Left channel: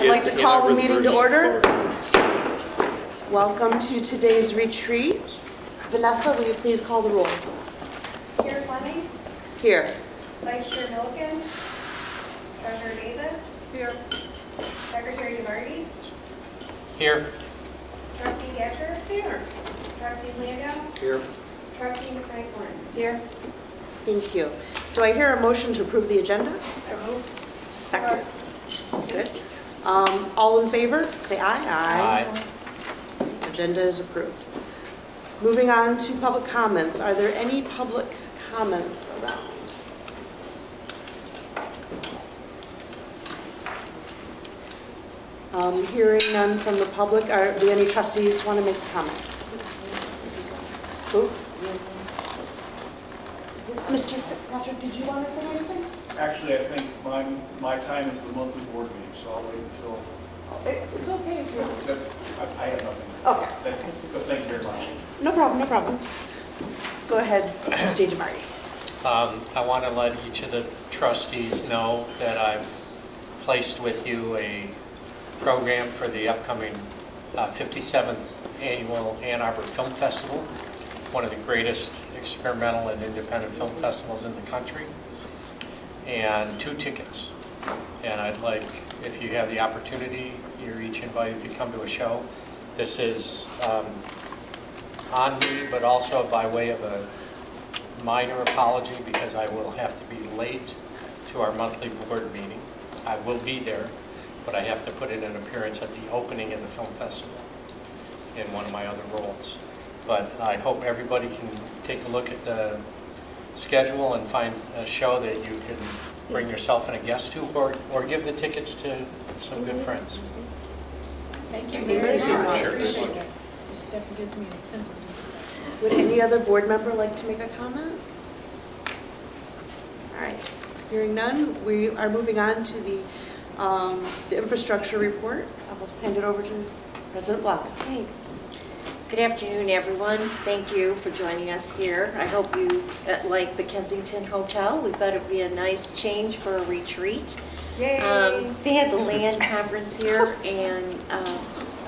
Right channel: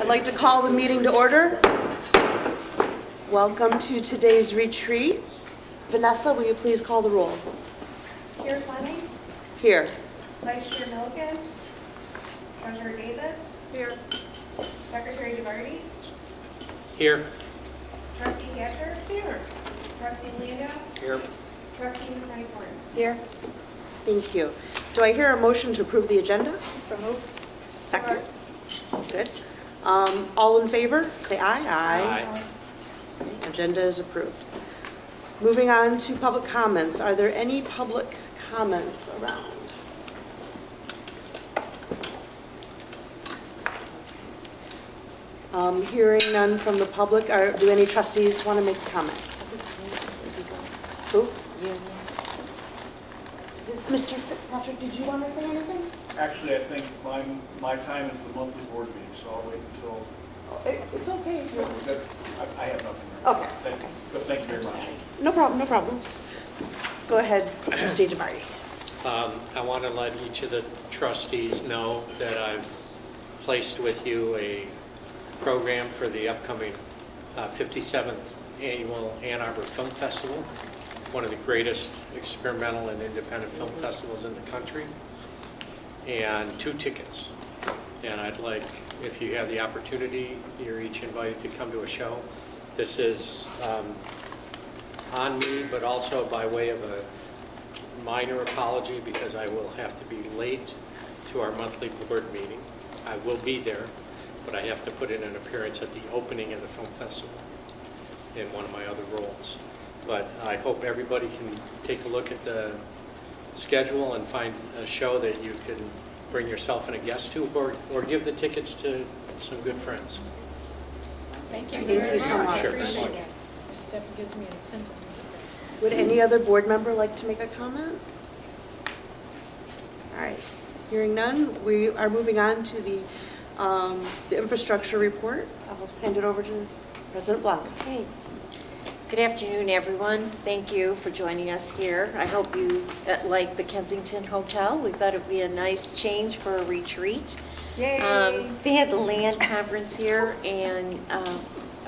I'd like to call the meeting to order. Welcome to today's retreat. Vanessa, will you please call the roll? Chair Fleming. Here. Vice Chair Milliken. Treasurer Davis. Here. Secretary DeVarty. Here. Trustee Gatcher. Here. Trustee Landau. Here. Trustee McKnight-Gordon. Here. Thank you. Do I hear a motion to approve the agenda? So moved. Second. Good. All in favor, say aye. Aye. Okay, agenda is approved. Moving on to public comments. Are there any public comments around? Hearing none from the public. Do any trustees want to make a comment? Who? Mr. Fitzpatrick, did you want to say anything? Actually, I think my time is the monthly board meeting, so I'll wait until... It's okay if you're... I have nothing. Okay. Thank you very much. No problem, no problem. Go ahead, Trustee DeVarty. I want to let each of the trustees know that I've placed with you a program for the upcoming 57th Annual Ann Arbor Film Festival, one of the greatest experimental and independent film festivals in the country, and 2 tickets. And I'd like, if you have the opportunity, you're each invited to come to a show. This is on me, but also by way of a minor apology because I will have to be late to our monthly board meeting. I will be there, but I have to put in an appearance at the opening of the film festival in one of my other roles. But I hope everybody can take a look at the schedule and find a show that you can bring yourself and a guest to, or give the tickets to some good friends. Thank you Thank you so much. Sure. This definitely gives me incentive. Would any other board member like to make a comment? All right, hearing none, we are moving on to the infrastructure report. I'll hand it over to President Blanca. Okay. Good afternoon, everyone. Thank you for joining us here. I hope you like the Kensington Hotel. We thought it would be a nice change for a retreat. Yay! They had the land conference here, and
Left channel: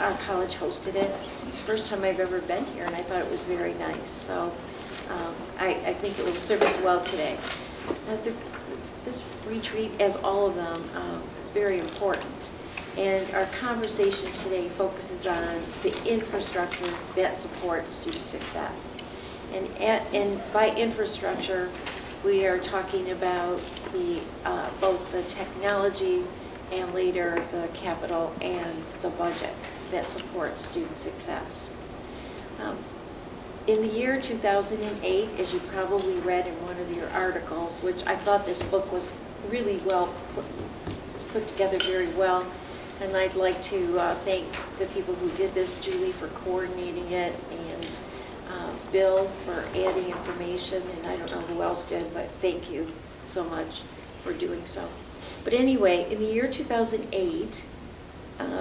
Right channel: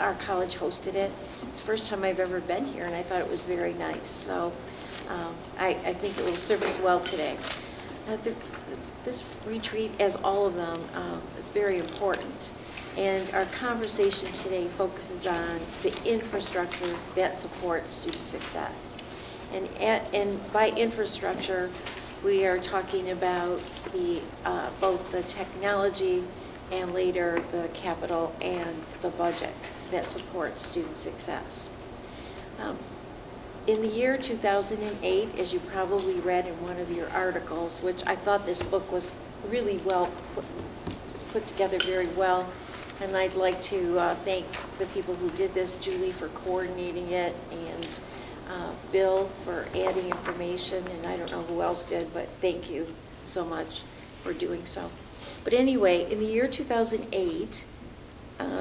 our college hosted it. It's the first time I've ever been here, and I thought it was very nice. So I think it will serve us well today. This retreat, as all of them, is very important. And our conversation today focuses on the infrastructure that supports student success. And by infrastructure, we are talking about both the technology and later the capital and the budget that supports student success. In the year 2008, as you probably read in one of your articles, which I thought this book was really put together very well, and I'd like to thank the people who did this, Julie for coordinating it, and Bill for adding information, and I don't know who else did, but thank you so much for doing so. But anyway, in the year 2008,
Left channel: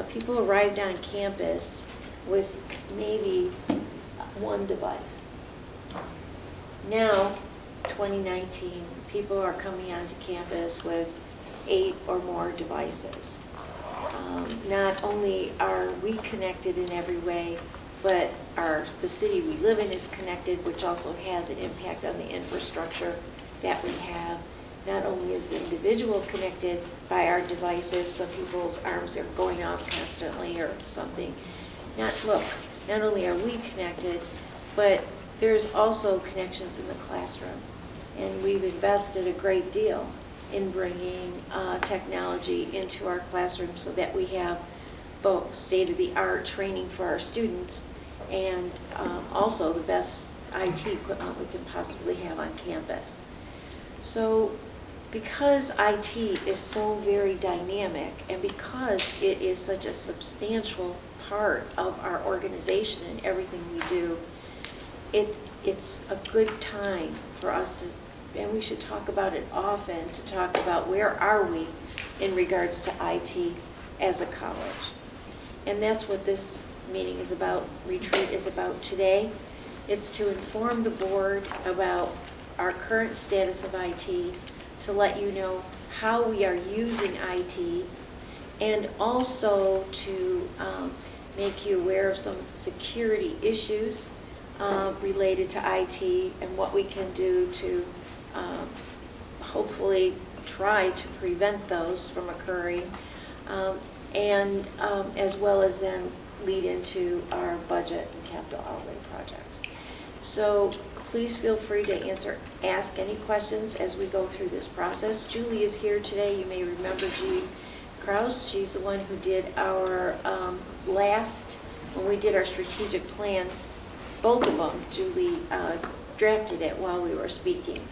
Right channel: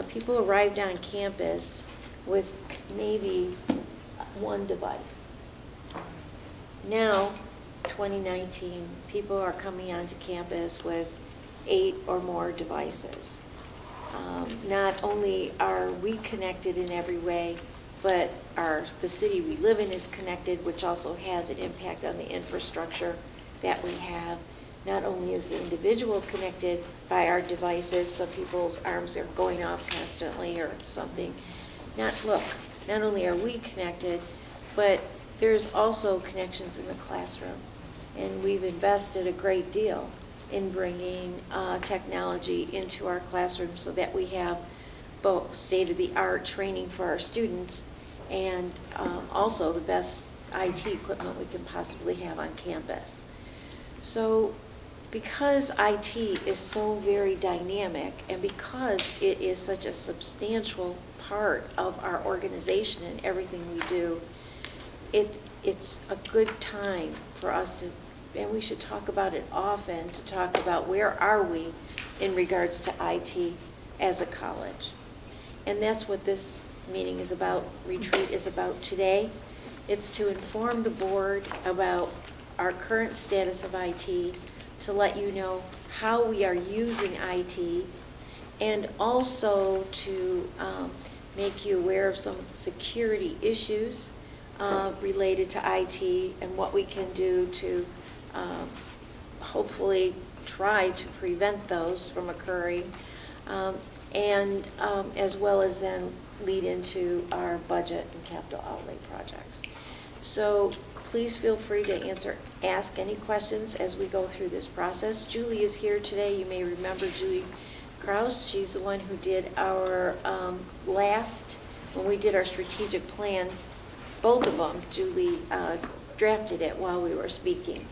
people arrived on campus with maybe 1 device. Now, 2019, people are coming onto campus with 8 or more devices. Not only are we connected in every way, but the city we live in is connected, which also has an impact on the infrastructure that we have. Not only is the individual connected by our devices, some people's arms are going off constantly or something. Not only are we connected, but there's also connections in the classroom. And we've invested a great deal in bringing technology into our classroom so that we have both state-of-the-art training for our students and also the best IT equipment we can possibly have on campus. So because IT is so very dynamic and because it is such a substantial part of our organization and everything we do, it's a good time for us to, and we should talk about it often, to talk about where are we in regards to IT as a college. And that's what this meeting is about, retreat is about today. It's to inform the board about our current status of IT, to let you know how we are using IT, and also to make you aware of some security issues related to IT and what we can do to hopefully try to prevent those from occurring, and as well as then lead into our budget and capital outlay projects. So please feel free to ask any questions as we go through this process. Julie is here today. You may remember Julie Kraus. She's the one who did our when we did our strategic plan, both of them, Julie drafted it while we were speaking.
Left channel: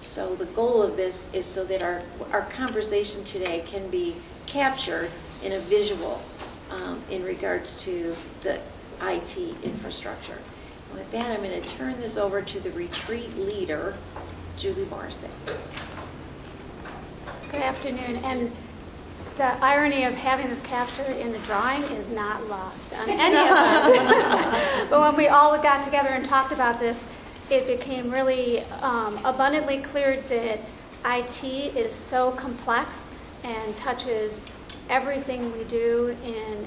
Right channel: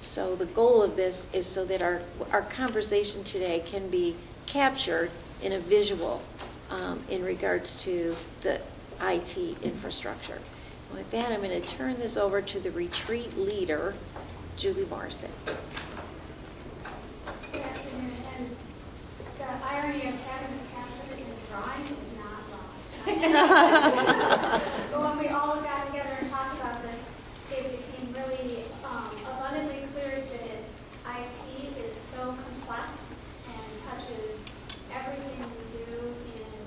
So the goal of this is so that our conversation today can be captured in a visual in regards to the IT infrastructure. And with that, I'm going to turn this over to the retreat leader, Julie Morrison. Good afternoon. And the irony of having this captured in the drawing is not lost on any of us. But when we all got together and talked about this, it became really abundantly clear that IT is so complex and touches everything we do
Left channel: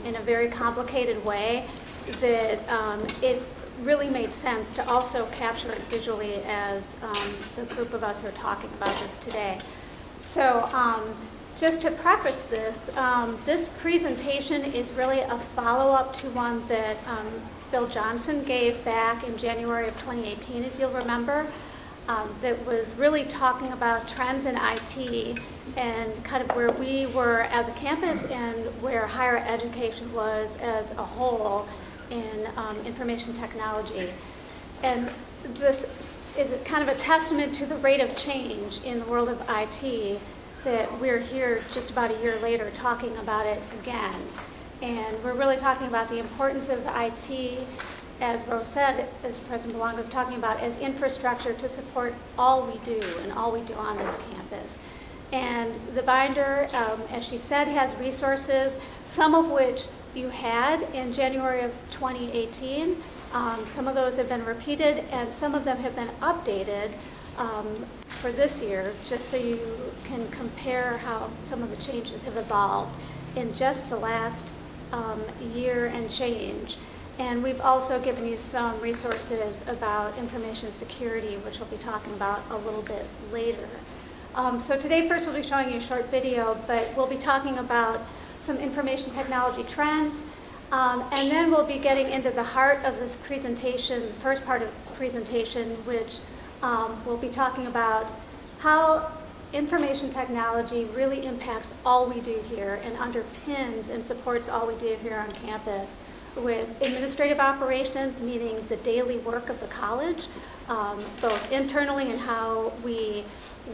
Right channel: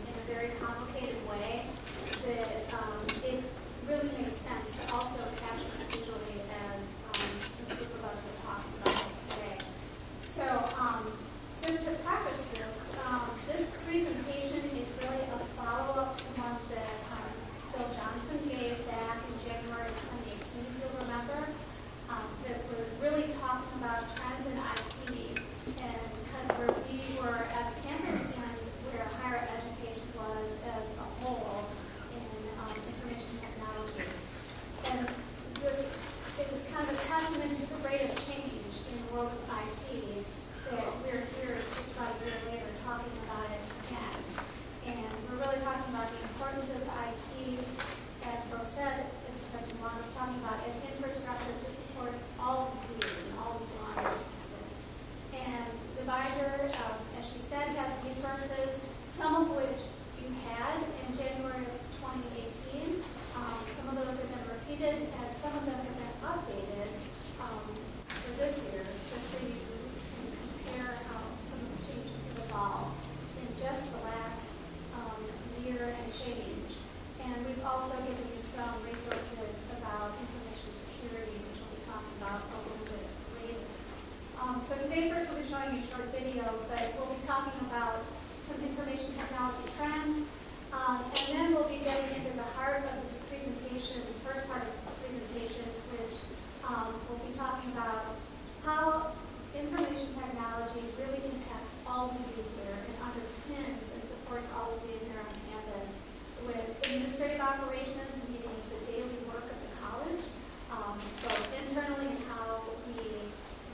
in a very complicated way that it really made sense to also capture it visually as the group of us are talking about this today. So just to preface this, this presentation is really a follow-up to one that Bill Johnson gave back in January of 2018, as you'll remember, that was really talking about trends in IT and kind of where we were as a campus and where higher education was as a whole in information technology. And this is kind of a testament to the rate of change in the world of IT that we're here just about a year later talking about it again. And we're really talking about the importance of IT, as Rose said, as President Belongo was talking about, as infrastructure to support all we do and all we do on this campus. And the binder, as she said, has resources, some of which you had in January of 2018. Some of those have been repeated, and some of them have been updated for this year, just so you can compare how some of the changes have evolved in just the last year and change. And we've also given you some resources about information security, which we'll be talking about a little bit later. So today, first we'll be showing you a short video, but we'll be talking about some information technology trends, and then we'll be getting into the heart of this presentation, the first part of the presentation, which we'll be talking about how information technology really impacts all we do here and underpins and supports all we do here on campus with administrative operations, meaning the daily work of the college, both internally and how we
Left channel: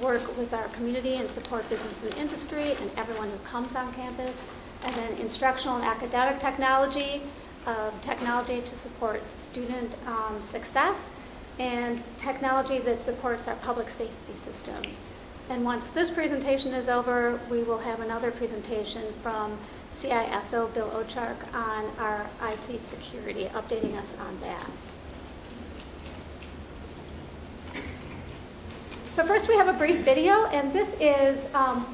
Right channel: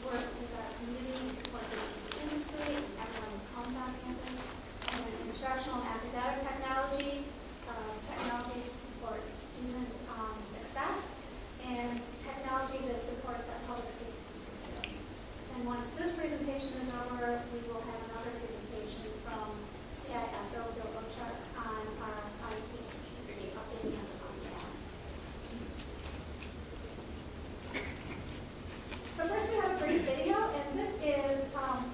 work with our community and support business and industry and everyone who comes on campus, and then instructional and academic technology, technology to support student success, and technology that supports our public safety systems. And once this presentation is over, we will have another presentation from CISO Bill Ochark on our IT security, updating us on that. So first we have a brief video, and this is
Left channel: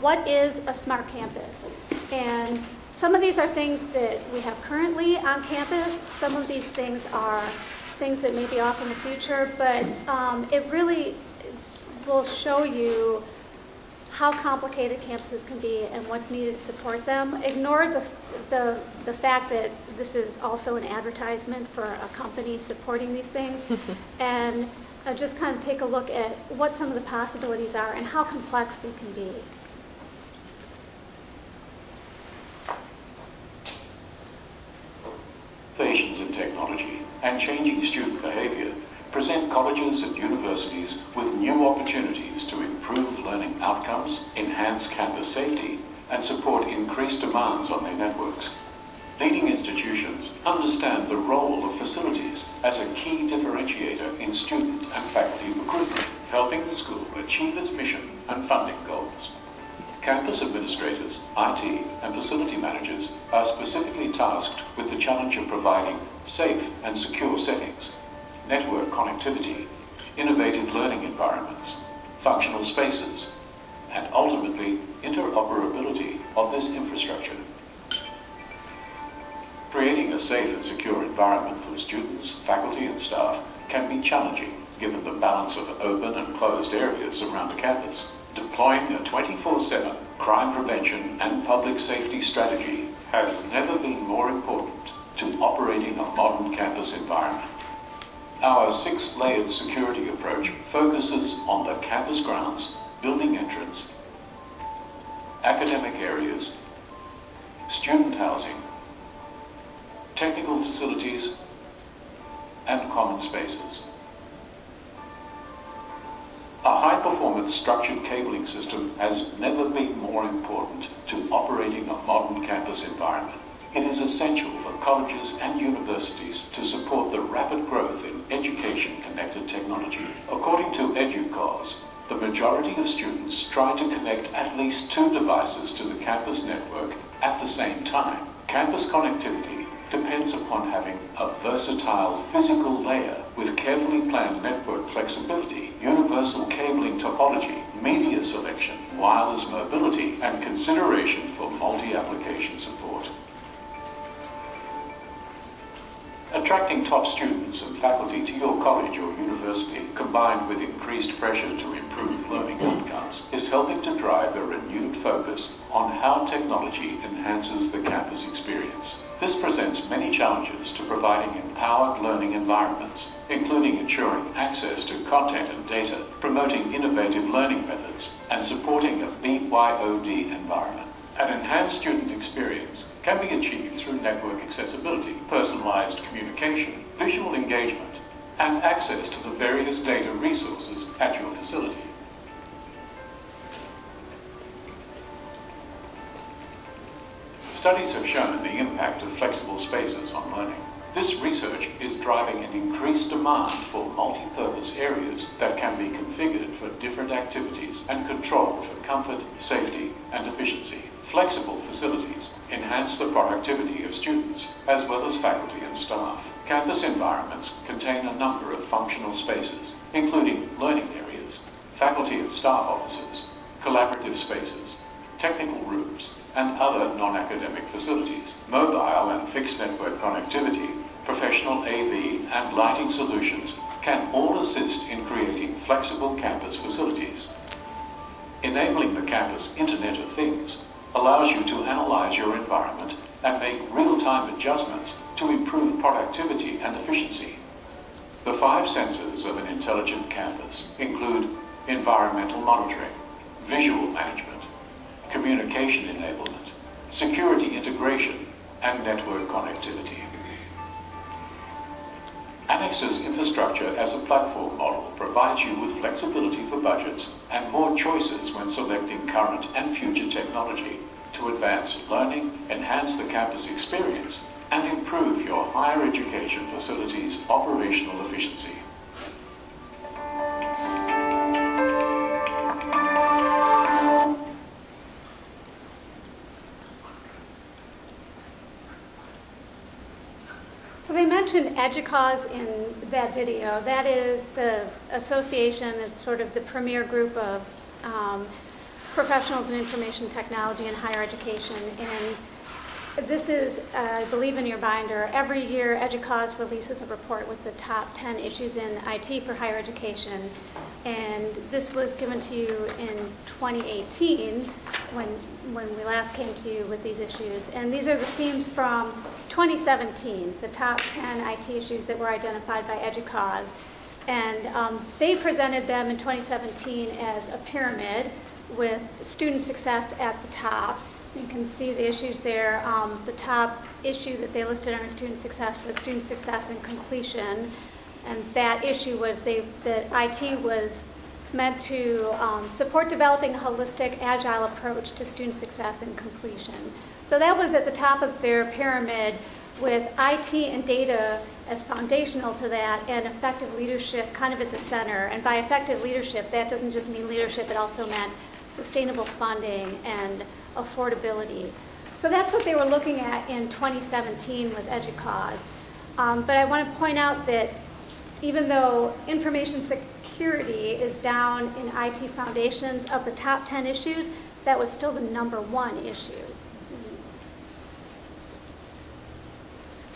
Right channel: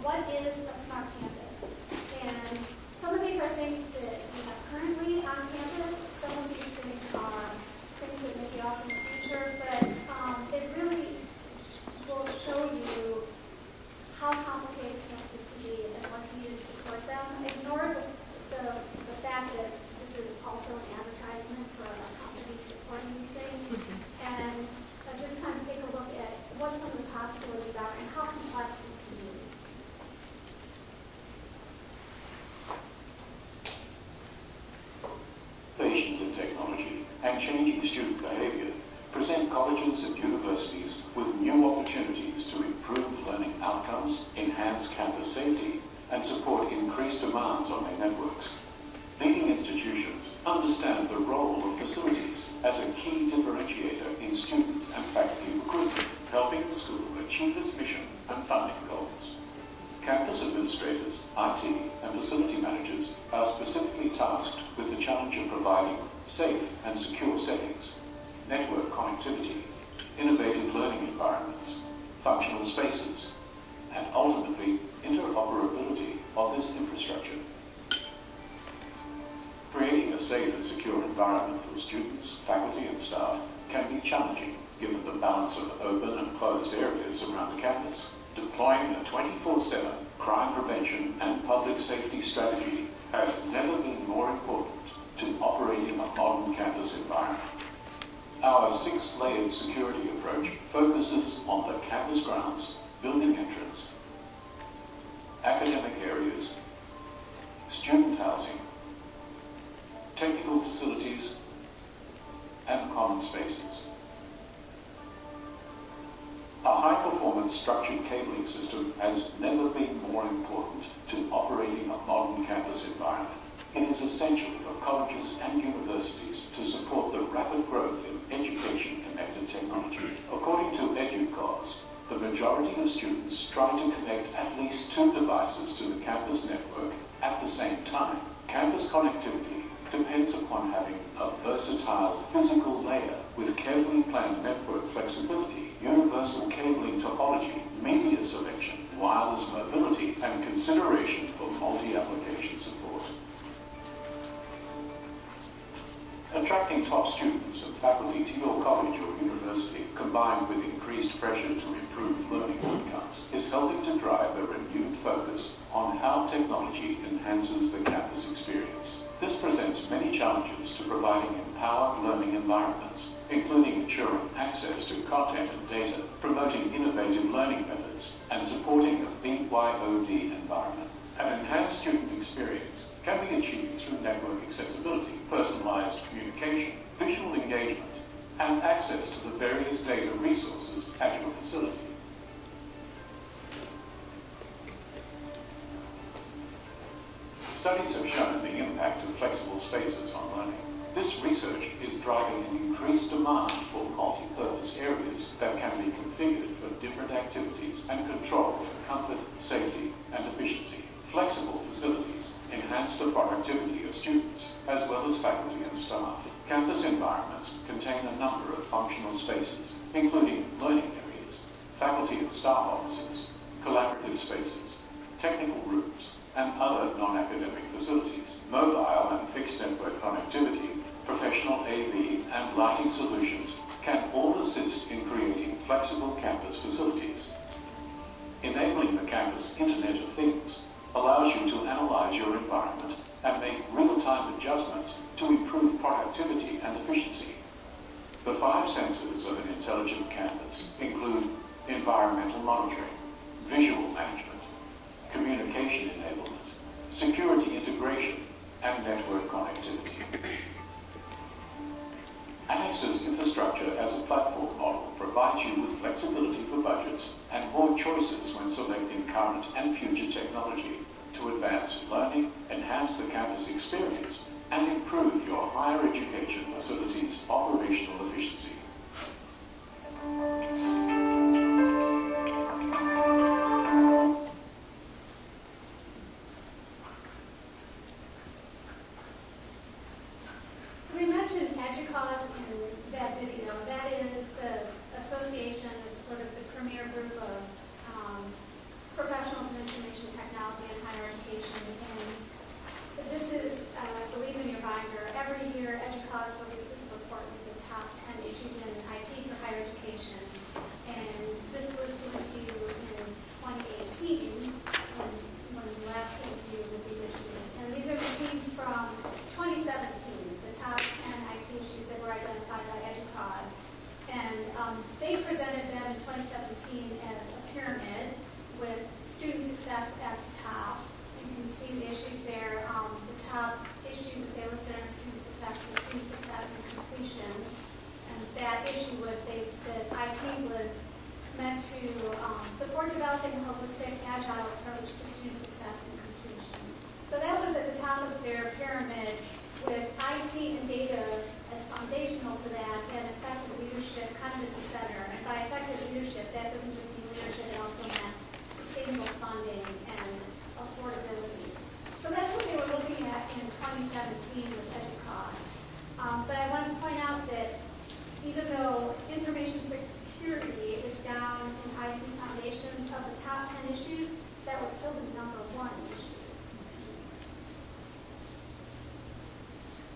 what is a smart campus. And some of these are things that we have currently on campus. Some of these things are things that may be off in the future, but it really will show you how complicated campuses can be and what's needed to support them. Ignore the fact that this is also an advertisement for a company supporting these things, and just kind of take a look at what some of the possibilities are and how complex they can be. Innovations in technology and changing student behavior present colleges and universities with new opportunities to improve learning outcomes, enhance campus safety, and support increased demands on their networks. Leading institutions understand the role of facilities as a key differentiator in student and faculty recruitment, helping the school achieve its mission and funding goals. Campus administrators, IT, and facility managers are specifically tasked with the challenge of providing safe and secure settings, network connectivity, innovative learning environments, functional spaces, and ultimately interoperability of this infrastructure. a safe and secure environment for students, faculty and staff can be challenging given the balance of open and closed areas around a campus. Deploying a 24/7 crime prevention and public safety strategy has never been more important to operating a modern campus environment. Our 6-layered security approach focuses on the campus grounds, building entrance, academic areas, student housing, technical facilities, and common spaces. A high-performance structured cabling system has never been more important to operating a modern campus environment. It is essential for colleges and universities to support the rapid growth in education-connected technology. According to EduCause, the majority of students try to connect at least 2 devices to the campus network at the same time. Campus connectivity depends upon having a versatile physical layer with carefully planned network flexibility, universal cabling topology, media selection, wireless mobility, and consideration for multi-application support. Attracting top students and faculty to your college or university, combined with increased pressure to improve learning outcomes, is helping to drive a renewed focus on how technology enhances the campus experience. This presents many challenges to providing empowered learning environments, including ensuring access to content and data, promoting innovative learning methods, and supporting a BYOD environment. An enhanced student experience can be achieved through network accessibility, personalized communication, visual engagement, and access to the various data resources at your facility. Studies have shown the impact of flexible spaces on learning. This research is driving an increased demand for multi-purpose areas that can be configured for different activities and controlled for comfort, safety, and efficiency. Flexible facilities enhance the productivity of students as well as faculty and staff. Campus environments contain a number of functional spaces, including learning areas, faculty and staff offices, collaborative spaces, technical rooms, and other non-academic facilities. Mobile and fixed network connectivity, professional AV, and lighting solutions can all assist in creating flexible campus facilities. Enabling the campus Internet of Things allows you to analyze your environment and make real-time adjustments to improve productivity and efficiency. The 5 senses of an intelligent campus include environmental monitoring, visual management, communication enablement, security integration, and network connectivity. Annex's infrastructure as a platform model provides you with flexibility for budgets and more choices when selecting current and future technology to advance learning, enhance the campus experience, and improve your higher education facilities' operational efficiency. So they mentioned EduCause in that video. That is the association, it's sort of the premier group of professionals in information technology and higher education. And this is, I believe in your binder, every year EduCause releases a report with the top 10 issues in IT for higher education. And this was given to you in 2018 when we last came to you with these issues. And these are the themes from 2017, the top 10 IT issues that were identified by EduCause. And they presented them in 2017 as a pyramid with student success at the top. You can see the issues there. The top issue that they listed under student success was student success and completion. And that issue was that IT was meant to support developing a holistic, agile approach to student success and completion. So that was at the top of their pyramid, with IT and data as foundational to that, and effective leadership kind of at the center. And by effective leadership, that doesn't just mean leadership, it also meant sustainable funding and affordability. So that's what they were looking at in 2017 with EduCause. But I want to point out that even though information security is down in IT foundations of the top 10 issues, that was still the #1 issue.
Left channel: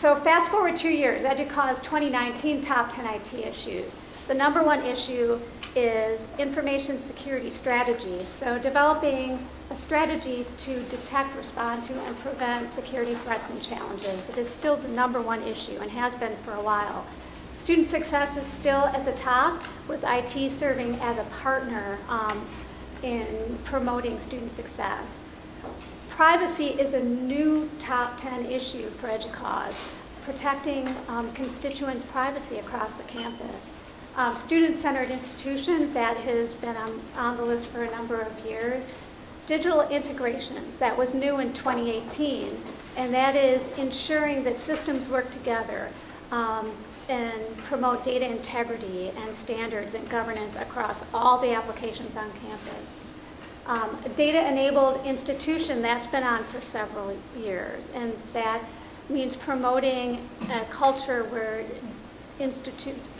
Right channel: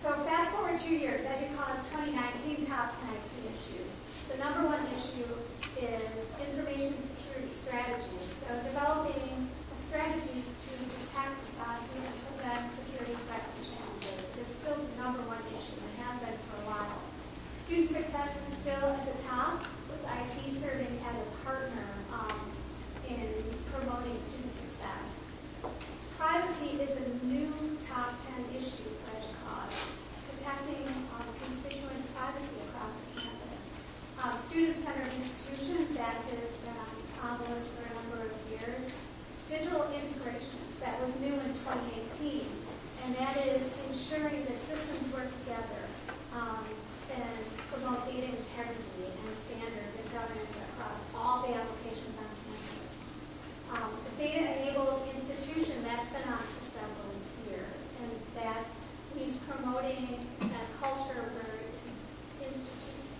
So fast forward 2 years, EDUCAUSE 2019 top 10 IT issues. The number one issue is information security strategies. So developing a strategy to detect, respond to, and prevent security threats and challenges. It is still the number one issue and has been for a while. Student success is still at the top, with IT serving as a partner in promoting student success. Privacy is a new top 10 issue for EDUCAUSE, protecting constituents' privacy across the campus. Student-centered institution, that has been on the list for a number of years. Digital integrations, that was new in 2018, and that is ensuring that systems work together and promote data integrity and standards and governance across all the applications on campus. A data-enabled institution, that's been on for several years, and that means promoting a culture where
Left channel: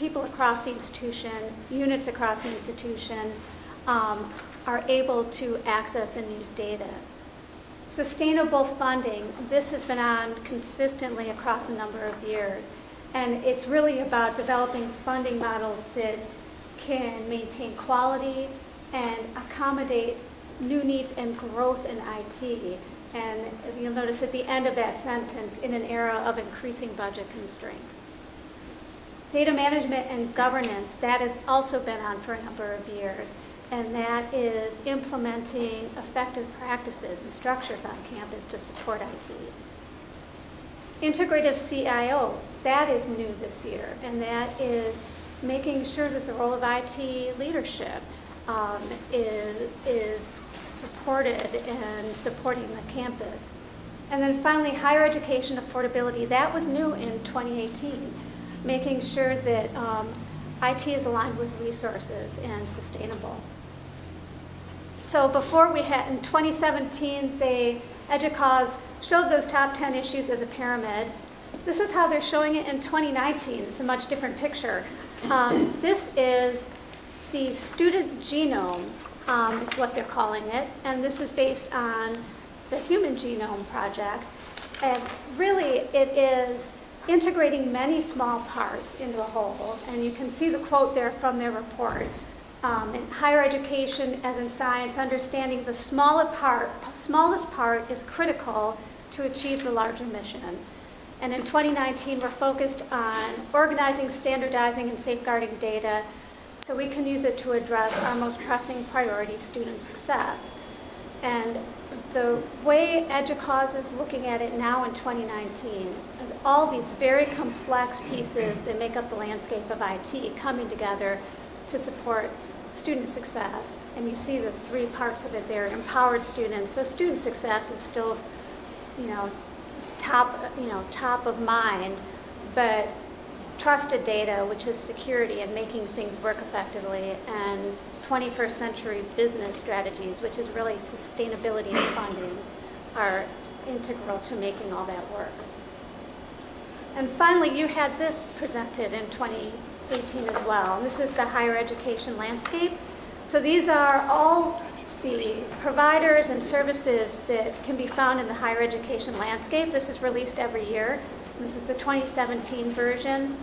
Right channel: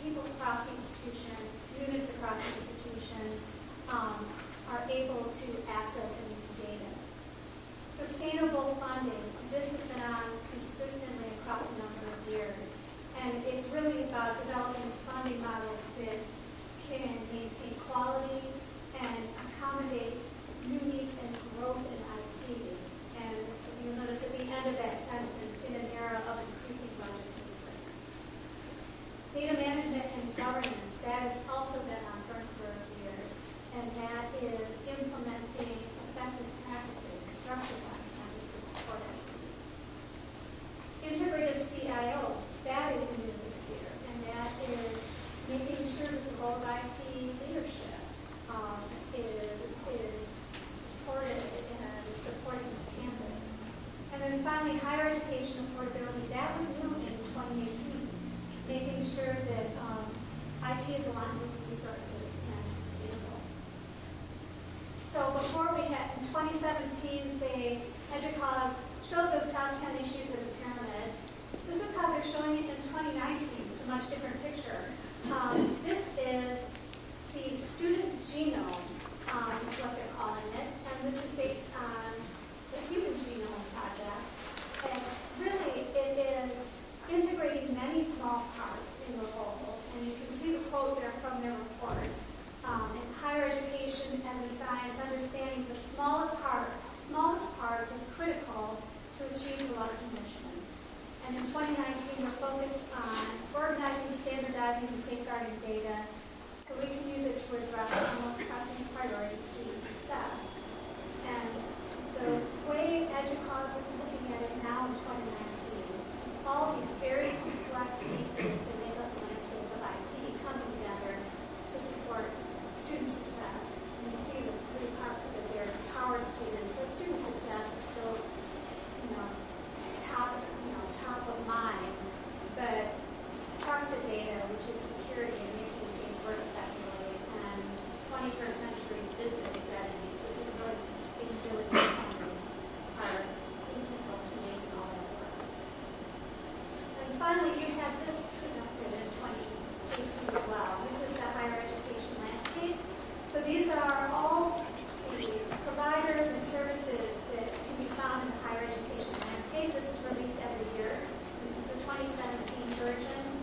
people across the institution, units across the institution, are able to access and use data. Sustainable funding, this has been on consistently across a number of years, and it's really about developing funding models that can maintain quality and accommodate new needs and growth in IT. And you'll notice at the end of that sentence, in an era of increasing budget constraints. Data management and governance, that has also been on for a number of years, and that is implementing effective practices and structures on campus to support IT. Integrative CIO, that is new this year, and that is making sure that the role of IT leadership is supported and supporting the campus. And then finally, higher education affordability, that was new in 2018, making sure that IT is aligned with resources and sustainable. So before we had, in 2017, EDUCAUSE showed those top 10 issues as a pyramid. This is how they're showing it in 2019. It's a much different picture. This is the student genome, is what they're calling it, and this is based on the Human Genome Project. And really, it is integrating many small parts into a whole, and you can see the quote there from their report. In higher education, as in science, understanding the smallest part is critical to achieve the larger mission. And in 2019, we're focused on organizing, standardizing, and safeguarding data so we can use it to address our most pressing priority, student success. And the way EDUCAUSE is looking at it now in 2019 is all these very complex pieces that make up the landscape of IT coming together to support student success. And you see the three parts of it there: empowered students. So student success is still, top of mind, but trusted data, which is security and making things work effectively, and 21st century business strategies, which is really sustainability and funding, are integral to making all that work. And finally, you had this presented in 2018 as well. This is the higher education landscape. So these are all the providers and services that can be found in the higher education landscape. This is released every year. This is the 2017 version.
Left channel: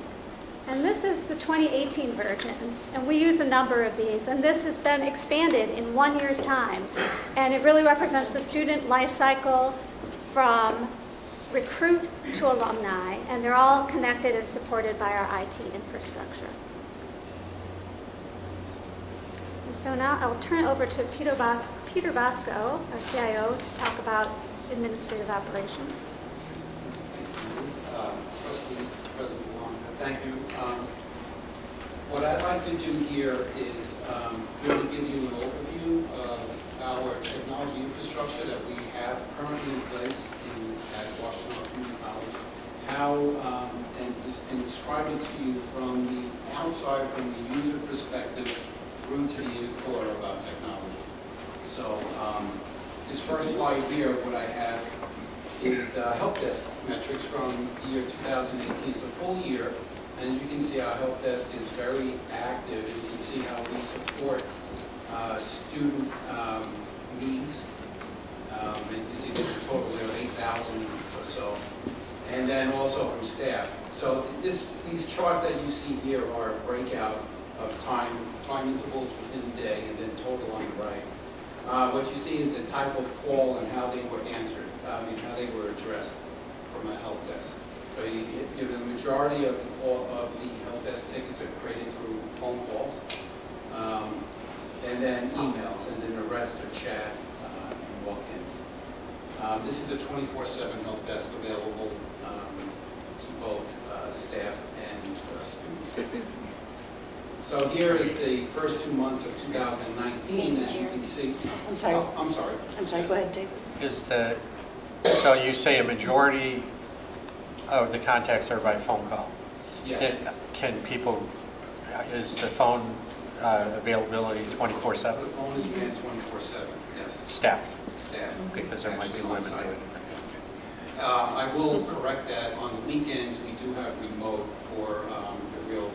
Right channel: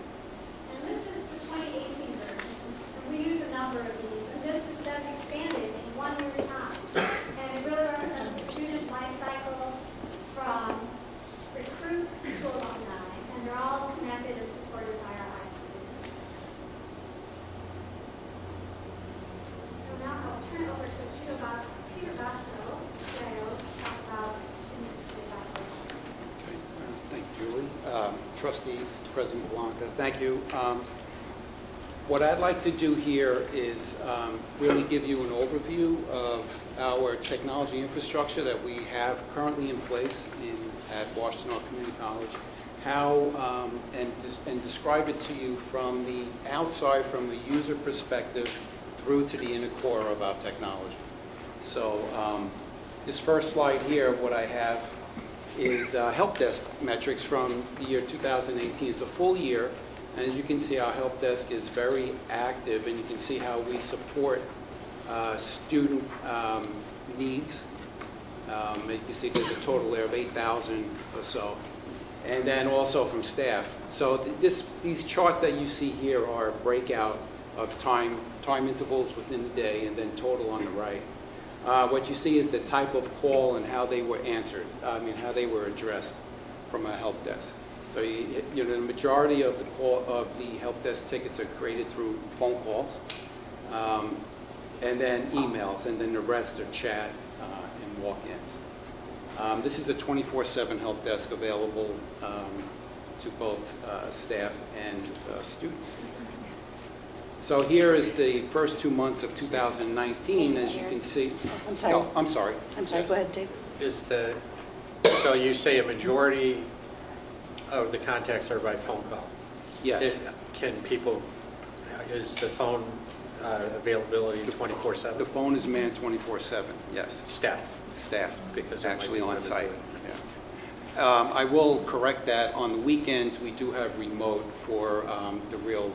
And this is the 2018 version. And we use a number of these. And this has been expanded in 1 year's time. And it really represents the student life cycle from recruit to alumni. And they're all connected and supported by our IT infrastructure. So now I will turn it over to Peter Bosco, our CIO, to talk about administrative operations. Trustees, President Blanca, thank you. What I'd like to do here is really give you an overview of our technology infrastructure that we have currently in place at Washtenaw Community College, and describe it to you from the outside, from the user perspective, through to the inner core of our technology. So this first slide here, what I have is help desk metrics from the year 2018. It's a full year, and as you can see, our help desk is very active, and you can see how we support student needs. And you see there's a total there of 8,000 or so. and then also from staff. So these charts that you see here are a breakout of time intervals within the day, and then total on the right. What you see is the type of call and how they were answered, how they were addressed from a help desk. So the majority of the help desk tickets are created through phone calls, and then emails, and then the rest are chat and walk-ins. This is a 24/7 help desk available to both staff and students. So here is the first 2 months of 2019, as you can see. I'm sorry. Oh, I'm sorry. I'm sorry, go ahead, Dave. So you say a majority of the contacts are by phone call? Yes. Is the phone availability 24/7? The phone is manned 24/7, yes. Staff? Staff, Because that might actually be on site. limited. I will correct that. On the weekends, we do have remote for the real,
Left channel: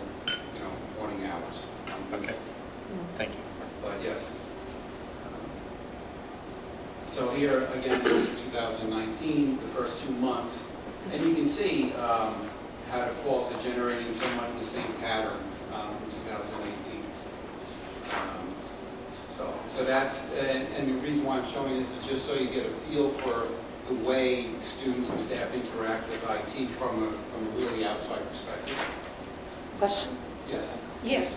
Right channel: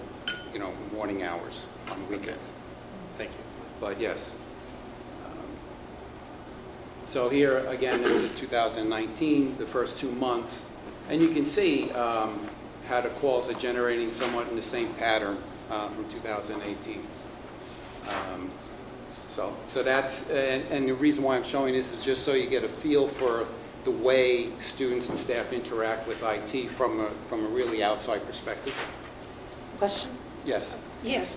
morning hours on weekends. Thank you. But yes. So here, again, is 2019, the first 2 months. And you can see how the calls are generating somewhat in the same pattern from 2018. So that's, and the reason why I'm showing this is just so you get a feel for the way students and staff interact with IT from a really outside perspective. Question? Yes. Yes,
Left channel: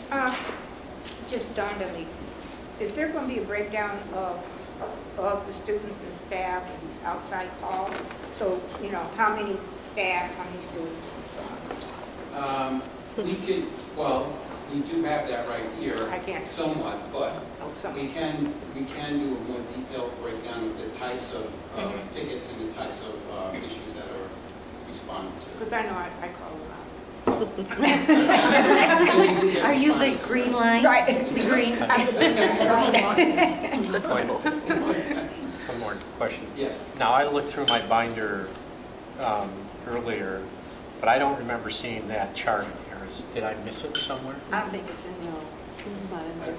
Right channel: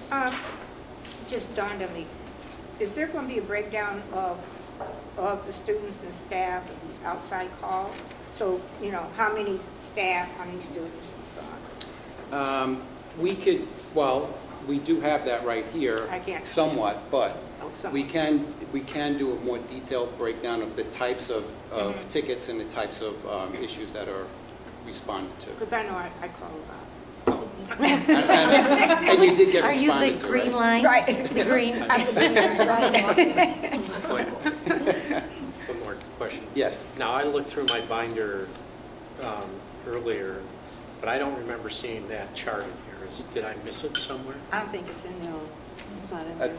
just dawned on me. Is there going to be a breakdown of the students and staff of these outside calls? So, how many staff, how many students, and so on? We do have that right here. I can't see somewhat, but somewhat. we can do a more detailed breakdown of the types of tickets and the types of issues that are responded to. Because I know I call a lot. Are you the green line? Right. The green? One more question. Yes. Now, I looked through my binder earlier, but I don't remember seeing that chart here. Did I miss it somewhere? I don't think it's in there. No, it's not in there.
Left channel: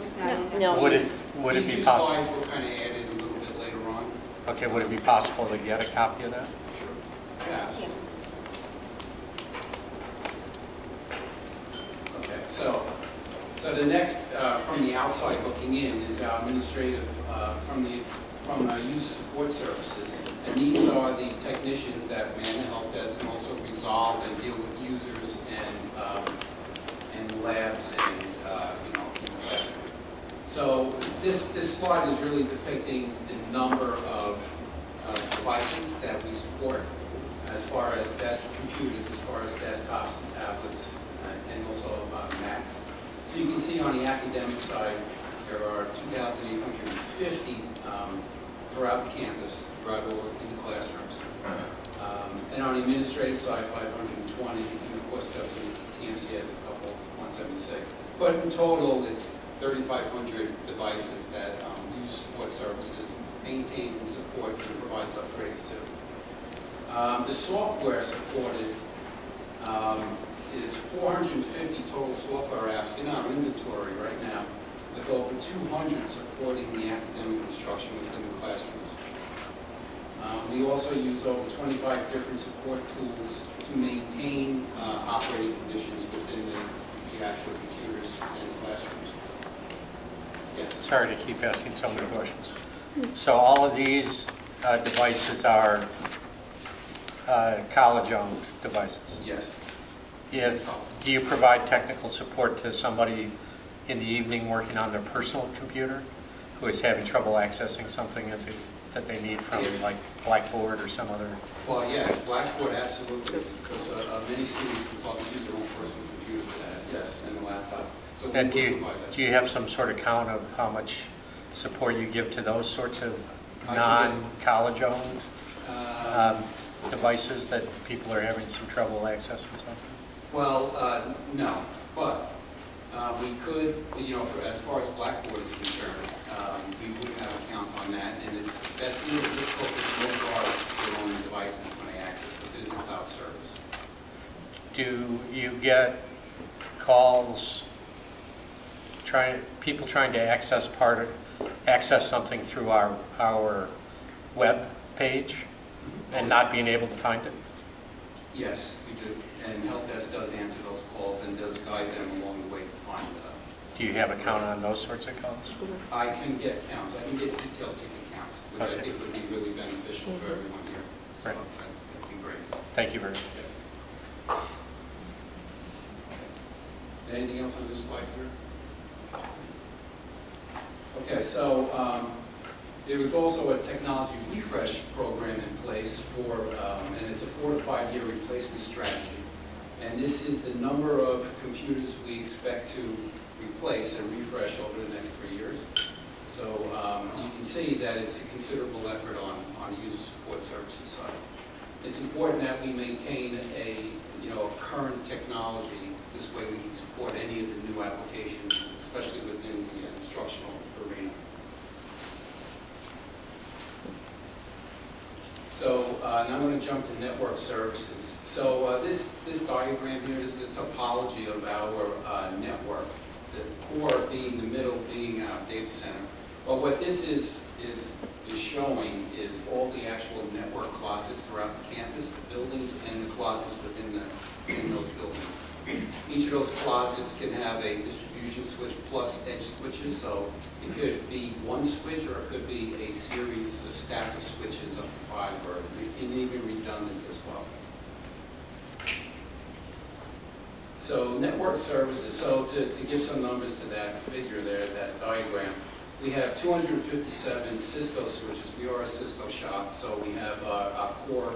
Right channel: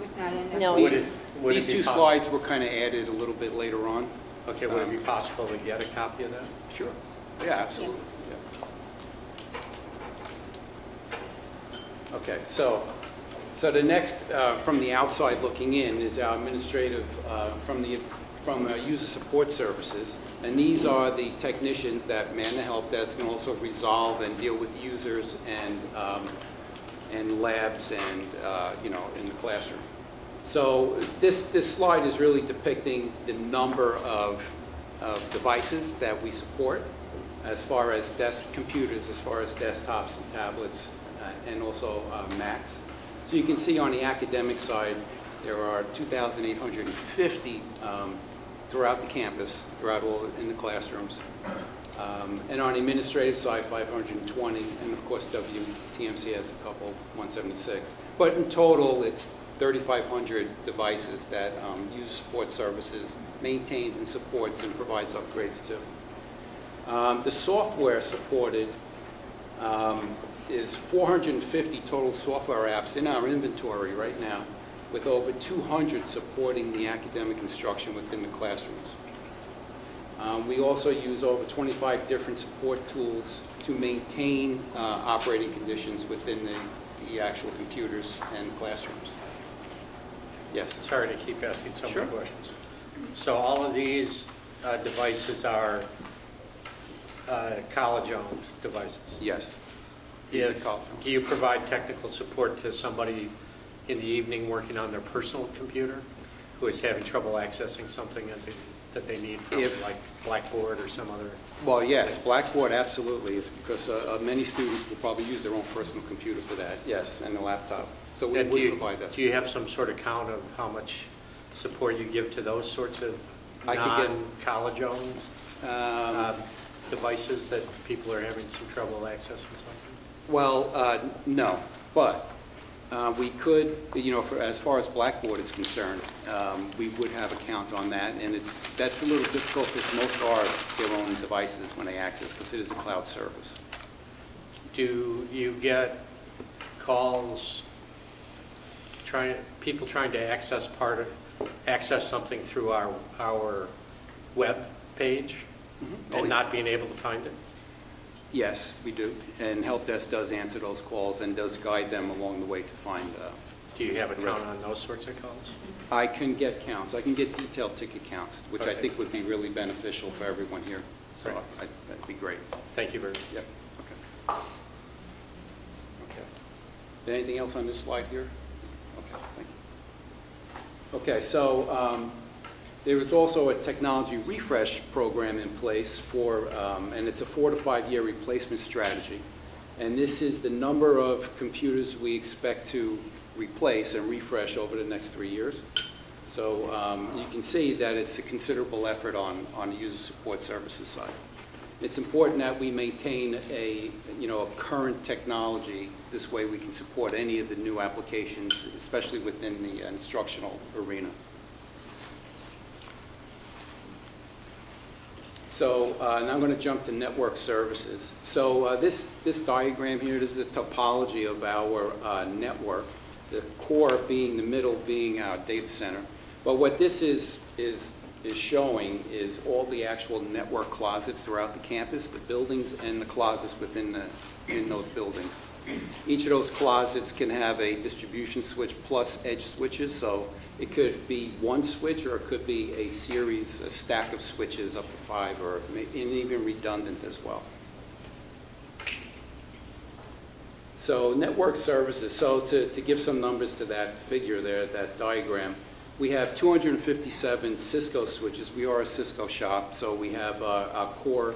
It's not in there. No. Would it These be two possible? slides were kind of added a little bit later on. Okay, would it be possible to get a copy of that? Sure. Yeah, absolutely. Okay, so the next, from the outside looking in, is our administrative, from user support services. And these are the technicians that man the help desk and also resolve and deal with users and labs and, in the classroom. So this slide is really depicting the number of devices that we support as far as desk computers, as far as desktops and tablets, and also Macs. So you can see on the academic side, there are 2,850 throughout the campus, throughout all in the classrooms. And on the administrative side, 520, and of course TMC has a couple, 176. But in total, it's 3,500 devices that user support services maintains and supports and provides upgrades to. The software supported is 450 total software apps in our inventory right now, with over 200 supporting the academic instruction within the classrooms. We also use over 25 different support tools to maintain operating conditions within the actual computers and classrooms. Yes? Sorry to keep asking so many Sure. questions. So all of these devices are college-owned devices? Yes. Do you provide technical support to somebody in the evening working on their personal computer who is having trouble accessing something that they need from like Blackboard or some other? Well, yes, Blackboard, absolutely, because many students will probably use their own personal computer for that, yes, and the laptop. So we would provide that. Do you have some sort of count of how much support you give to those sorts of I can non-college-owned devices that people are having some trouble accessing something? Well, no, but we could, as far as Blackboard is concerned, we would have a count on that, and that's a little difficult because most are their own devices when they access, because it is a cloud service. Do you get calls, people trying to access something through our web page? and not being able to find it? Yes, we do. And help desk does answer those calls and does guide them along the way to find. Do you have a count on those sorts of calls? I can get counts. I can get detailed ticket counts, which I Okay. think would be really beneficial for everyone here. So Right. that'd be great. Thank you very much. Yep. Anything else on this slide here? Okay, so there was also a technology refresh program in place for, and it's a 4 to 5 year replacement strategy. And this is the number of computers we expect to replace and refresh over the next 3 years. So you can see that it's a considerable effort on the user support services side. It's important that we maintain a current technology. This way we can support any of the new applications, especially within the instructional arena. So, and I'm going to jump to network services. So this diagram here, this is a topology of our network. The core being the middle, being our data center. But what this is showing is all the actual network closets throughout the campus, the buildings and the closets within those buildings. Each of those closets can have a distribution switch plus edge switches, so it could be one switch or it could be a stack of switches up to 5, or even redundant as well. So network services, so to give some numbers to that figure there, that diagram, we have 257 Cisco switches. We are a Cisco shop, so we have our core,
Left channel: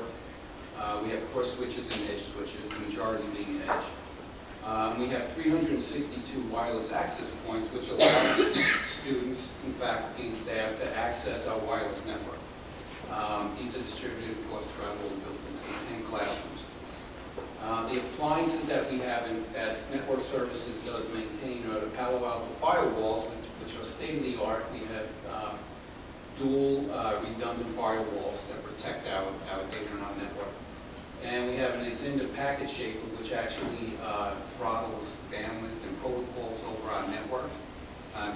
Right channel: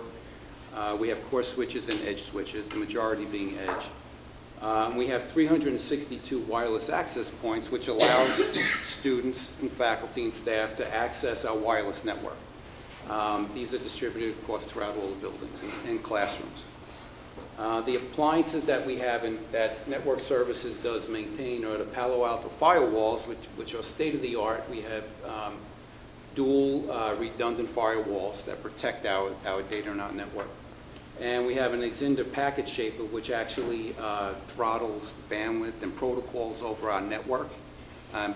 we have core switches and edge switches, the majority being edge. We have 362 wireless access points, which allows students and faculty and staff to access our wireless network. These are distributed, of course, throughout all the buildings and classrooms. The appliances that we have that Network Services does maintain are the Palo Alto firewalls, which are state-of-the-art. We have dual redundant firewalls that protect our data on our network. And we have an Extender packet shaper, which actually throttles bandwidth and protocols over our network,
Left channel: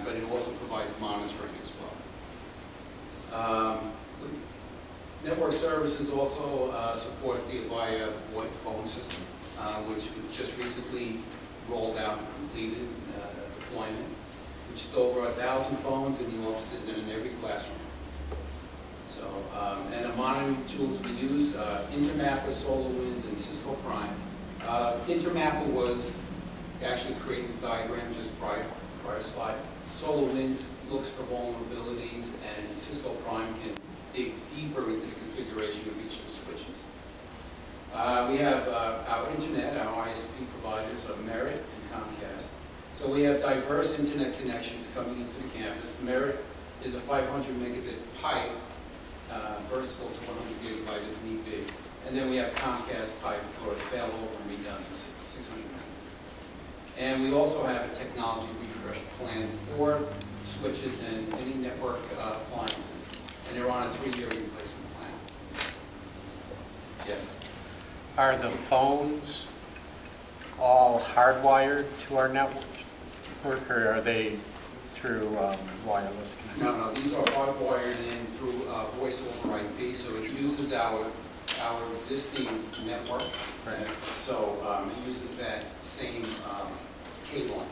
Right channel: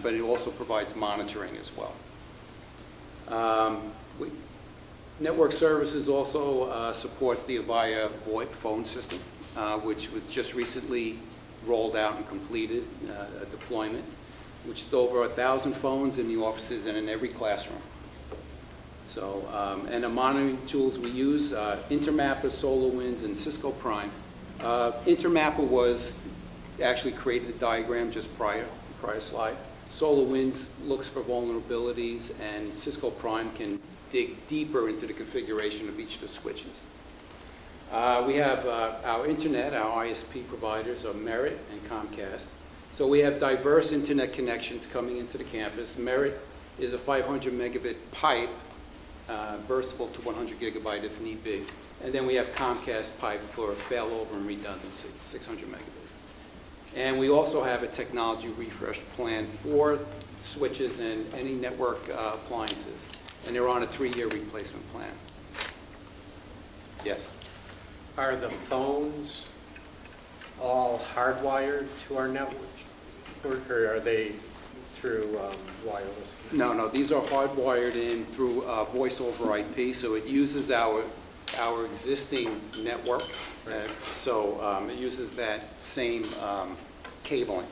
but it also provides monitoring as well. Network Services also supports the Avaya VoIP phone system, which was just recently rolled out and completed a deployment, which is over 1,000 phones in the offices and in every classroom. So, and the monitoring tools we use, Intermapper, SolarWinds, and Cisco Prime. Intermapper was actually created the diagram just prior slide. SolarWinds looks for vulnerabilities, and Cisco Prime can dig deeper into the configuration of each of the switches. We have our internet, our ISP providers are Merit and Comcast. So we have diverse internet connections coming into the campus. Merit is a 500 megabit pipe, versatile to 100 gigabyte if need be. And then we have Comcast pipe for failover and redundancy, 600 megabit. And we also have a technology refresh plan for switches and any network appliances. And they're on a 3-year replacement plan. Yes? Are the phones all hardwired to our network, or are they through wireless connection? No, these are hardwired in through voice over IP, so it uses our existing network. Right. So it uses that same cabling.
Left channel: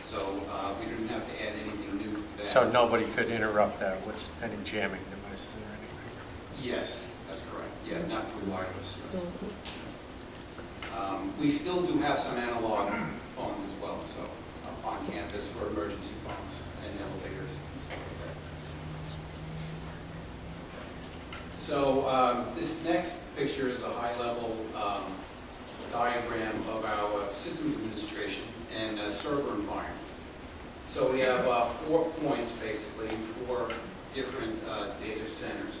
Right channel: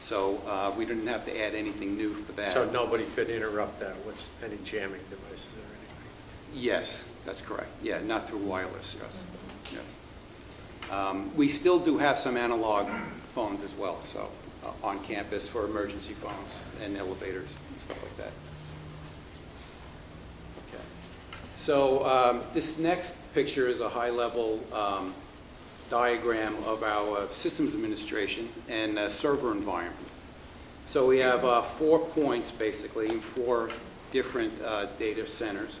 So we didn't have to add anything new for that. So nobody could interrupt that with any jamming devices or anything? Yes, that's correct. Yeah, not through wireless. Yes. Yeah. We still do have some analog phones as well, so on campus for emergency phones and elevators and stuff like that. So this next picture is a high-level diagram of our systems administration and server environment. So we have 4 points, basically, 4 different data centers.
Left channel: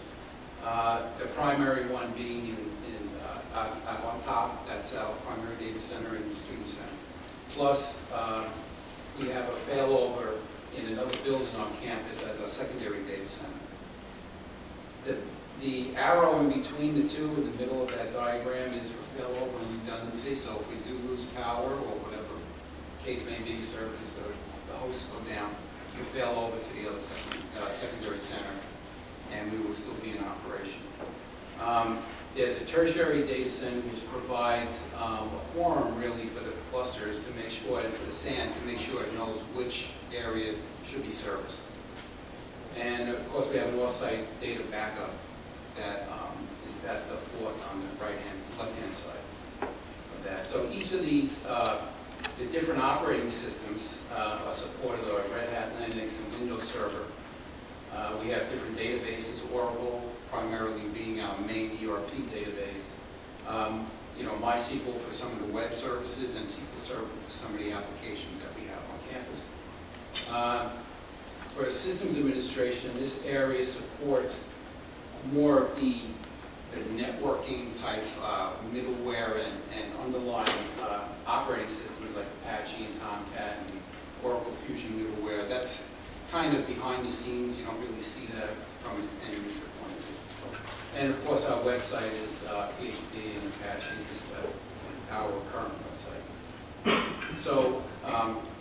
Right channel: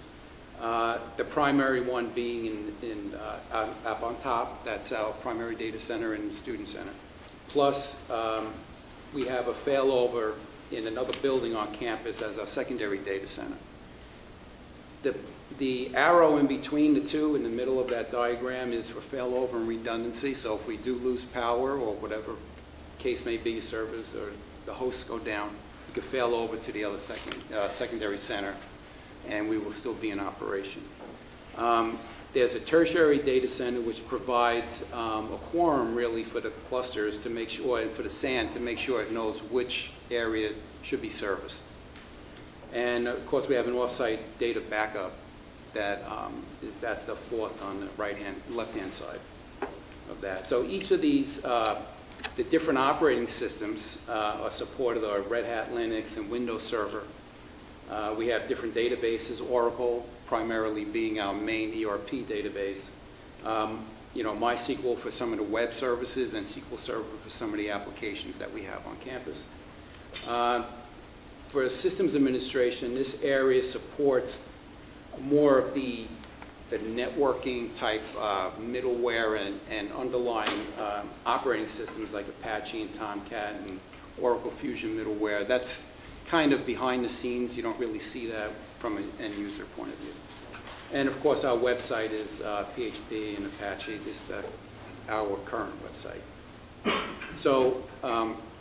The primary one being up on top, that's our primary data center and student center. Plus, we have a failover in another building on campus as our secondary data center. The arrow in between the two in the middle of that diagram is for failover and redundancy. So if we do lose power or whatever case may be, servers or the hosts go down, we can fail over to the other secondary center and we will still be in operation. There's a tertiary data center which provides a quorum really for the clusters to make sure, and for the SAN to make sure it knows which area should be serviced. And of course, we have an offsite data backup that's the fourth on the left-hand side of that. So each of these, the different operating systems are supported are Red Hat, Linux, and Windows Server. We have different databases, Oracle primarily being our main ERP database. You know, MySQL for some of the web services and SQL Server for some of the applications that we have on campus. For systems administration, this area supports more of the networking type middleware and underlying operating systems like Apache and Tomcat and Oracle Fusion middleware. That's kind of behind the scenes. You don't really see that from an end user point of view. And of course, our website is PHP and Apache, just our current website. So,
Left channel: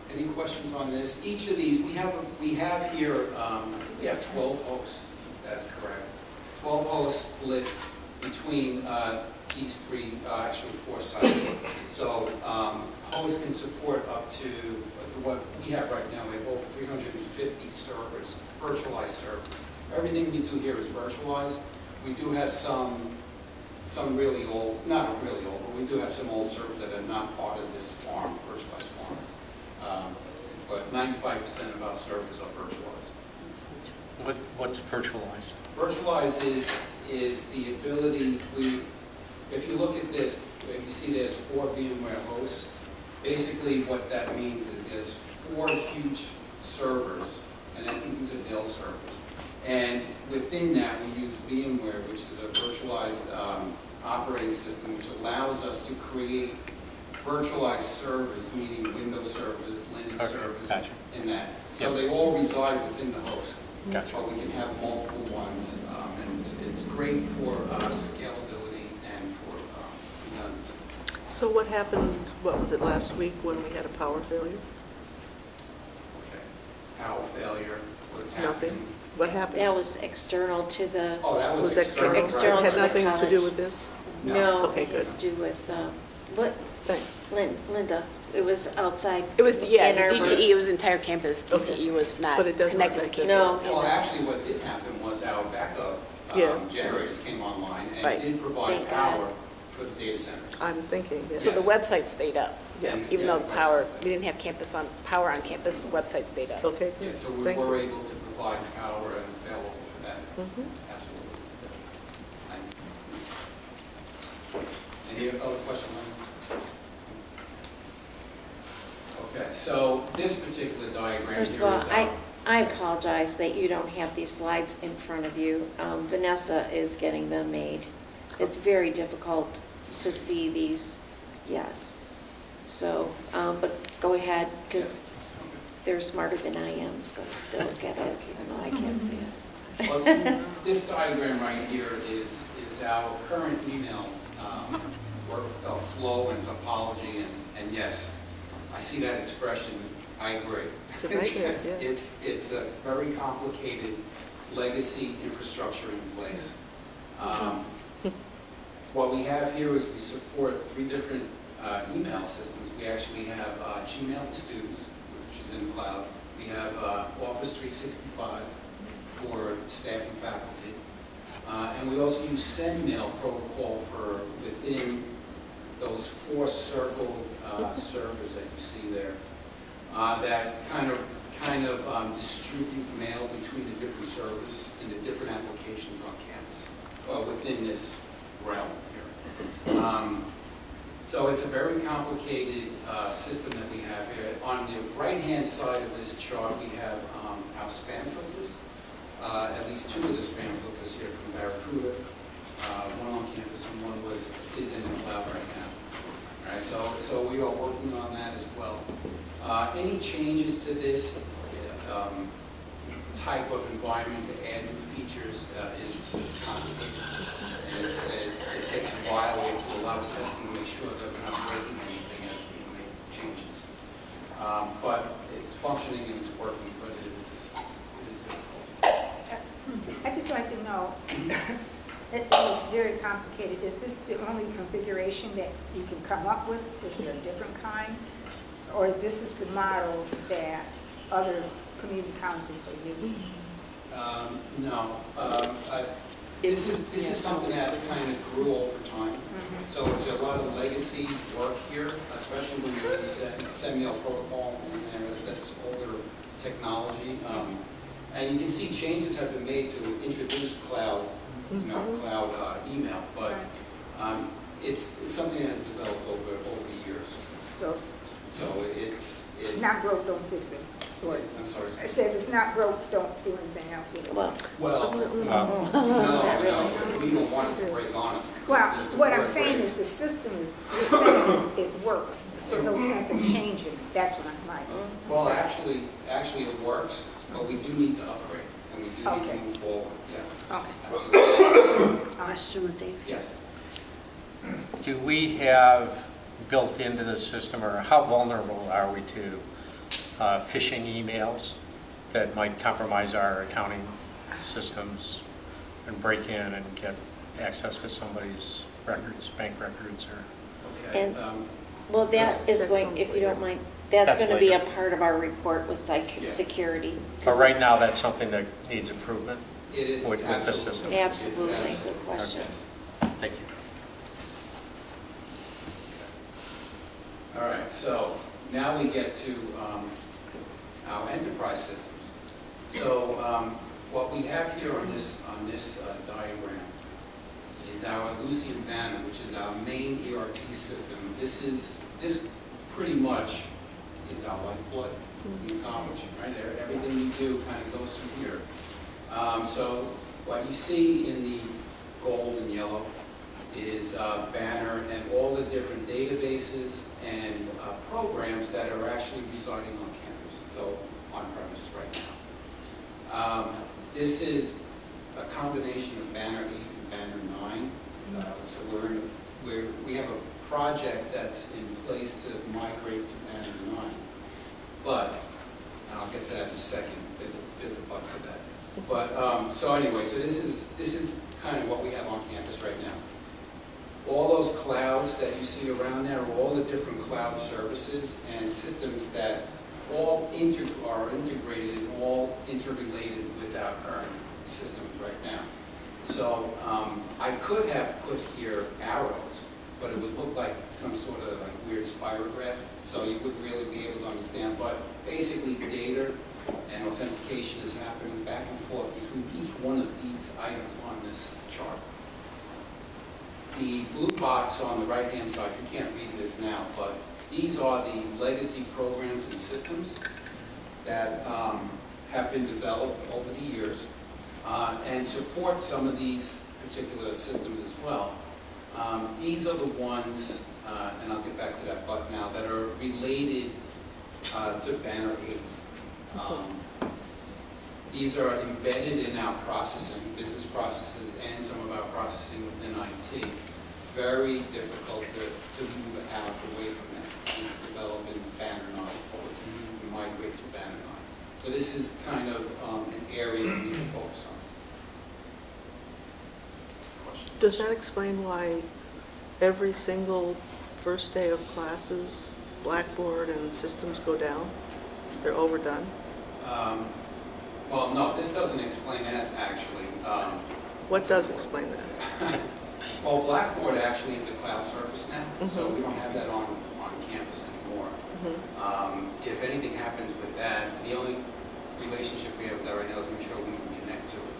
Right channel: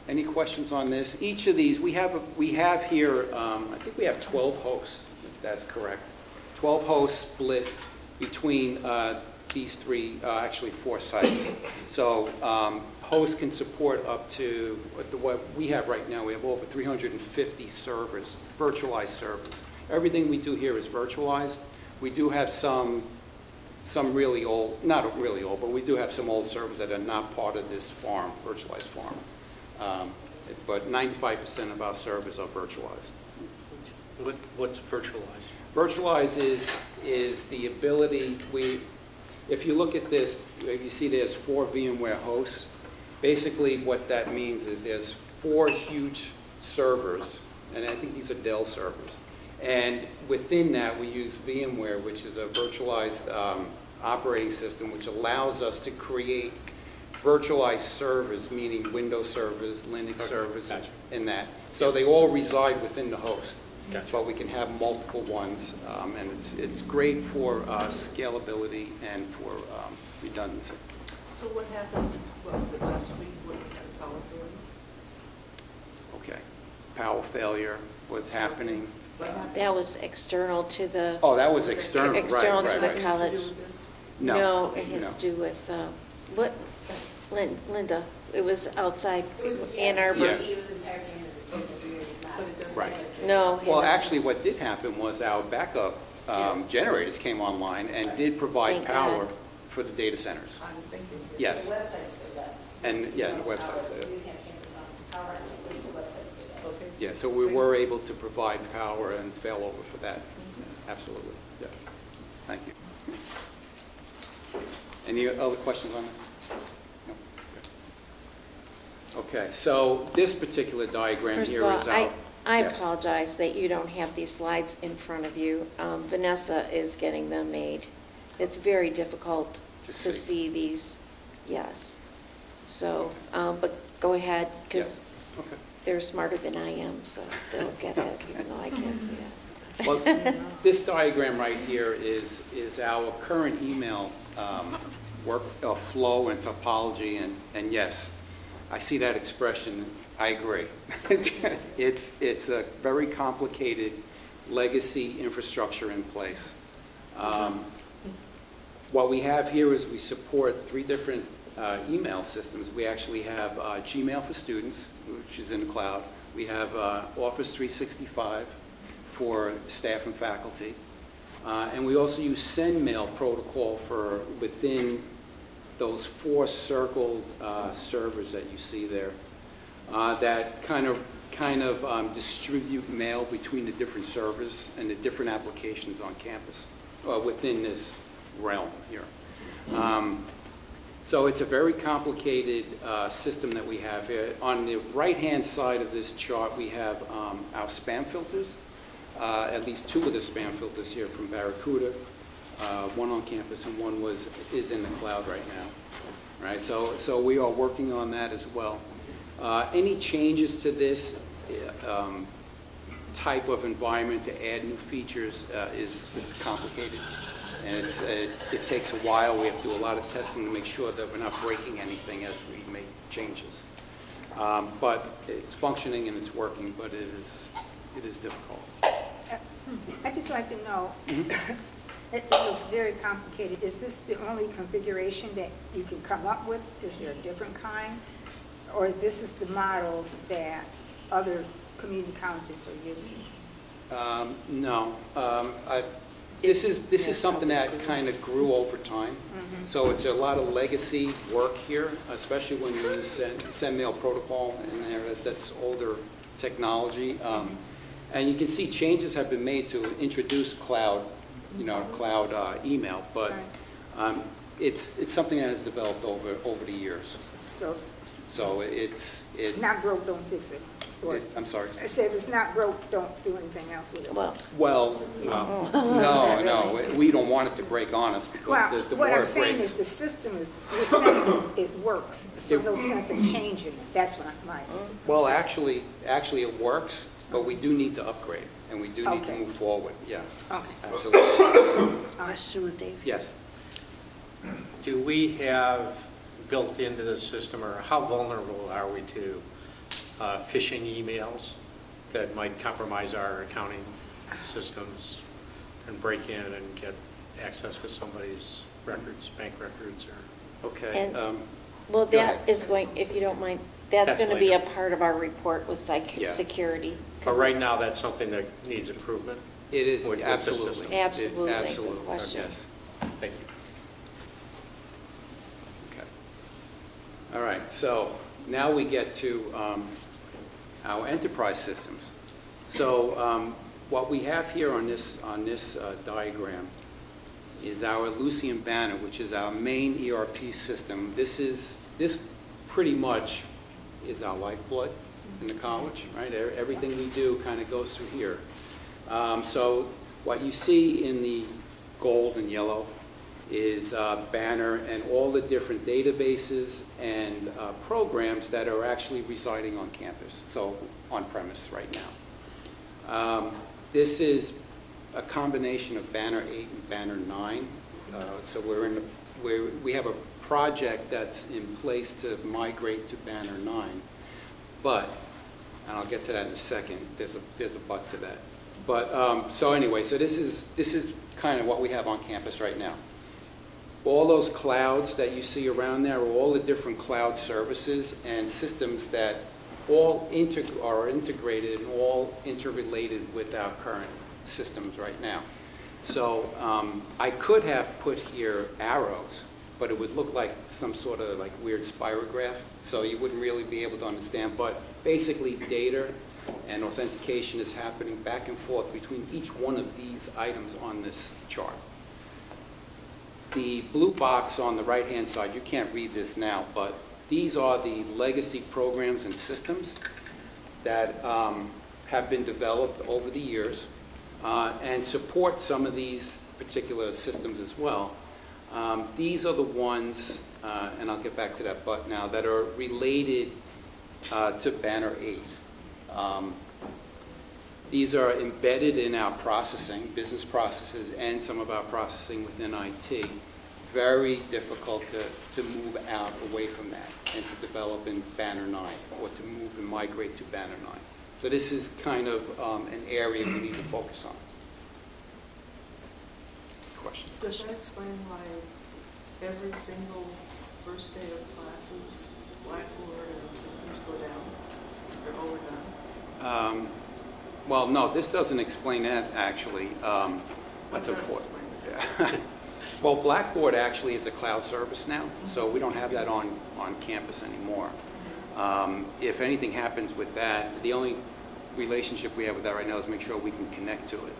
any questions on this? Each of these, we have here, I think we have 12 hosts, if that's correct. 12 hosts split between these three, actually 4 sites. So hosts can support up to, what we have right now, we have over 350 servers, virtualized servers. Everything we do here is virtualized. We do have some really old, not really old, but we do have some old servers that are not part of this farm, virtualized farm. But 95% of our servers are virtualized. What's virtualized? Virtualized is the ability, if you look at this, you see there's 4 VMware hosts. Basically what that means is there's 4 huge servers, and I think these are Dell servers. And within that we use VMware, which is a virtualized operating system, which allows us to create virtualized servers, meaning Windows servers, Linux servers, gotcha. and that. So they all reside within the host. Gotcha. But we can have multiple ones, and it's great for scalability and for redundancy. So what happened, what was it, last week when we had a power failure? Okay. Power failure was happening. What happened? That was external to the, Oh, that was external, right. external Had to the nothing college. to do with this? No, Okay, it had good. to do with, what, Thanks. Linda, it was outside It was, yeah, Ann Arbor. DTE, it was entire campus. Okay. DTE was not But it doesn't connected to affect campus. No. Well, actually, what did happen was our backup Yeah. generators came online and Right. did provide Thank God. power for the data centers. I'm thinking, yes. So Yes. the website stayed up, And, even yeah, though the power, website stayed up. we didn't have power on campus, the website stayed up. Okay. Yeah, so we Thank were you. able to provide power and fail over for that. Mhm. Absolutely. Yeah. Thank you. Any other questions on that? Okay, so this particular diagram First here of is all, our... I Yes. apologize that you don't have these slides in front of you. Vanessa is getting them made. It's very difficult to see these, yes. So, but go ahead, because Okay. they're smarter than I am, so they'll get it, even though I can't see it. Well, this diagram right here is our current email flow and topology, and yes, I see that expression. I agree. It's a nightmare, yes. It's a very complicated legacy infrastructure in place. What we have here is we support 3 different email systems. We actually have Gmail for students, which is in the cloud. We have Office 365 for staff and faculty. And we also use SendMail protocol for within those 4 circled servers that you see there that kind of distribute mail between the different servers and the different applications on campus within this realm here. So it's a very complicated system that we have here. On the right-hand side of this chart, we have our spam filters. At least 2 of the spam filters here from Barracuda. One on campus and one is in the cloud right now. Right, so we are working on that as well. Any changes to this type of environment to add new features is complicated, and it takes a while. We have to do a lot of testing to make sure that we're not breaking anything as we make changes. But it's functioning and it's working, but it is difficult. I'd just like to know, It looks very complicated. Is this the only configuration that you can come up with? Is there a different kind? Or this is the model that other community colleges are using? No. This is something that kind of grew over time. So it's a lot of legacy work here, especially when you send mail protocol in there. That's older technology. And you can see changes have been made to introduce cloud, cloud email. But it's something that has developed over the years. So it's not broke, don't fix it. Or, I'm sorry. I said if it's not broke, don't do anything else with it. Well, no, we don't want it to break on us. Well, what I'm saying is the system is, you're saying it works, so no sense in changing it. That's what I'm like. Well, actually it works, but we do need to upgrade, and we do need to move forward. Yeah. Okay. Absolutely. Question with Dave. Yes. Do we have built into the system, or how vulnerable are we to phishing emails that might compromise our accounting systems and break in and get access to somebody's records, bank records, or? Okay. And, well, that is going, if you don't mind, that's going to be a part of our report with security. But right now, that's something that needs improvement? It is, with the system? Absolutely. Good question. Yes. Thank you. Okay. All right, so now we get to our enterprise systems. So what we have here on this diagram is our Lucian Banner, which is our main ERP system. This pretty much is our lifeblood in college, right? Everything we do kind of goes through here. So what you see in the gold and yellow is Banner and all the different databases and programs that are actually residing on campus, so on premise right now. This is a combination of Banner 8 and Banner 9. So we have a project that's in place to migrate to Banner 9. But, and I'll get to that in a second, there's a but to that. But, so anyway, so this is kind of what we have on campus right now. All those clouds that you see around there are all the different cloud services and systems that all are integrated and all interrelated with our current systems right now. So I could have put here arrows, but it would look like some sort of like weird spirograph, so you wouldn't really be able to understand. But basically data and authentication is happening back and forth between each one of these items on this chart. The blue box on the right-hand side, you can't read this now, but these are the legacy programs and systems that have been developed over the years and support some of these particular systems as well. These are the ones, and I'll get back to that but now, that are related to Banner 8. These are embedded in our processing, business processes, and some of our processing within IT. Very difficult to move out away from that and to develop in Banner 9 or to move and migrate to Banner 9. So this is kind of an area we need to focus on. Question? Does that explain why every single first day of classes, Blackboard and systems go down? They're overdone? Well, no, this doesn't explain that, actually. What does explain that? Well, Blackboard actually is a cloud service now, so we don't have that on campus anymore. If anything happens with that, the only relationship we have with that right now is make sure we can connect to it.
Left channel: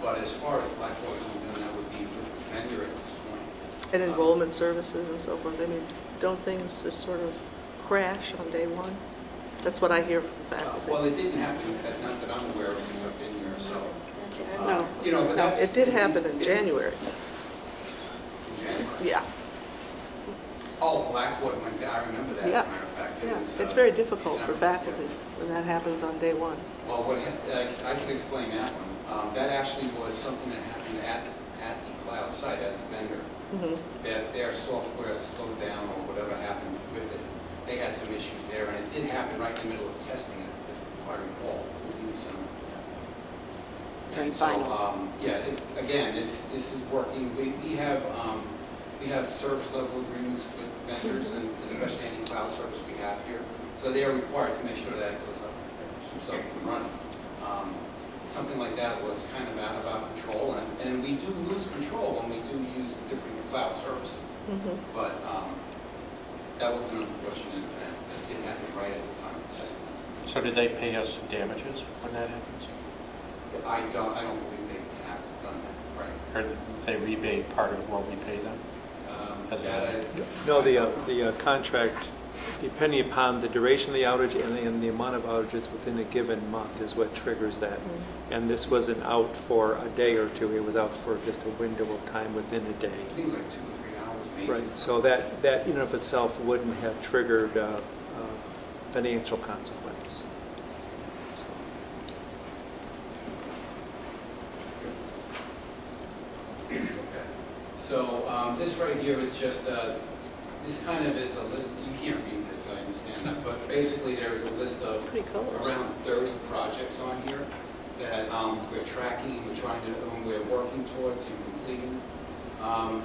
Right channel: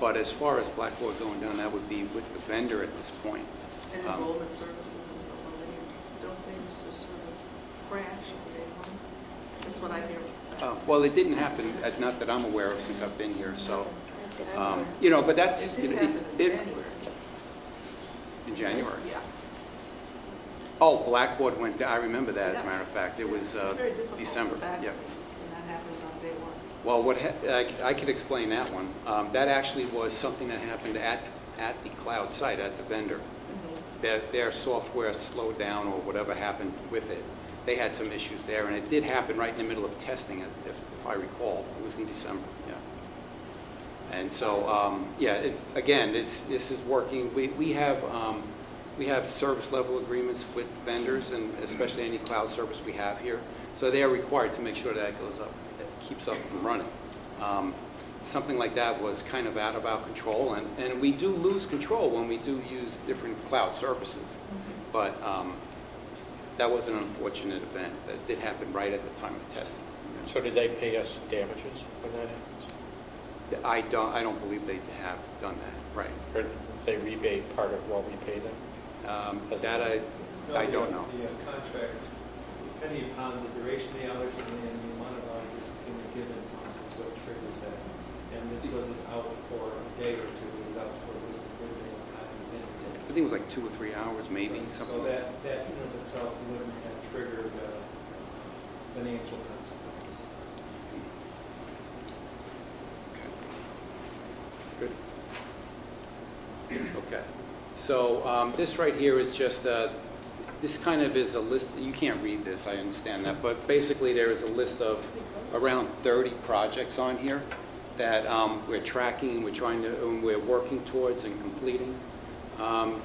But as far as Blackboard going down, that would be with the vendor at this point. And enrollment services and so forth, I mean, don't things just sort of crash on day one? That's what I hear from faculty. Well, it didn't happen, not that I'm aware of since I've been here, so, you know, but that's... It did happen in January. In January? Yeah. Oh, Blackboard went down, I remember that, as a matter of fact. It was it's very difficult December. for faculty when that happens on day one. Well, I can explain that one. That actually was something that happened at the cloud site, at the vendor. Their software slowed down or whatever happened with it. They had some issues there, and it did happen right in the middle of testing, if I recall. It was in December, And so, again, this is working. We have service level agreements with vendors, and especially any cloud service we have here. So they are required to make sure that goes up, that keeps up and running. Something like that was kind of out of our control, and we do lose control when we do use different cloud services. But that was an unfortunate event that did happen right at the time of testing. So did they pay us damages when that happens? I don't believe they have done that, right. Or did they rebate part of what we pay them? No, the contract, depending upon the duration of the outage and the amount of outages within a given month is what triggers that. And this wasn't out for a day or two, it was out for just a window of time within a day. I think it was like 2 or 3 hours maybe. Right. So that in and of itself wouldn't have triggered financial consequence. Okay. So this right here is just this kind of is a list. You can't read this, I understand that, but basically there is a list of around 30 projects on here that we're tracking, we're working towards and completing. On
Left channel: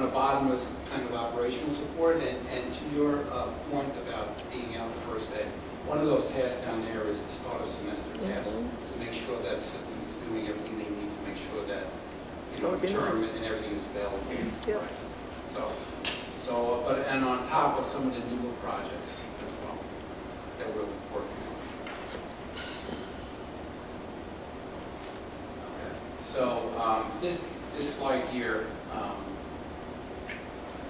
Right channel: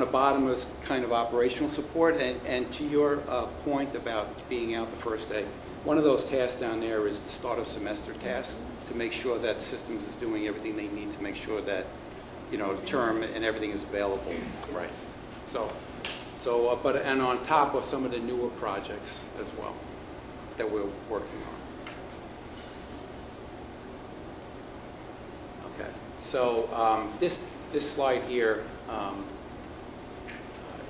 the bottom is kind of operational support, and to your point about being out the first day, one of those tasks down there is the start of semester task to make sure that systems is doing everything they need to make sure that term and everything is available. Right. And on top of some of the newer projects as well that we're working on. Okay. So this slide here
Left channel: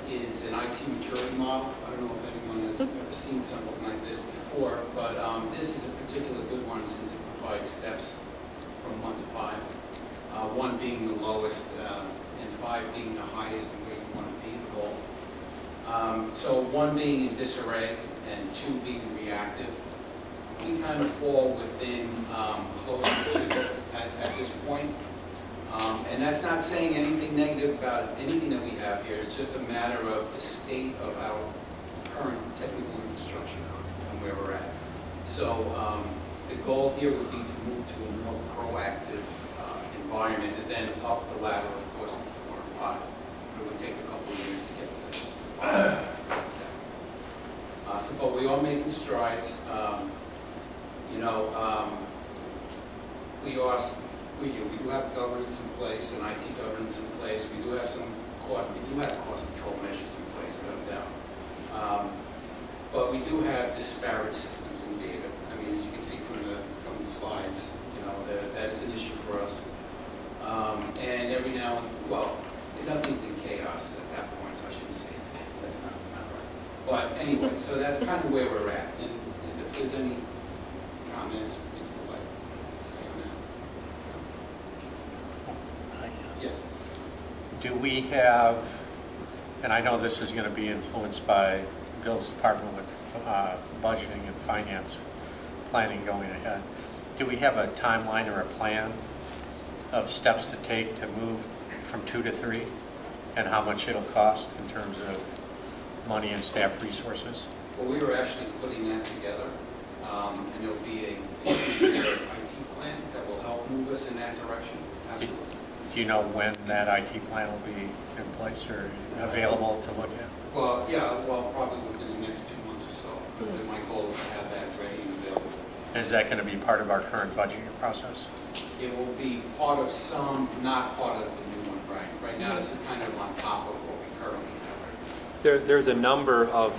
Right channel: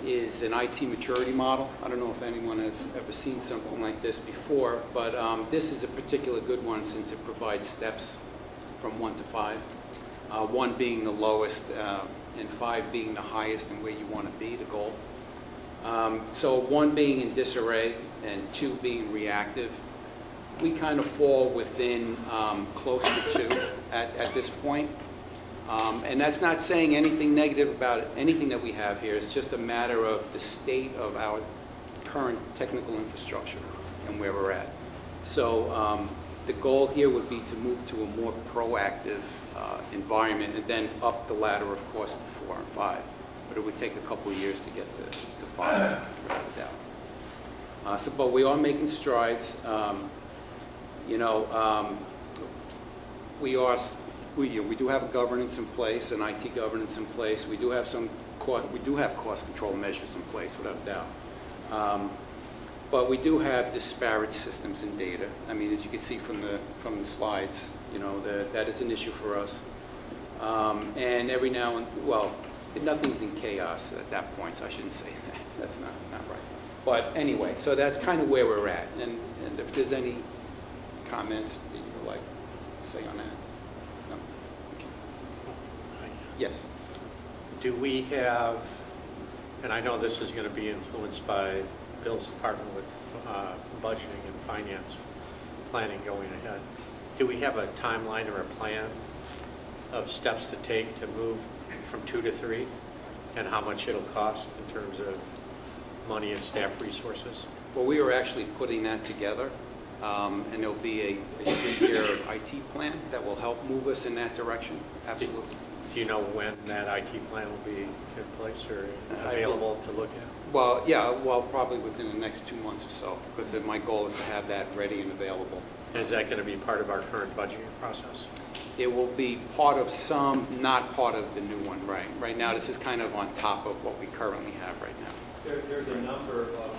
is an IT maturity model. I don't know if anyone has ever seen something like this before, but this is a particular good one since it provides steps from 1 to 5. 1 being the lowest and 5 being the highest and where you want to be, the goal. So 1 being in disarray and 2 being reactive. We kind of fall within closer to at this point. And that's not saying anything negative about anything that we have here. It's just a matter of the state of our current technical infrastructure and where we're at. So the goal here would be to move to a more proactive environment and then up the ladder, of course, to 4 and 5. But it would take a couple of years to get to 5. But we are making strides. We do have governance in place and IT governance in place. We do have cost control measures in place, without a doubt. But we do have disparate systems and data. I mean, as you can see from the slides, that is an issue for us. And every now and nothing's in chaos at that point, so I shouldn't say that. That's not right. But anyway, so that's kind of where we're at. And if there's any comments that you would like to say on that. No? Yes. Do we have, and I know this is going to be influenced by Bill's department with budgeting and finance planning going ahead, do we have a timeline or a plan of steps to take to move from 2 to 3 and how much it'll cost in terms of money and staff resources? Well, we were actually putting that together, and there'll be a year IT plan that will help move us in that direction. Absolutely. Do you know when that IT plan will be in place or available to look at? Well, probably within the next 2 months or so, because my goal is to have that ready and available. And is that going to be part of our current budgeting process? It will be part of some, not part of the new one, right? Right now, this is kind of on top of what we currently have right now. There's a number of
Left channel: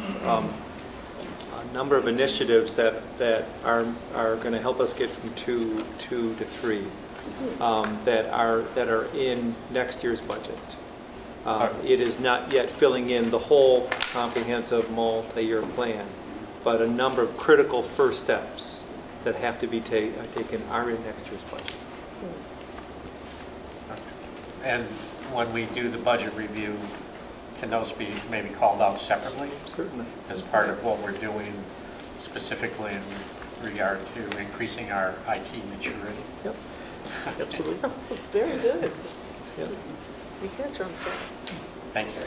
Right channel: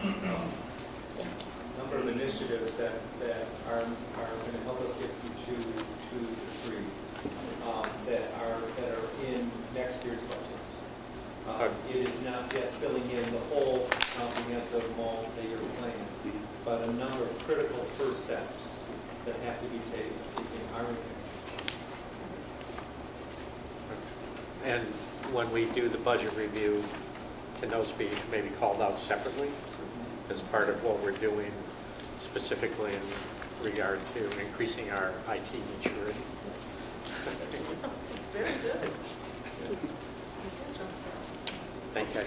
initiatives that are going to help us get from 2 to 3 that are in next year's budget. It is not yet filling in the whole comprehensive multi-year plan, but a number of critical first steps that have to be taken are in next year's budget. And when we do the budget review, can those be maybe called out separately? Certainly. As part of what we're doing specifically in regard to increasing our IT maturity? Yep. Absolutely. Very good. You can turn fast. Thank you.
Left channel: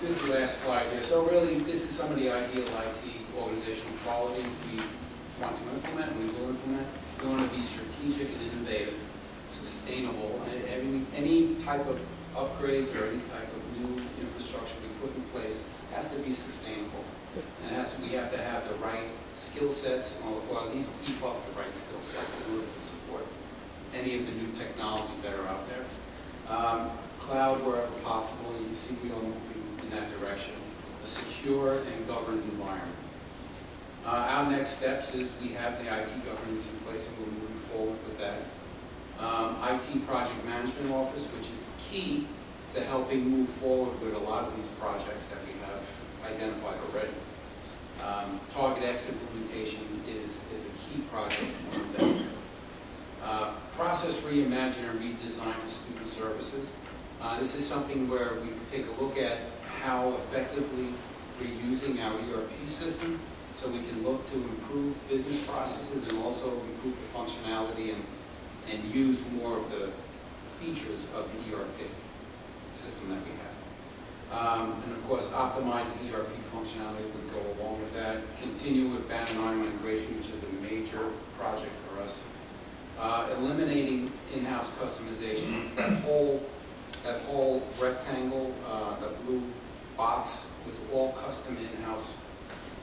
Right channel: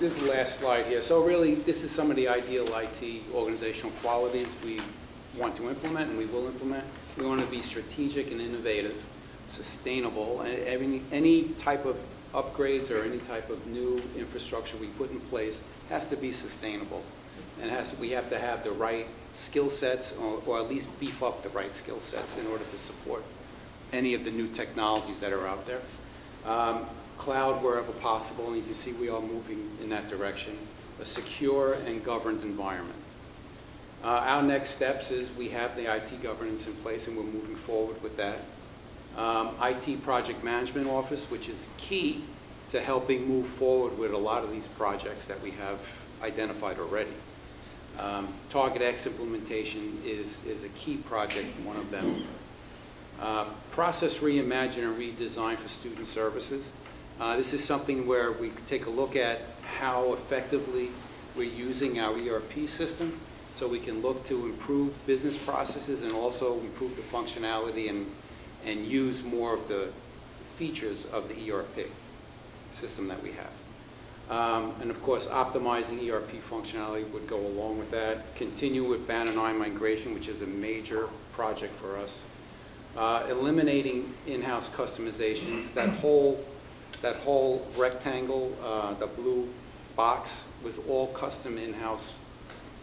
This is the last slide here. So really, this is some of the ideal IT organizational qualities. want to implement, and we will implement. We want to be strategic and innovative, sustainable, and any type of upgrades or any type of new infrastructure we put in place has to be sustainable. And we have to have the right skill sets, or at least beef up the right skill sets in order to support any of the new technologies that are out there. Cloud wherever possible, and you can see we are moving in that direction. A secure and governed environment. Our next steps is we have the IT governance in place, and we're moving forward with that. IT Project Management Office, which is key to helping move forward with a lot of these projects that we have identified already. Target X implementation is a key project, one of them. Process reimagine and redesign for student services. This is something where we take a look at how effectively we're using our ERP system, so we can look to improve business processes and also improve the functionality and use more of the features of the ERP system that we have. And of course, optimizing ERP functionality would go along with that. Continue with Banner 9 migration, which is a major project for us. Eliminating in-house customizations. That whole rectangle, the blue box, was all custom in-house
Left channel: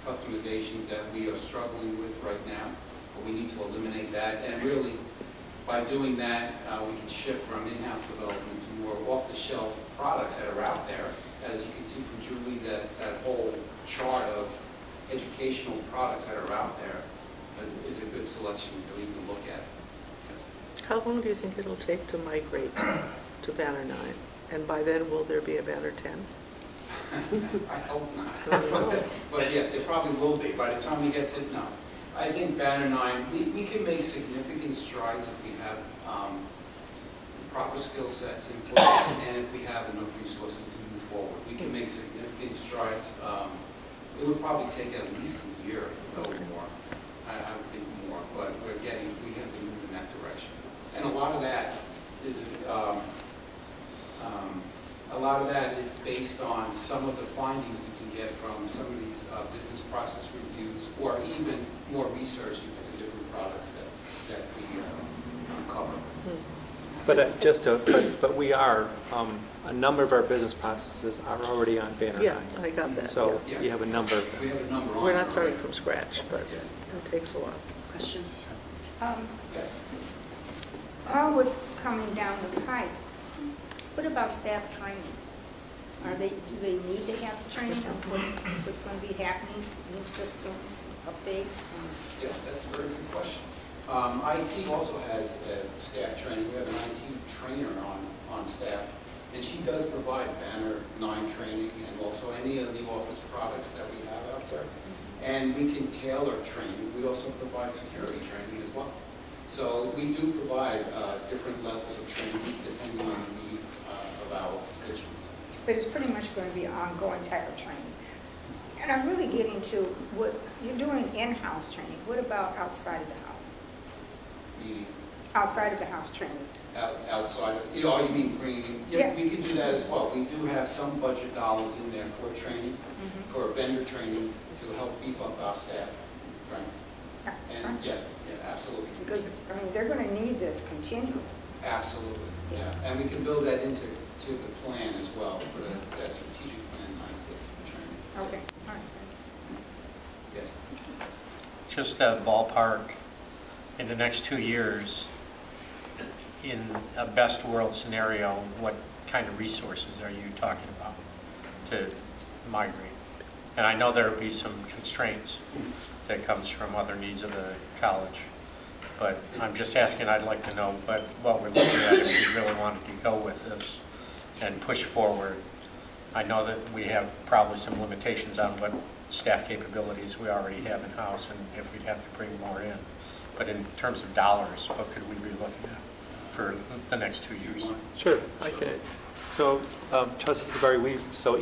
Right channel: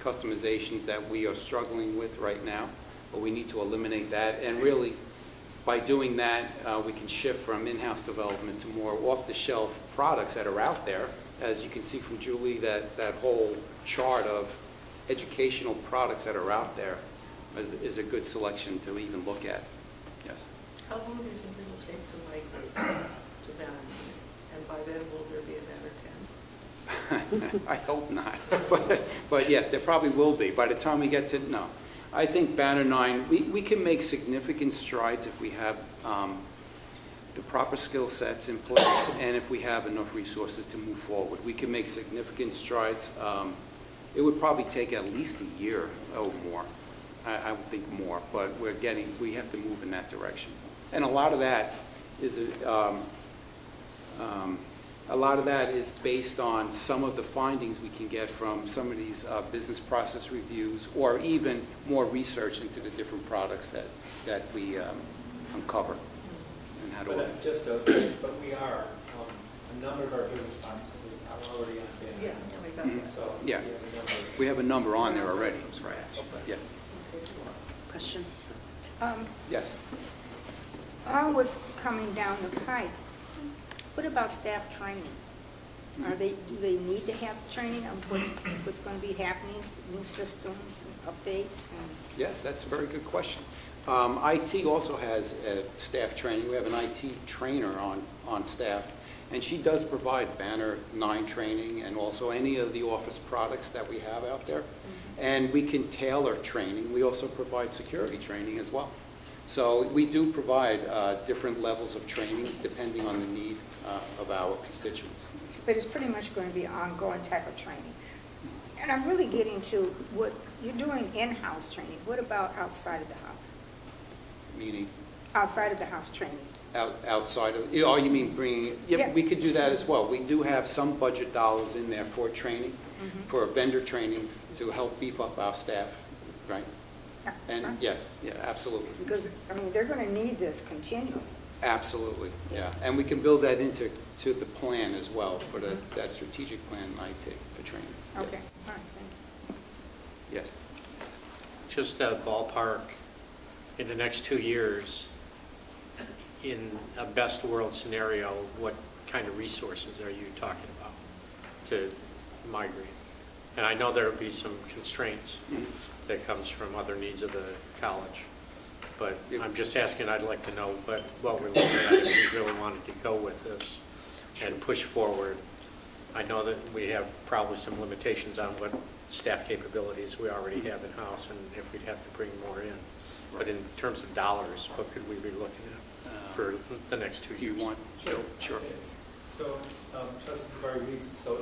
customizations that we are struggling with right now, but we need to eliminate that. And really, by doing that, we can shift from in-house development to more off-the-shelf products that are out there. As you can see from Julie, that whole chart of educational products that are out there is a good selection to even look at. Yes. How long do you think it'll take to migrate to Banner 9? And by then, will there be a Banner 10? I hope not. But yes, there probably will be. By the time we get to, no. I think Banner 9, we can make significant strides if we have the proper skill sets in place and if we have enough resources to move forward. We can make significant strides. It would probably take at least a year or more. I would think more, but we have to move in that direction. And a lot of that is based on some of the findings we can get from some of these business process reviews, or even more research into the different products that we uncover. But we are, a number of our business processes are already on Banner 9. Yeah, I got that. So yeah. we have a number. We have a number on. We're not starting from scratch, but yeah. It takes a while. Question? Yes. All was coming down the pipe. What about staff training? Do they need to have training on what's going to be happening, new systems, and updates? Yes, that's a very good question. IT also has staff training. We have an IT trainer on staff, and she does provide Banner 9 training and also any of the office products that we have out there. And we can tailor training. We also provide security training as well. So we do provide different levels of training depending on the need of our constituents. But it's pretty much going to be ongoing type of training. And I'm really getting to what you're doing in-house training. What about outside of the house? Meaning? Outside of the house training. Outside of, you mean bringing in, yeah, we can do that as well. We do have some budget dollars in there for training, for vendor training to help beef up our staff, right? Yeah, and yeah, absolutely. Because, I mean, they're going to need this continually. Absolutely, yeah. And we can build that into the plan as well, for that strategic plan IT for training. Okay, all right, thanks. Yes. Just a ballpark, in the next 2 years, in a best world scenario, what kind of resources are you talking about to migrate? And I know there will be some constraints that comes from other needs of the college, but I'm just asking, I'd like to know what we're looking at if we really wanted to go with this and push forward. I know that we have probably some limitations on what staff capabilities we already have in-house and if we'd have to bring more in. But in terms of dollars, what could we be looking at for the next 2 years? Sure. Okay. So, Trustee Kivari, so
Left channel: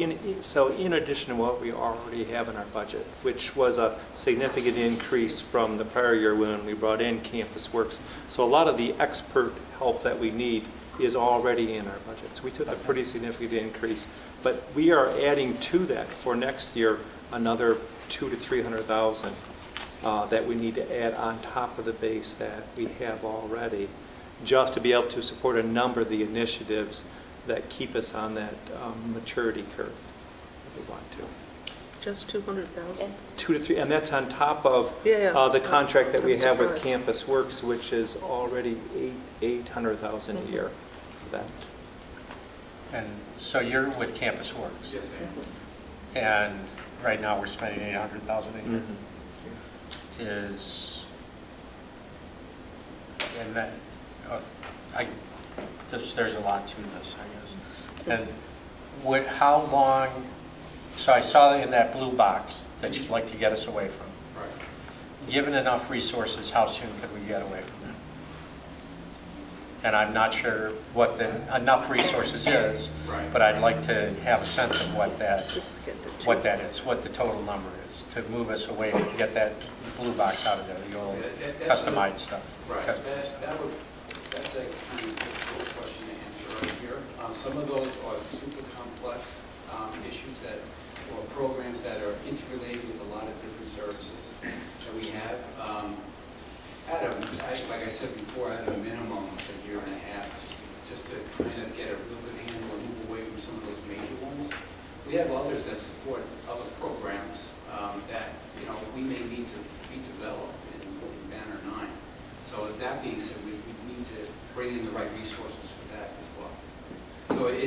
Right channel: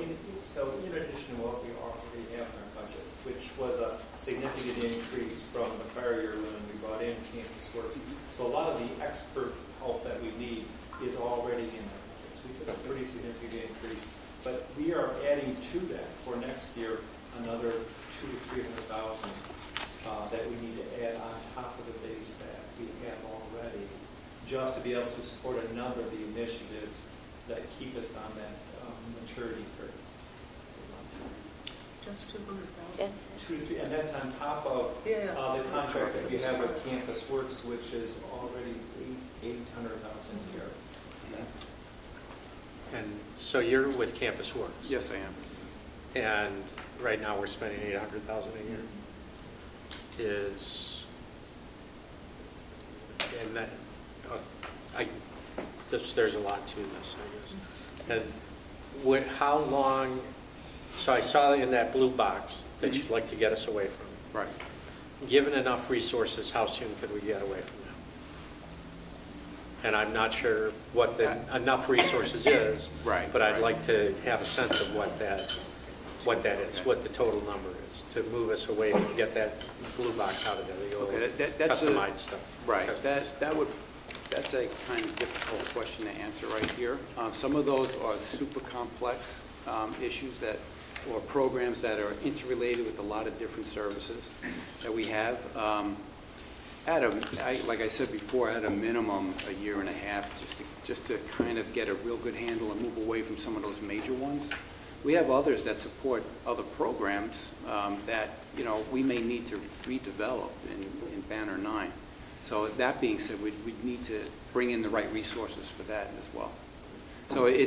in addition to what we already have in our budget, which was a significant increase from the prior year when we brought in Campus Works, so a lot of the expert help that we need is already in our budget. So we took a pretty significant increase, but we are adding to that for next year another $200,000 to $300,000 that we need to add on top of the base that we have already, just to be able to support a number of the initiatives that keep us on that maturity curve we want to. Just 200,000? 2 to 3, and that's on top of the contract that we have with Campus Works, which is already $800,000 a year. Then. And so you're with Campus Works? Yes, I am. And right now we're spending $800,000 a year. And that, there's a lot to this, I guess. And how long, so I saw in that blue box that you'd like to get us away from. Right. Given enough resources, how soon could we get away from that? And I'm not sure what the enough resources is, right, but I'd like to have a sense of what that is, what the total number is, to move us away from, get that blue box out of there, the old customized stuff. Right, that's a kind of difficult question to answer right here. Some of those are super complex issues or programs that are interrelated with a lot of different services that we have. Like I said before, at a minimum, a year and a half, just to kind of get a real good handle and move away from some of those major ones. We have others that support other programs that we may need to redevelop in Banner 9. So that being said, we need to bring in the right resources for that as well.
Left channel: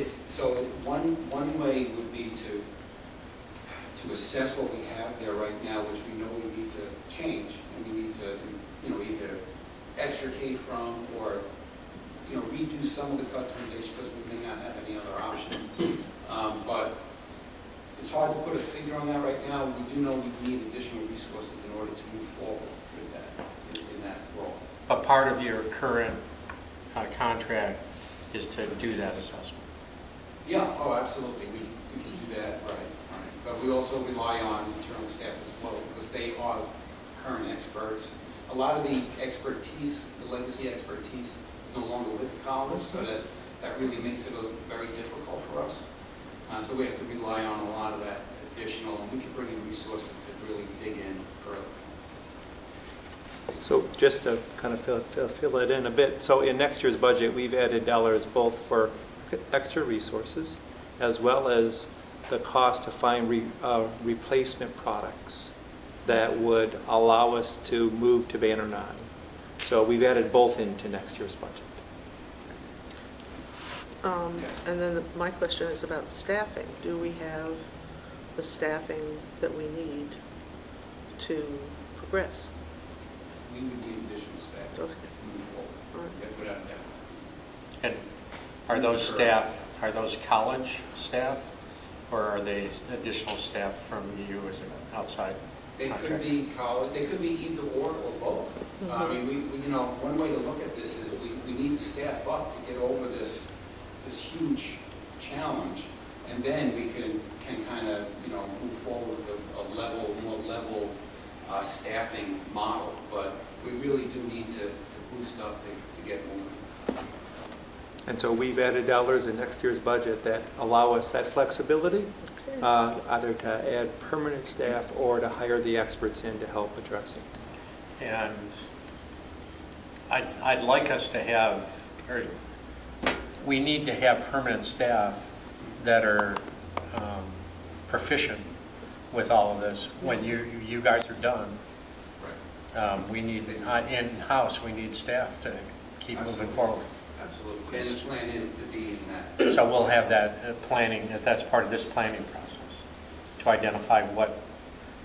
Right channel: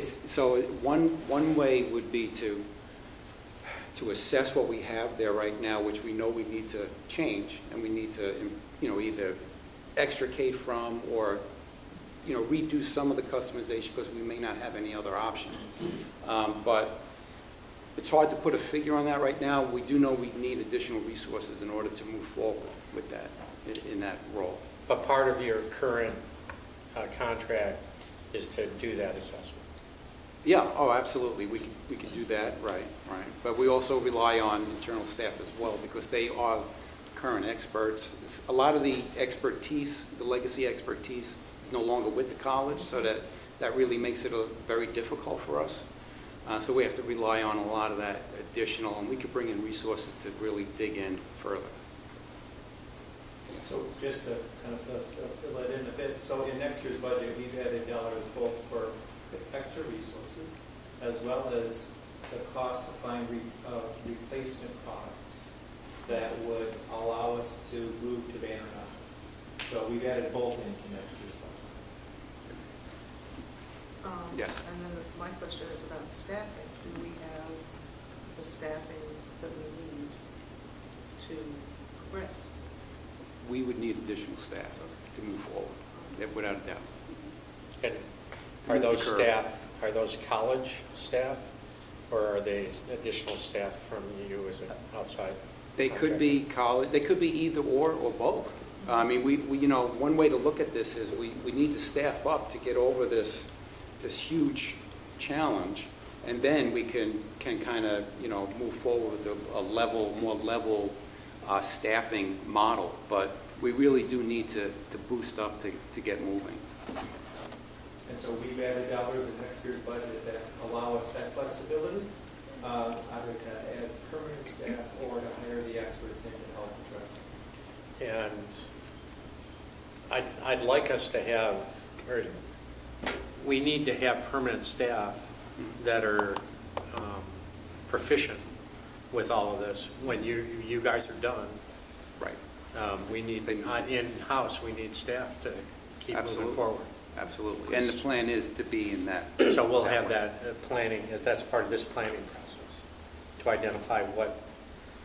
So one way would be to assess what we have there right now, which we know we need to change, and we need to either extricate from or redo some of the customization because we may not have any other option. But it's hard to put a figure on that right now. We do know we need additional resources in order to move forward with that in that role. But part of your current contract is to do that assessment. Yeah, oh, absolutely. We can do that, right. But we also rely on internal staff as well because they are current experts. A lot of the expertise, the legacy expertise, is no longer with the college, so that really makes it very difficult for us. So we have to rely on a lot of that additional, and we can bring in resources to really dig in further. So just to kind of fill it in a bit, so in next year's budget, we've added dollars both for extra resources as well as the cost to find replacement products that would allow us to move to Banner 9. So we've added both into next year's budget. Yes. And then my question is about staffing. Do we have the staffing that we need to progress? We would need additional staff to move forward, without a doubt. And are those staff, are those college staff, or are they additional staff from you as an outside? They could be college. They could be either or both. Mm-hmm. I mean, we one way to look at this is we need to staff up to get over this huge challenge, and then we can kind of move forward with a more level staffing model. But we really do need to boost up to get moving. And so we've added dollars in next year's budget that allow us that flexibility, either to add permanent staff or to hire the experts in to help address it. And I'd like us to have, or we need to have permanent staff that are proficient with all of this. When you guys are done, right? We need in-house. We need staff to keep moving forward. Absolutely. And the plan is to be in that. So we'll have that planning. That's part of this planning process to identify what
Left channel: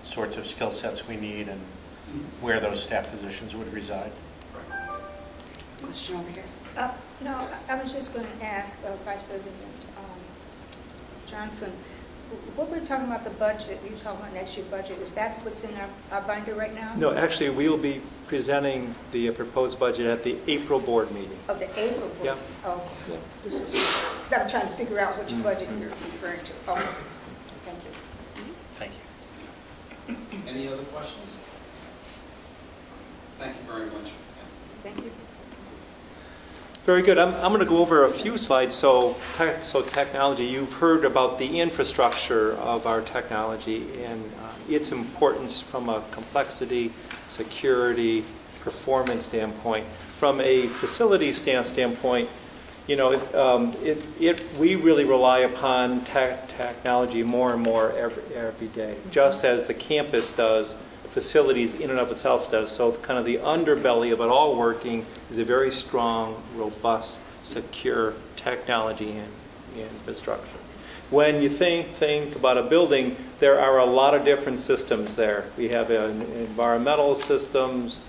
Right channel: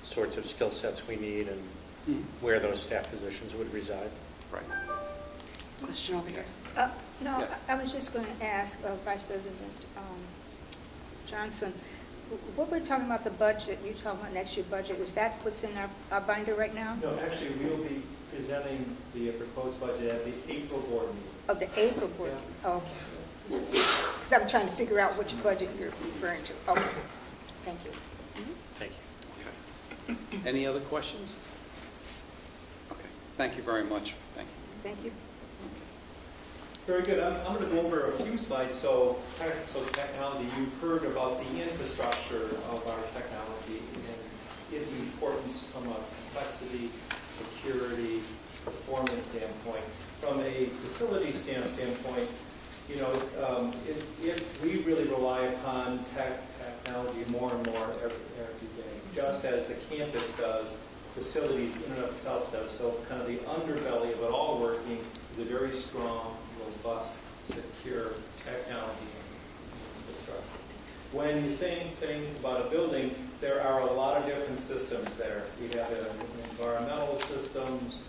sorts of skill sets we need and where those staff positions would reside. Right. Question over here. No, I was just going to ask Vice President Johnson, what we're talking about the budget, you're talking about next year's budget, is that what's in our binder right now? No, actually, we will be presenting the proposed budget at the April board meeting. Oh, the April board? Yeah. Okay. Because I'm trying to figure out which budget you're referring to. Okay. Thank you. Thank you. Any other questions? Okay. Thank you very much. Thank you. Very good. I'm going to go over a few slides. So technology, you've heard about the infrastructure of our technology, and its importance from a complexity, security, performance standpoint. From a facility standpoint, you know, we really rely upon technology more and more every day, just as the campus does, facilities in and of itself does. So kind of the underbelly of it all working is a very strong, robust, secure technology and infrastructure. When you think about a building, there are a lot of different systems there. We have environmental systems,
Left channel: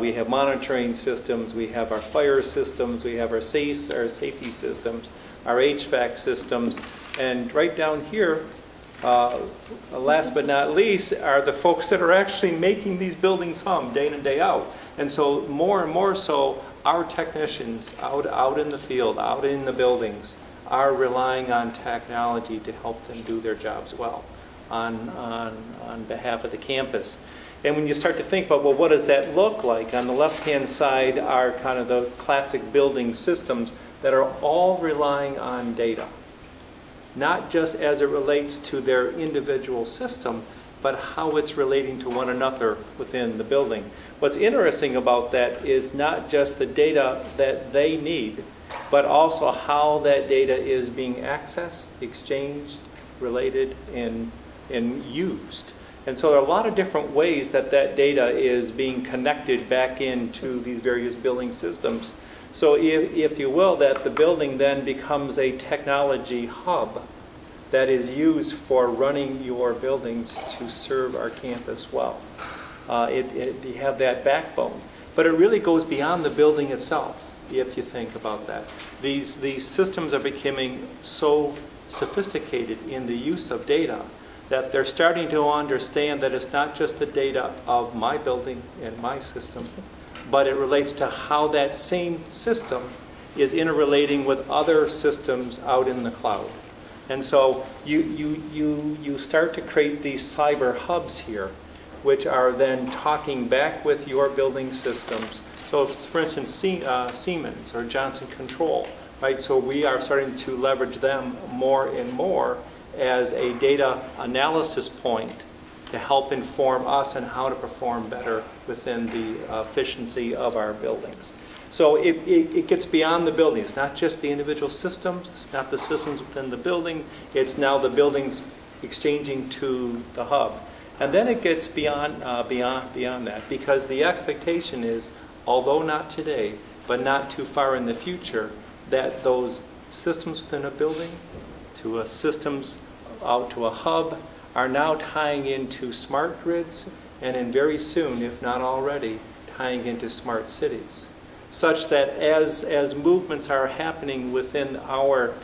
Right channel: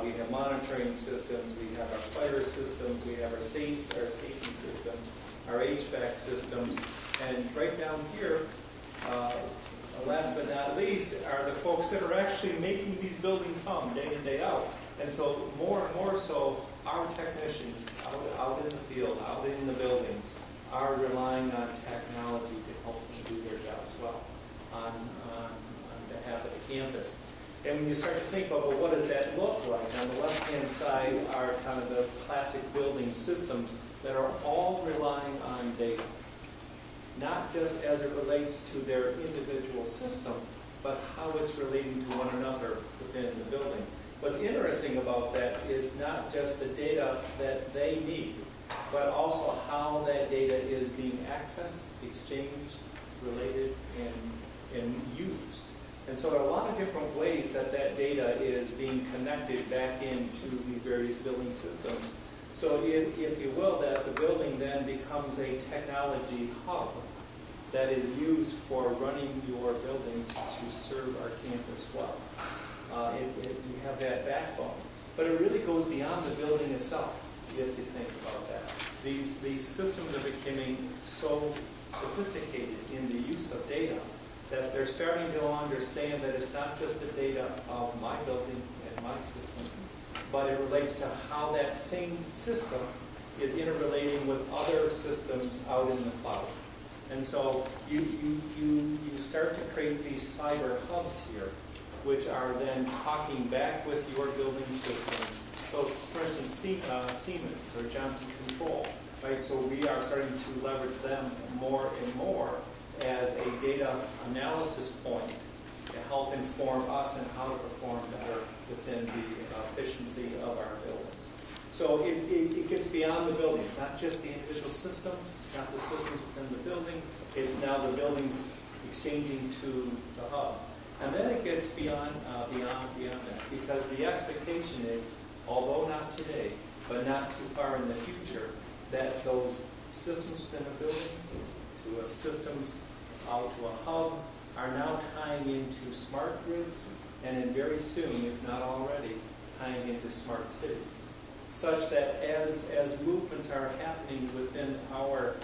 we have monitoring systems, we have our fire systems, we have our safety systems, our HVAC systems, and right down here, last but not least, are the folks that are actually making these buildings hum day in, day out. And so more and more so, our technicians out in the field, out in the buildings, are relying on technology to help them do their jobs well on behalf of the campus. And when you start to think about, well, what does that look like? On the left-hand side are kind of the classic building systems that are all relying on data. Not just as it relates to their individual system, but how it's relating to one another within the building. What's interesting about that is not just the data that they need, but also how that data is being accessed, exchanged, related, and used. And so there are a lot of different ways that data is being connected back into these various building systems. So if you will, that the building then becomes a technology hub that is used for running your buildings to serve our campus well. You have that backbone. But it really goes beyond the building itself, if you think about that. These systems are becoming so sophisticated in the use of data that they're starting to understand that it's not just the data of my building and my system, but it relates to how that same system is interrelating with other systems out in the cloud. And so you start to create these cyber hubs here, which are then talking back with your building systems. So for instance, Siemens or Johnson Control, right? So we are starting to leverage them more and more as a data analysis point to help inform us on how to perform better within the efficiency of our buildings. So it gets beyond the building. It's not just the individual systems. It's not the systems within the building. It's now the buildings exchanging to the hub. And then it gets beyond that, because the expectation is, although not today, but not too far in the future, that those systems within a building to a systems out to a hub are now tying into smart grids, and then very soon, if not already, tying into smart cities, such that as movements are happening within our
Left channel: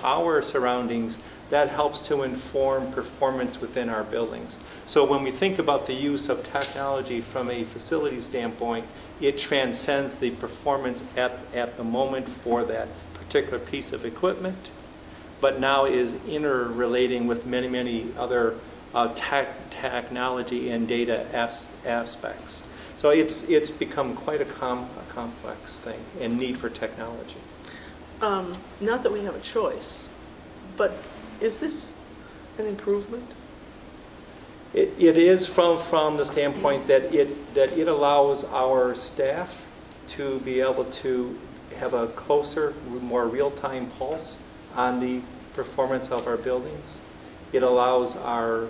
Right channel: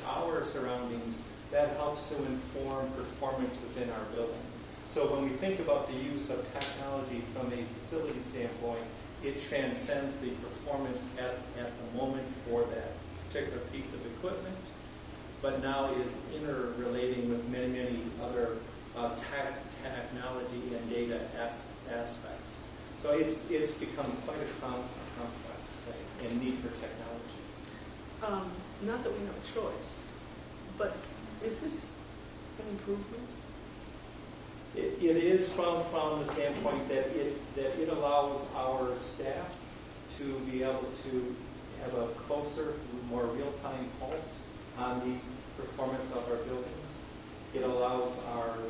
surroundings, that helps to inform performance within our buildings. So when we think about the use of technology from a facility standpoint, it transcends the performance at the moment for that particular piece of equipment, but now is interrelating with many, many other technology and data aspects. So it's become quite a complex thing and need for technology. Not that we have a choice, but is this an improvement? It is from the standpoint that it allows our staff to be able to have a closer, more real-time pulse on the performance of our buildings. It allows our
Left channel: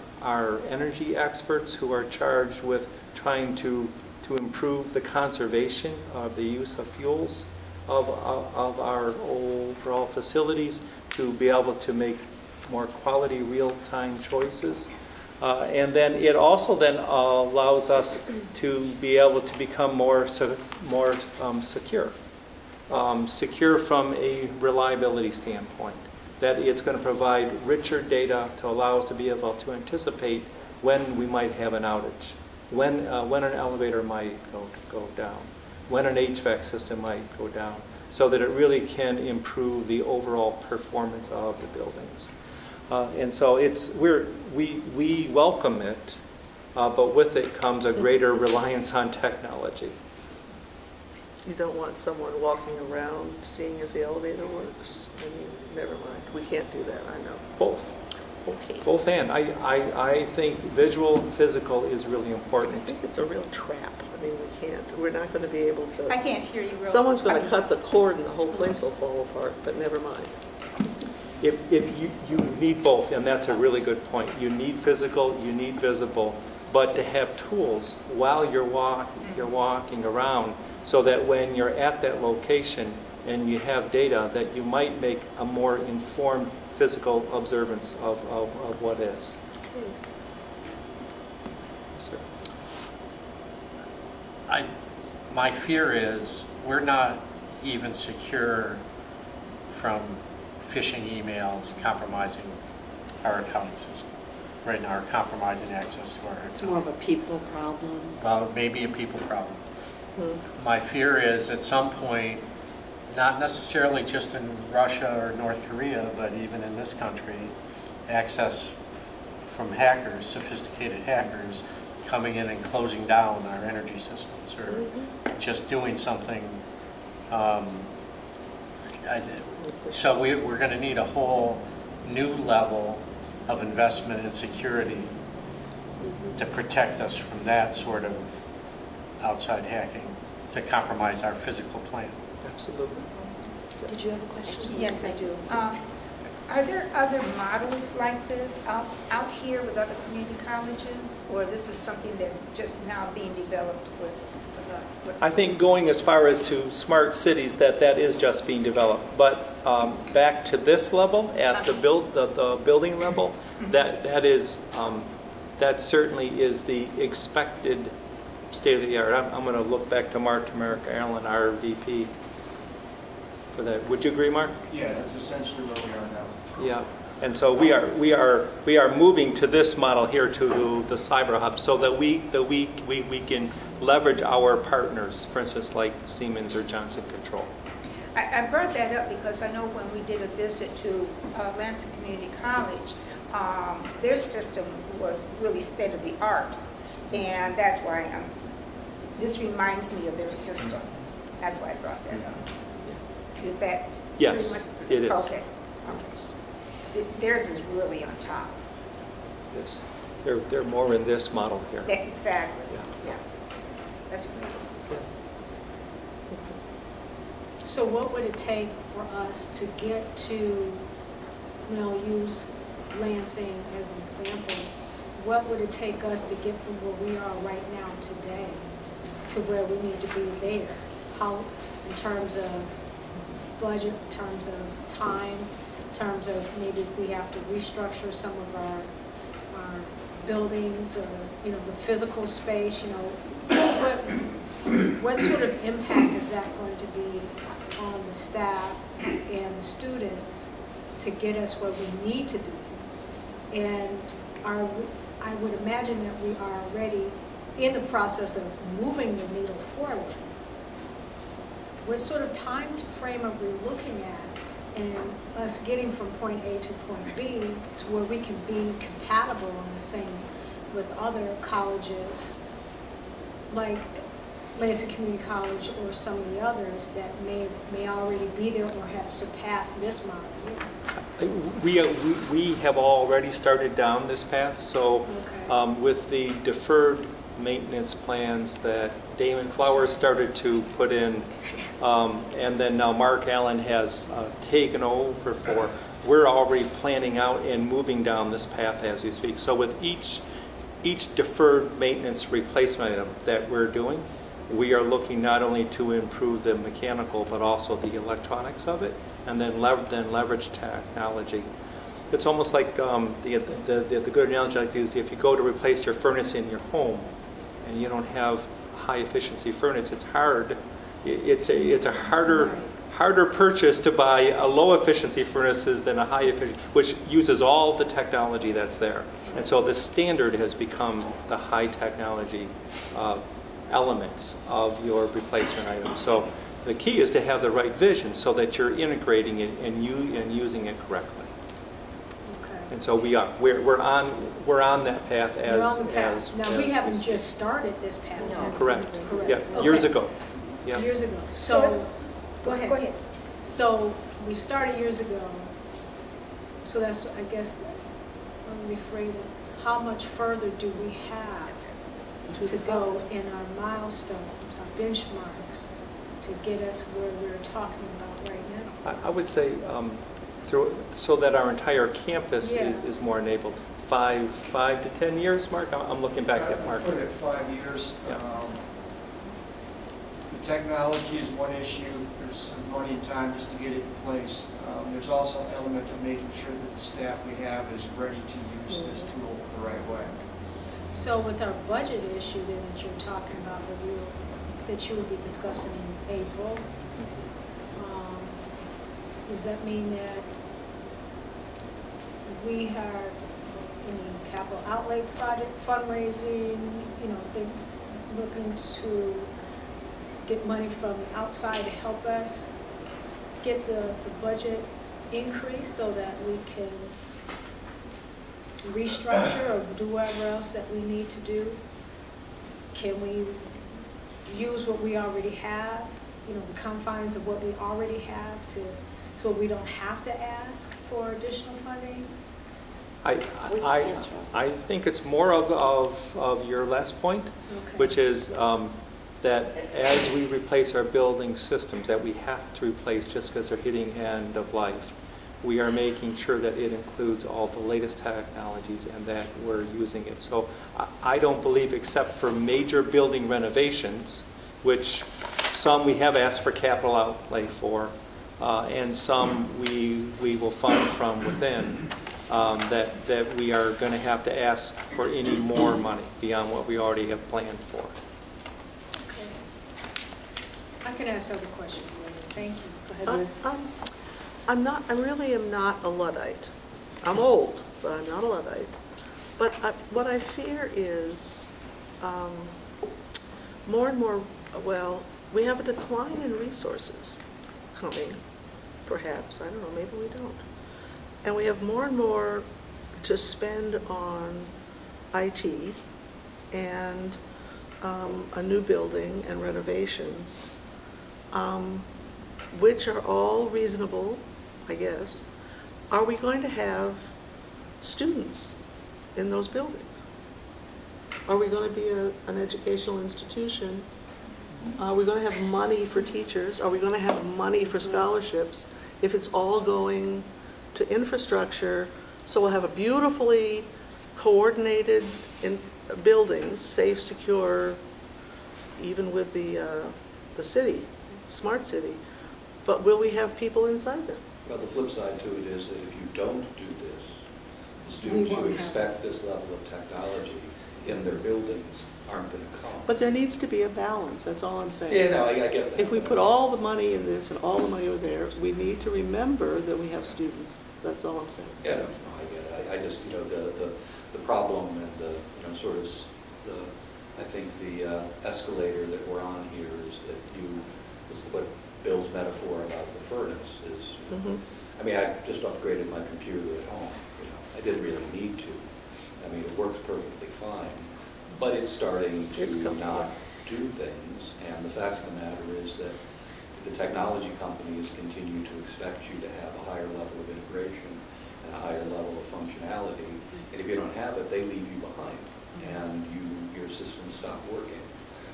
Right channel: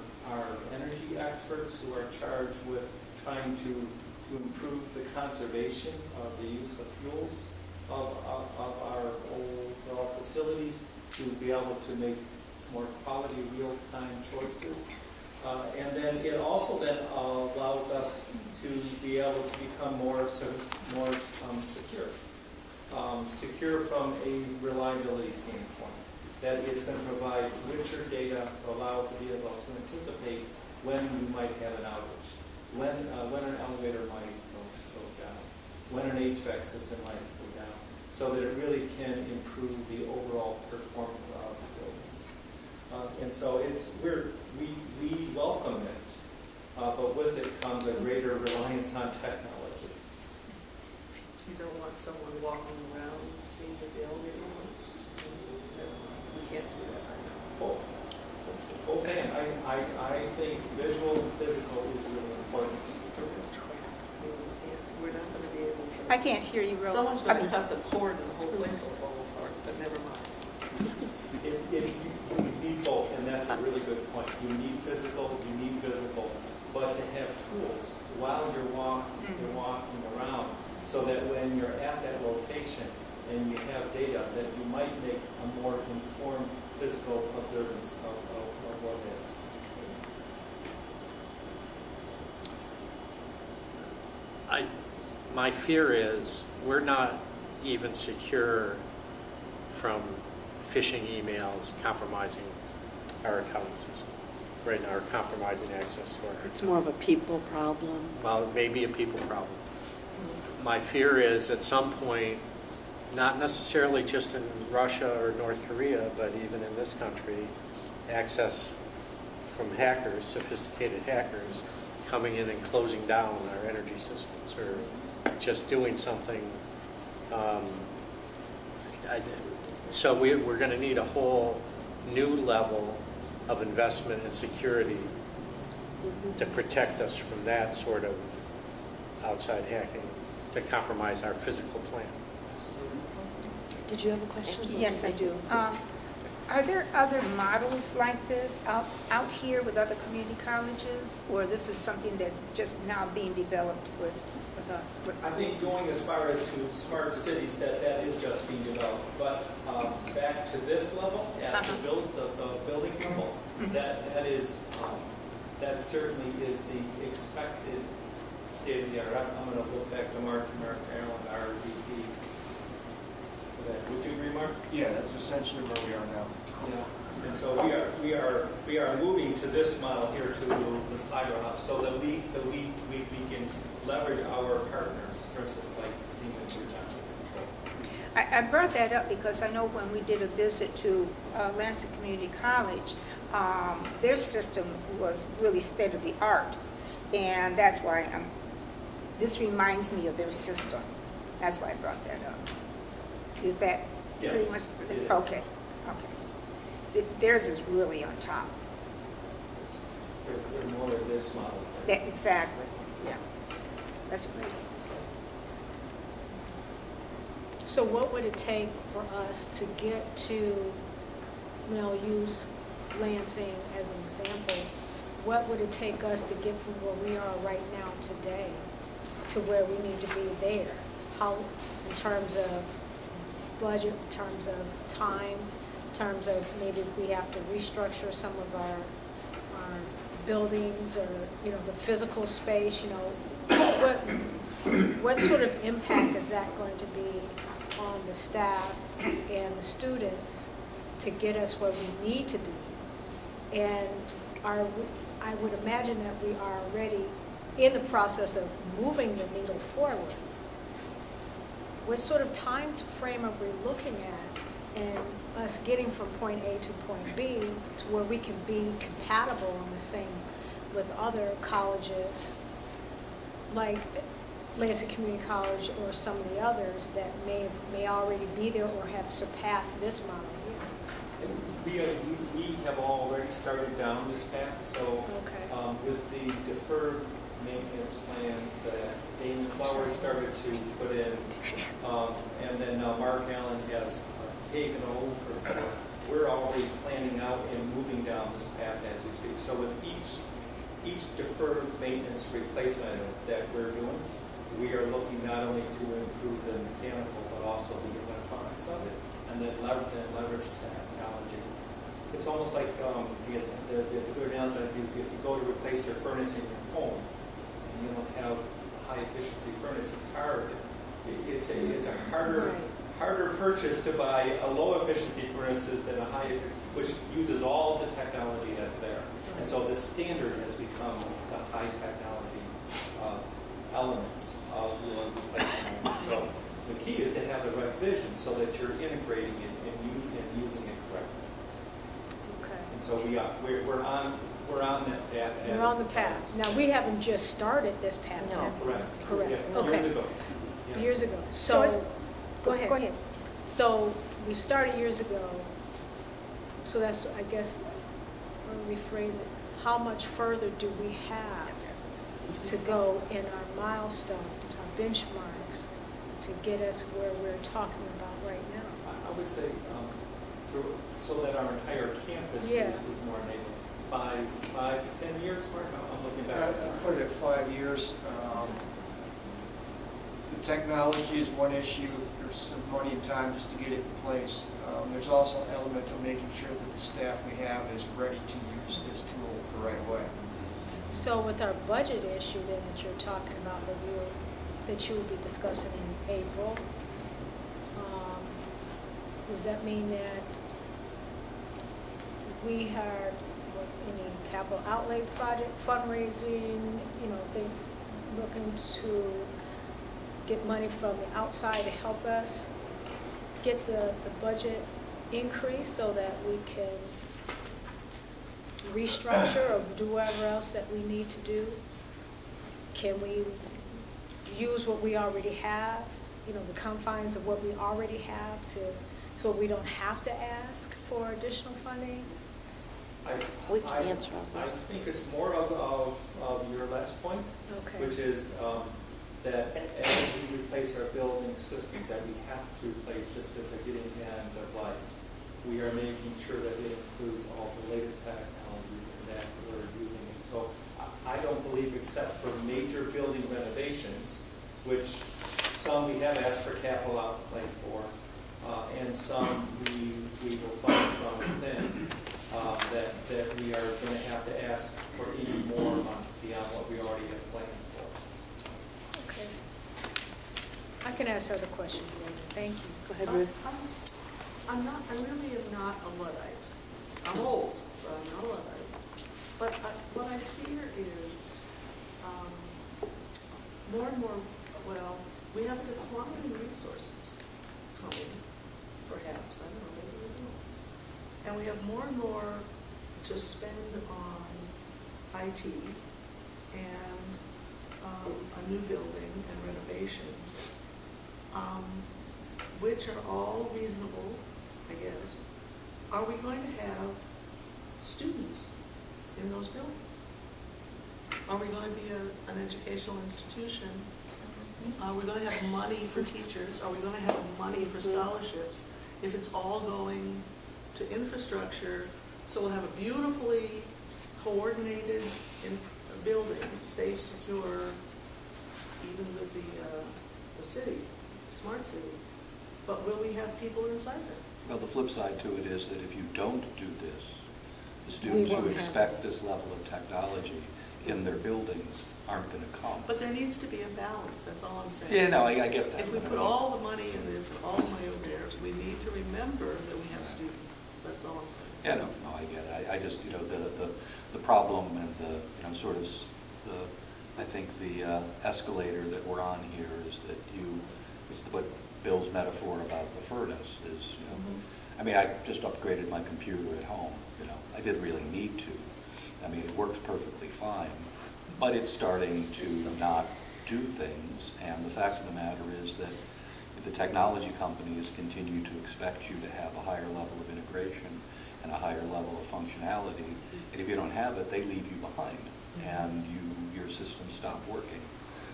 energy experts who are charged with trying to improve the conservation of the use of fuels of our overall facilities to be able to make more quality real-time choices. And then it also then allows us to be able to become more secure. Secure from a reliability standpoint, that it's going to provide richer data to allow us to be able to anticipate when we might have an outage, when an elevator might go down, when an HVAC system might go down, so that it really can improve the overall performance of the buildings. And so we welcome it, but with it comes a greater reliance on technology. You don't want someone walking around seeing if the elevator works. I mean, never mind. We can't do that, I know. Both. Okay. Both and. I think visual and physical is really important. I think it's a real trap. I mean, we're not going to be able to. I can't hear you real. Someone's going to cut the cord and the whole place will fall apart, but never mind. If you need both, and that's a really good point. You need physical, you need visible, but to have tools while you're walking around, so that when you're at that location and you have data, that you might make a more informed physical observance of what is. My fear is we're not even secure from phishing emails compromising our accounting system. Right now, are compromising access to our It's more of a people problem. Well, maybe a people problem. My fear is at some point, not necessarily just in Russia or North Korea, but even in this country, access from hackers, sophisticated hackers, coming in and closing down our energy systems or just doing something. So we're going to need a whole new level of investment and security to protect us from that sort of outside hacking, to compromise our physical plan. Absolutely. Did you have a question? Yes, I do. Are there other models like this out here with other community colleges, or this is something that's just now being developed with us? I think going as far as to smart cities, that is just being developed. But back to this level, at the building level, that certainly is the expected state of the art. I'm going to look back to Mark Allen, our VP, for that. Would you agree, Mark? Yeah, that's essentially where we are now. Yeah, and so we are moving to this model here, to the cyber hub, so that we can leverage our partners, for instance, like Siemens or Johnson Control. I brought that up because I know when we did a visit to Lansing Community College, their system was really state of the art, and that's why this reminds me of their system. That's why I brought that up. Is that yes, pretty much? It is. Okay. Theirs is really on top. Yes. They're more in this model here. Exactly. Yeah. That's great. So what would it take for us to get to, use Lansing as an example, what would it take us to get from where we are right now today to where we need to be there? How, in terms of budget, in terms of time, in terms of maybe if we have to restructure some of our buildings, or the physical space, what sort of impact is that going to be on the staff and the students to get us where we need to be? And I would imagine that we are already in the process of moving the needle forward. What sort of time frame are we looking at in us getting from point A to point B to where we can be compatible on the same with other colleges like Lansing Community College or some of the others that may already be there or have surpassed this model here? We have already started down this path. So with the deferred maintenance plans that Damon Flowers started to put in, and then now Mark Allen has taken over for, we're already planning out and moving down this path as we speak. So with each deferred maintenance replacement item that we're doing, we are looking not only to improve the mechanical but also the electronics of it, and then leverage technology. It's almost like the good analogy I like to use, if you go to replace your furnace in your home and you don't have high efficiency furnace, it's hard. It's a harder purchase to buy a low efficiency furnaces than a high efficiency, which uses all the technology that's there. And so the standard has become the high technology elements of your replacement item. So the key is to have the right vision so that you're integrating it and using it correctly. Okay. And so we're on that path. We're on the path. Now we haven't just started this path. No. Correct. Correct. Yeah. Okay. Years ago. Yeah. Years ago. So go ahead. So we started years ago. So that's, I guess, let me rephrase it, how much further do we have to go in our milestones, our benchmarks, to get us where we're talking about right now? I would say so that our entire campus Yeah. is more enabled. 5 to 10 years, Mark? I'm looking back at Mark. Put it at 5 years. The technology is one issue. There's some money and time just to get it in place. There's also an element of making sure that the staff we have is ready to use this tool the right way. So with our budget issue then that you're talking about, that you will be discussing in April, does that mean that we have any capital outlay project fundraising, they're looking to get money from the outside to help us get the budget increase so that we can restructure or do whatever else that we need to do? Can we use what we already have, the confines of what we already have so we don't have to ask for additional funding? I think it's more of your last point, Okay. which is that as we replace our building systems that we have to replace just because they're hitting end of life, we are making sure that it includes all the latest technologies and that we're using it. So I don't believe, except for major building renovations, which some we have asked for capital outlay for, and some we will fund from within, that we are going to have to ask for any more money beyond what we already have planned for. Okay. I can ask other questions later. Thank you. Go ahead, Ruth. I really am not a Luddite. I'm old, but I'm not a Luddite. But what I fear is more and more, we have a decline in resources coming, perhaps. I don't know, maybe we don't. And we have more and more to spend on IT and a new building and renovations, which are all reasonable, I guess. Are we going to have students in those buildings? Are we going to be an educational institution? Are we going to have money for teachers? Are we going to have money for scholarships? If it's all going to infrastructure, so we'll have a beautifully coordinated buildings, safe, secure, even with the city, smart city. But will we have people inside them? Well, the flip side to it is that if you don't do this, the students who expect this level of technology in their buildings aren't going to come. But there needs to be a balance, that's all I'm saying. Yeah, no, I get that. If we put all the money in this and all the money over there, we need to remember that we have students. That's all I'm saying. Yeah, no, I get it. I just, the problem and I think the escalator that we're on here is that what Bill's metaphor about the furnace is, I mean, I just upgraded my computer at home, I didn't really need to. I mean, it works perfectly fine, but it's starting to not do things, and the fact of the matter is that the technology companies continue to expect you to have a higher level of integration and a higher level of functionality, and if you don't have it, they leave you behind, and your systems stop working.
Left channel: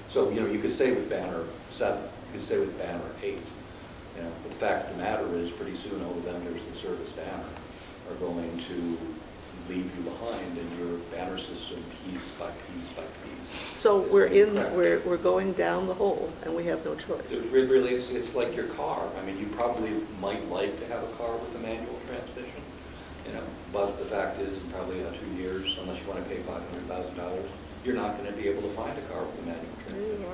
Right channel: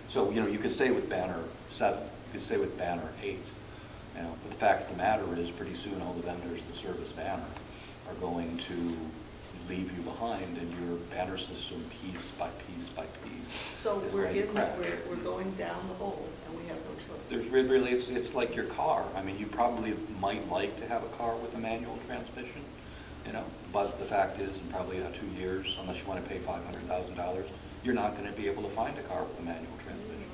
So, you could stay with Banner 7, you could stay with Banner 8, but the fact of the matter is pretty soon all the vendors that service Banner are going to leave you behind, and your Banner system, piece by piece by piece. So we're going down the hole, and we have no choice. There's really, it's like your car. I mean, you probably might like to have a car with a manual transmission, but the fact is, in probably 2 years, unless you want to pay $500,000, you're not going to be able to find a car with a manual transmission.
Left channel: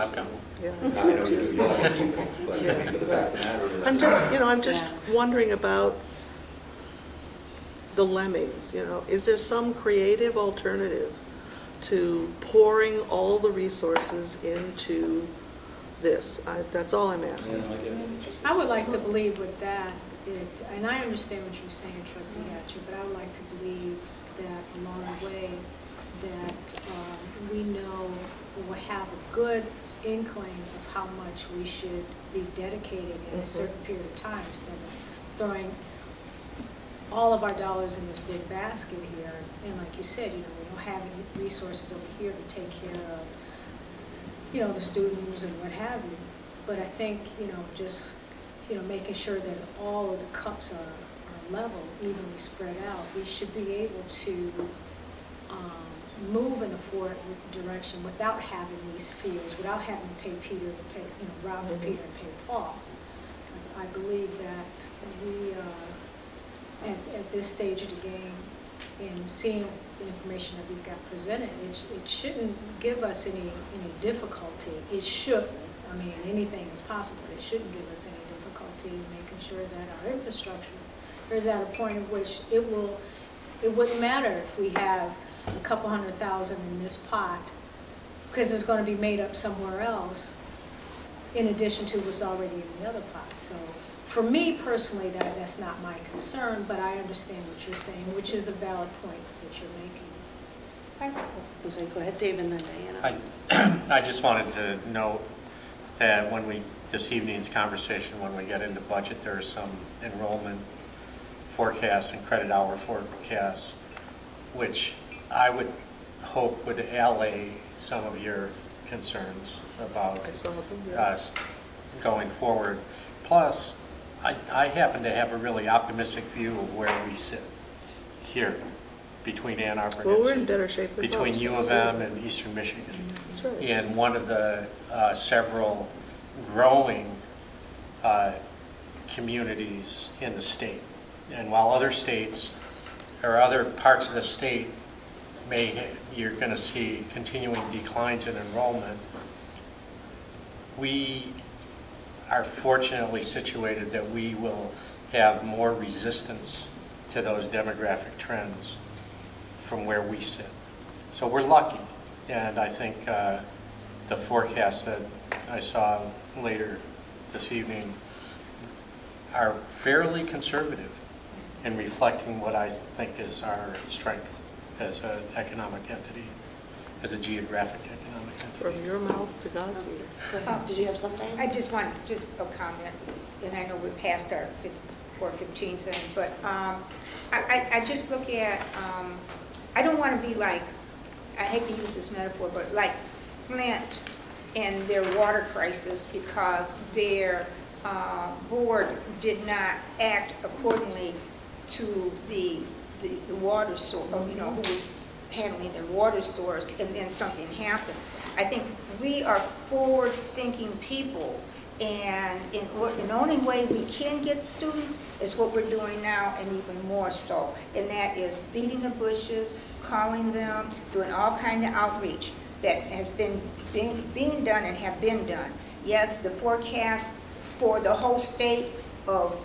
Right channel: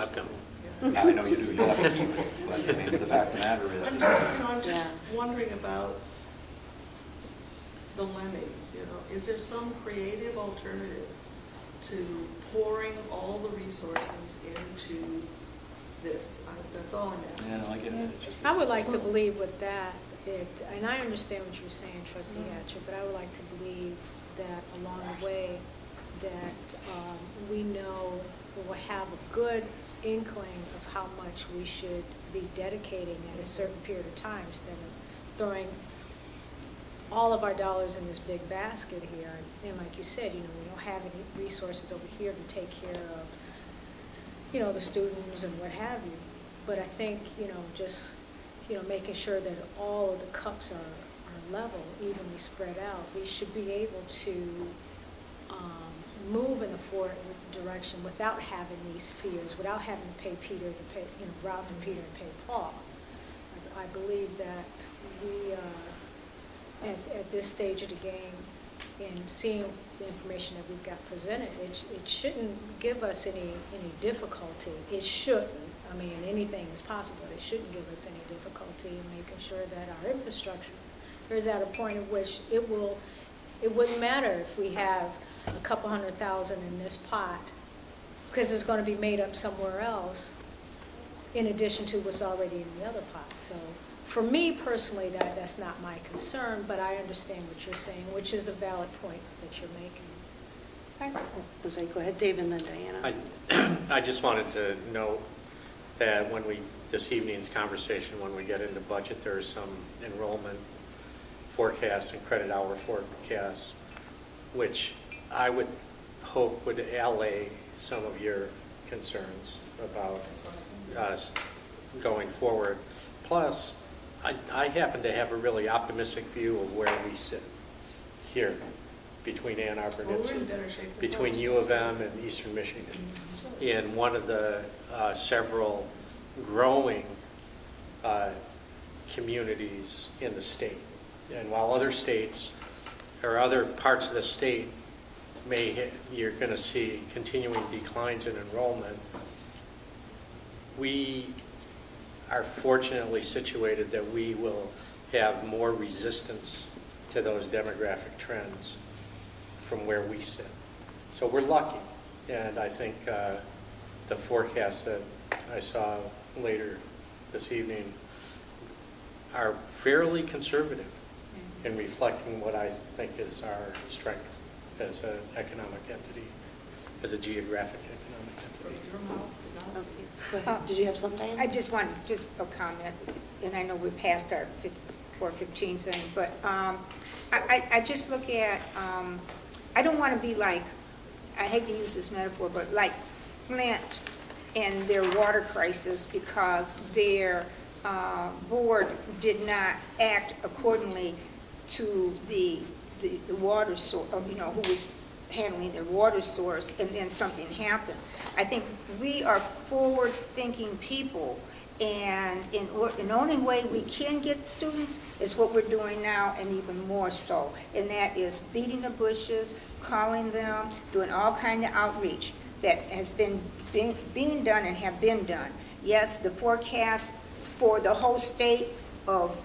I've got one. Yeah. I know you do. You'll have to keep it. But I mean, the fact of the matter is, I'm just wondering about the lemmings. Is there some creative alternative to pouring all the resources into this? That's all I'm asking. Yeah, I get it. I would like to believe with that, and I understand what you're saying, Trustee Hatcher, but I would like to believe that along the way that we know we'll have a good inkling of how much we should be dedicating in a certain period of time instead of throwing all of our dollars in this big basket here. And like you said, we don't have any resources over here to take care of, the students and what have you. But I think, just, making sure that all of the cups are level, evenly spread out, we should be able to move in the forward direction without having these fears, without having to pay Peter to pay, rob to Peter and pay Paul. I believe that we, at this stage of the game, and seeing the information that we've got presented, it shouldn't give us any difficulty. It shouldn't. I mean, anything is possible. It shouldn't give us any difficulty in making sure that our infrastructure is at a point at which it wouldn't matter if we have a couple $100,000 in this pot, because it's going to be made up somewhere else in addition to what's already in the other pot. So for me personally, that's not my concern, but I understand what you're saying, which is a valid point that you're making. I'm sorry, go ahead, Dave, and then Diana. I just wanted to note that this evening's conversation, when we get into budget, there's some enrollment forecasts and credit hour forecasts, which I would hope would allay some of your concerns about us going forward. Plus, I happen to have a really optimistic view of where we sit here between Ann Arbor and we're in better shape than between U of M and Eastern Michigan. Right. And one of the several growing communities in the state. And while other states or other parts of the state you're going to see continuing declines in enrollment, we are fortunately situated that we will have more resistance to those demographic trends from where we sit. So we're lucky, and I think the forecasts that I saw later this evening are fairly conservative in reflecting what I think is our strength as an economic entity, as a geographic economic entity. From your mouth to God's ear. Go ahead. Did you have something? I just want a comment, and I know we're past our 4:15 thing, but I just look at, I don't want to be like, I hate to use this metaphor, but like Flint and their water crisis because their board did not act accordingly to the water source, who was handling their water source, and then something happened. I think we are forward-thinking people, and the only way we can get students is what we're doing now, and even more so, and that is beating the bushes, calling them, doing all kind of outreach that has been being done and have been done. Yes, the forecast for the whole state of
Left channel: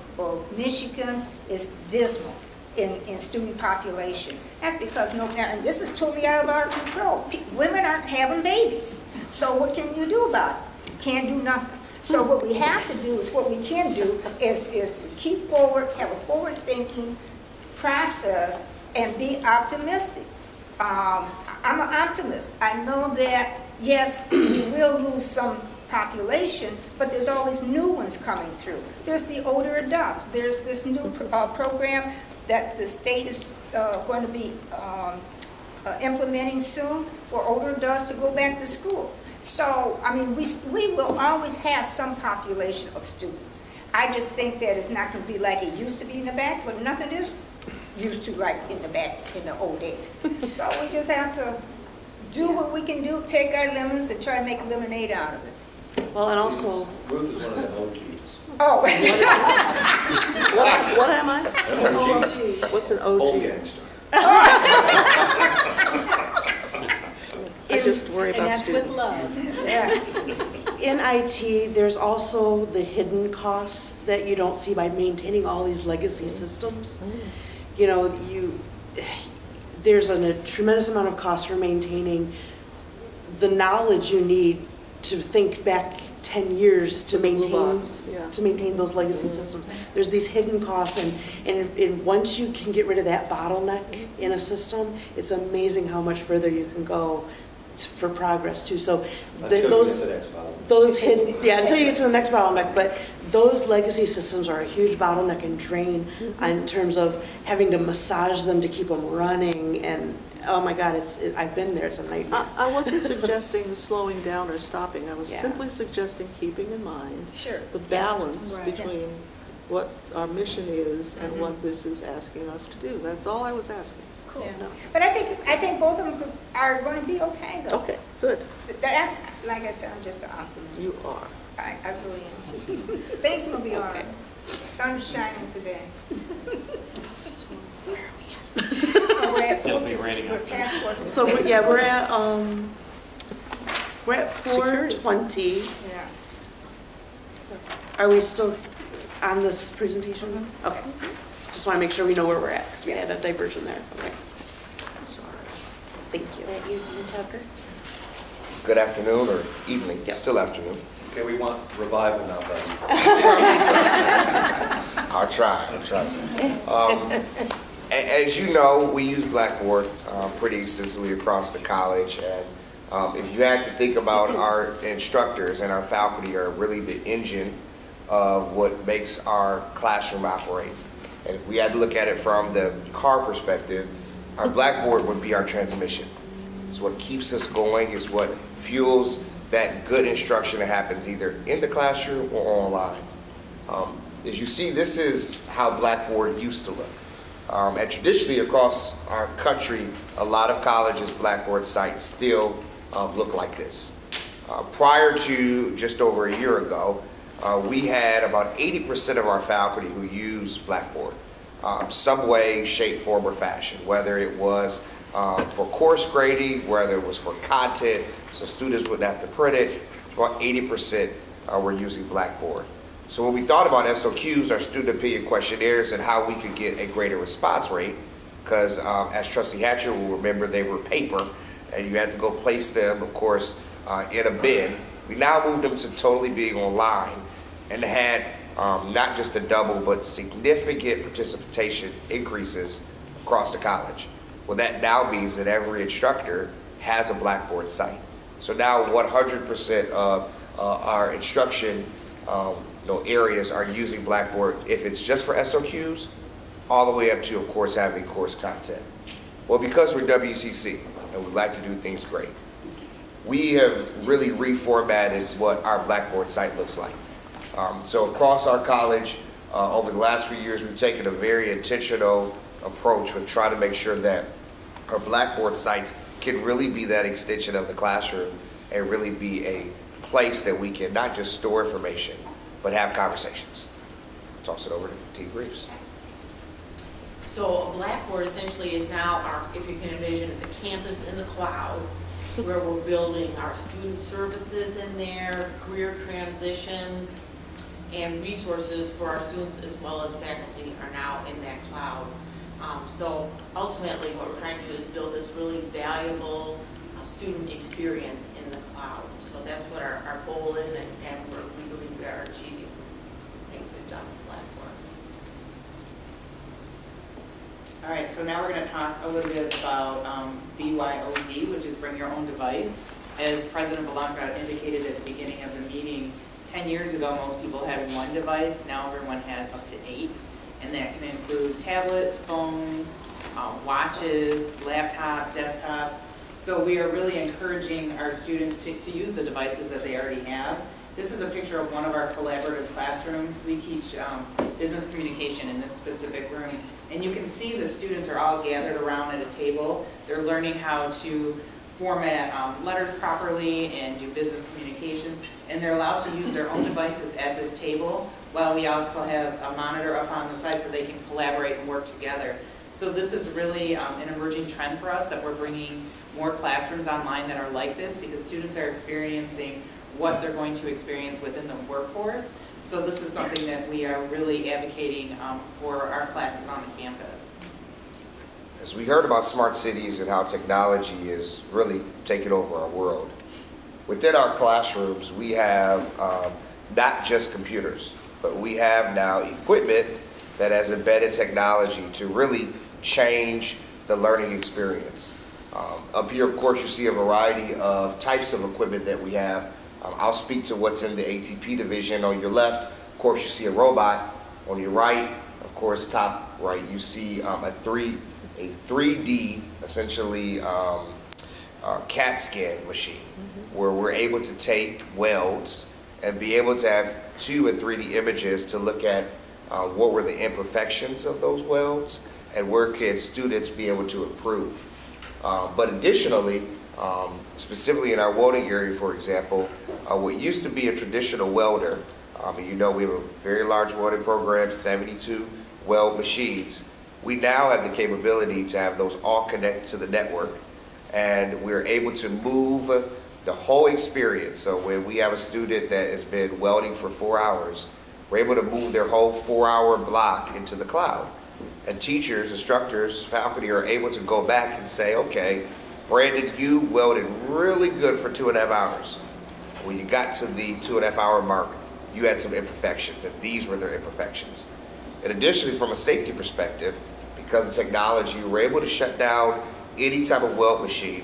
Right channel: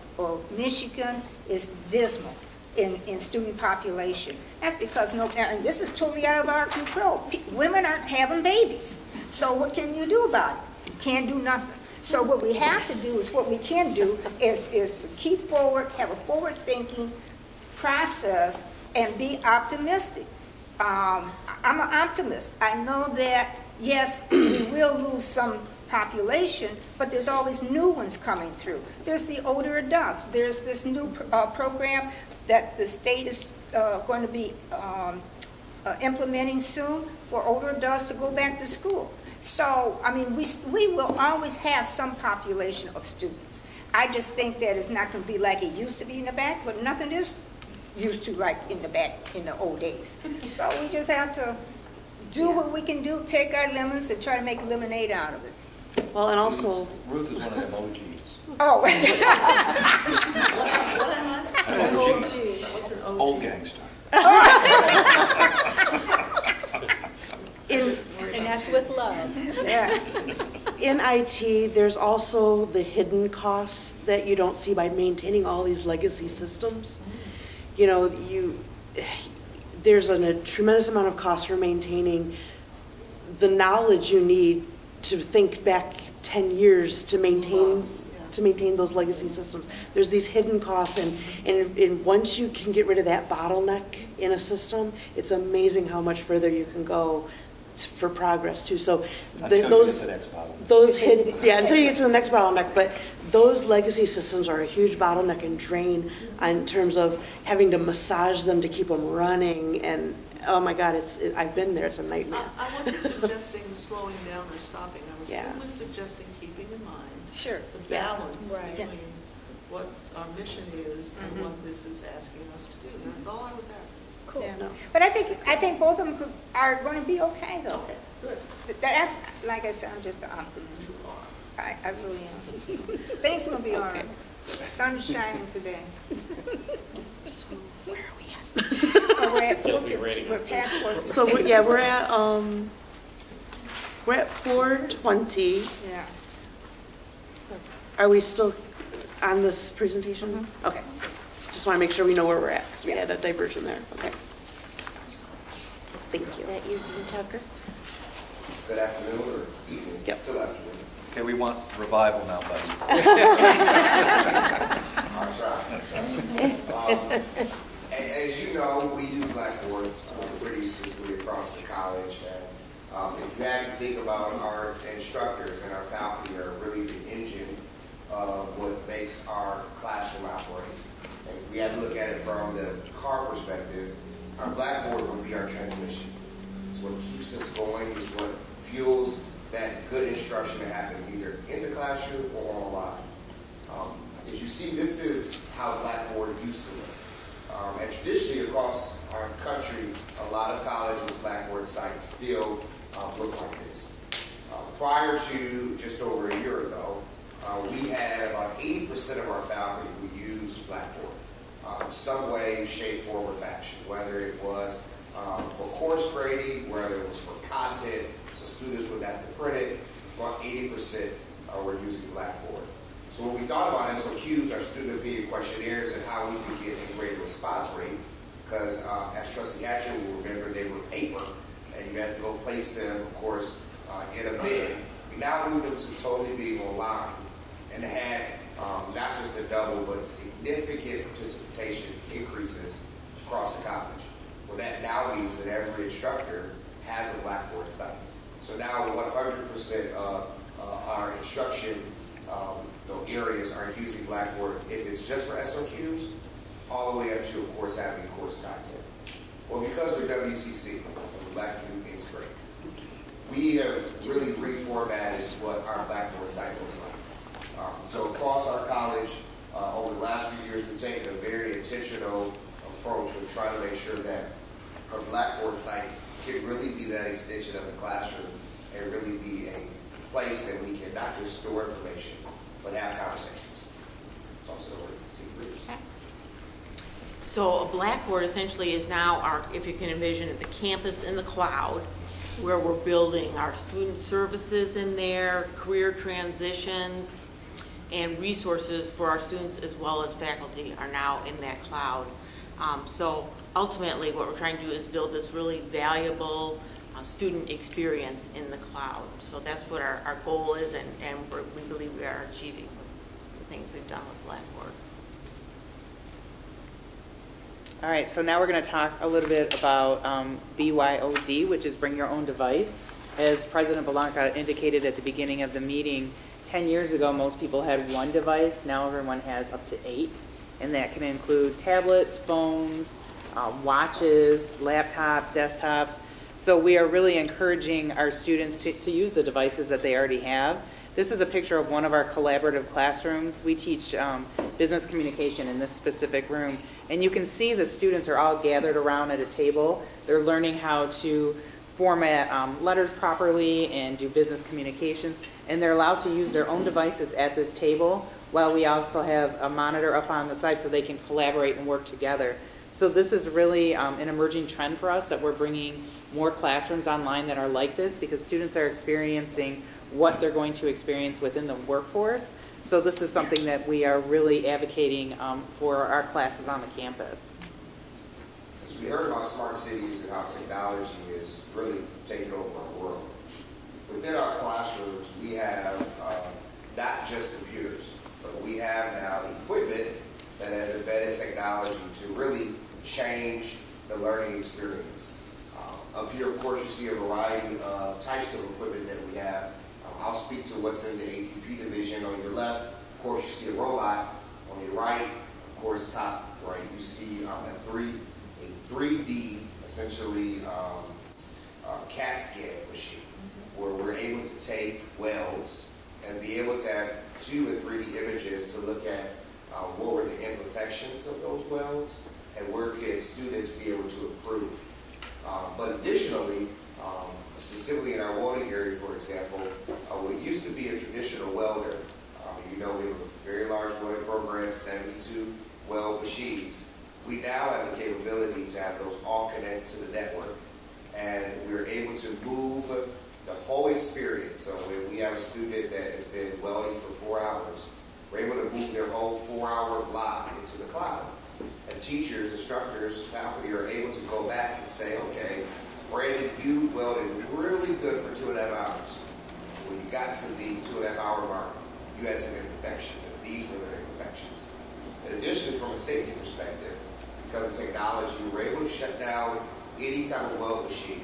Michigan is dismal in student population. That's because and this is totally out of our control. Women aren't having babies. So what can you do about it? You can't do nothing. So what we have to do is, what we can do is to keep forward, have a forward-thinking process, and be optimistic. I'm an optimist. I know that, yes, we will lose some population, but there's always new ones coming through. There's the older adults. There's this new program that the state is going to be implementing soon for older adults to go back to school. So, I mean, we will always have some population of students. I just think that it's not going to be like it used to be in the back, but nothing is used to like in the back in the old days. So we just have to do what we can do, take our lemons and try to make lemonade out of it. Well, and also... Ruth is one of the OGs. Oh. what am I? An OG. What's an OG? Old gangster. I just worry about and that's students. with love. Yeah. In IT, there's also the hidden costs that you don't see by maintaining all these legacy systems. There's a tremendous amount of cost for maintaining the knowledge you need to think back 10 years to maintain those legacy systems. There's these hidden costs, and once you can get rid of that bottleneck in a system, it's amazing how much further you can go for progress too. So those hidden, until you get to the next bottleneck, but those legacy systems are a huge bottleneck and drain in terms of having to massage them to keep them running, and oh my God, I've been there, it's a nightmare. I wasn't suggesting slowing down or stopping. I was Yeah. simply suggesting keeping in mind Sure. the balance Right. between what our mission is and what this is asking us to do. That's all I was asking. Cool. Yeah. No. But I think both of them are going to be okay, though. Okay, good. That's, like I said, I'm just an optimist. You are. I really am. Things will be all right. Sun's shining today. So where are we at? Oh, we're at It'll be 4:50. raining. We're past 4:50. So we're at 4:20. Yeah. Are we still on this presentation? Okay. Just want to make sure we know where we're at, because we had a diversion there. Okay. Thank Is you. that you, Dean Tucker? Good afternoon or evening, Yep. still afternoon. Okay, we want revival now, buddy. I'll try. As you know, we use Blackboard pretty extensively across the college. And if you had to think about our instructors and our faculty are really the engine of what makes our classroom operate. And if we had to look at it from the car perspective, our Blackboard would be our transmission. It's what keeps us going, it's what fuels that good instruction that happens either in the classroom or online. As you see, this is how Blackboard used to look. And traditionally across our country, a lot of colleges' Blackboard sites still look like this. Prior to just over a year ago, we had about 80% of our faculty who use Blackboard, some way, shape, form, or fashion, whether it was for course grading, whether it was for content, so students wouldn't have to print it, about 80% were using Blackboard. So when we thought about SOQs, our student opinion questionnaires, and how we could get a greater response rate, because as Trustee Hatcher will remember, they were paper, and you had to go place them, of course, in a bin. We now moved them to totally being online, and had not just a double, but significant participation increases across the college. Well, that now means that every instructor has a Blackboard site. So now 100% of our instruction areas are using Blackboard, if it's just for SOQs, all the way up to, of course, having course content. Well, because we're WCC and we like to do things great, we have really reformatted what our Blackboard site looks like. So across our college, over the last few years, we've taken a very intentional approach with trying to make sure that our Blackboard sites can really be that extension of the classroom and really be a place that we can not just store information, but have conversations. Toss it over to T. Reeves. So a Blackboard essentially is now our, if you can envision it, the campus in the cloud, where we're building our student services in there, career transitions, and resources for our students as well as faculty are now in that cloud. So ultimately what we're trying to do is build this really valuable student experience in the cloud. So that's what our goal is, and we believe we are achieving things we've done with Blackboard. All right, so now we're going to talk a little bit about BYOD, which is Bring Your Own Device. As President Belanca indicated at the beginning of the meeting, 10 years ago most people had one device, now everyone has up to 8. And that can include tablets, phones, watches, laptops, desktops. So we are really encouraging our students to use the devices that they already have. This is a picture of one of our collaborative classrooms. We teach business communication in this specific room. And you can see the students are all gathered around at a table. They're learning how to format letters properly and do business communications. And they're allowed to use their own devices at this table, while we also have a monitor up on the side so they can collaborate and work together. So this is really an emerging trend for us, that we're bringing more classrooms online that are like this, because students are experiencing what they're going to experience within the workforce. So this is something that we are really advocating for our classes on the campus. As we heard about smart cities and how technology is really taking over our world, within our classrooms we have not just computers, but we have now equipment that has embedded technology to really change the learning experience. Up here, of course, you see a variety of types of equipment that we have. I'll speak to what's in the ATP division. On your left, Of course, you see a robot. On your right, of course, top right, you see a 3D, essentially, CAT scan machine, where we're able to take welds and be able to have 2 and 3D images to look at what were the imperfections of those welds and where could students be able to improve. But additionally, specifically in our welding area, for example, what used to be a traditional welder, you know we have a very large welding program, 72 weld machines. We now have the capability to have those all connected to the network, and we're able to move the whole experience. So when we have a student that has been welding for 4 hours, we're able to move their whole 4-hour block into the cloud. And teachers, instructors, faculty are able to go back and say, okay, Brandon, you welded really good for 2.5 hours. When you got to the 2.5 hour mark, you had some imperfections, and these were their imperfections. And additionally, from a safety perspective, because of technology, we're able to shut down any type of weld machine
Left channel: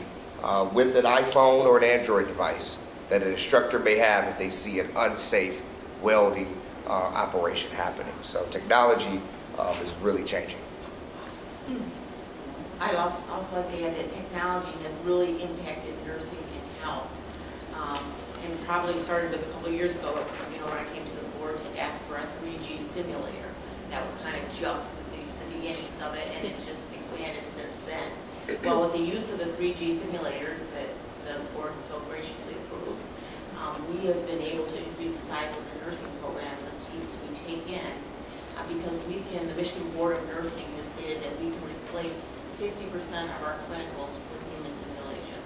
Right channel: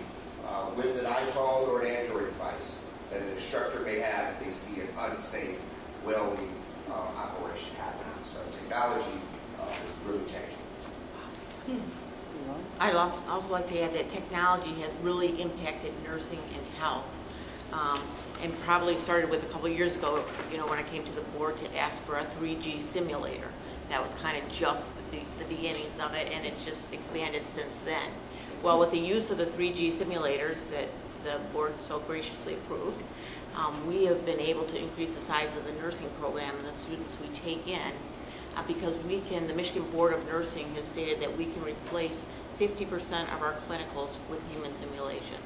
with an iPhone or an Android device that an instructor may have if they see an unsafe welding operation happening. So technology is really changing. I'd also like to add that technology has really impacted nursing and health. And probably started with a couple of years ago, you know, when I came to the board to ask for a 3G simulator. That was kind of just the beginnings of it, and it's just expanded since then. Well, with the use of the 3G simulators that the board so graciously approved, we have been able to increase the size of the nursing program and the students we take in, because the Michigan Board of Nursing has stated that we can replace 50% of our clinicals with human simulation.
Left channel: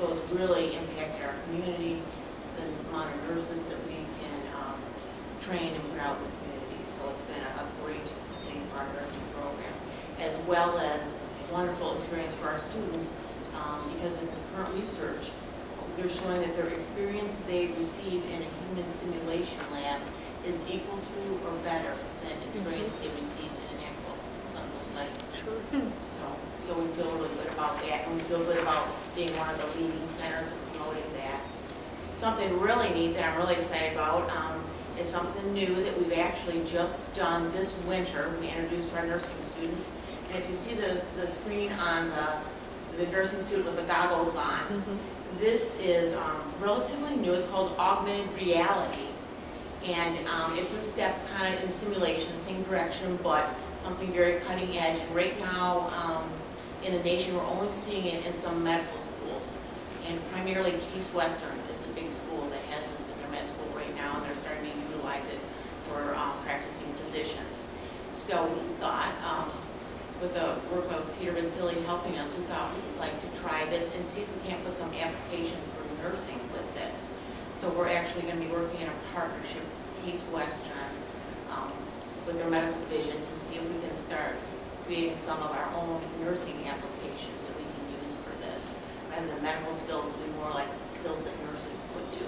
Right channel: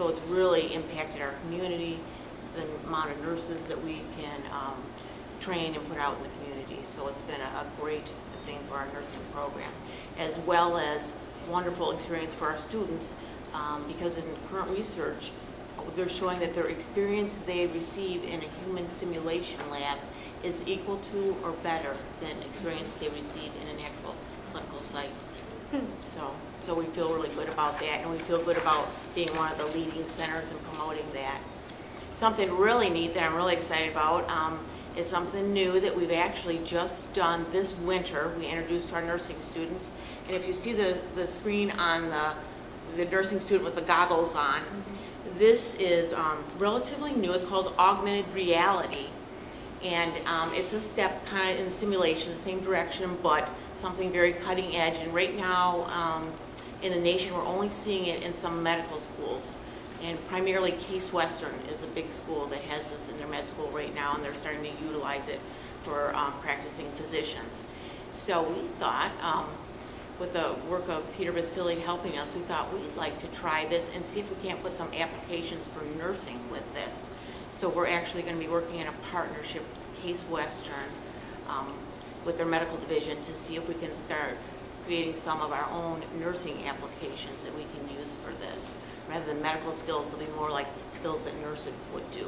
So it's really impacted our community, the amount of nurses that we can train and put out in the community. So it's been a great thing for our nursing program, as well as wonderful experience for our students, because in the current research, they're showing that their experience they receive in a human simulation lab is equal to or better than experience they receive in an actual clinical site. So we feel really good about that, and we feel good about being one of the leading centers and promoting that. Something really neat that I'm really excited about is something new that we've actually just done this winter. We introduced our nursing students, and if you see the screen on the nursing student with the goggles on, this is relatively new. It's called augmented reality. And it's a step kind of in simulation, the same direction, but something very cutting edge. And right now in the nation, we're only seeing it in some medical schools. And primarily Case Western is a big school that has this in their med school right now, and they're starting to utilize it for practicing physicians. So we thought, with the work of Peter Vasily helping us, we thought we'd like to try this and see if we can't put some applications for nursing with this. So we're actually going to be working in a partnership with Case Western with their medical division to see if we can start creating some of our own nursing applications that we can use for this. Rather than medical skills, it'll be more like skills that nursing would do.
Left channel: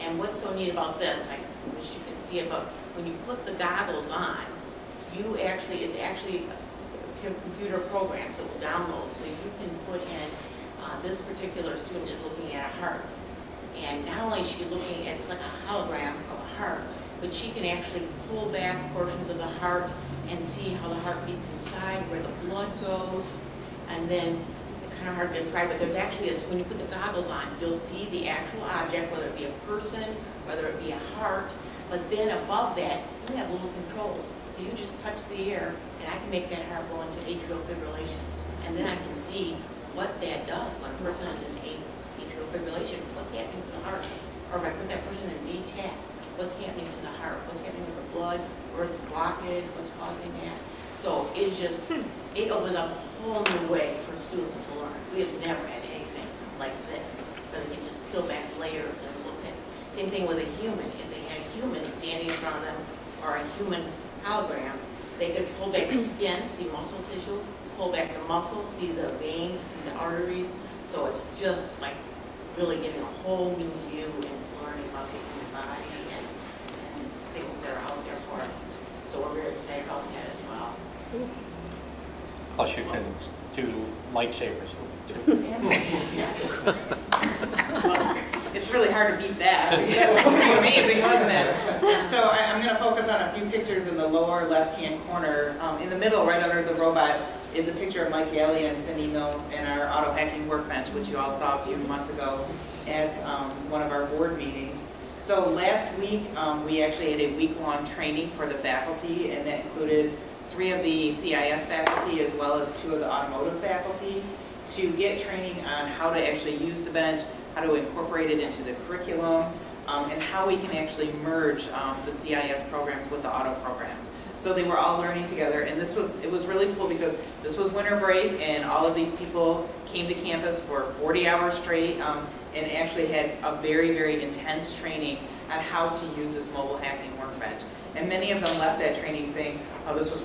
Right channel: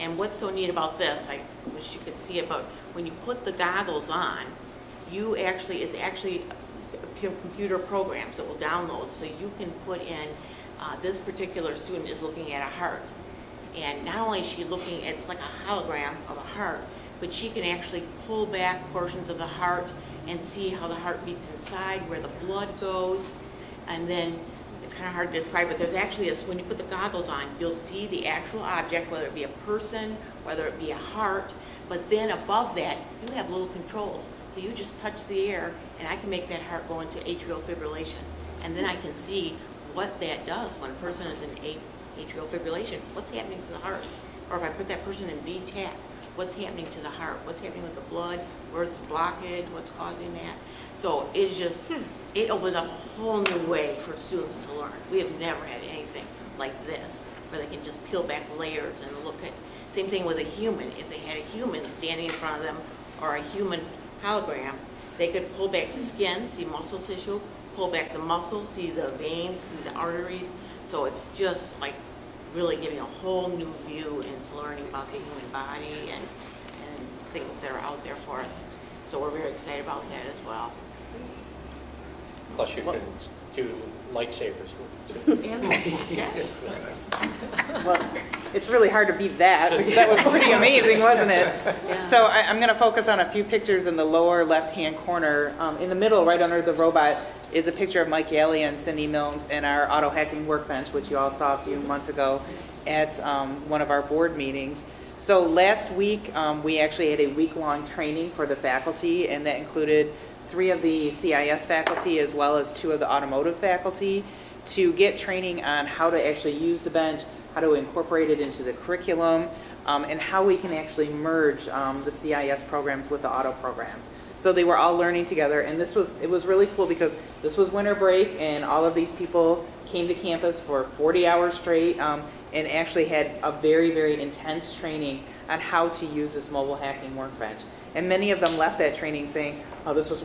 And what's so neat about this, I wish you could see it, but when you put the goggles on, it's actually computer programs that will download, so you can put in, this particular student is looking at a heart. And not only is she looking, it's like a hologram of a heart, but she can actually pull back portions of the heart and see how the heart beats inside, where the blood goes. And then it's kind of hard to describe, but there's actually when you put the goggles on, you'll see the actual object, whether it be a person, whether it be a heart. But then above that, you have little controls. So you just touch the air, and I can make that heart go into atrial fibrillation. And then I can see what that does when a person is in atrial fibrillation, what's happening to the heart. Or if I put that person in VTAC, what's happening to the heart, what's happening with the blood, where's the blockage, what's causing that. So it just, it opens up a whole new way for students to learn. We have never had anything like this, where they can just peel back layers and look at. Same thing with a human. If they had a human standing in front of them, or a human hologram, they could pull back the skin, see muscle tissue, pull back the muscles, see the veins, see the arteries. So it's just like really giving a whole new view into learning about the human body and things that are out there for us. So we're very excited about that as well. Plus you can do lightsabers with it too. Well, it's really hard to beat that, because that was pretty amazing, wasn't it? So I'm going to focus on a few pictures in the lower left-hand corner. In the middle, right under the robot, is a picture of Mike Galley and Cindy Milnes and our auto hacking workbench, which you all saw a few months ago at one of our board meetings. So last week, we actually had a week-long training for the faculty, and that included 3 of the CIS faculty as well as 2 of the automotive faculty to get training on how to actually use the bench, how to incorporate it into the curriculum, and how we can actually merge the CIS programs with the auto programs. So they were all learning together, and it was really cool because this was winter break, and all of these people came to campus for 40 hours straight, and actually had a very, very intense training on how to use this mobile hacking workbench. And many of them left that training saying, oh, this was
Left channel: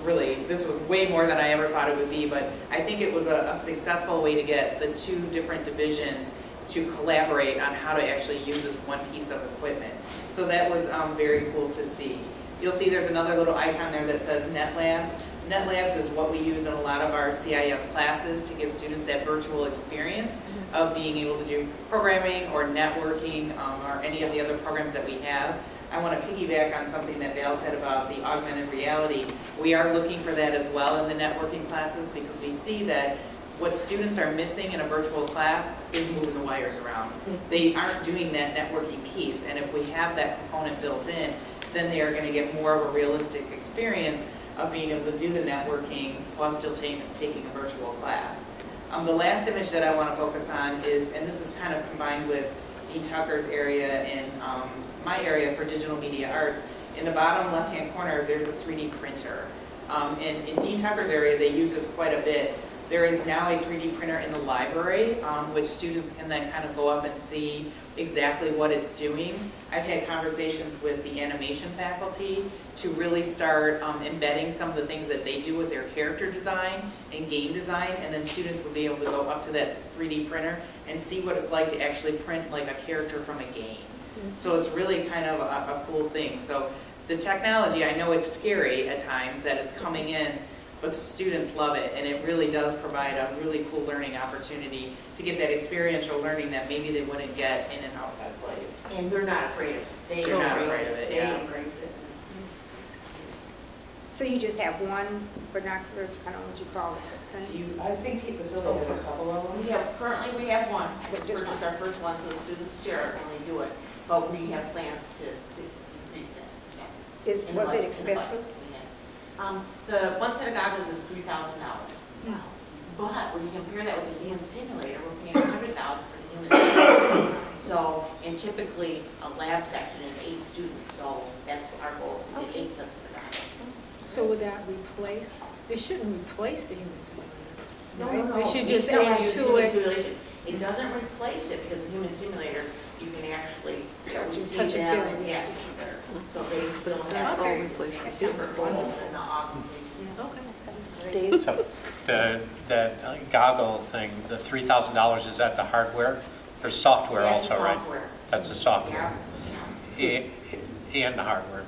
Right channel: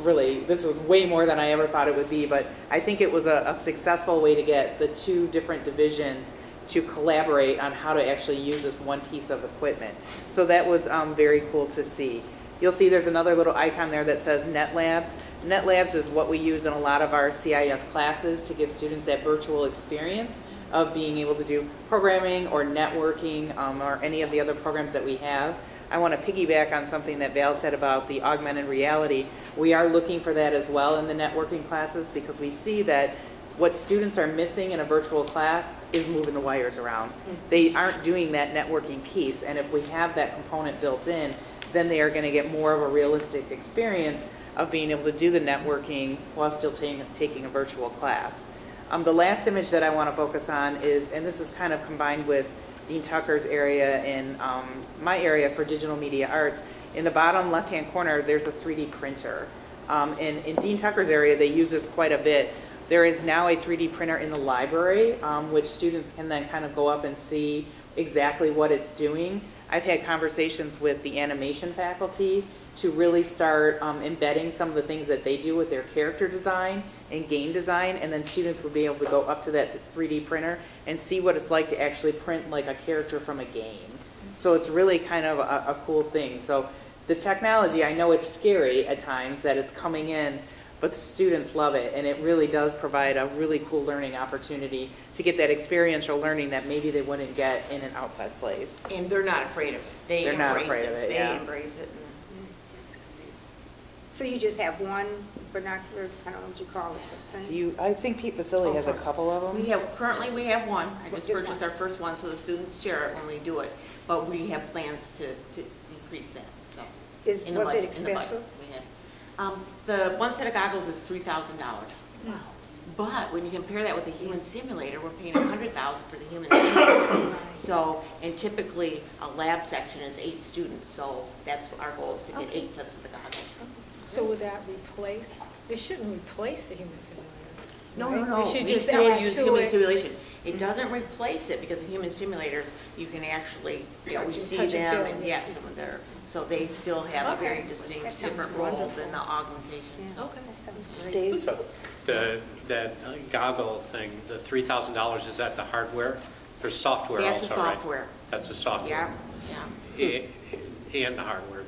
way more than I ever thought it would be, but I think it was a successful way to get the 2 different divisions to collaborate on how to actually use this one piece of equipment. So that was very cool to see. You'll see there's another little icon there that says NetLabs. NetLabs is what we use in a lot of our CIS classes to give students that virtual experience of being able to do programming or networking or any of the other programs that we have. I want to piggyback on something that Val said about the augmented reality. We are looking for that as well in the networking classes because we see that what students are missing in a virtual class is moving the wires around. They aren't doing that networking piece, and if we have that component built in, then they are going to get more of a realistic experience of being able to do the networking while still taking a virtual class. The last image that I want to focus on is, and this is kind of combined with Dean Tucker's area and my area for digital media arts. In the bottom left-hand corner, there's a 3D printer. In Dean Tucker's area, they use this quite a bit. There is now a 3D printer in the library, which students can then kind of go up and see exactly what it's doing. I've had conversations with the animation faculty to really start embedding some of the things that they do with their character design and game design, and then students would be able to go up to that 3D printer and see what it's like to actually print like a character from a game. So it's really kind of a cool thing. So the technology, I know it's scary at times that it's coming in, but the students love it, and it really does provide a really cool learning opportunity to get that experiential learning that maybe they wouldn't get in an outside place. And they're not afraid of it. They're not afraid of it, They yeah. embrace it. So you just have one binocular, I don't know what you call it. Thing? I think Pete Basile has a couple of them. Currently we have one. I just Just purchased our first one, so the students share it when they do it. But we have plans to increase that. So, Was it expensive? The one set of goggles is $3,000. Wow. But when you compare that with a human simulator, we're paying $100,000 for the human simulator. So, and typically a lab section is 8 students, so that's what our goal is to get 8 sets of goggles. So would that replace, it shouldn't replace the human simulator, right? No. It should We just still add use to human it. simulation. It doesn't replace it because in human simulators, you can actually see touch and them feel, and yeah. yes, so they still have Okay. distinct different roles in the augmentation. Okay, that sounds great. Dave? So that goggle thing, the $3,000, is that the hardware? There's software That's also, the right? software. That's the software. Yeah. And the hardware,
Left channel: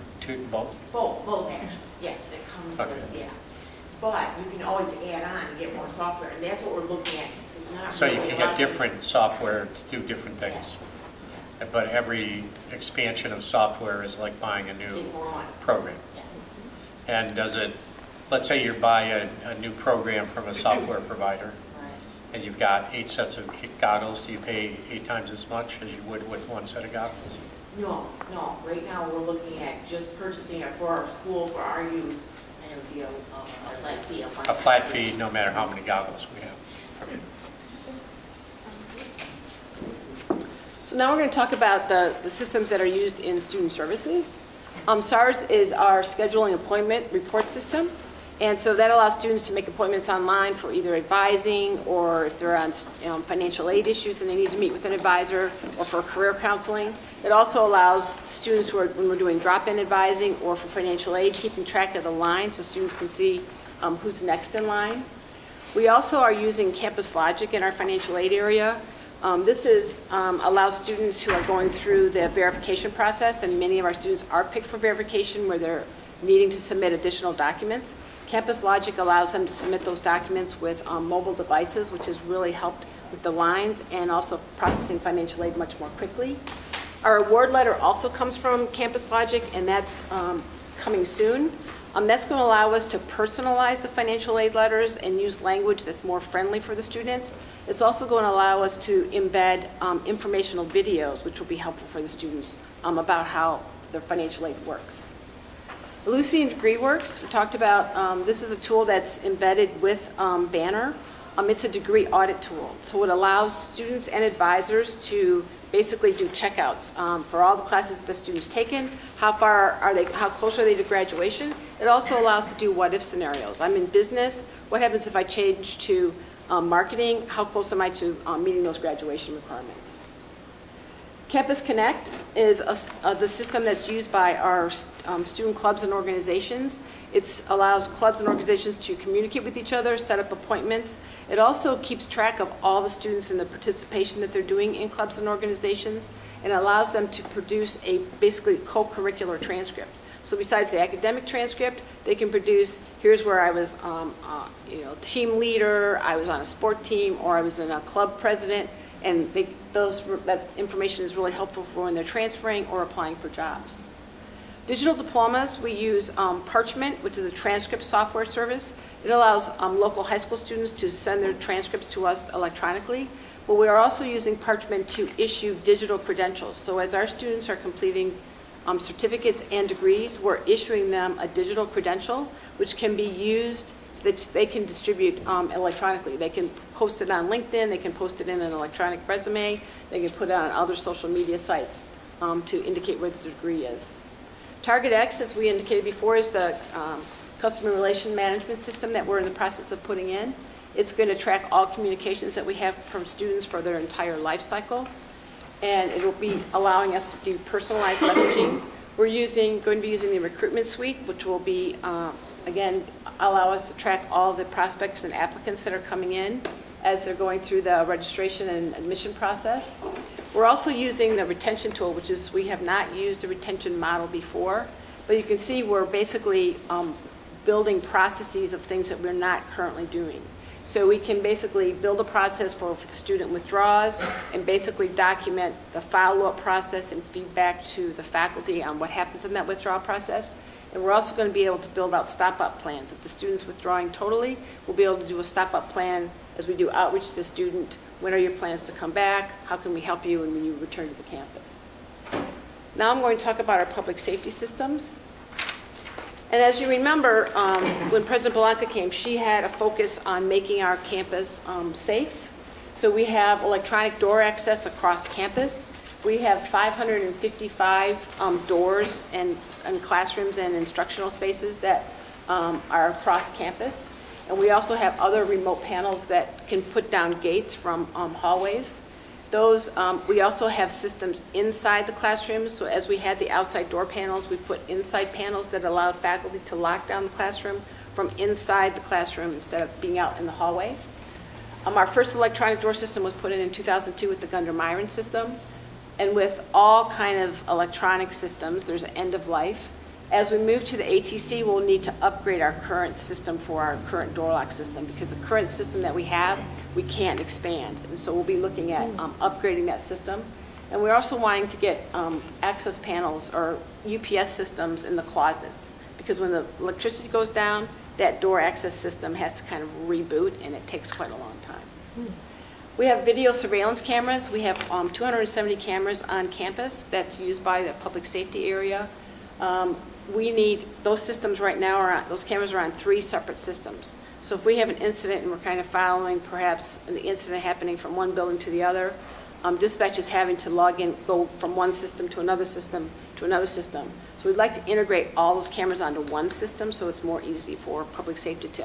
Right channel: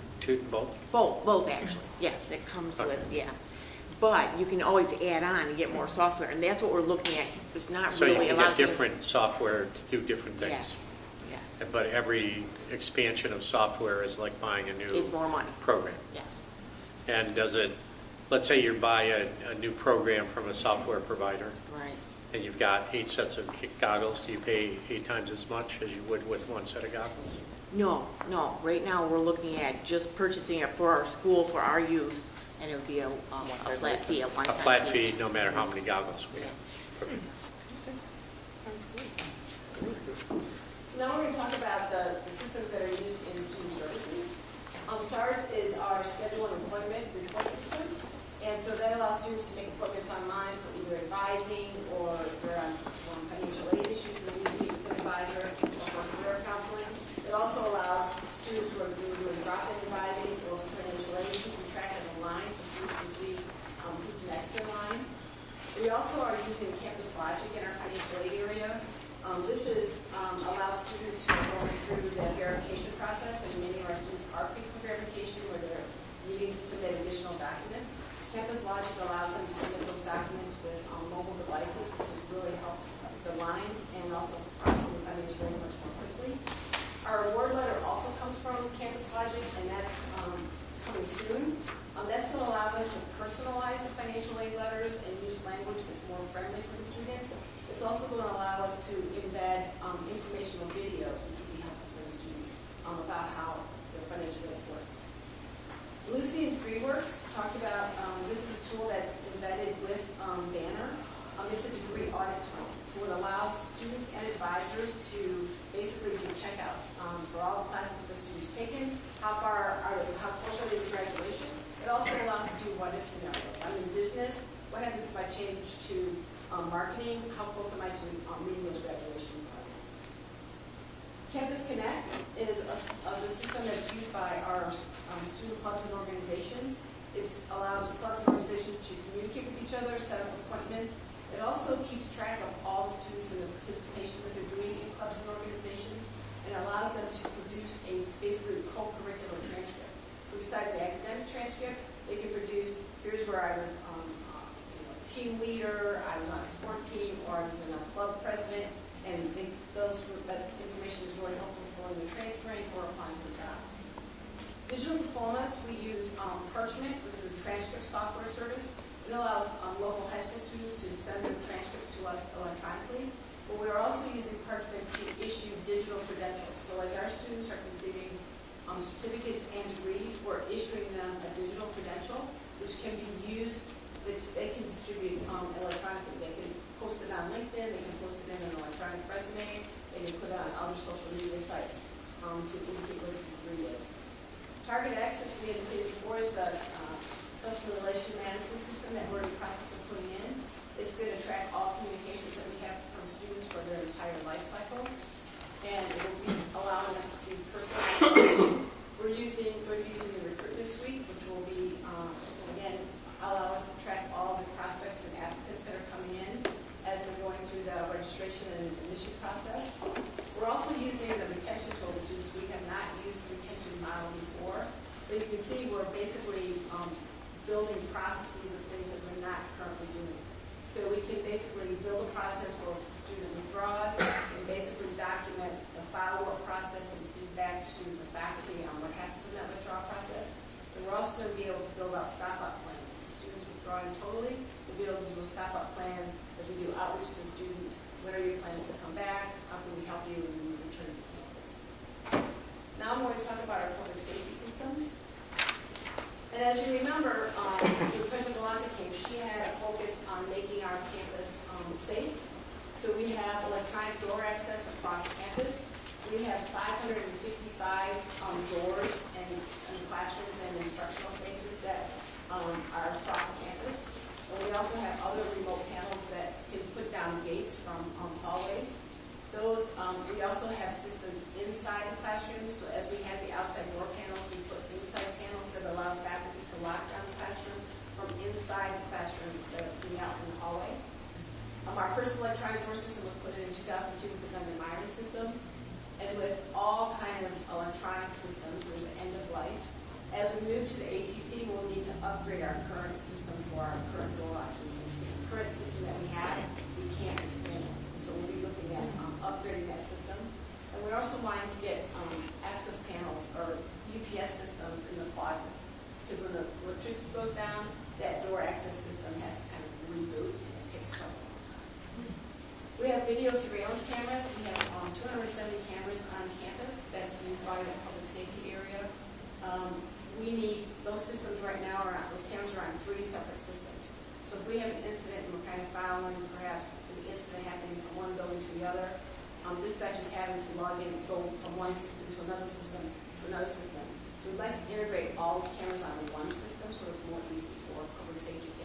both? Both actually, yes, it comes Okay. with, yeah. But you can always add on and get more software, and that's what we're looking at. There's not So really you a can lot get of different software to do different things? Yes. But every expansion of software is like buying a new It's more money. program? Yes. And does it, let's say you buy a new program from a software provider, Right. and you've got 8 sets of goggles, do you pay 8 times as much as you would with 1 set of goggles? No. Right now, we're looking at just purchasing it for our school, for our use, and it would be a flat fee. A flat fee, no matter how many goggles we have. Okay. So now we're going to talk about the systems that are used in student services. SARS is our scheduling appointment report system. And so that allows students to make appointments online for either advising, or if they're on financial aid issues and they need to meet with an advisor, or for career counseling. It also allows students who are, when we're doing drop-in advising or for financial aid, keeping track of the line so students can see who's next in line. We also are using Campus Logic in our financial aid area. This allows students who are going through the verification process, and many of our students are picked for verification where they're needing to submit additional documents. Campus Logic allows them to submit those documents with mobile devices, which has really helped with the lines and also processing financial aid much more quickly. Our award letter also comes from Campus Logic, and that's coming soon. That's going to allow us to personalize the financial aid letters and use language that's more friendly for the students. It's also going to allow us to embed informational videos, which will be helpful for the students about how their financial aid works. Lucy and DegreeWorks, we talked about, this is a tool that's embedded with Banner. It's a degree audit tool. So it allows students and advisors to basically do checkouts for all the classes that the students taken, how close are they to graduation. It also allows to do what if scenarios. I'm in business, what happens if I change to marketing, how close am I to meeting those graduation requirements. Campus Connect is the system that's used by our student clubs and organizations. It allows clubs and organizations to communicate with each other, set up appointments. It also keeps track of all the students and the participation that they're doing in clubs and organizations, and allows them to produce a basically co-curricular transcript. So besides the academic transcript, they can produce, here's where I was team leader, I was on a sport team, or I was in a club president, and that information is really helpful for when they're transferring or applying for jobs. Digital diplomas, we use Parchment, which is a transcript software service. It allows local high school students to send their transcripts to us electronically, but we are also using Parchment to issue digital credentials. So as our students are completing certificates and degrees, we're issuing them a digital credential, which can be used, that they can distribute electronically. They can post it on LinkedIn, they can post it in an electronic resume, they can put it on other social media sites to indicate where the degree is. TargetX, as we indicated before, is the customer relation management system that we're in the process of putting in. It's going to track all communications that we have from students for their entire life cycle, and it will be allowing us to do personalized messaging. We're going to be using the recruitment suite, which will be, again, allow us to track all the prospects and applicants that are coming in as they're going through the registration and admission process. We're also using the retention tool, which is, we have not used a retention model before, but you can see we're basically building processes of things that we're not currently doing. So we can basically build a process for the student withdraws and basically document the follow-up process and feedback to the faculty on what happens in that withdrawal process. And we're also going to be able to build out stop-up plans. If the student's withdrawing totally, we'll be able to do a stop-up plan as we do outreach to the student. When are your plans to come back? How can we help you when you return to the campus? Now I'm going to talk about our public safety systems. And as you remember, when President Blanca came, she had a focus on making our campus safe. So we have electronic door access across campus. We have 555 doors and classrooms and instructional spaces that are across campus. And we also have other remote panels that can put down gates from hallways. Those, we also have systems inside the classrooms. So as we had the outside door panels, we put inside panels that allowed faculty to lock down the classroom from inside the classroom instead of being out in the hallway. Our first electronic door system was put in 2002 with the Gunder-Myron system. And with all kind of electronic systems, there's an end of life. As we move to the ATC, we'll need to upgrade our current system for our current door lock system, because the current system that we have, we can't expand. And so we'll be looking at upgrading that system. And we're also wanting to get access panels or UPS systems in the closets, because when the electricity goes down, that door access system has to kind of reboot, and it takes quite a long time. We have video surveillance cameras. We have 270 cameras on campus that's used by the public safety area. We need, those systems right now those cameras are on 3 separate systems. So if we have an incident and we're kind of following perhaps the incident happening from one building to the other, dispatch is having to log in, go from one system to another system to another system. So we'd like to integrate all those cameras onto one system so it's more easy for public safety to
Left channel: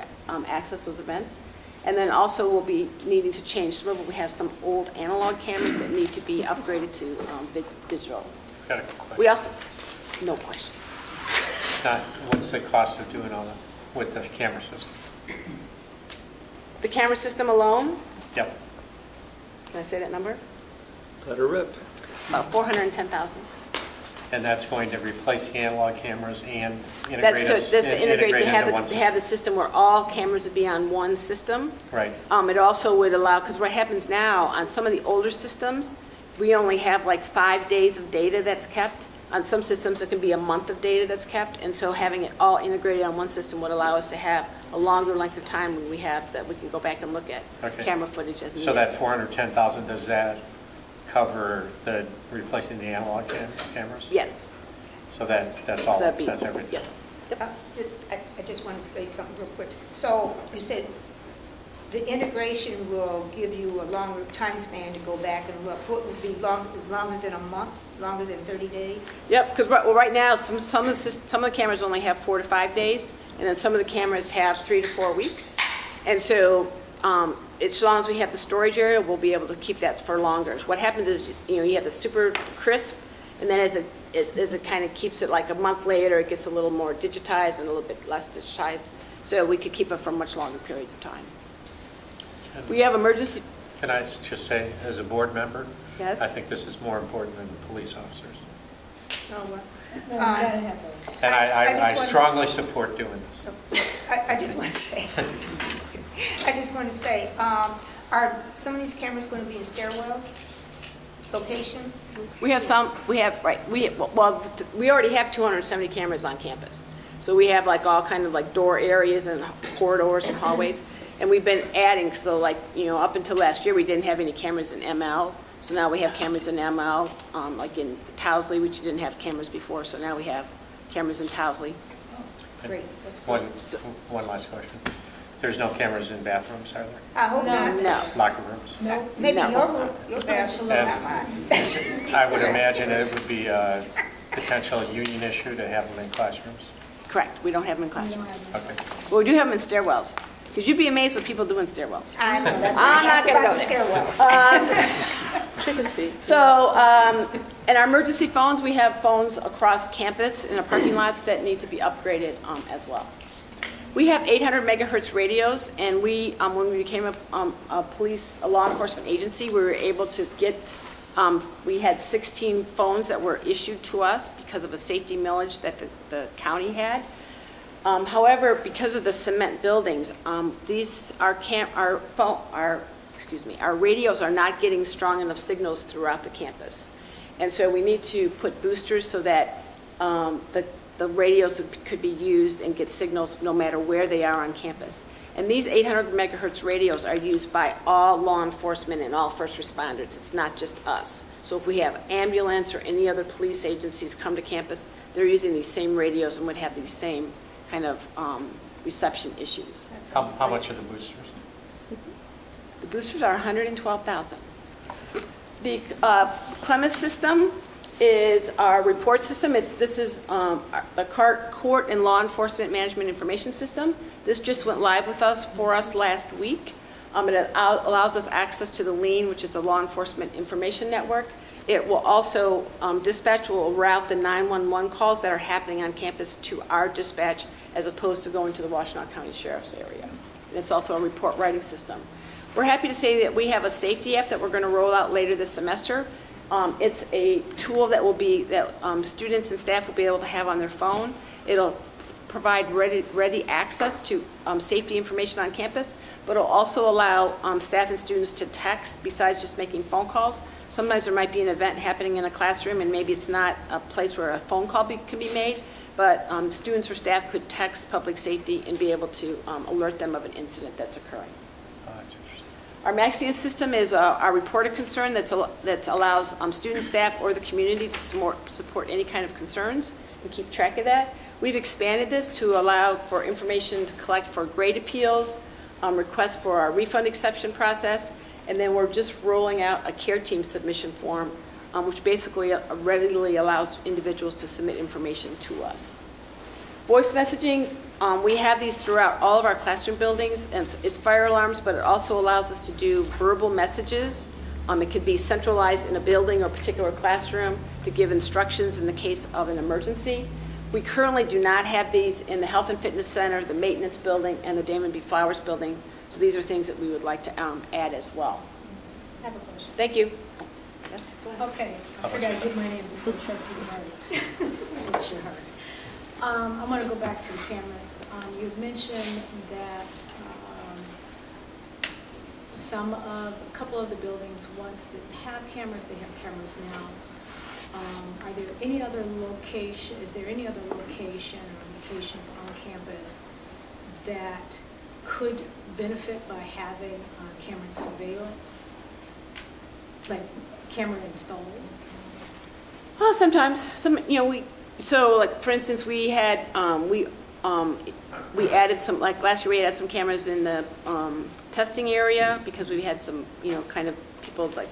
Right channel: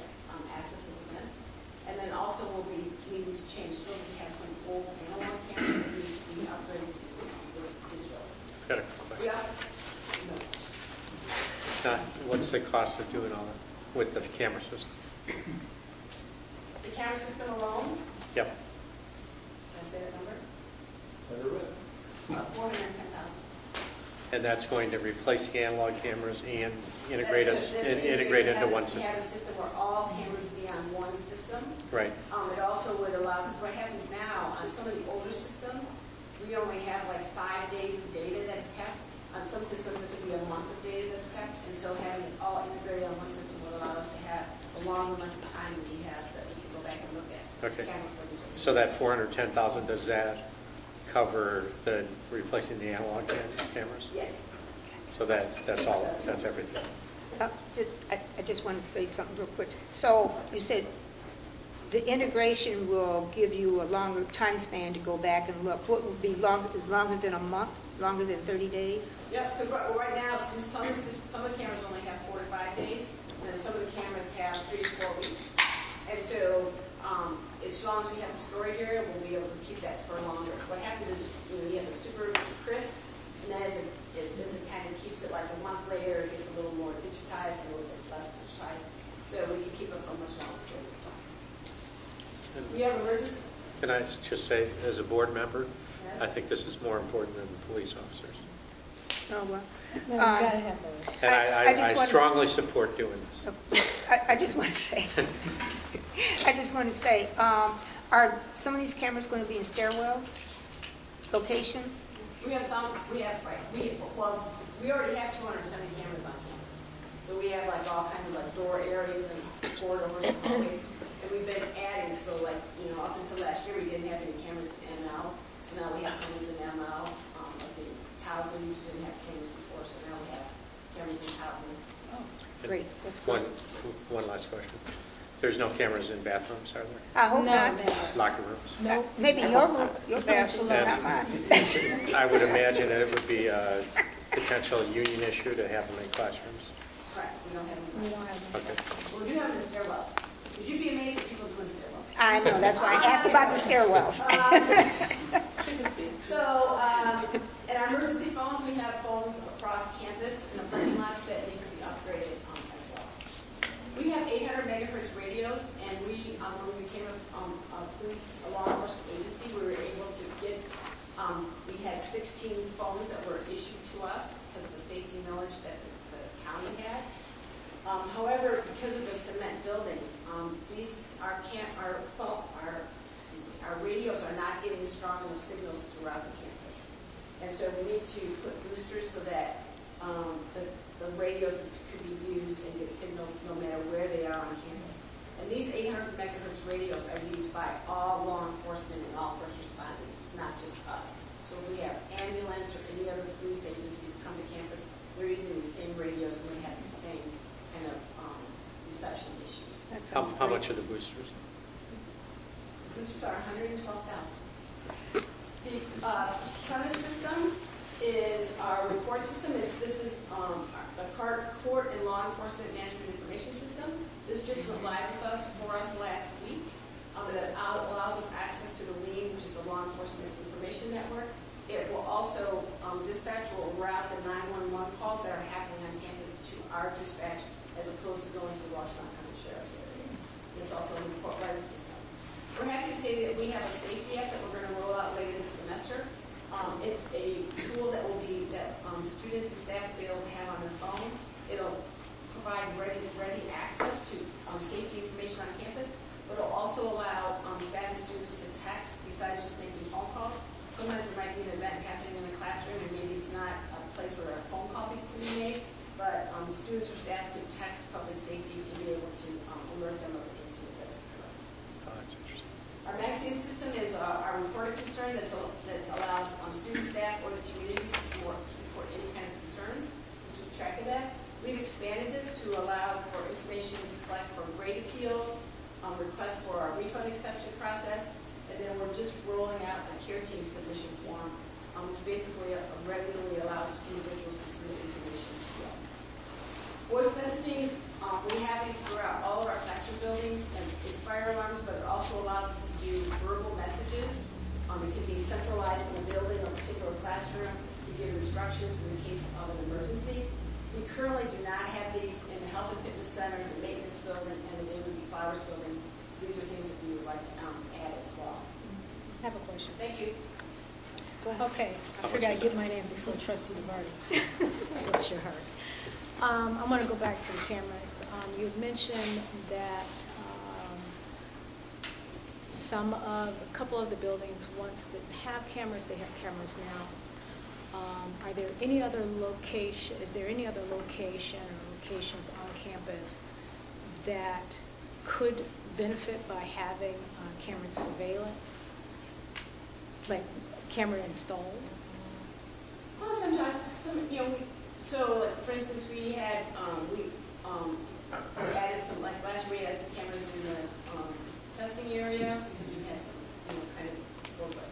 access those events. And then also we'll be needing to change, remember we have some old analog cameras that need to be upgraded to digital. Got a question. We also, no questions. What's the cost of doing all that with the camera system? The camera system alone? Yep. Can I say that number? Let her rip. About $410,000. And that's going to replace the analog cameras and integrate us That's to integrate, to into one to system. have the system where all cameras would be on one system. Right. It also would allow, because what happens now, on some of the older systems, we only have like 5 days of data that's kept. On some systems, it can be a month of data that's kept, and so having it all integrated on one system would allow us to have a longer length of time when we have, that we can go back and look at camera footage as needed. So that 410,000, does that cover the replacing the analog cameras? Yes. So that's all, that's everything? I just want to say something real quick. So you said the integration will give you a longer time span to go back and look. What would be longer than a month, longer than 30 days? Yep, because right now, some of the cameras only have 4 to 5 days, and then some of the cameras have 3 to 4 weeks. And so as long as we have the storage area, we'll be able to keep that for longer. What happens is, you have the super crisp, and then as it kind of keeps it like a month later, it gets a little more digitized and a little bit less digitized. So we could keep it for much longer periods of time. We have emergency. Can I just say, as a board member, Yes? I think this is more important than the police officers. Oh, well. No, we gotta have those. And I just strongly support doing this. I just want to say, are some of these cameras going to be in stairwells, locations? We have some, we already have 270 cameras on campus. So we have like all kind of like door areas and corridors and hallways. And we've been adding, so like, up until last year, we didn't have any cameras in ML. So now we have cameras in ML, like in Towsley, which didn't have cameras before. So now we have cameras in Towsley. Oh, great, that's good. One last question. There's no cameras in bathrooms, are there? I hope not. No. Locker rooms? No. Maybe your bathroom, not mine. I would imagine it would be a potential union issue to have them in classrooms. Correct, we don't have them in classrooms. Okay. But we do have them in stairwells. Because you'd be amazed what people do in stairwells. I know, that's why I asked about the stairwells. Chicken feet. So, in our emergency phones, we have phones across campus in our parking lots that need to be upgraded as well. We have 800 megahertz radios, and we, when we became a law enforcement agency, we were able to get, we had 16 phones that were issued to us because of a safety millage that the county had. However, because of the cement buildings, our radios are not getting strong enough signals throughout the campus. And so we need to put boosters so that the radios could be used and get signals no matter where they are on campus. And these 800 megahertz radios are used by all law enforcement and all first responders. It's not just us. So if we have ambulance or any other police agencies come to campus, they're using these same radios and would have these same kind of reception issues. How much are the boosters? The boosters are $112,000. The premise system is our report system. This is the court and law enforcement management information system. This just went live for us last week. It allows us access to the LEAN, which is the Law Enforcement Information Network. It will also, dispatch will route the 911 calls that are happening on campus to our dispatch as opposed to going to the Washtenaw County Sheriff's area. And it's also a report writing system. We're happy to say that we have a safety app that we're going to roll out later this semester. It's a tool that students and staff will be able to have on their phone. It'll provide ready access to safety information on campus, but it'll also allow staff and students to text besides just making phone calls. Sometimes there might be an event happening in a classroom and maybe it's not a place where a phone call can be made, but students or staff could text public safety and be able to alert them of an incident that's occurring. Oh, that's interesting. Our Maxian system is our reporter concern that allows student, staff, or the community to support any kind of concerns and keep track of that. We've expanded this to allow for information to collect for grade appeals, requests for our refund exception process, and then we're just rolling out a care team submission form, which basically readily allows individuals to submit information to us. Voice messaging, we have these throughout all of our classroom buildings, and it's fire alarms, but it also allows us to do verbal messages. It could be centralized in a building or particular classroom to give instructions in the case of an emergency. We currently do not have these in the Health and Fitness Center, the Maintenance Building, and the Damon B. Flowers Building. So these are things that we would like to add as well. I have a question. Thank you. Go ahead. Okay, I How figured about I'd give my name before trustee Marty. Bless your heart. I want to go back to the cameras. You've mentioned that a couple of the buildings once didn't have cameras, they have cameras now. Are there any other location, is there any other location or locations on campus that could benefit by having camera surveillance, like camera installed? Well, sometimes, so like, for instance, we had, we added some, like last year we added some cameras in the testing area because we had some, kind of people like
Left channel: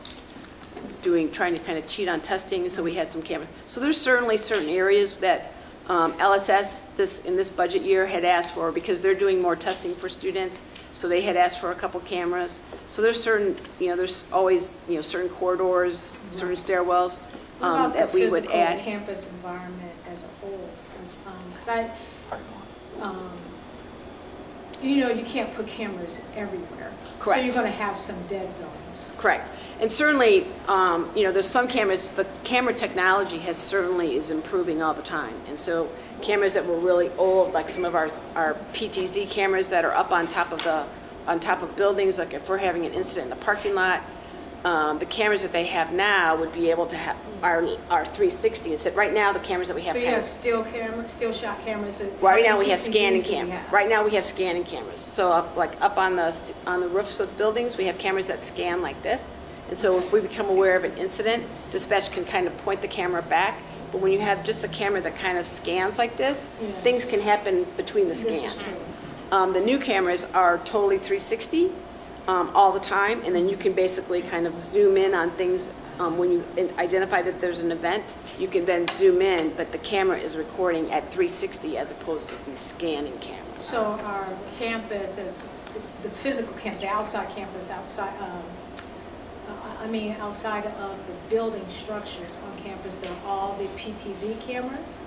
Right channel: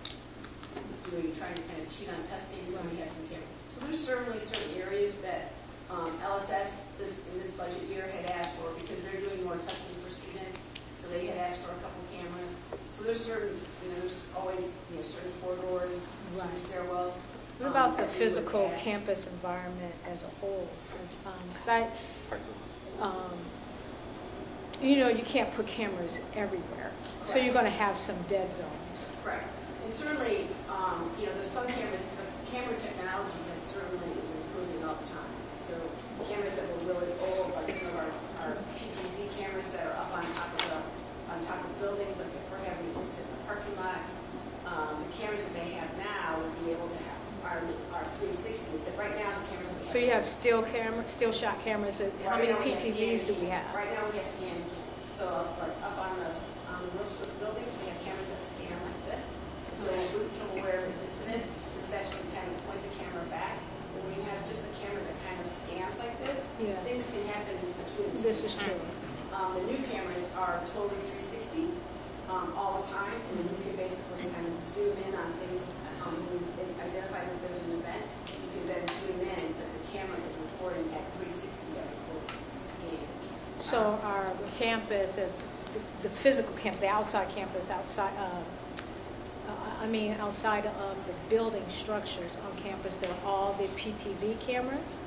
trying to kind of cheat on testing, so we had some cameras. So there's certainly certain areas that LSS in this budget year had asked for because they're doing more testing for students, so they had asked for a couple cameras. So there's certain, there's always, certain corridors, certain stairwells What about the that we would physical add. campus environment as a whole? Because you can't put cameras everywhere. Correct. So you're going to have some dead zones. Correct. And certainly, there's some cameras, the camera technology is improving all the time. And so cameras that were really old, like some of our PTZ cameras that are up on top of buildings, like if we're having an incident in the parking lot, the cameras that they have now would be able to have our 360 instead. Right now, the cameras that we have. So you have still shot cameras. Right now we have scanning PTZs cameras. Right now we have scanning cameras. So like up on the roofs of the buildings, we have cameras that scan like this. And so if we become aware of an incident, dispatch can kind of point the camera back. But when you have just a camera that kind of scans like this, things can happen between the scans. This is true. The new cameras are totally 360 all the time, and then you can basically kind of zoom in on things. When you identify that there's an event, you can then zoom in, but the camera is recording at 360 as opposed to the scanning camera. So our campus is the physical campus, the outside campus, outside of the building structures on campus, they're all the PTZ cameras?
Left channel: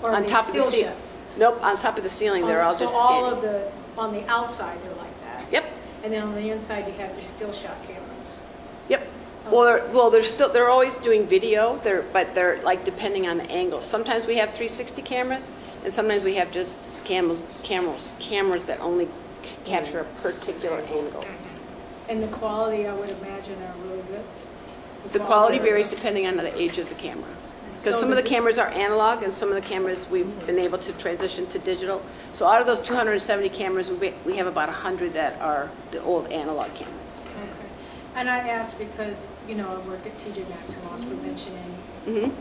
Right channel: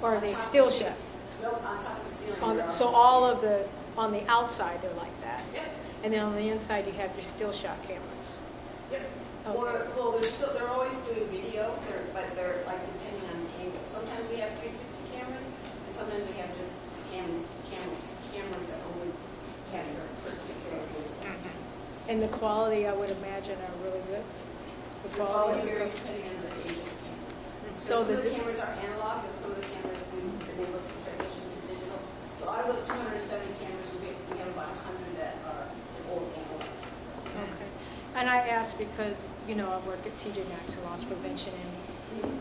Or On are they top still of the shot? Nope, on top of the ceiling, they're all So just all scanning. of on the outside, they're like that? Yep. And then on the inside, you have your still shot cameras? Yep. Okay. Well, they're always doing video, but they're like depending on the angle. Sometimes we have 360 cameras, and sometimes we have just cameras that only capture a particular angle. And the quality, I would imagine, are really good? The quality varies depending on the age of the camera. So some of the cameras are analog, and some of the cameras we've been able to transition to digital. So out of those 270 cameras, we have about 100 that are the old analog cameras. Okay. And I asked because, I work at TJ Maxx in loss prevention, and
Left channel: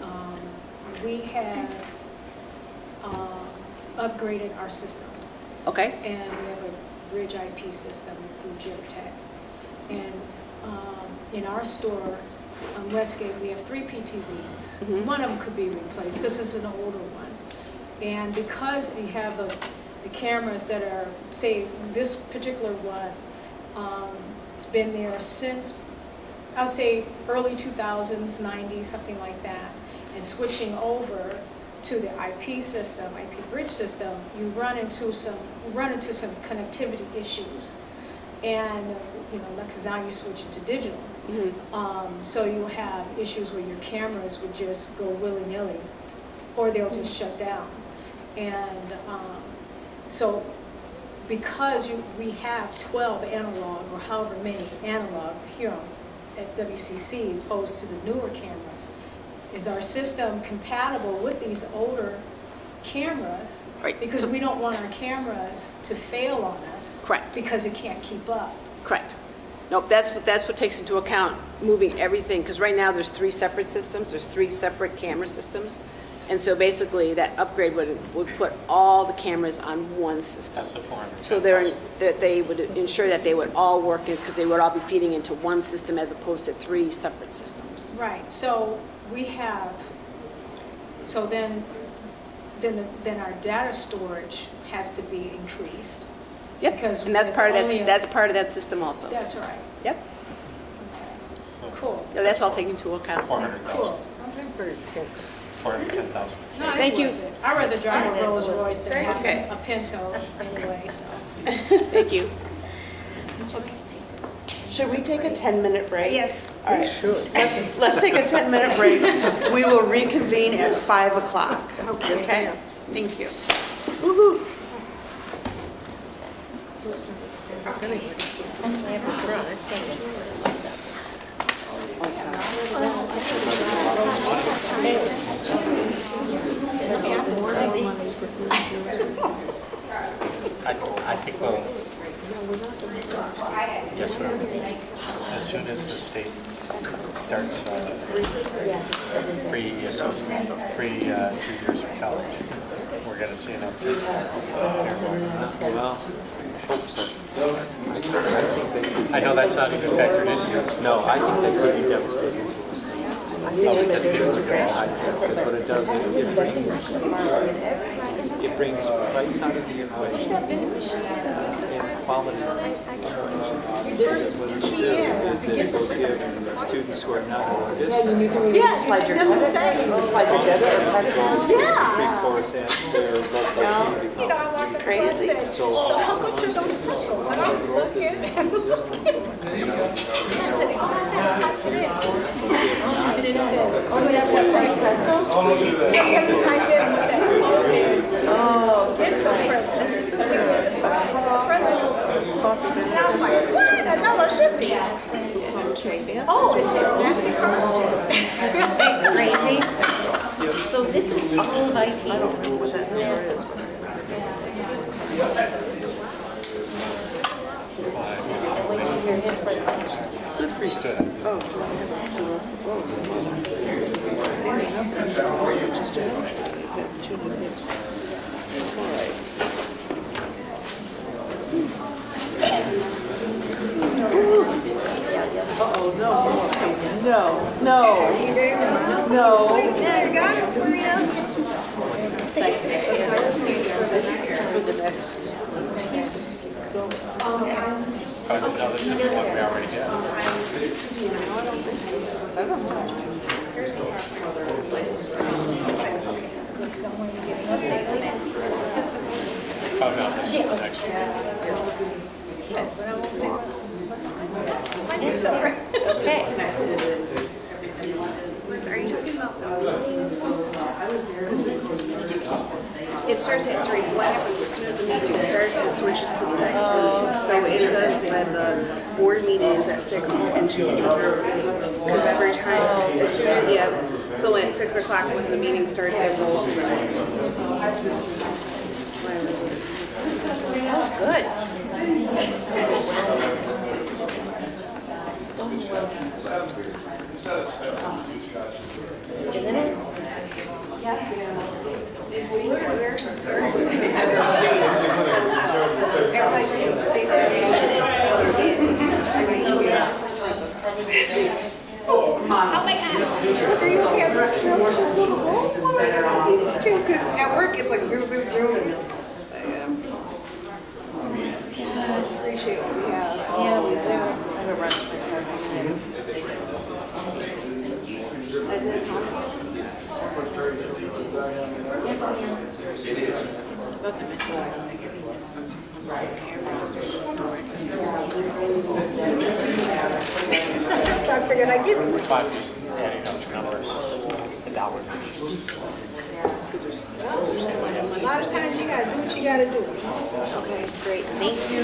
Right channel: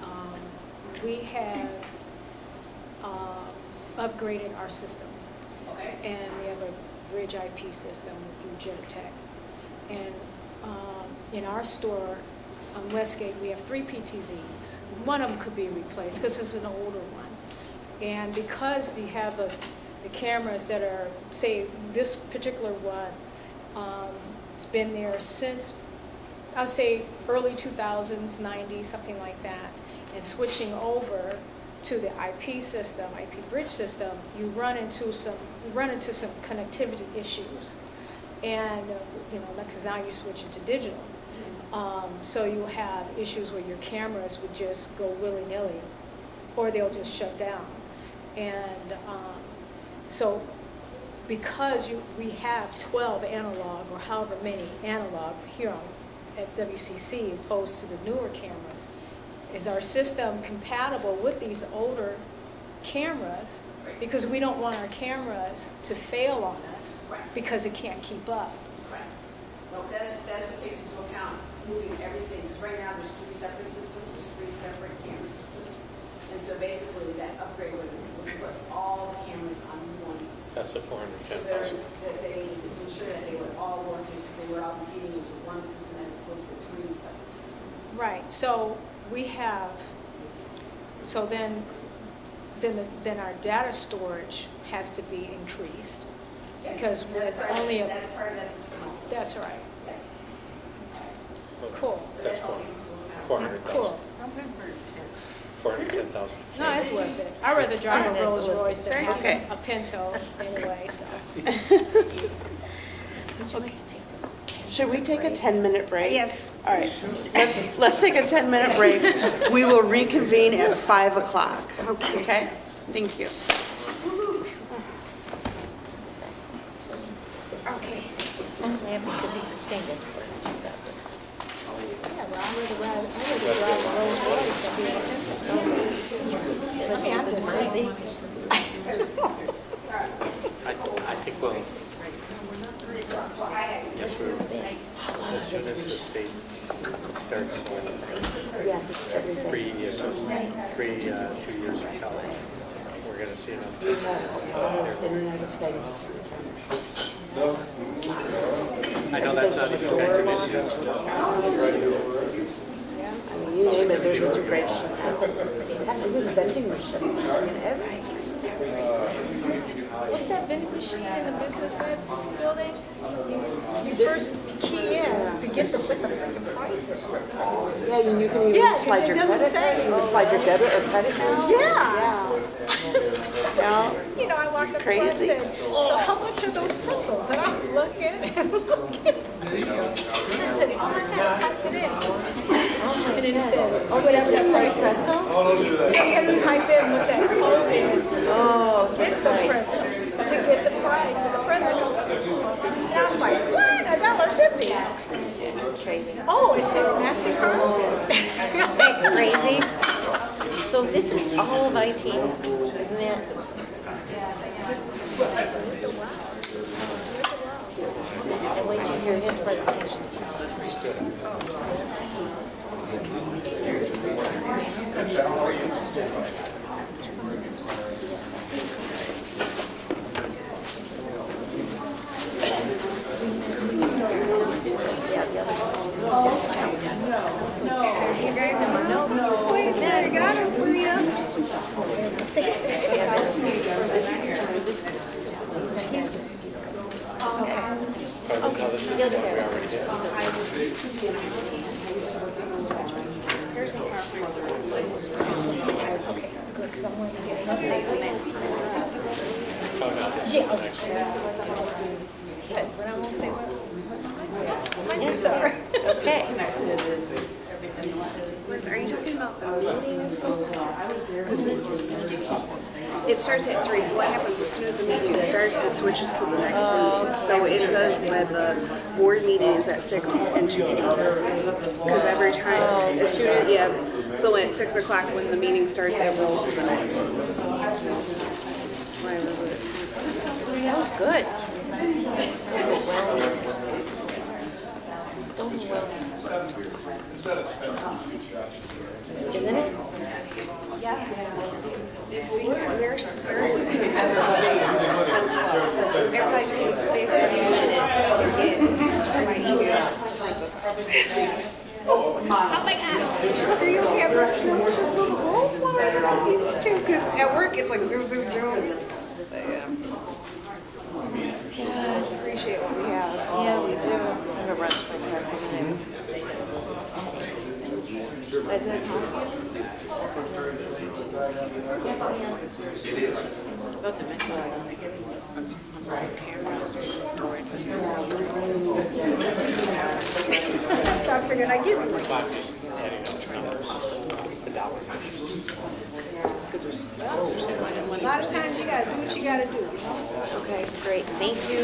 we have upgraded our system. Okay. And we have a bridge IP system through Geotech. And in our store on Westgate, we have 3 PTZs. One of them could be replaced because it's an older one. And because you have the cameras that are, say, this particular one, it's been there since, I'll say, early 2000s, 90s, something like that. And switching over to the IP system, IP bridge system, you run into some connectivity issues. And, because now you're switching to digital. So you have issues where your cameras would just go willy-nilly, or they'll just shut down. And so because we have 12 analog, or however many analog here at WCC, opposed to the newer cameras, is our system compatible with these older cameras? Right. Because we don't want our cameras to fail on us. Correct. Because it can't keep up. Correct. Nope, that's what takes into account moving everything, because right now there's 3 separate systems, there's 3 separate camera systems, and so basically that upgrade would put all the cameras on one system. That's the 400. So they would ensure that they would all work, because they would all be feeding into one system as opposed to 3 separate systems. Right, so we have, so then our data storage has to be increased. Yep, because and that's part of that system also. That's right. Yep. Okay. Cool. So that's all taken into account. 400,000. Cool. 410,000. No, it's worth it. I'd rather drive a Rolls Royce than have a Pinto anyway, so. Thank you. Should we take a 10-minute break? Yes. All right, let's take a 10-minute break. We will reconvene at 5 o'clock. Okay? Thank you. Woo-hoo. I think we'll, yes, as soon as the state starts free 2 years of college, we're going to see an uptick. I know that's not even factored in yet. No, I think You name it, there's integration. Even vending machines, I mean, everything. What's that vending machine in the business building? You first key in to get the prices. Yeah, and you can even slide your credit, you can slide your debit or credit card. Yeah. Yeah. You know, I walked up to her and said, so how much are those pretzels? And I'm looking and looking. And I said, oh, I gotta type it in. And then it says, oh, whatever that price is. You have to type in what that code is to get the pretzels, to get the price of the pretzels. And I was like, what? $1.50? Oh, it takes MasterCard? Crazy. So this is all of IT, isn't it? I'll wait to hear his presentation. No. You guys are no. Wait, I got it for you. Here's the because I'm going to get an update on that. Yeah, okay. Good, but I won't say what. It's all right. Okay. Are you talking about the meeting? It starts at 3, so what happens as soon as the meeting starts, it switches to the next meeting. So it says that the board meeting is at 6 and 2 weeks. Because every time, as soon as, so at 6 o'clock when the meeting starts, it rolls to the next one. That was good. It's overwhelming. Isn't it? Yeah. It's because their system is so slow. It probably took me 15 minutes to get to my email. Oh my God. She's like, are you okay? I'm like, no, it's just going a little slower than I used to. Because at work, it's like zoom, zoom, zoom. But yeah. I appreciate what we have. Yeah, we do. I have a run for my I did have It is. About to mention So I figured I'd give you one. I'm just adding up numbers, the dollar. A lot of times you gotta do what you gotta do. Okay, great. Thank you.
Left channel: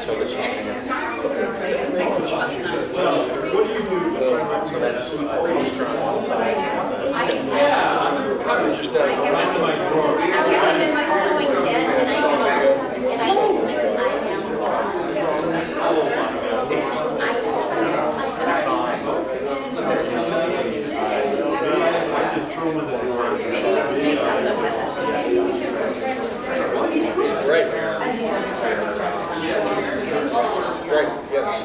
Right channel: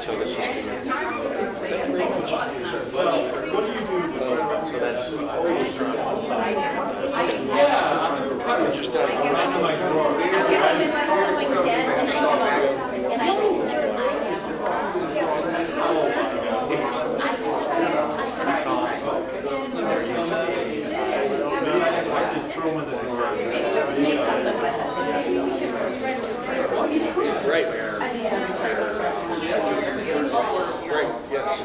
So this is Great. Great, yes.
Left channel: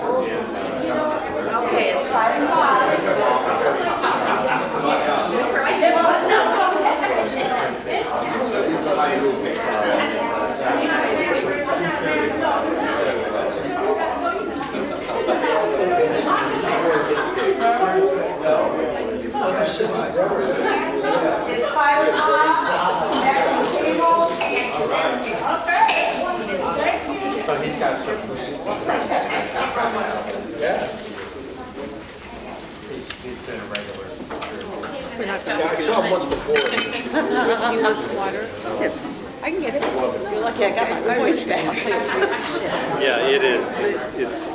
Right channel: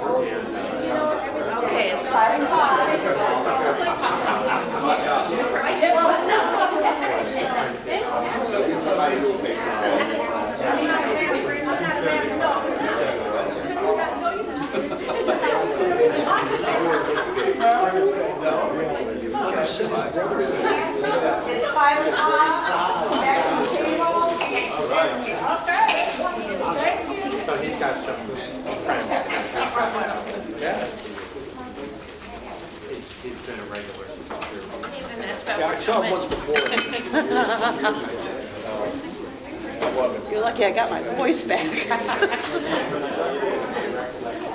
Okay, it's 5 o'clock. It's 5 o'clock. Back to the table. So he's got some yes. He's been a regular. Yeah, I saw him once before. I can get it. You're lucky I got my voice back. Yeah, it is. It's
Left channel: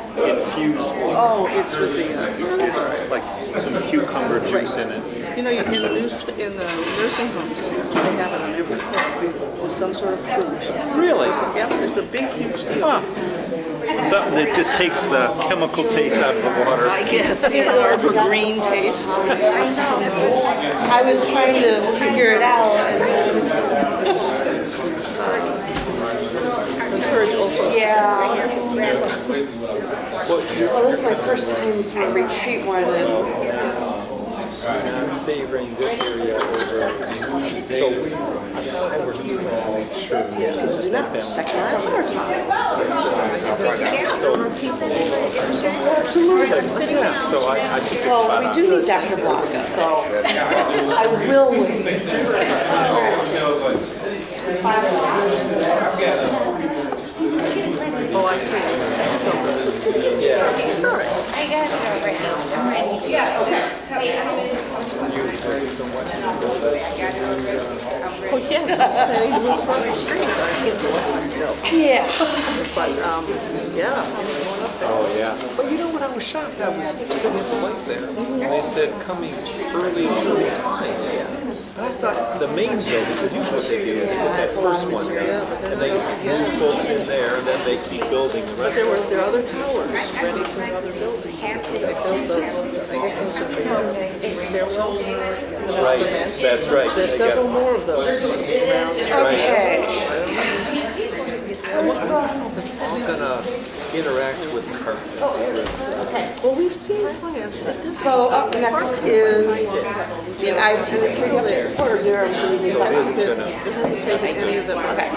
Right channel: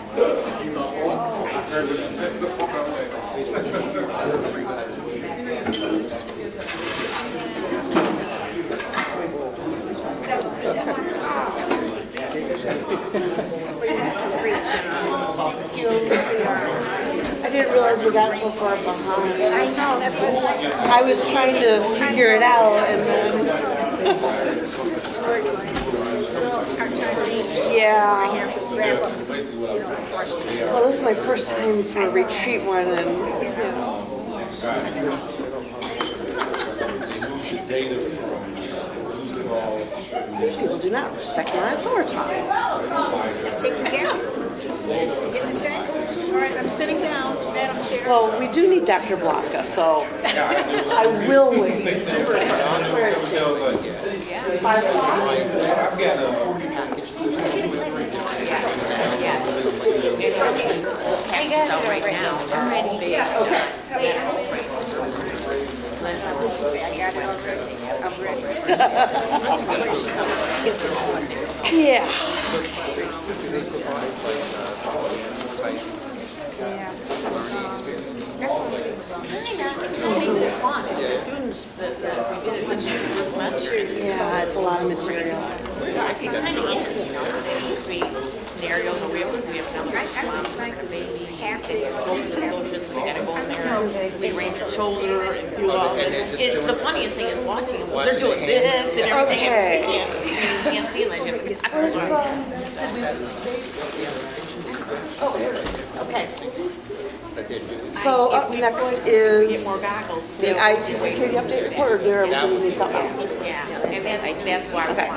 huge. Oh, It's like it's a cucumber juice in it. You know, in the nursing home, some sort of food. Really? Yeah, there's a big, huge Something that just takes the chemical taste out of the water. I guess. I didn't realize we got green so far taste. behind. I know. That's what I was trying to figure it out, and then, yeah. Well, this is my first time for a retreat one, and these people do not respect my authority. sitting down, Madam Chair. Well, we do need Dr. Blanca, so I will wait. 5 o'clock? I got it already. I'm ready. Yeah, okay. Say, I got it already. I'm ready. Yeah. Yeah. You know what I was shocked at? Yeah, it's a lot of material. There's several more of those. Okay. Where's, did we Interact with the partners. Oh, there it is. Okay. Well, we've seen plans. So up next is the IT security update report, or do we need something else? Okay.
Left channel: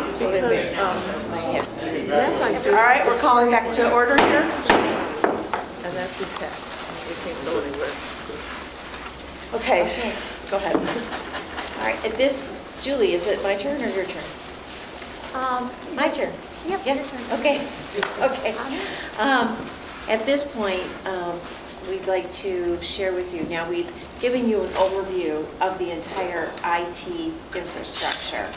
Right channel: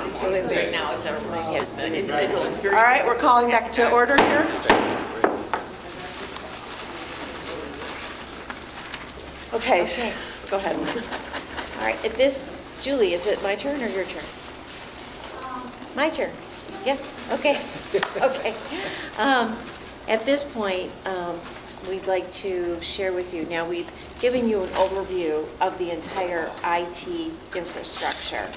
All right, we're calling back to order here. Okay, go ahead. All right, at this, Julie, is it my turn or your turn? My turn. Yeah, okay, okay. At this point, we'd like to share with you, now we've given you an overview of the entire IT infrastructure.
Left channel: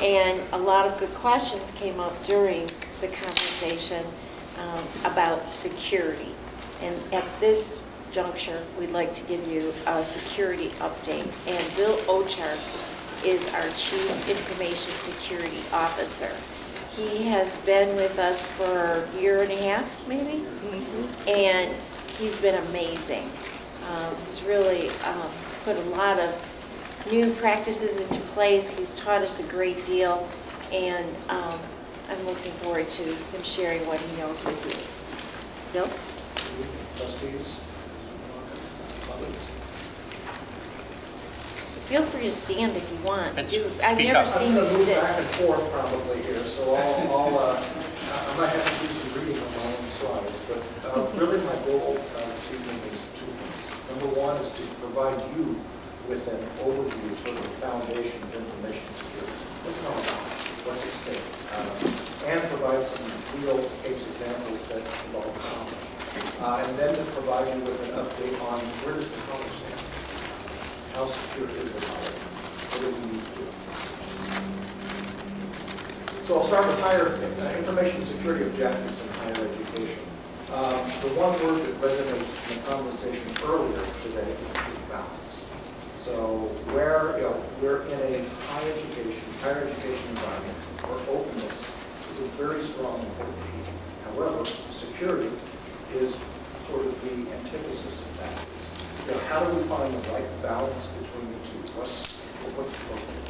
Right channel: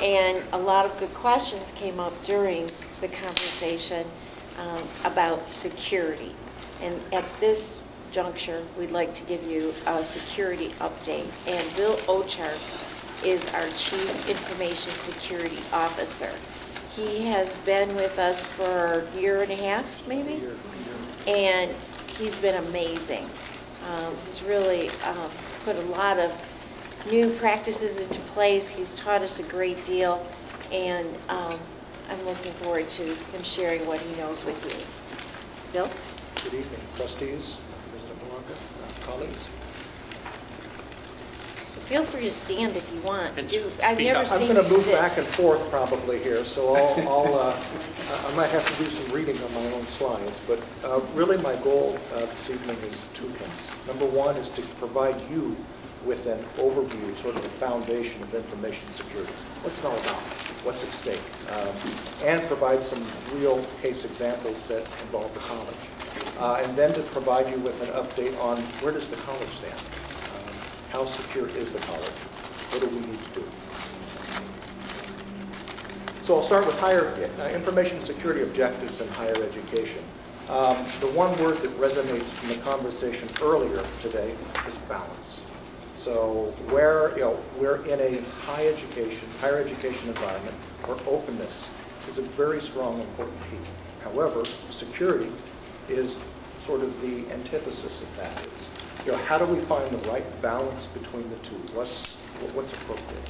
And a lot of good questions came up during the conversation about security. And at this juncture, we'd like to give you a security update. And Bill Ochark is our Chief Information Security Officer. He has been with us for a year and a half, maybe, and he's been amazing. He's really put a lot of new practices into place. He's taught us a great deal, and I'm looking forward to him sharing what he knows with you. Bill? Trustees, colleagues. Feel free to stand if you want. And I've never seen you sit. I'm going to move back and forth probably here, so I might have to do some reading on my own slides, but really my goal this evening is 2 things. Number one is to provide you with an overview, sort of a foundation of information security. What's it all about? What's at stake? And provide some real case examples that involve the college. And then to provide you with an update on where does the college stand? How secure is the college? What do we need to do? So I'll start with information security objectives in higher education. The one word that resonates in the conversation earlier today is balance. So we're in a higher education environment where openness is a very strong and important key. However, security is sort of the antithesis of that. It's, how do we find the right balance between the two? What's appropriate?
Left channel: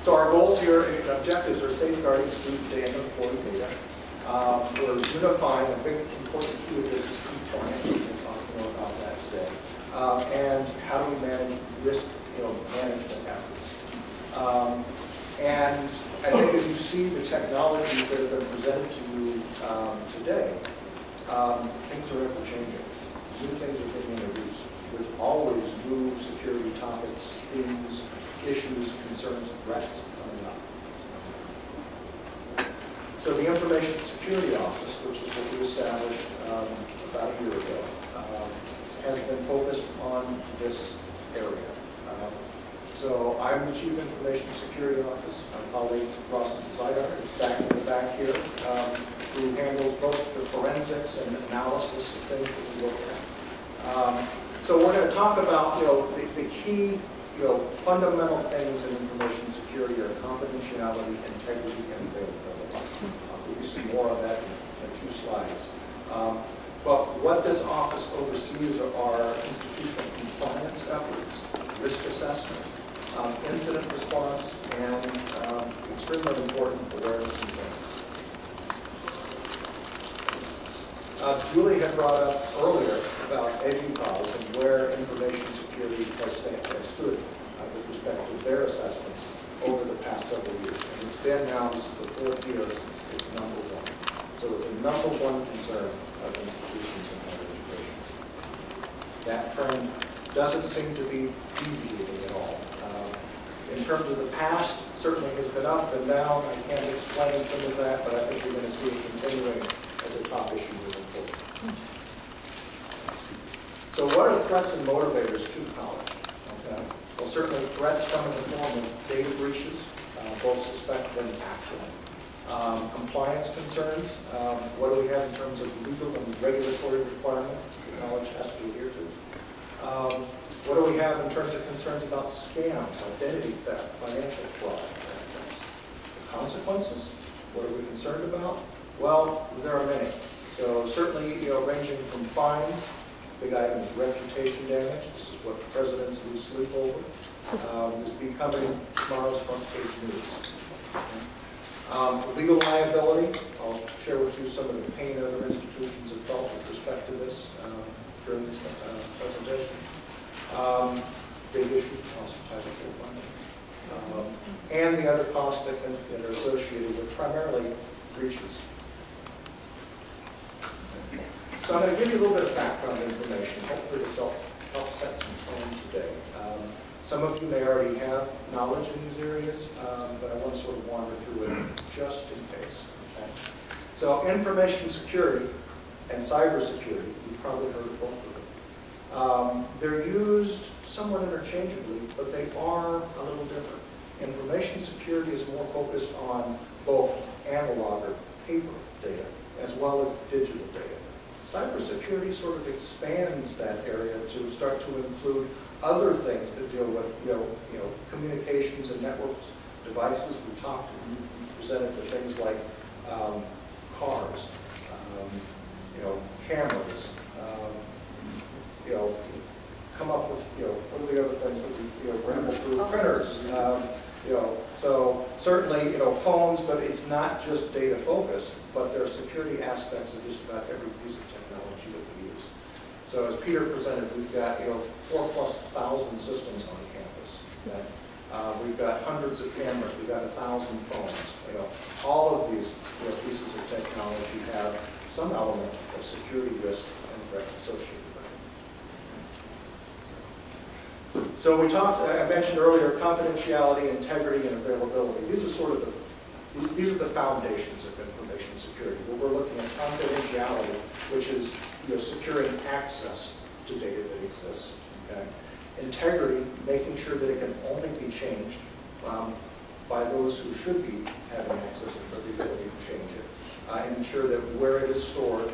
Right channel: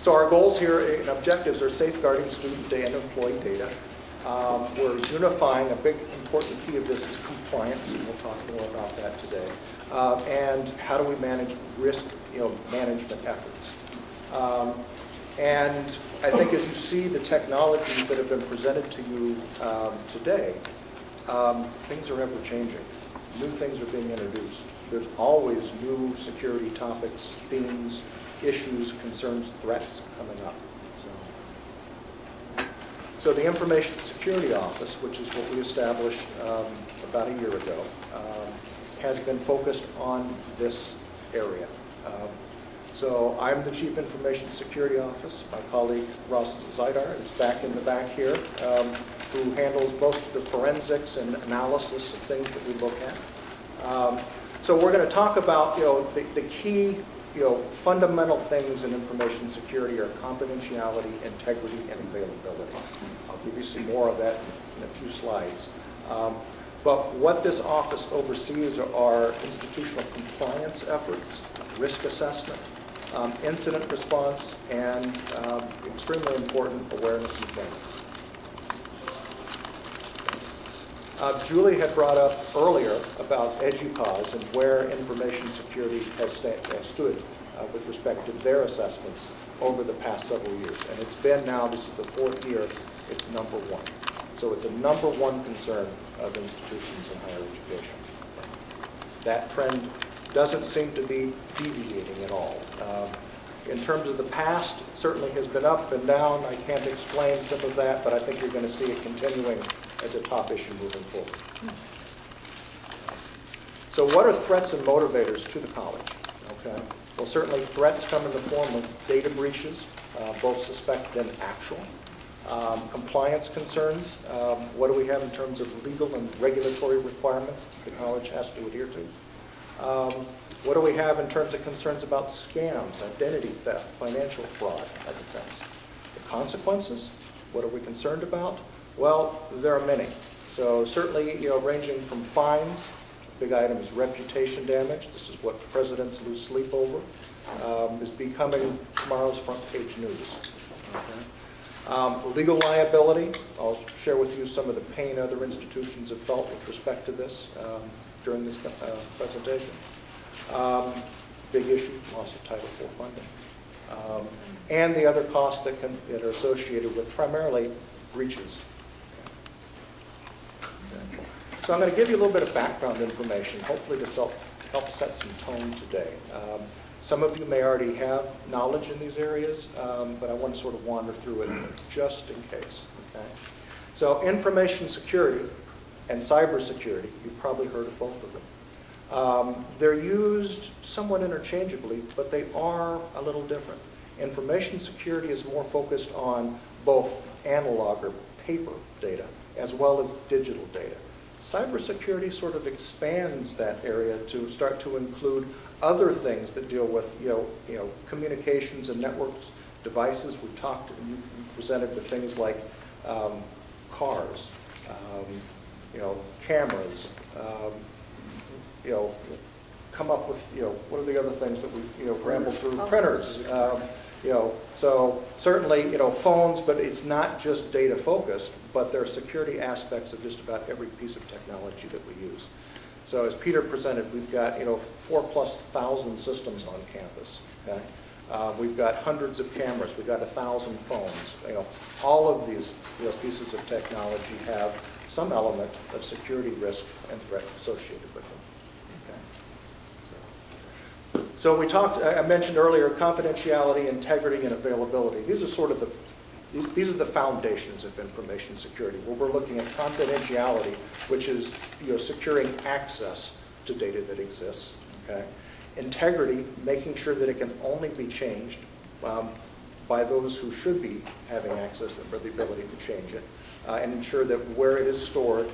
So our goals here and objectives are safeguarding student data and employee data. We're unifying, a big important key of this is compliance, and we'll talk more about that today. And how do we manage risk management efforts? And I think as you see the technologies that have been presented to you today, things are ever changing. New things are being introduced. There's always new security topics, themes, issues, concerns, threats coming up. So the Information Security Office, which is what we established about a year ago, has been focused on this area. So I'm the Chief Information Security Office. My colleague Ross Zidar is back in the back here, who handles both the forensics and analysis of things that we look at. So we're going to talk about the key fundamental things in information security are confidentiality, integrity, and availability. I'll give you some more of that in 2 slides. But what this office oversees are institutional compliance efforts, risk assessment, incident response, and extremely important awareness and training. Julie had brought up earlier about EDUCAUSE and where information security has stood with respect to their assessments over the past several years. And it's been now, this is the 4th year, it's #1. So it's a #1 concern of institutions in higher education. That trend doesn't seem to be deviating at all. In terms of the past, certainly has been up and down. I can't explain some of that, but I think we're going to see it continuing as a top issue moving forward. So what are threats and motivators to the college? Okay. Well, certainly threats come in the form of data breaches, both suspected and actual. Compliance concerns, what do we have in terms of legal and regulatory requirements the college has to adhere to? What do we have in terms of concerns about scams, identity theft, financial fraud, type of things? The consequences, what are we concerned about? Well, there are many. So certainly, ranging from fines, big item is reputation damage. This is what presidents lose sleep over. Is becoming tomorrow's front page news. Legal liability, I'll share with you some of the pain other institutions have felt with respect to this during this presentation. Big issue, loss of Title IV funding. And the other costs that are associated with primarily breaches. So I'm going to give you a little bit of background information. Hopefully this will help set some tone today. Some of you may already have knowledge in these areas, but I want to sort of wander through it just in case. Okay? So information security and cybersecurity, you've probably heard of both of them. They're used somewhat interchangeably, but they are a little different. Information security is more focused on both analog or paper data as well as digital data. Cybersecurity sort of expands that area to start to include other things that deal with communications and networks, devices. We talked and presented to things like cars, cameras. Come up with what are the other things that we ran through printers. So certainly phones, but it's not just data focused, but there are security aspects of just about every piece of technology that we use. So as Peter presented, we've got 4,000+ systems on campus. Okay? We've got hundreds of cameras. We've got 1,000 phones. All of these pieces of technology have some element of security risk and threat associated with them. So I mentioned earlier confidentiality, integrity, and availability. These are sort of the foundations of information security. Where we're looking at confidentiality, which is securing access to data that exists. Okay? Integrity, making sure that it can only be changed by those who should be having access for the ability to change it, and ensure that where it is stored,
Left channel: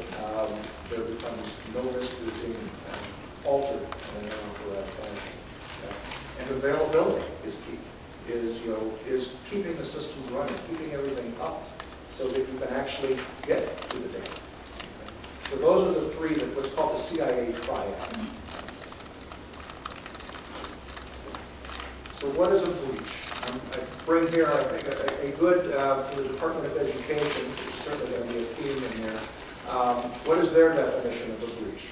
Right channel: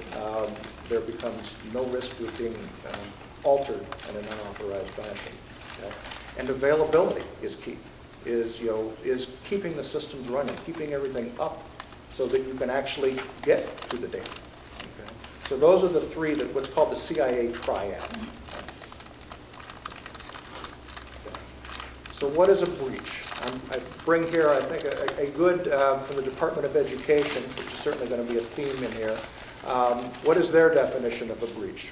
there becomes no risk of being altered in an unauthorized fashion. Okay? And availability is key. Is keeping the systems running, keeping everything up, so that you can actually get to the data. Okay? So those are the three that what's called the CIA triad. So what is a breach? I bring here a good from the Department of Education, which is certainly going to be a theme in here. What is their definition of a breach?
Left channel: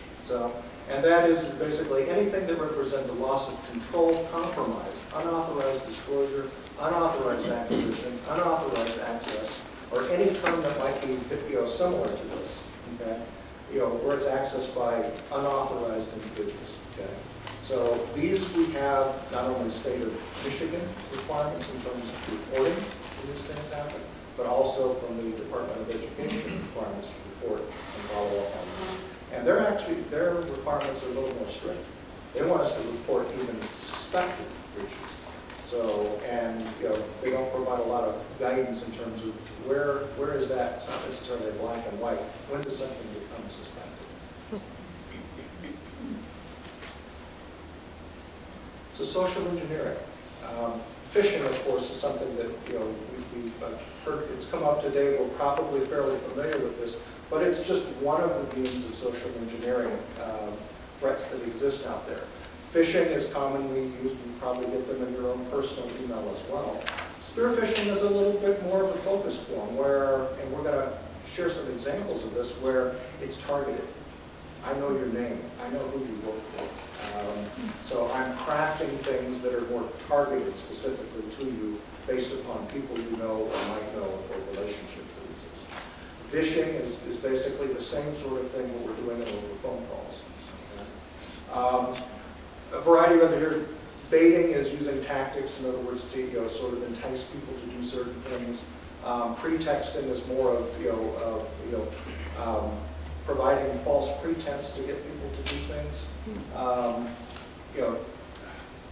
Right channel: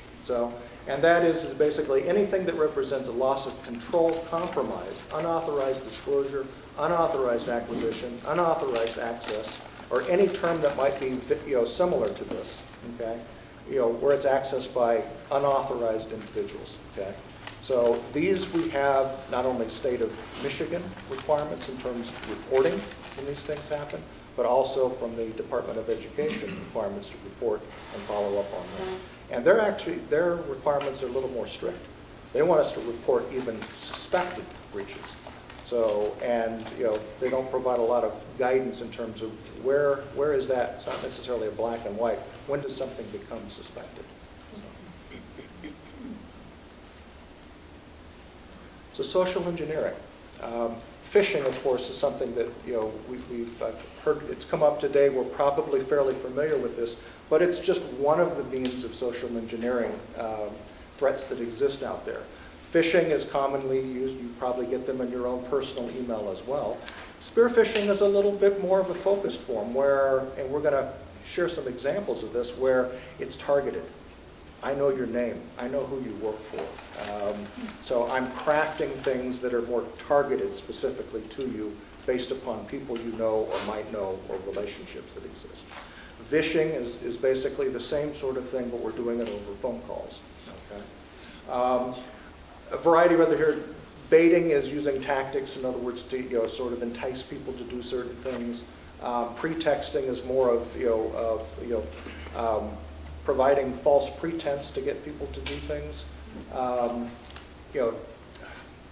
And that is basically anything that represents a loss of control, compromise, unauthorized disclosure, unauthorized acquisition, unauthorized access, or any term that might be similar to this. Okay, where it's accessed by unauthorized individuals. Okay. So these we have not only state of Michigan requirements in terms of reporting when these things happen, but also from the Department of Education requirements to report and follow up on them. And their requirements are a little more strict. They want us to report even suspected breaches. So, and they don't provide a lot of guidance in terms of where is that. It's not necessarily a black and white. When does something become suspected? So social engineering. Phishing, of course, is something that I've heard. It's come up today. We're probably fairly familiar with this, but it's just one of the means of social engineering threats that exist out there. Phishing is commonly used. You probably get them in your own personal email as well. Spear phishing is a little bit more of a focused form where, and we're going to share some examples of this, where it's targeted. I know your name. I know who you work for. So I'm crafting things that are more targeted specifically to you based upon people you know or might know or relationships that exist. Vishing is basically the same sort of thing, but we're doing it over phone calls. Okay? A variety of other here. Baiting is using tactics, in other words, to sort of entice people to do certain things. Pretexting is more of providing false pretense to get people to do things.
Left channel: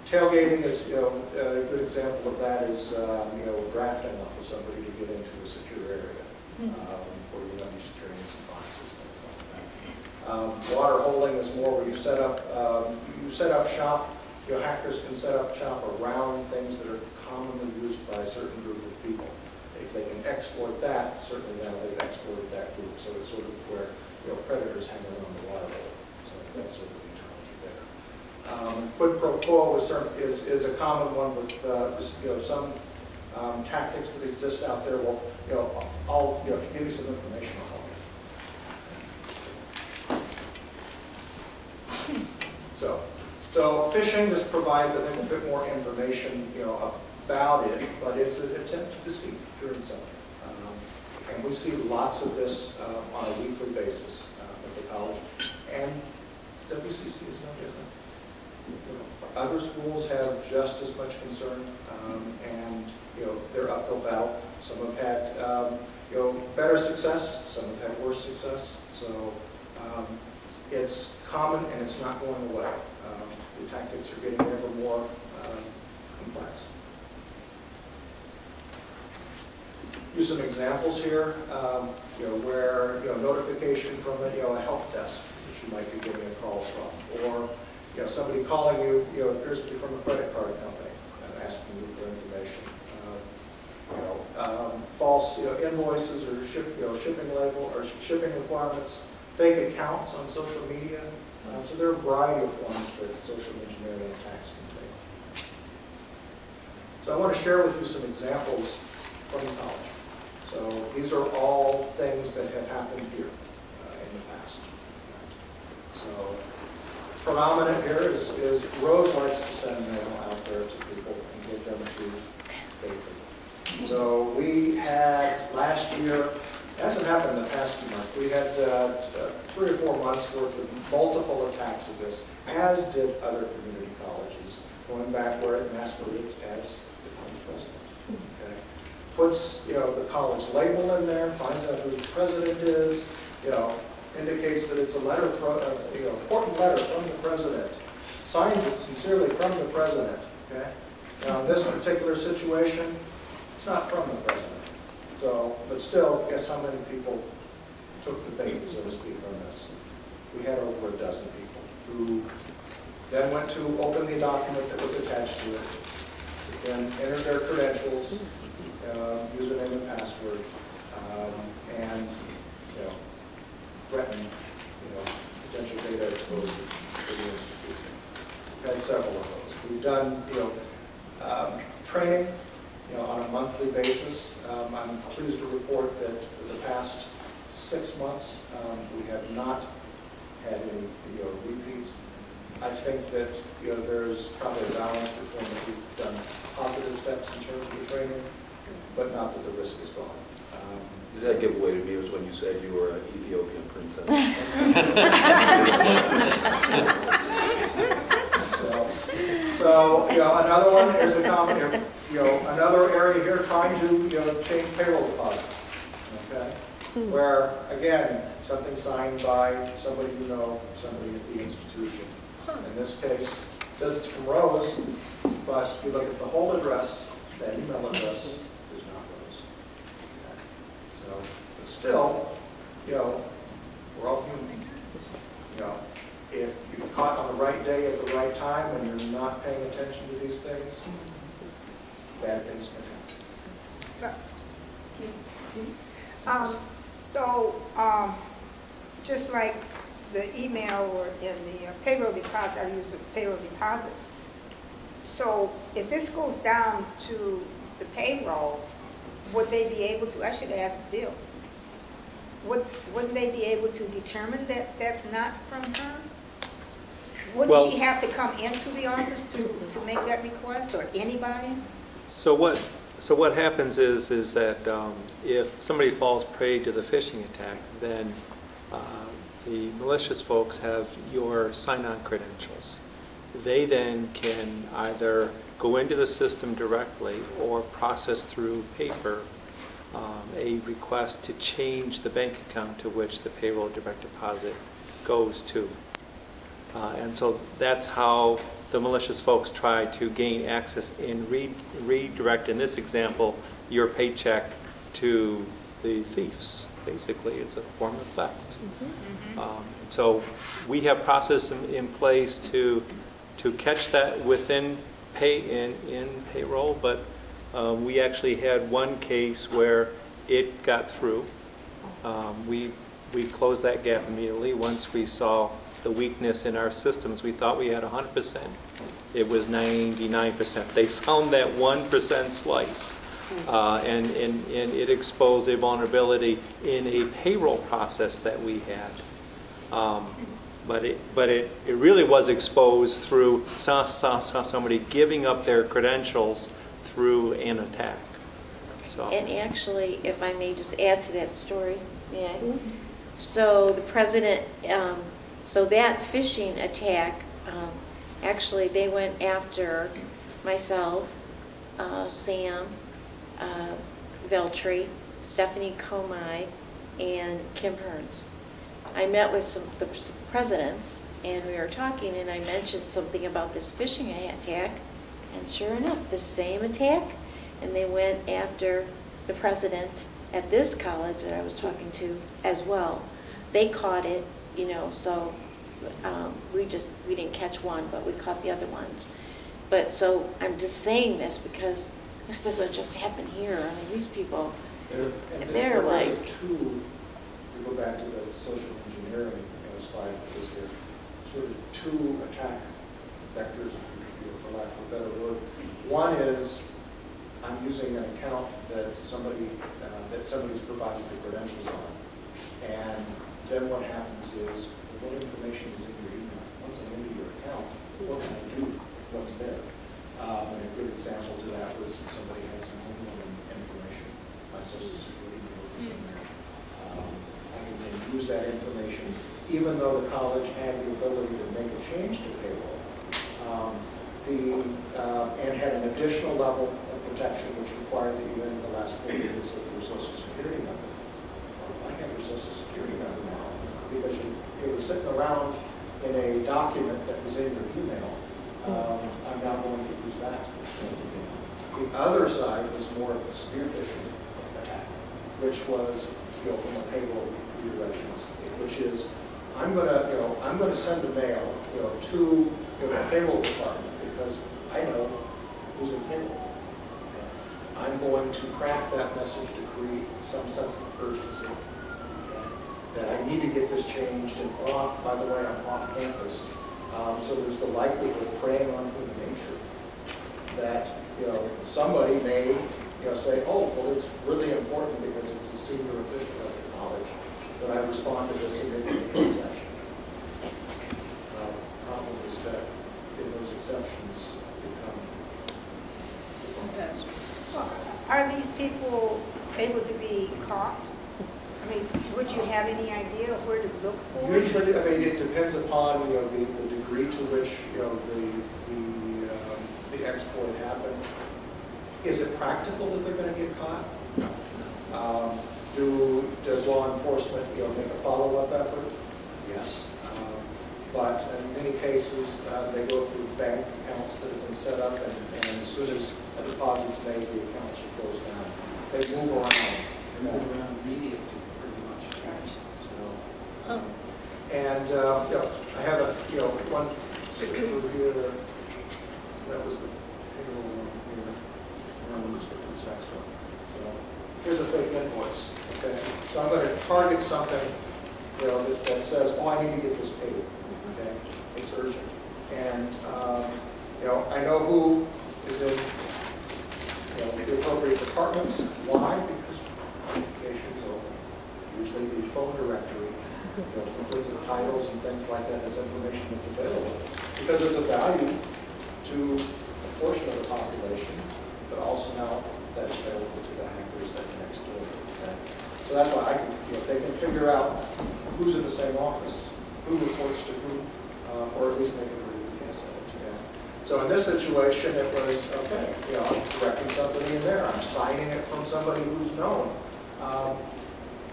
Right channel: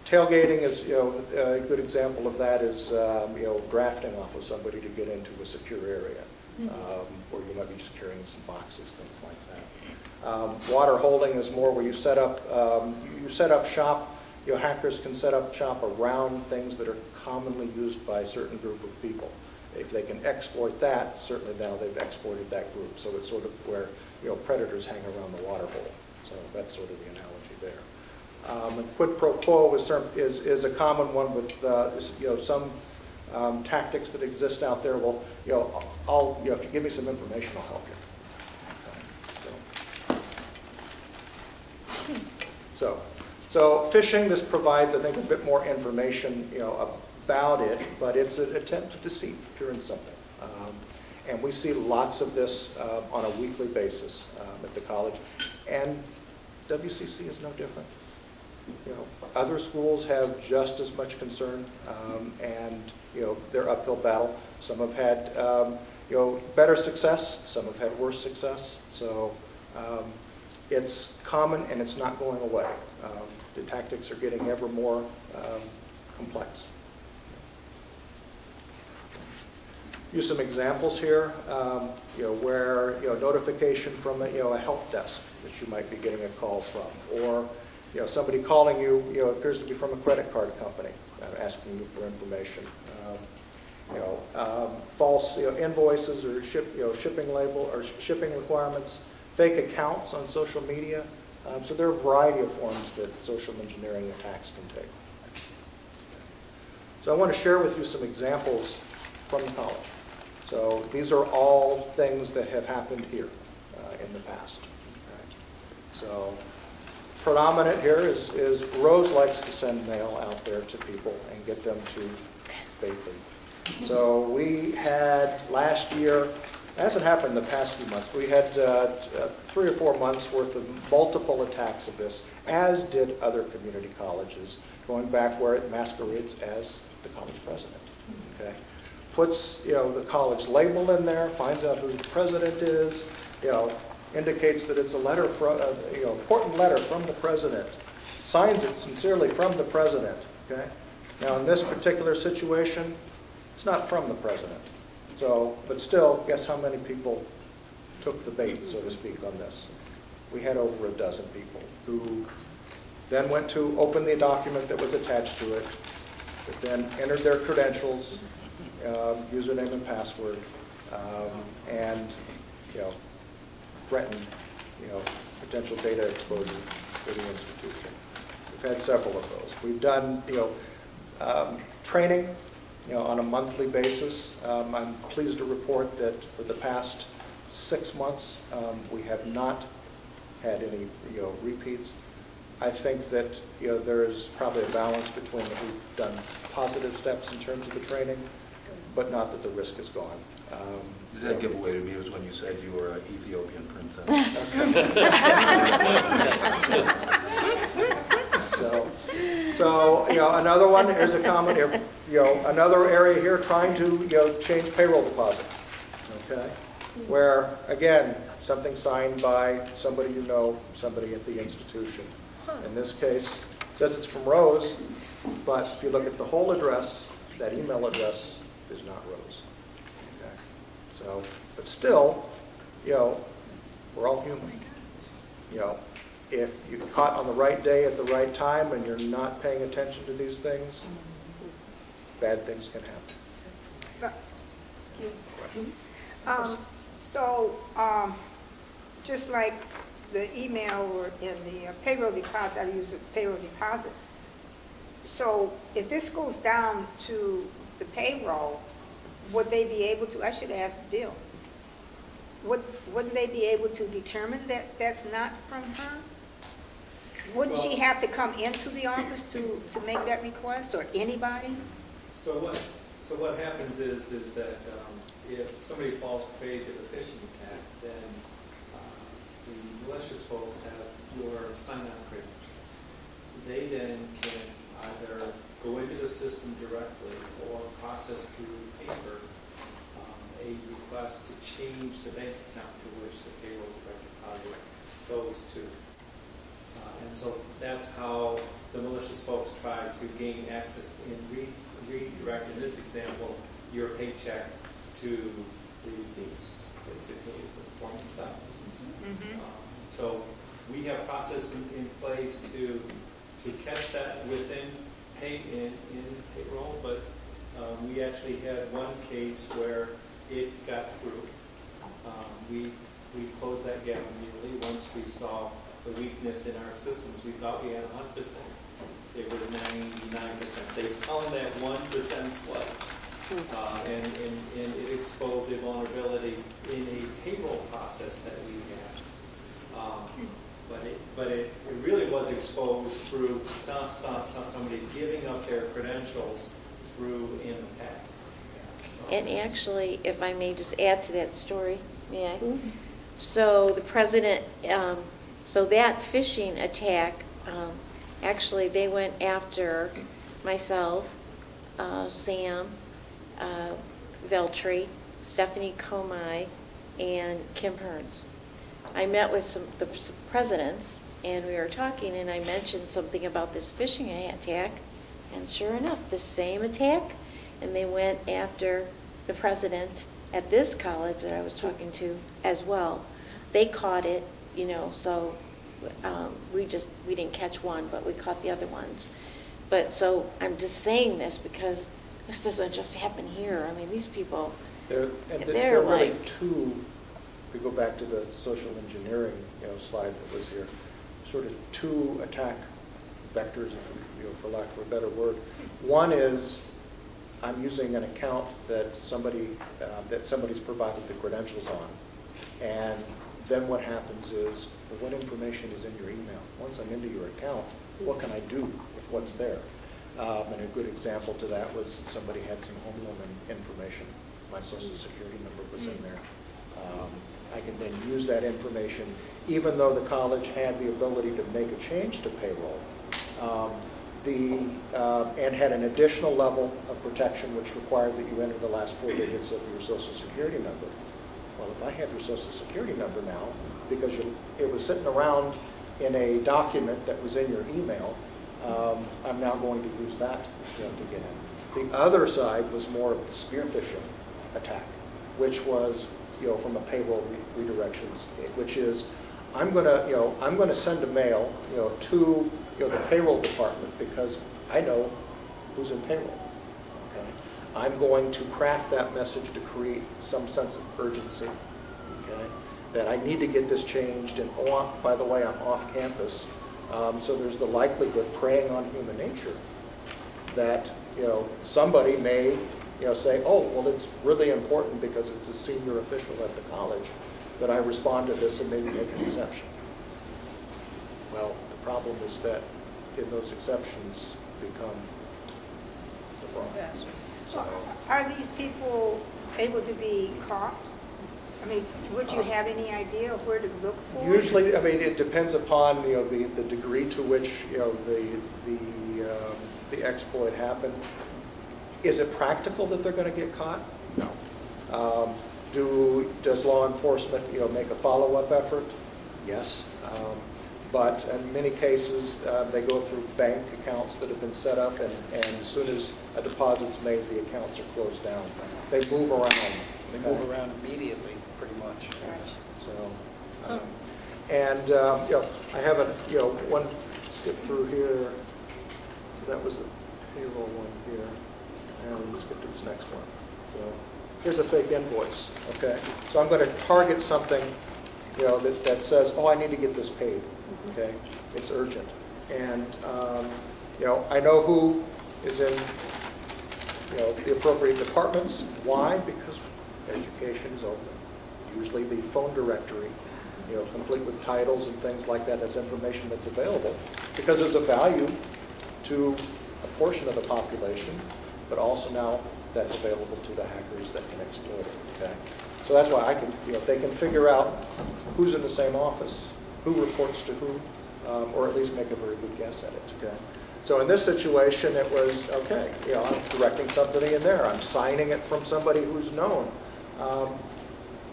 Tailgating is a good example of that is drafting off of somebody to get into a secure area, where you're just carrying some boxes, things like that. Water holding is more where you set up shop. Hackers can set up shop around things that are commonly used by a certain group of people. If they can exploit that, certainly now they've exported that group. So it's sort of where predators hang around the water hole. So that's sort of the analogy there. Quid pro quo is a common one with some tactics that exist out there. Well, if you give me some information, I'll help you. So phishing, this provides, I think, a bit more information, about it, but it's an attempt to deceive, pure and simple. And we see lots of this on a weekly basis at the college, and WCC is no different. Other schools have just as much concern, and their uphill battle. Some have had better success, some have had worse success. So it's common and it's not going away. The tactics are getting ever more complex. Use some examples here, where notification from a help desk that you might be getting a call from, or somebody calling you, appears to be from a credit card company asking you for information. False invoices or shipping label or shipping requirements, fake accounts on social media. So there are a variety of forms that social engineering attacks can take. So I want to share with you some examples from college. So these are all things that have happened here in the past. So predominant here is Rose likes to send mail out there to people and get them to Bakery. So we had last year, it hasn't happened in the past few months, we had 3 or 4 months worth of multiple attacks of this, as did other community colleges, going back where it masquerades as the college president. Okay? Puts the college label in there, finds out who the president is, indicates that it's a letter from important letter from the president, signs it sincerely from the president. Okay? Now in this particular situation, it's not from the president. So, but still, guess how many people took the bait, so to speak, on this? We had over a dozen people who then went to open the document that was attached to it, then entered their credentials, username and password, and threatened potential data exposure to the institution. We've had several of those. We've done training on a monthly basis. I'm pleased to report that for the past 6 months, we have not had any repeats. I think that there's probably a balance between we've done positive steps in terms of the training, but not that the risk is gone. That giveaway to me was when you said you were an Ethiopian princess. So another one is a common, another area here trying to change payroll deposit. Okay, where again something signed by somebody somebody at the institution. In this case, it says it's from Rose, but if you look at the whole address, that email address is not Rose. Okay. So, but still, we're all human. If you're caught on the right day at the right time and you're not paying attention to these things, bad things can happen. Just like the email or in the payroll deposit, I use the payroll deposit. So if this goes down to the payroll, would they be able to, I should ask Bill, wouldn't they be able to determine that that's not from her? Wouldn't she have to come into the office to make that request, or anybody? So So what happens is that if somebody falls prey to the phishing attack, then the malicious folks have your sign-on credentials. They then can either go into the system directly or process through paper a request to change the bank account to which the payroll direct deposit goes to. And so that's how the malicious folks try to gain access and redirect, in this example, your paycheck to the thieves. Basically, it's a form of theft. So we have process in place to catch that within payroll, but we actually had one case where it got through. We closed that gap immediately once we saw the weakness in our systems. We thought we had 100%. It was 99%. They found that 1% slice, and it exposed a vulnerability in a payroll process that we had. But it really was exposed through somebody giving up their credentials through an attack. So. And actually, if I may just add to that story, may I? So the president, so that phishing attack, actually they went after myself, Sam, Veltri, Stephanie Comey, and Kim Hearns. I met with the presidents, and we were talking, and I mentioned something about this phishing attack, and sure enough, the same attack, and they went after the president at this college that I was talking to as well. They caught it, you know, so we didn't catch one, but we caught the other ones. But so I'm just saying this because this doesn't just happen here. I mean, these people, they're like... To go back to the social engineering slide that was there, sort of two attack vectors, for lack of a better word. One is I'm using an account that somebody's provided the credentials on, and then what happens is what information is in your email. Once I'm into your account, what can I do with what's there? And a good example to that was somebody had some home loan information. My social security number was in there. I can then use that information, even though the college had the ability to make a change to payroll, and had an additional level of protection which required that you enter the last 4 digits of your social security number. Well, I have your social security number now because it was sitting around in a document that was in your email. I'm now going to use that again. The other side was more a spear phishing attack, which was from a payroll redirections, which is I'm going to send a mail to the payroll department because I know who's in payroll. I'm going to craft that message to create some sense of urgency. That I need to get this changed, and by the way, I'm off campus. So there's the likelihood, preying on human nature, that somebody may say, oh, well, it's really important because it's a senior official at the college that I respond to this and maybe make an exception. Well, the problem is that those exceptions become disaster. Well, are these people able to be caught? I mean, would you have any idea of where to look for? Usually, I mean, it depends upon the degree to which the exploit happened. Is it practical that they're going to get caught? No. Does law enforcement make a follow-up effort? Yes. But in many cases, they go through bank accounts that have been set up, and as soon as a deposit's made, the accounts are closed down. They move around. They move around immediately, pretty much. So, and I have one through here. That was the payroll one here. And let's get to this next one. So here's a fake invoice. Okay, so I'm going to target something that says, oh, I need to get this paid. Okay, it's urgent, and I know who is in the appropriate departments. Why? Because education's open. Usually the phone directory, complete with titles and things like that. That's information that's available because there's a value to a portion of the population, but also now that's available to the hackers that next door. Okay? So that's why I can, if they can figure out who's in the same office, who reports to who, or at least make a very good guess at it today. So in this situation, it was, okay, I'm directing something in there. I'm signing it from somebody who's known.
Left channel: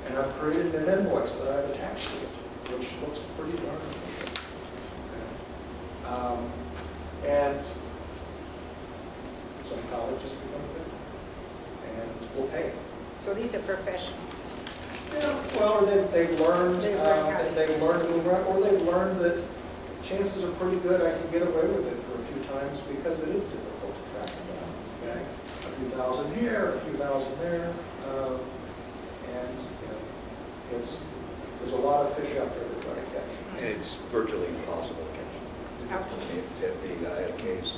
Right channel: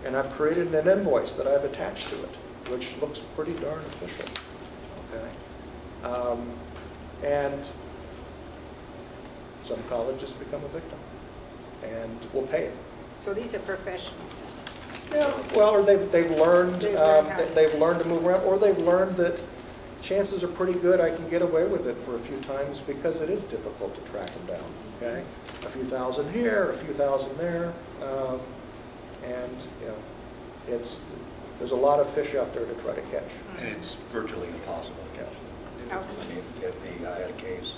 And I've created an invoice that I've attached to it, which looks pretty darn official. Okay. And some colleges become a victim, and will pay it. So these are professionals. Yeah, well, or they've learned to move around, or they've learned that chances are pretty good I can get away with it for a few times because it is difficult to track them down. Okay, a few thousand here, a few thousand there, and there's a lot of fish out there to try to catch. And it's virtually impossible to catch them. Okay. I had a case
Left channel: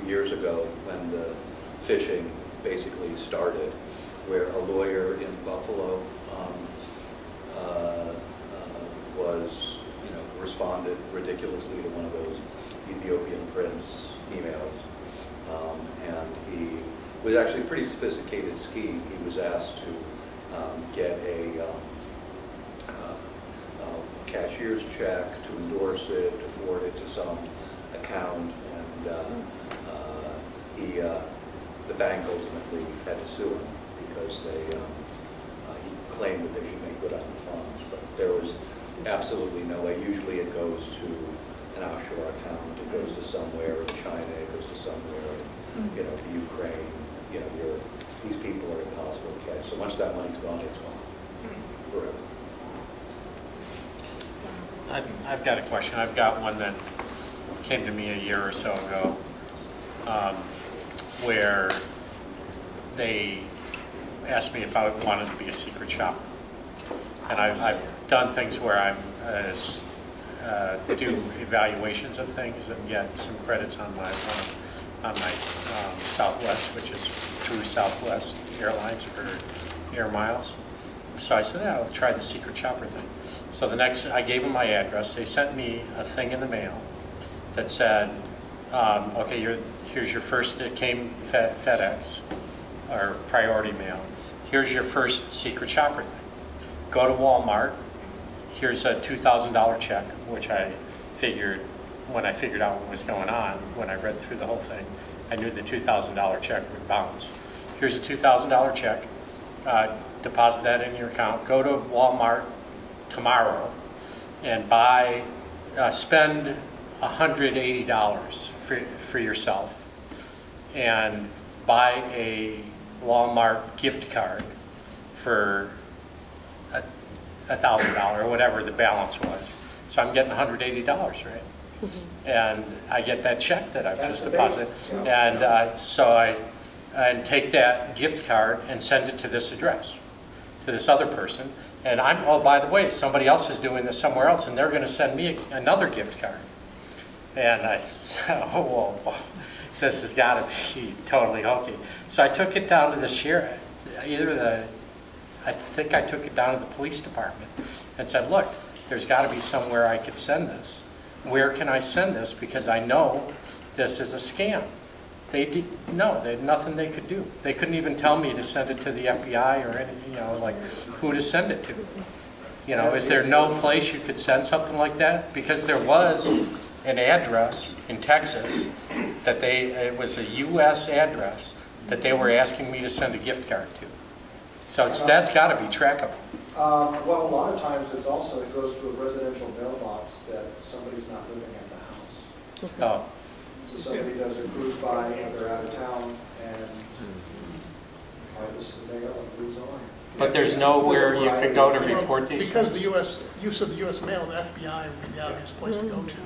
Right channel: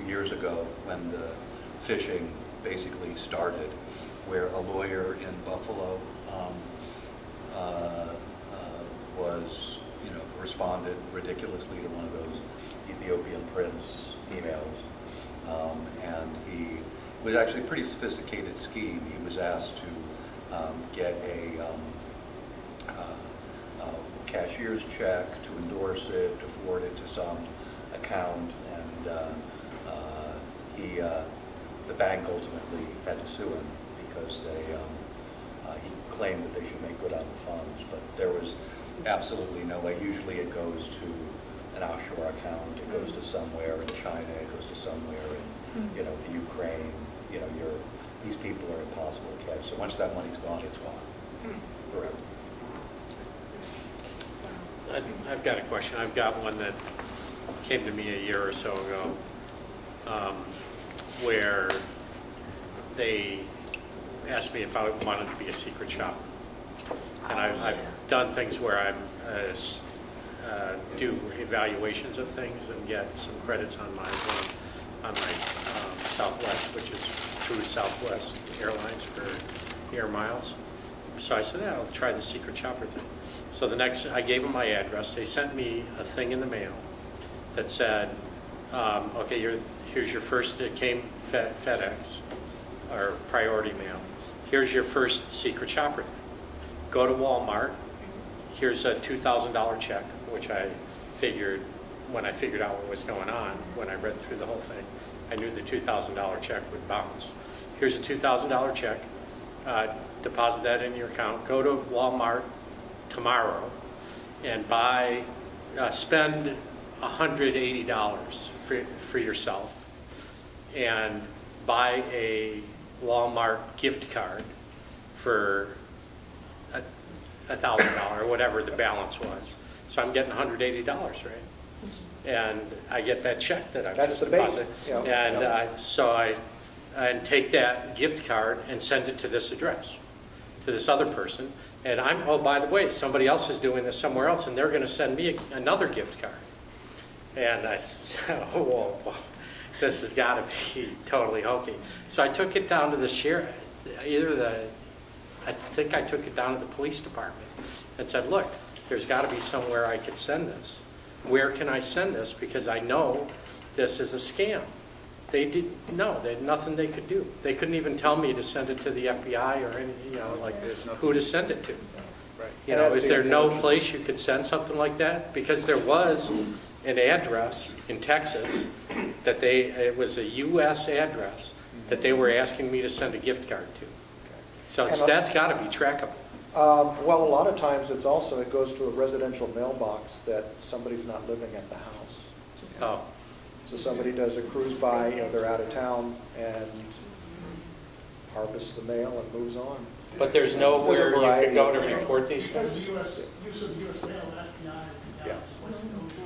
2 years ago when the fishing basically started, where a lawyer in Buffalo was, responded ridiculously to one of those Ethiopian prince emails, and he was actually a pretty sophisticated scheme. He was asked to get a cashier's check, to endorse it, to forward it to some account, and the bank ultimately had to sue him because he claimed that they should make good on the funds, but there was absolutely no way. Usually it goes to an offshore account, it goes to somewhere in China, it goes to somewhere in the Ukraine. These people are impossible to catch. So once that money's gone, it's gone forever. I've got a question. I've got one that came to me a year or so ago, where they asked me if I wanted to be a secret shopper. And I've done things where I do evaluations of things and get some credits on my Southwest, which is through Southwest Airlines for air miles. So I said, I'll try the secret shopper thing. So I gave them my address. They sent me a thing in the mail that said, okay, here's your first, it came FedEx or Priority Mail. Here's your first secret shopper thing. Go to Walmart. Here's a $2,000 check, which I figured, when I figured out what was going on, when I read through the whole thing, I knew the $2,000 check would bounce. Here's a $2,000 check. Deposit that in your account. Go to Walmart tomorrow and spend $180 for yourself and buy a Walmart gift card for $1,000 or whatever the balance was. So I'm getting $180, right? And I get that check that I just deposited. And so I take that gift card and send it to this address, to this other person. And oh, by the way, somebody else is doing this somewhere else, and they're going to send me another gift card. And I said, oh, whoa, this has got to be totally hokey. So I took it down to the sheriff, I think I took it down to the police department and said, look, there's got to be somewhere I could send this. Where can I send this? Because I know this is a scam. They had nothing they could do. They couldn't even tell me to send it to the FBI or anything, like who to send it to. Is there no place you could send something like that? Because there was an address in Texas that it was a U.S. address that they were asking me to send a gift card to. So that's got to be trackable. Well, a lot of times it goes to a residential mailbox that somebody's not living at the house. Oh. So somebody does a cruise by and they're out of town and harvests the mail and moves on. But there's nowhere you could go to report these things? Because the use of the U.S. mail, the FBI would be the obvious place to go to.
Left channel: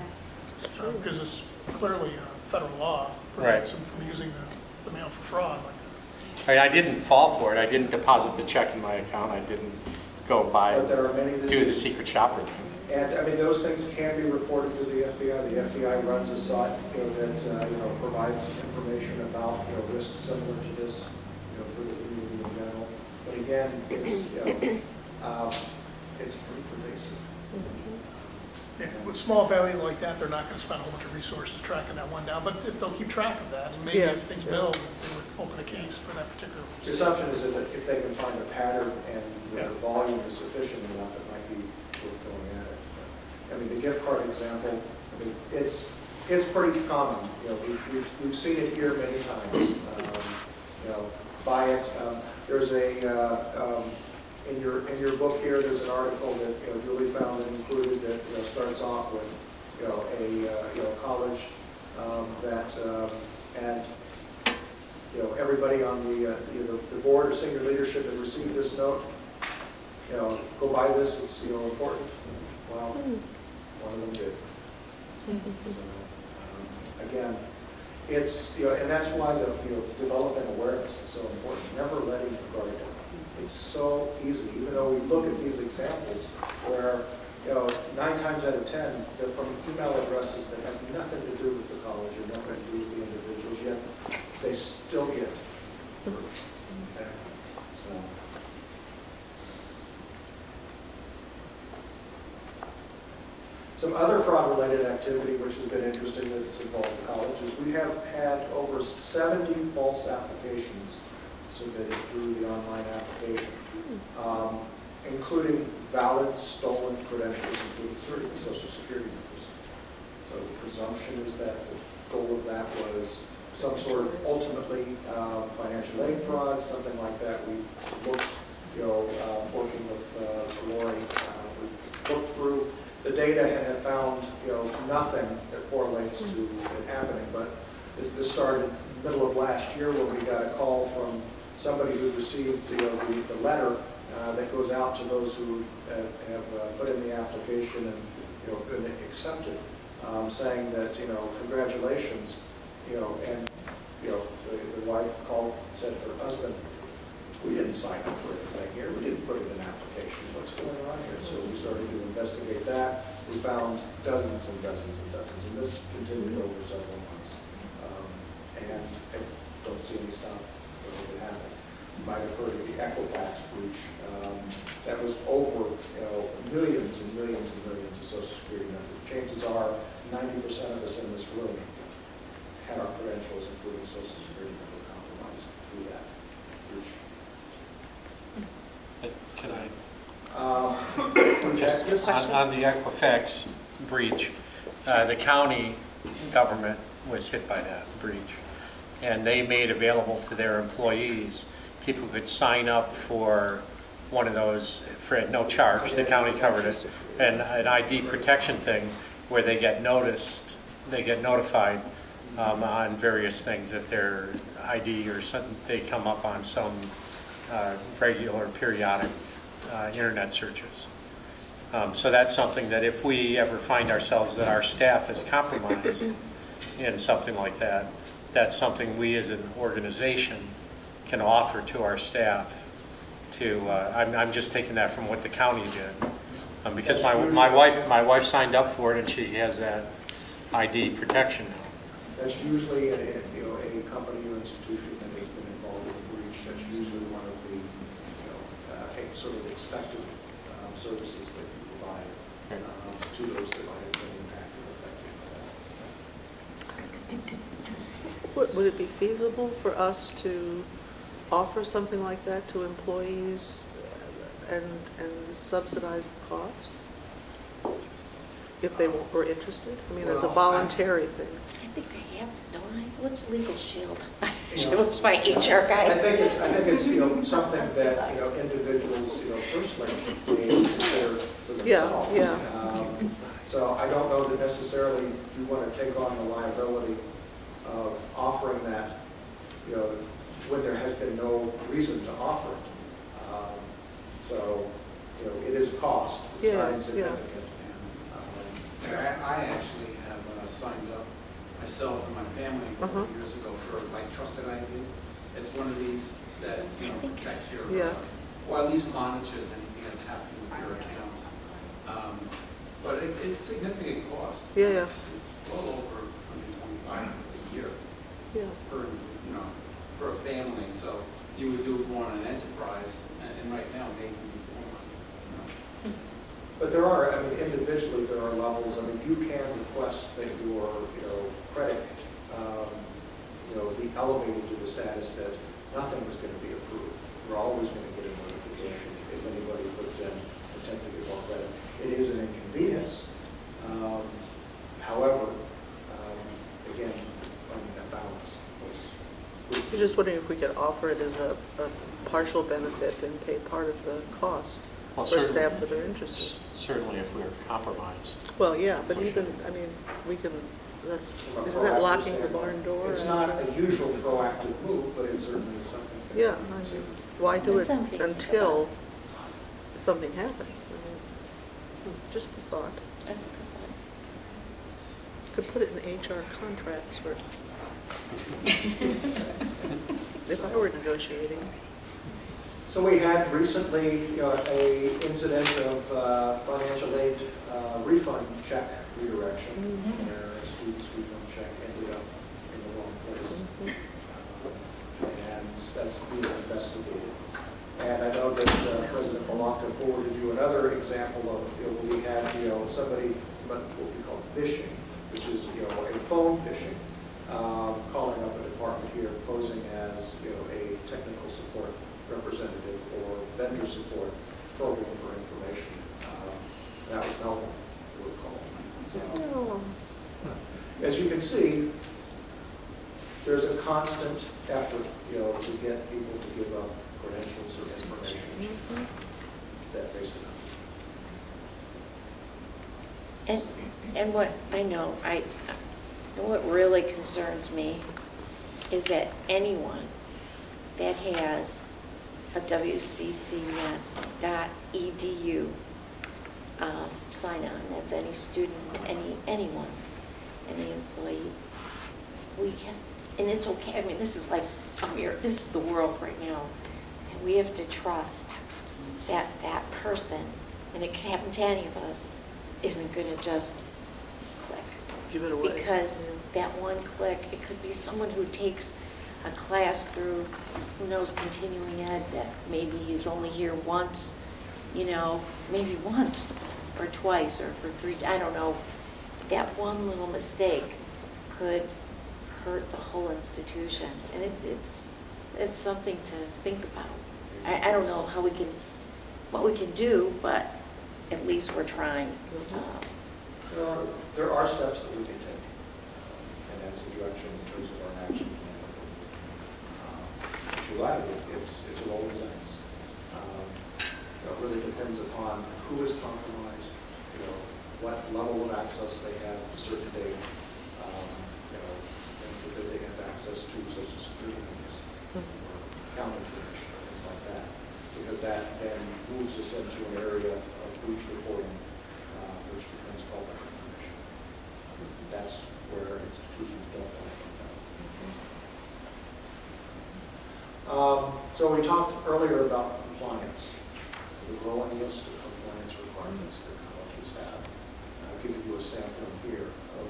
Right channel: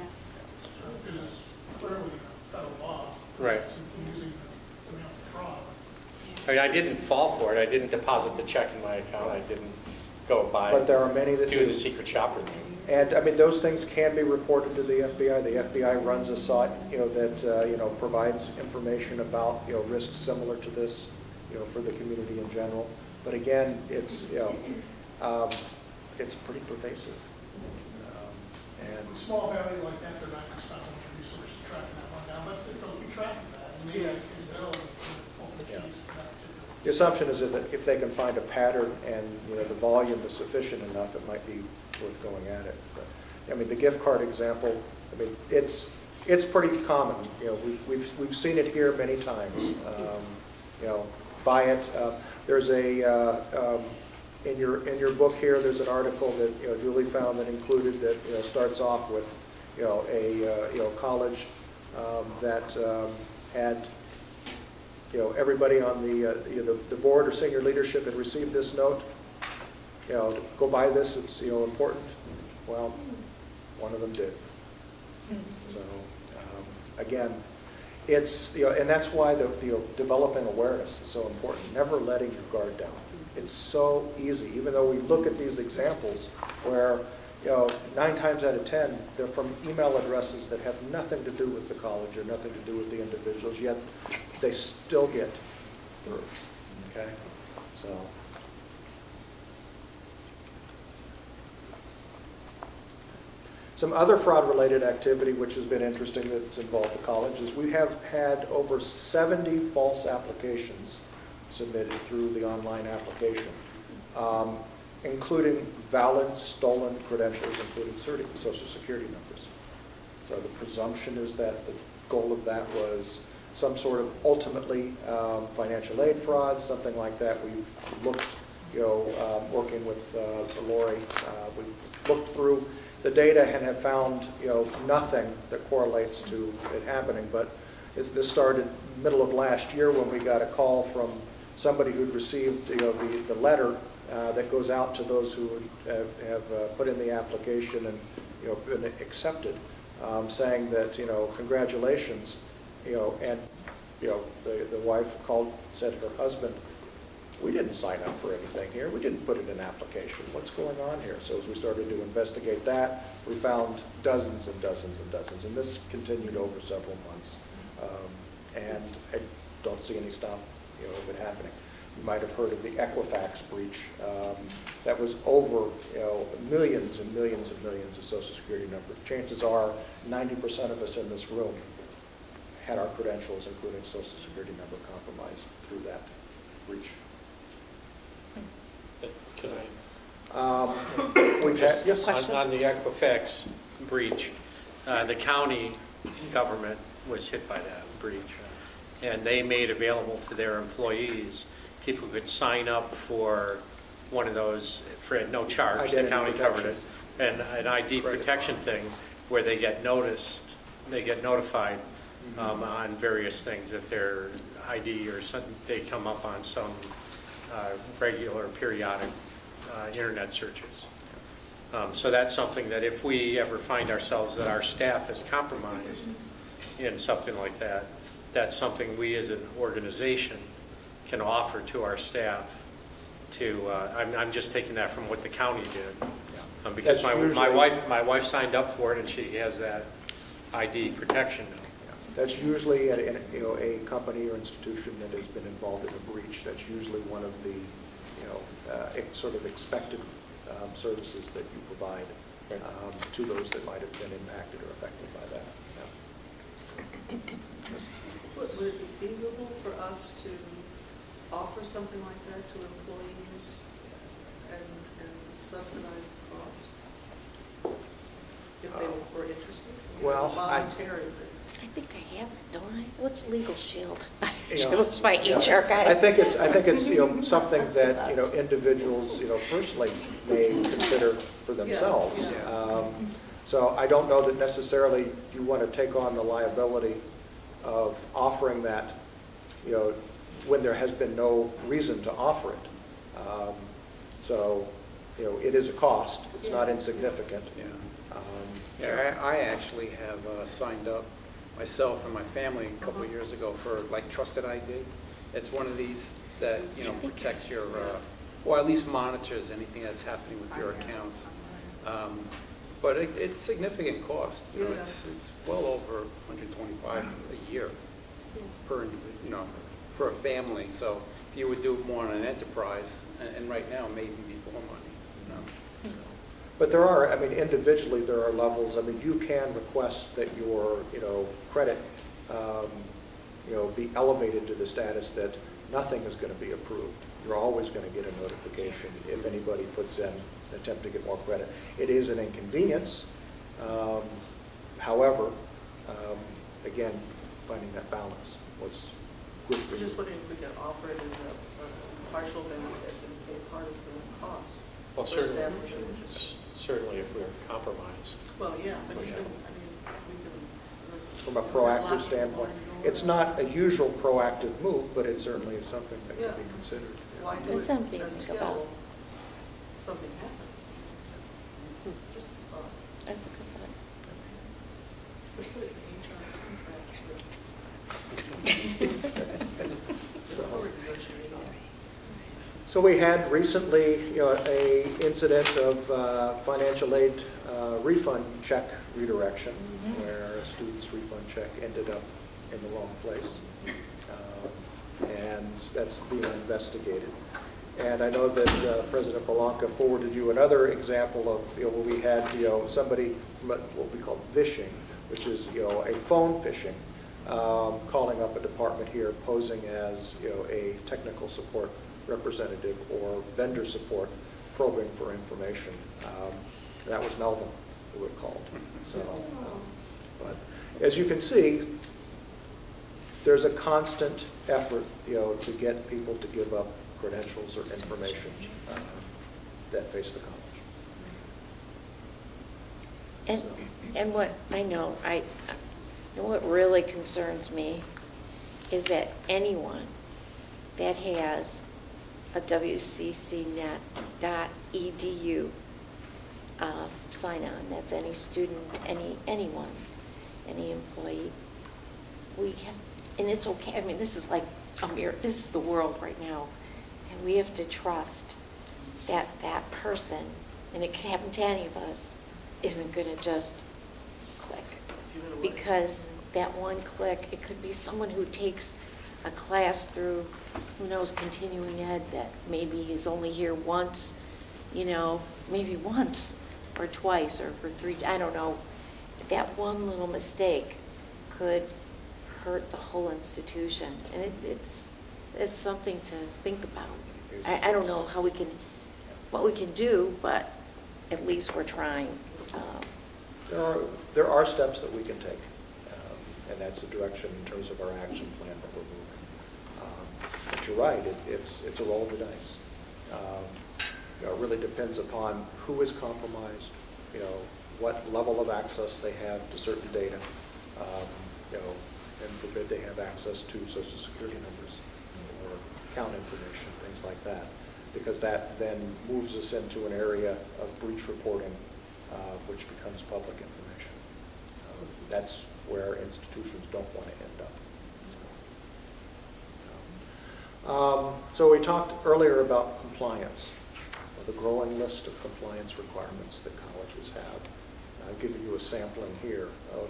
Because it's clearly a federal law. Right. From using the mail for fraud. I didn't fall for it. I didn't deposit the check in my account. I didn't go buy, but there are many that do the secret shopper thing. And I mean, those things can be reported to the FBI. The FBI runs a site, that provides information about risks similar to this, for the community in general. But again, it's pretty pervasive. And with small value like that, they're not going to spend a whole bunch of resources tracking that one down, but if they'll keep track of that, and maybe if things build, they would open a case for that particular. The assumption is that if they can find a pattern and the volume is sufficient enough, it might be worth going at it. But, I mean, the gift card example, I mean, it's pretty common. You know, we've seen it here many times. You know, buy it. There's a in your book here. There's an article that Julie found that included that starts off with a college that had everybody on the board or senior leadership had received this note. Go buy this. It's important. Well, one of them did. So again, it's and that's why the developing awareness is so important. Never letting your guard down. It's so easy, even though we look at these examples where 9 times out of 10 they're from email addresses that have nothing to do with the college or nothing to do with the individuals, yet they still get through. Okay, so. Some other fraud-related activity which has been interesting that's involved the college is we have had over 70 false applications submitted through the online application, including valid stolen credentials, including Social Security numbers. So the presumption is that the goal of that was some sort of ultimately financial aid fraud, something like that. We've looked, working with Lori, we've looked through the data and have found, nothing that correlates to it happening. But this started middle of last year when we got a call from somebody who received, the letter that goes out to those who have put in the application and, been accepted, saying that, congratulations, and, the wife called, said to her husband, we didn't sign up for anything here. We didn't put in an application. What's going on here? So as we started to investigate that, we found dozens and dozens and dozens, and this continued over several months. And I don't see any stop of it happening. You might have heard of the Equifax breach. That was over millions and millions and millions of Social Security numbers. Chances are 90% of us in this room had our credentials, including Social Security number, compromised through that breach. Can I? Just on the Equifax breach, the county government was hit by that breach, and they made available to their employees, people could sign up for one of those for at no charge. The county covered it, and an ID protection thing where they get notified on various things if their ID or something, they come up on some regular periodic internet searches. So that's something that if we ever find ourselves that our staff is compromised in something like that, that's something we as an organization can offer to our staff to, I'm just taking that from what the county did. Because my wife signed up for it and she has that ID protection now. That's usually a company or institution that has been involved in a breach. That's usually one of the sort of expected services that you provide to those that might have been impacted or affected by that. Would it be feasible for us to offer something like that to employees and subsidize the cost if they were interested? I mean, as a voluntary thing. I think I have it, don't I? What's Legal Shield? It was my HR guy. I think it's something that individuals personally may consider for themselves. So I don't know that necessarily you want to take on the liability of offering that when there has been no reason to offer it. So it is a cost. It's not insignificant. I actually have signed up myself and my family a couple of years ago for Trusted ID. It's one of these that protects your, or at least monitors anything that's happening with your accounts. But it's significant cost. It's well over $125 a year per, for a family. So you would do more on an enterprise, and right now maybe more. But there are, I mean, individually, there are levels. I mean, you can request that your, credit, be elevated to the status that nothing is going to be approved. You're always going to get a notification if anybody puts in an attempt to get more credit. It is an inconvenience. However, again, finding that balance was good. I was just wondering if we could offer it as a partial benefit and pay part of the cost for staff that are interested. Certainly if we're compromised. Well, yeah, but even, I mean, we can, isn't that locking the barn door? It's not a usual proactive move, but it certainly is something that can be considered. Why do it until something happens? Just a thought. That's a good thought. Could put it in HR contracts for, if I were negotiating. So we had recently, a incident of financial aid refund check redirection, and our student's refund check ended up in the wrong place, and that's being investigated. And I know that President Belanca forwarded you another example of where we had somebody what we call phishing, which is a phone phishing, calling up a department here, posing as a technical support representative or vendor support, probing for information. That was Melvin who were called. So, as you can see, there's a constant effort, to get people to give up credentials or information that face the college. And what I know, what really concerns me is that anyone that has a WCCnet.edu sign-on, that's any student, anyone, any employee, we can, and it's okay. I mean, this is like this is the world right now, and we have to trust that that person, and it could happen to any of us, isn't going to just click. Give it away. Because that one click, it could be someone who takes a class through, who knows, continuing ed, that maybe he's only here once, maybe once or twice or for 3, I don't know. That one little mistake could hurt the whole institution, and it's something to think about. I don't know what we can do, but at least we're trying. There are steps that we can take, and that's the direction in terms of our action plan. But you're right, it's a roll of the dice. It really depends upon who is compromised, what level of access they have to certain data, and that they have access to Social Security numbers or account information, things like that, because that then moves us into an area of breach reporting, which becomes public information. That's where institutions don't want to end up. So we talked earlier about compliance, the growing list of compliance requirements that colleges have. I've given you a sampling here of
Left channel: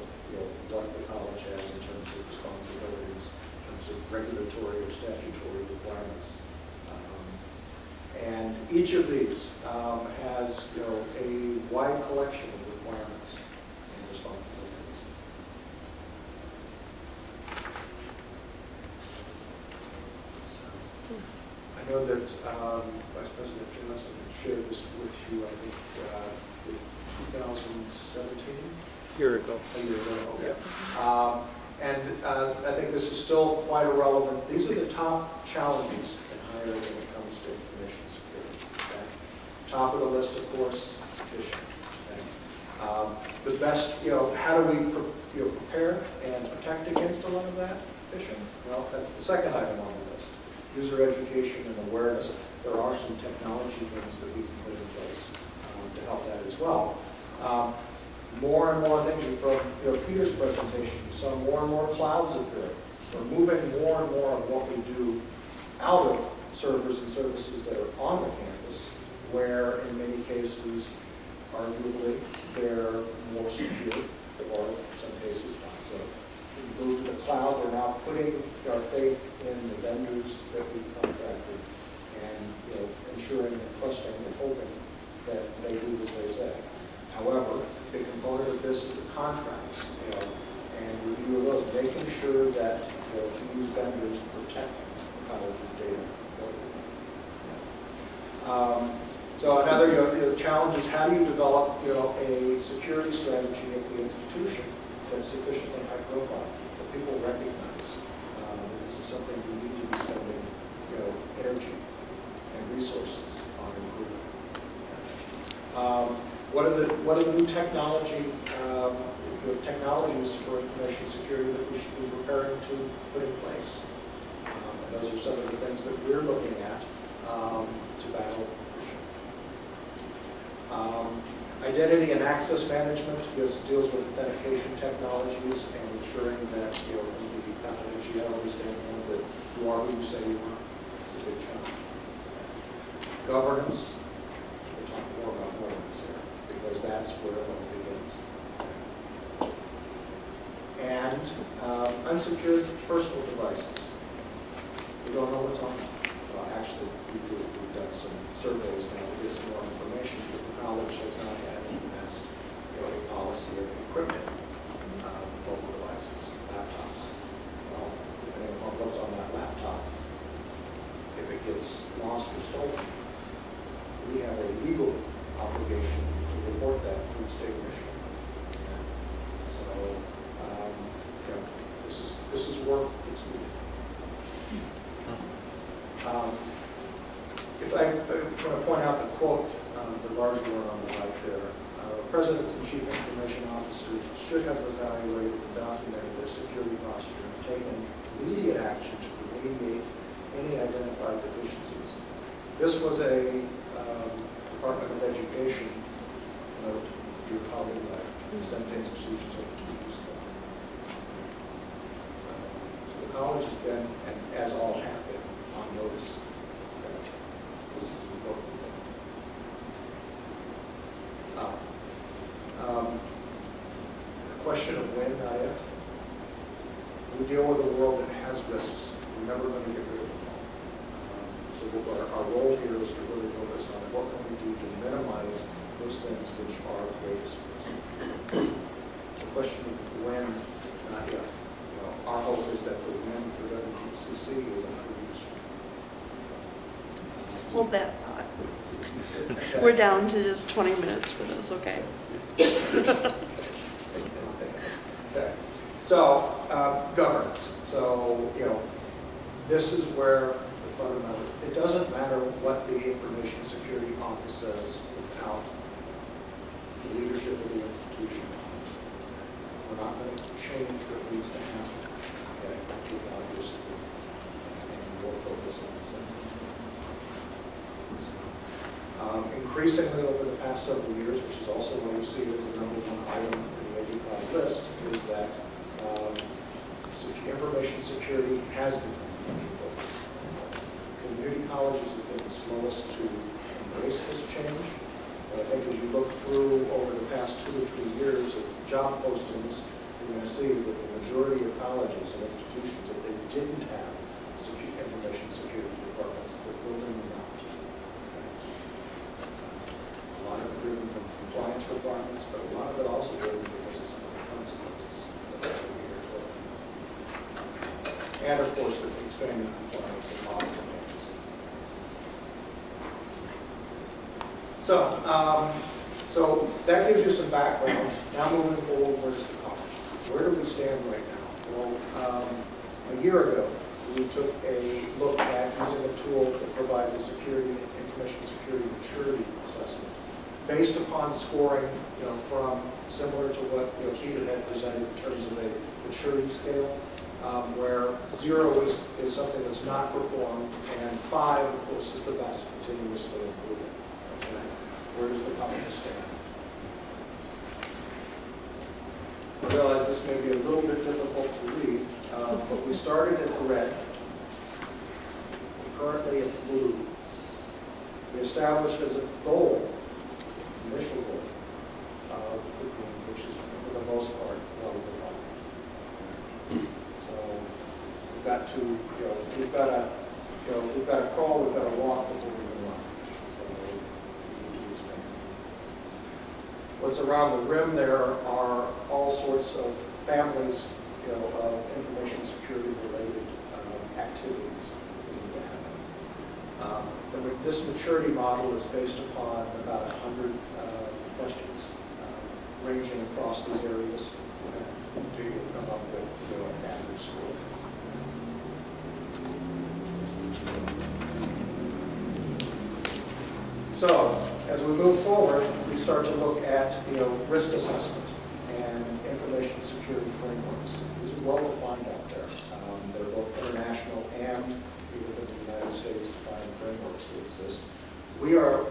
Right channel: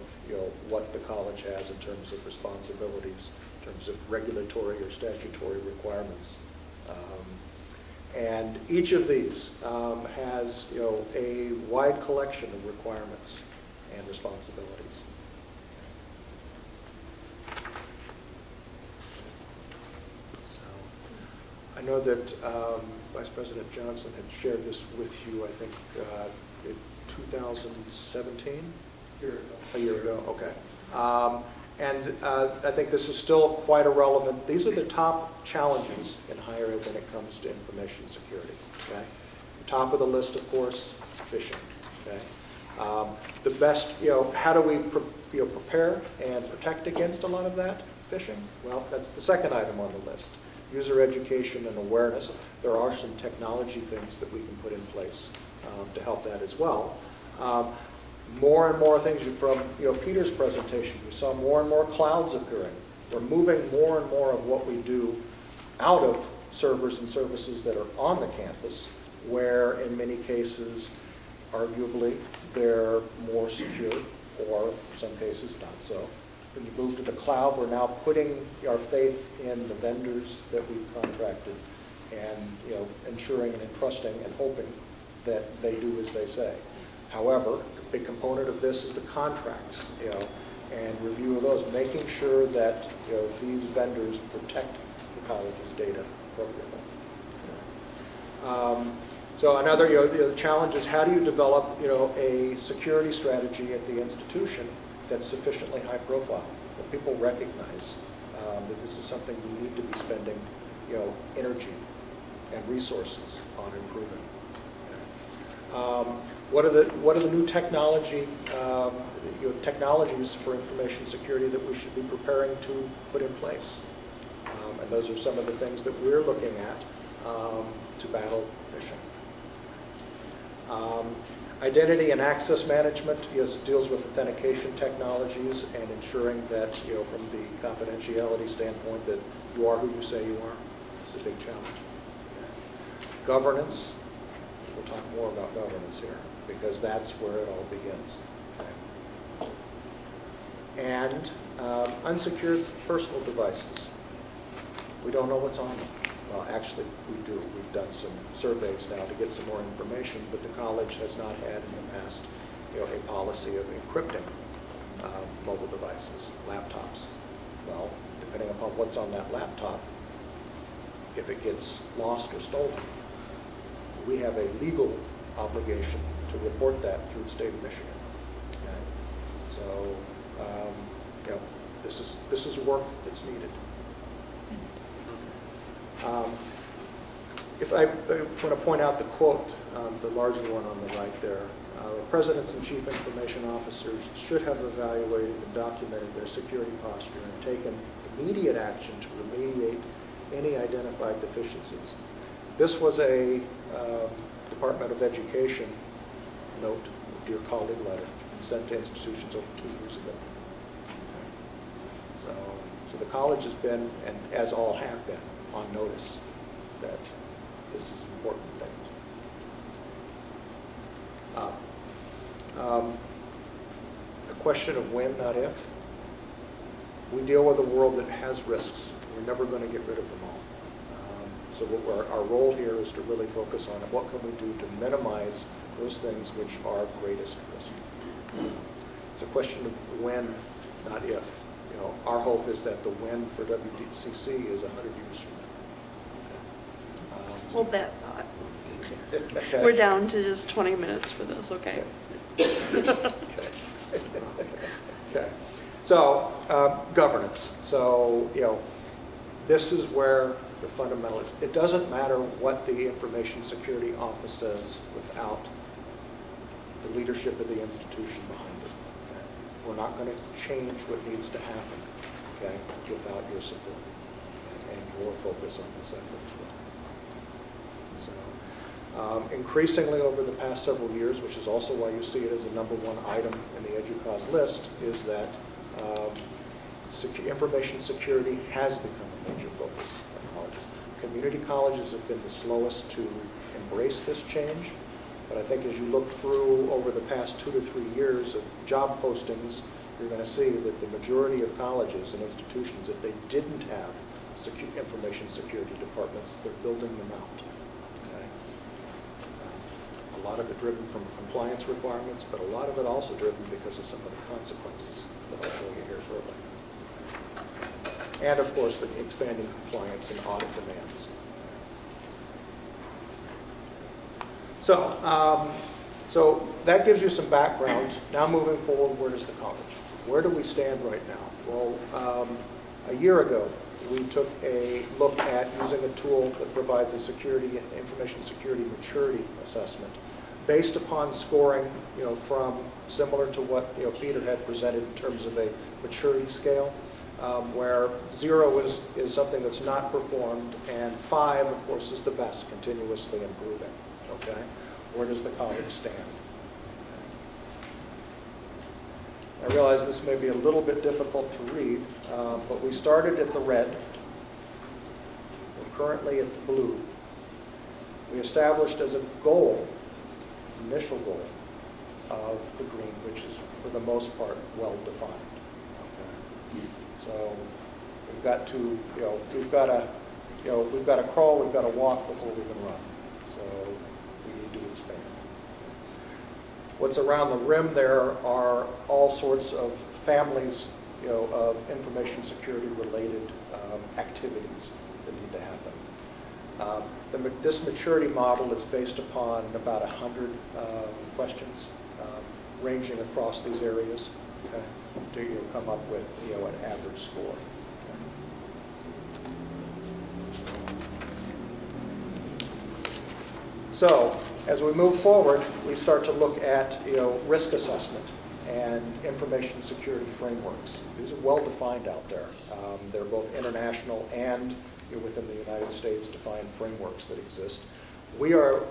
what the college has in terms of responsibilities, in terms of regulatory or statutory requirements. And each of these has a wide collection of requirements and responsibilities. So, I know that Vice President Johnson had shared this with you, I think, in 2017? A year ago, okay. And I think this is still quite irrelevant. These are the top challenges in higher ed when it comes to information security. Okay? Top of the list, of course, phishing. Okay? The best, how do we prepare and protect against a lot of that phishing? Well, that's the second item on the list. User education and awareness. There are some technology things that we can put in place to help that as well. More and more things from Peter's presentation, we saw more and more clouds appearing. We're moving more and more of what we do out of servers and services that are on the campus, where in many cases, arguably, they're more secure, or in some cases not so. We move to the cloud, we're now putting our faith in the vendors that we've contracted and ensuring and trusting and hoping that they do as they say. However, a big component of this is the contracts, and review of those, making sure that these vendors protect the college's data. So another the challenge is how do you develop a security strategy at the institution that's sufficiently high profile that people recognize that this is something you need to be spending energy and resources on improving. What are the new technologies for information security that we should be preparing to put in place? And those are some of the things that we're looking at to battle phishing. Identity and access management deals with authentication technologies and ensuring that from the confidentiality standpoint that you are who you say you are. It's a big challenge. Governance. We'll talk more about governance here because that's where it all begins. And unsecured personal devices. We don't know what's on them. Actually, we do. We've done some surveys now to get some more information, but the college has not had in the past a policy of encrypting mobile devices, laptops. Well, depending on what's on that laptop, if it gets lost or stolen, we have a legal obligation to report that through the state of Michigan. So, this is work that's needed. If I want to point out the quote, the larger one on the right there, presidents and chief information officers should have evaluated and documented their security posture and taken immediate action to remediate any identified deficiencies. This was a Department of Education note, dear colleague letter, sent to institutions over 2 years ago. So the college has been, and as all have been, on notice that this is an important thing. The question of when, not if. We deal with a world that has risks. We're never going to get rid of them all. So our role here is to really focus on what can we do to minimize those things which are greatest risk. It's a question of when, not if. Our hope is that the when for WCC is 100 years. Hold that thought. We're down to just 20 minutes for this, okay? Okay. So, governance. So, this is where the fundamental is. It doesn't matter what the Information Security Office says without the leadership of the institution. We're not going to change what needs to happen, okay, without your support. And we'll focus on this. Increasingly over the past several years, which is also why you see it as a #1 item in the EDUCAUSE list, is that information security has become a major focus. Community colleges have been the slowest to embrace this change. But I think as you look through over the past 2 to 3 years of job postings, you're going to see that the majority of colleges and institutions, if they didn't have information security departments, they're building them out. A lot of it driven from compliance requirements, but a lot of it also driven because of some of the consequences that I'll show you here shortly. And of course, the expanding compliance and audit demands. So that gives you some background. Now moving forward, where is the college? Where do we stand right now? Well, a year ago, we took a look at using a tool that provides a information security maturity assessment based upon scoring, from similar to what Peter had presented in terms of a maturity scale, where 0 is something that's not performed, and 5, of course, is the best, continuously improving. Okay, where does the college stand? I realize this may be a little bit difficult to read, but we started at the red. We're currently at the blue. We established as a goal, initial goal, of the green, which is for the most part well defined. So we've got to, we've got to crawl, we've got to walk before we can run. So we need to expand. What's around the rim there are all sorts of families, of information security related activities that need to happen. This maturity model is based upon about 100 questions ranging across these areas to come up with an average score. So, as we move forward, we start to look at risk assessment and information security frameworks. These are well defined out there. They're both international and within the United States defined frameworks that exist. We are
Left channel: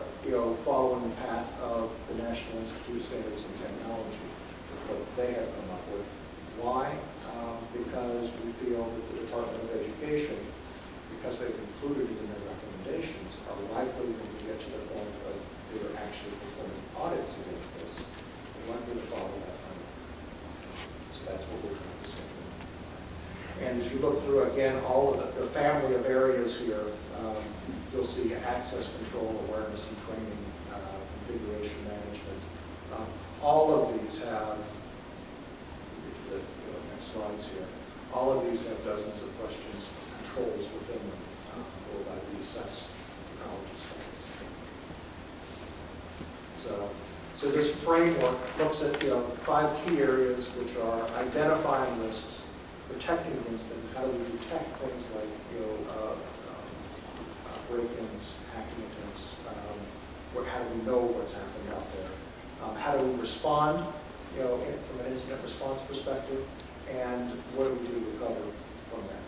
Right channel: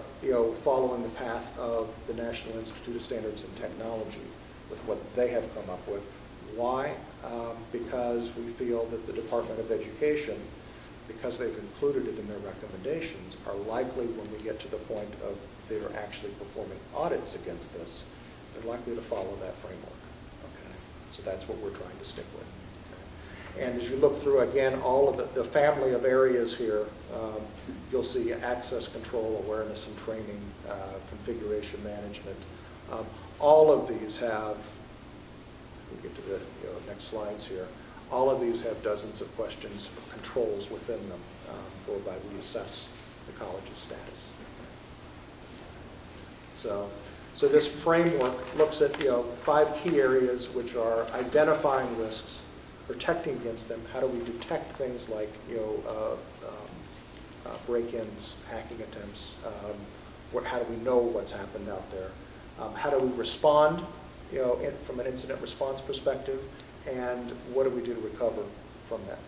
following the path of the National Institute of Standards and Technology with what they have come up with. Why? Because we feel that the Department of Education, because they've included it in their recommendations, are likely when we get to the point of they're actually performing audits against this, they're likely to follow that framework. So that's what we're trying to stick with. And as you look through, again, all of the family of areas here, you'll see access control, awareness and training, configuration management. All of these have, we'll get to the next slides here, all of these have dozens of questions, controls within them, whereby we assess the college's status. So this framework looks at 5 key areas, which are identifying risks, protecting against them. How do we detect things like break-ins, hacking attempts? How do we know what's happening out there? How do we respond, from an incident response perspective? And what do we do to recover from that?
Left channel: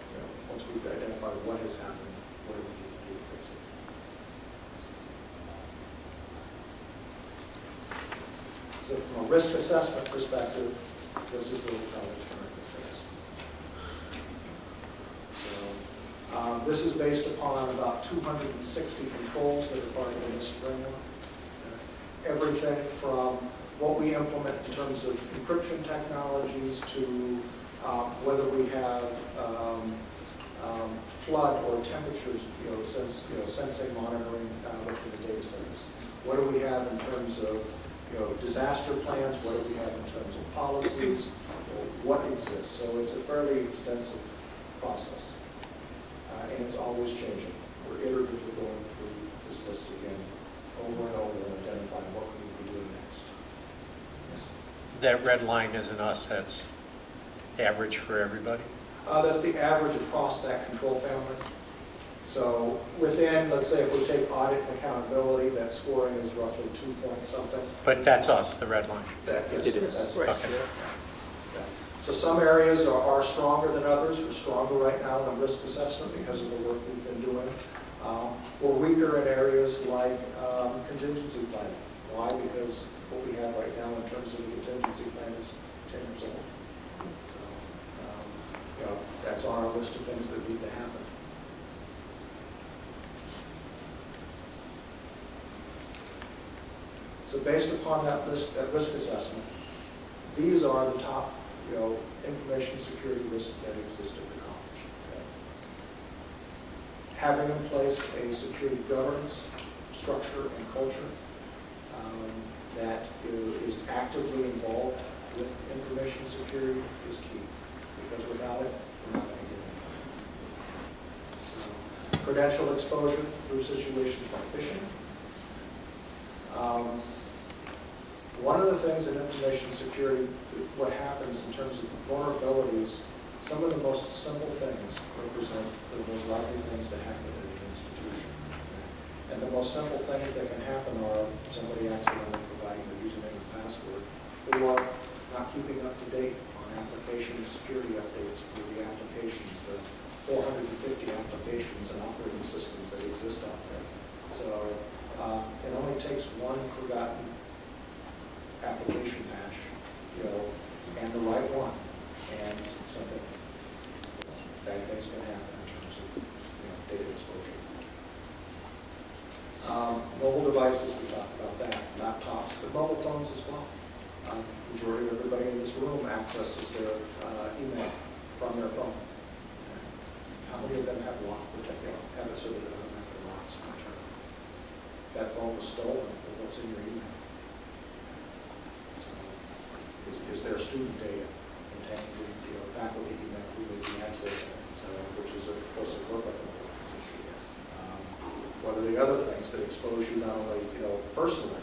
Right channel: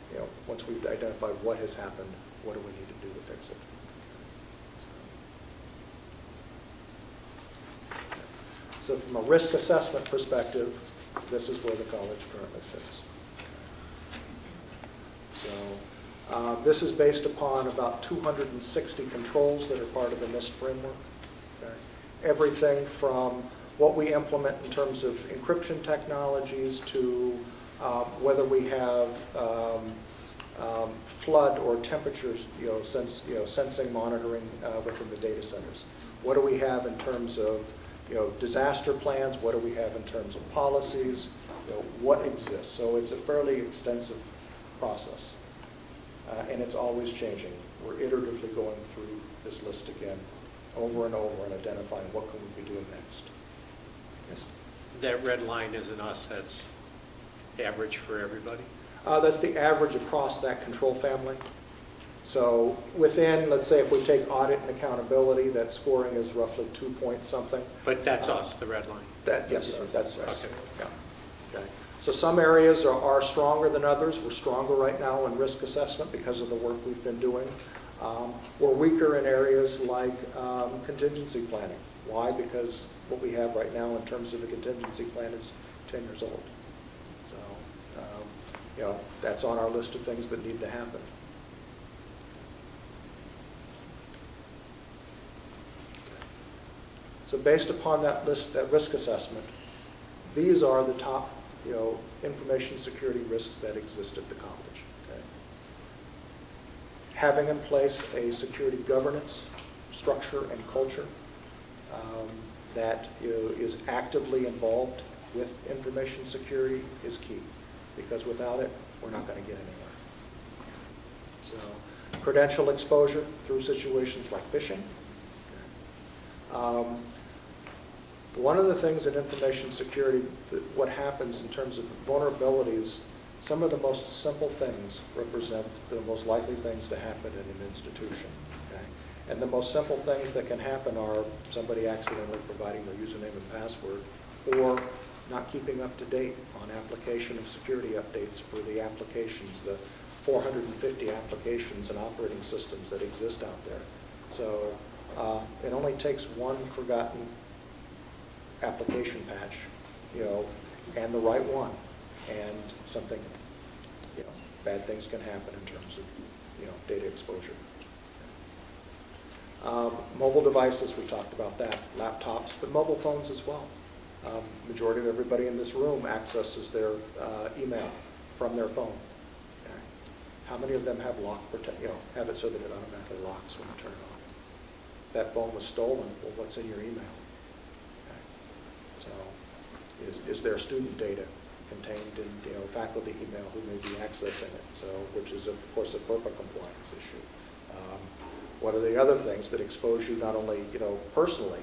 Once we've identified what has happened, what do we need to do to fix it? So from a risk assessment perspective, this is where the college currently sits. So this is based upon about 260 controls that are part of the NIST framework. Everything from what we implement in terms of encryption technologies to whether we have flood or temperatures, sensing monitoring within the data centers. What do we have in terms of disaster plans? What do we have in terms of policies? What exists? So it's a fairly extensive process, and it's always changing. We're iteratively going through this list again, over and over, and identifying what we could be doing next. Yes? That red line isn't us, that's average for everybody? That's the average across that control family. So within, let's say if we take audit and accountability, that scoring is roughly 2 point something. But that's us, the red line? Yes, that's right. Okay. So some areas are stronger than others. We're stronger right now in risk assessment because of the work we've been doing. We're weaker in areas like contingency planning. Why? Because what we have right now in terms of the contingency plan is 10 years old. So, that's on our list of things that need to happen. So based upon that list, that risk assessment, these are the top, information security risks that exist at the college. Okay? Having in place a security governance structure and culture that is actively involved with information security is key, because without it, we're not going to get anywhere. So, credential exposure through situations like phishing. One of the things in information security, what happens in terms of vulnerabilities, some of the most simple things represent the most likely things to happen in an institution. Okay? And the most simple things that can happen are somebody accidentally providing their username and password, or not keeping up to date on application and security updates for the applications, the 450 applications and operating systems that exist out there. So it only takes one forgotten application patch, and the right one, and something, bad things can happen in terms of, data exposure. Mobile devices, we talked about that. Laptops, but mobile phones as well. Majority of everybody in this room accesses their email from their phone. How many of them have lock protection? Have it so that they don't have their locks when they turn on. If that phone was stolen, well, what's in your email? is their student data contained in, faculty email who may be accessing it, so, which is, of course, a FERPA compliance issue. What are the other things that expose you not only, personally,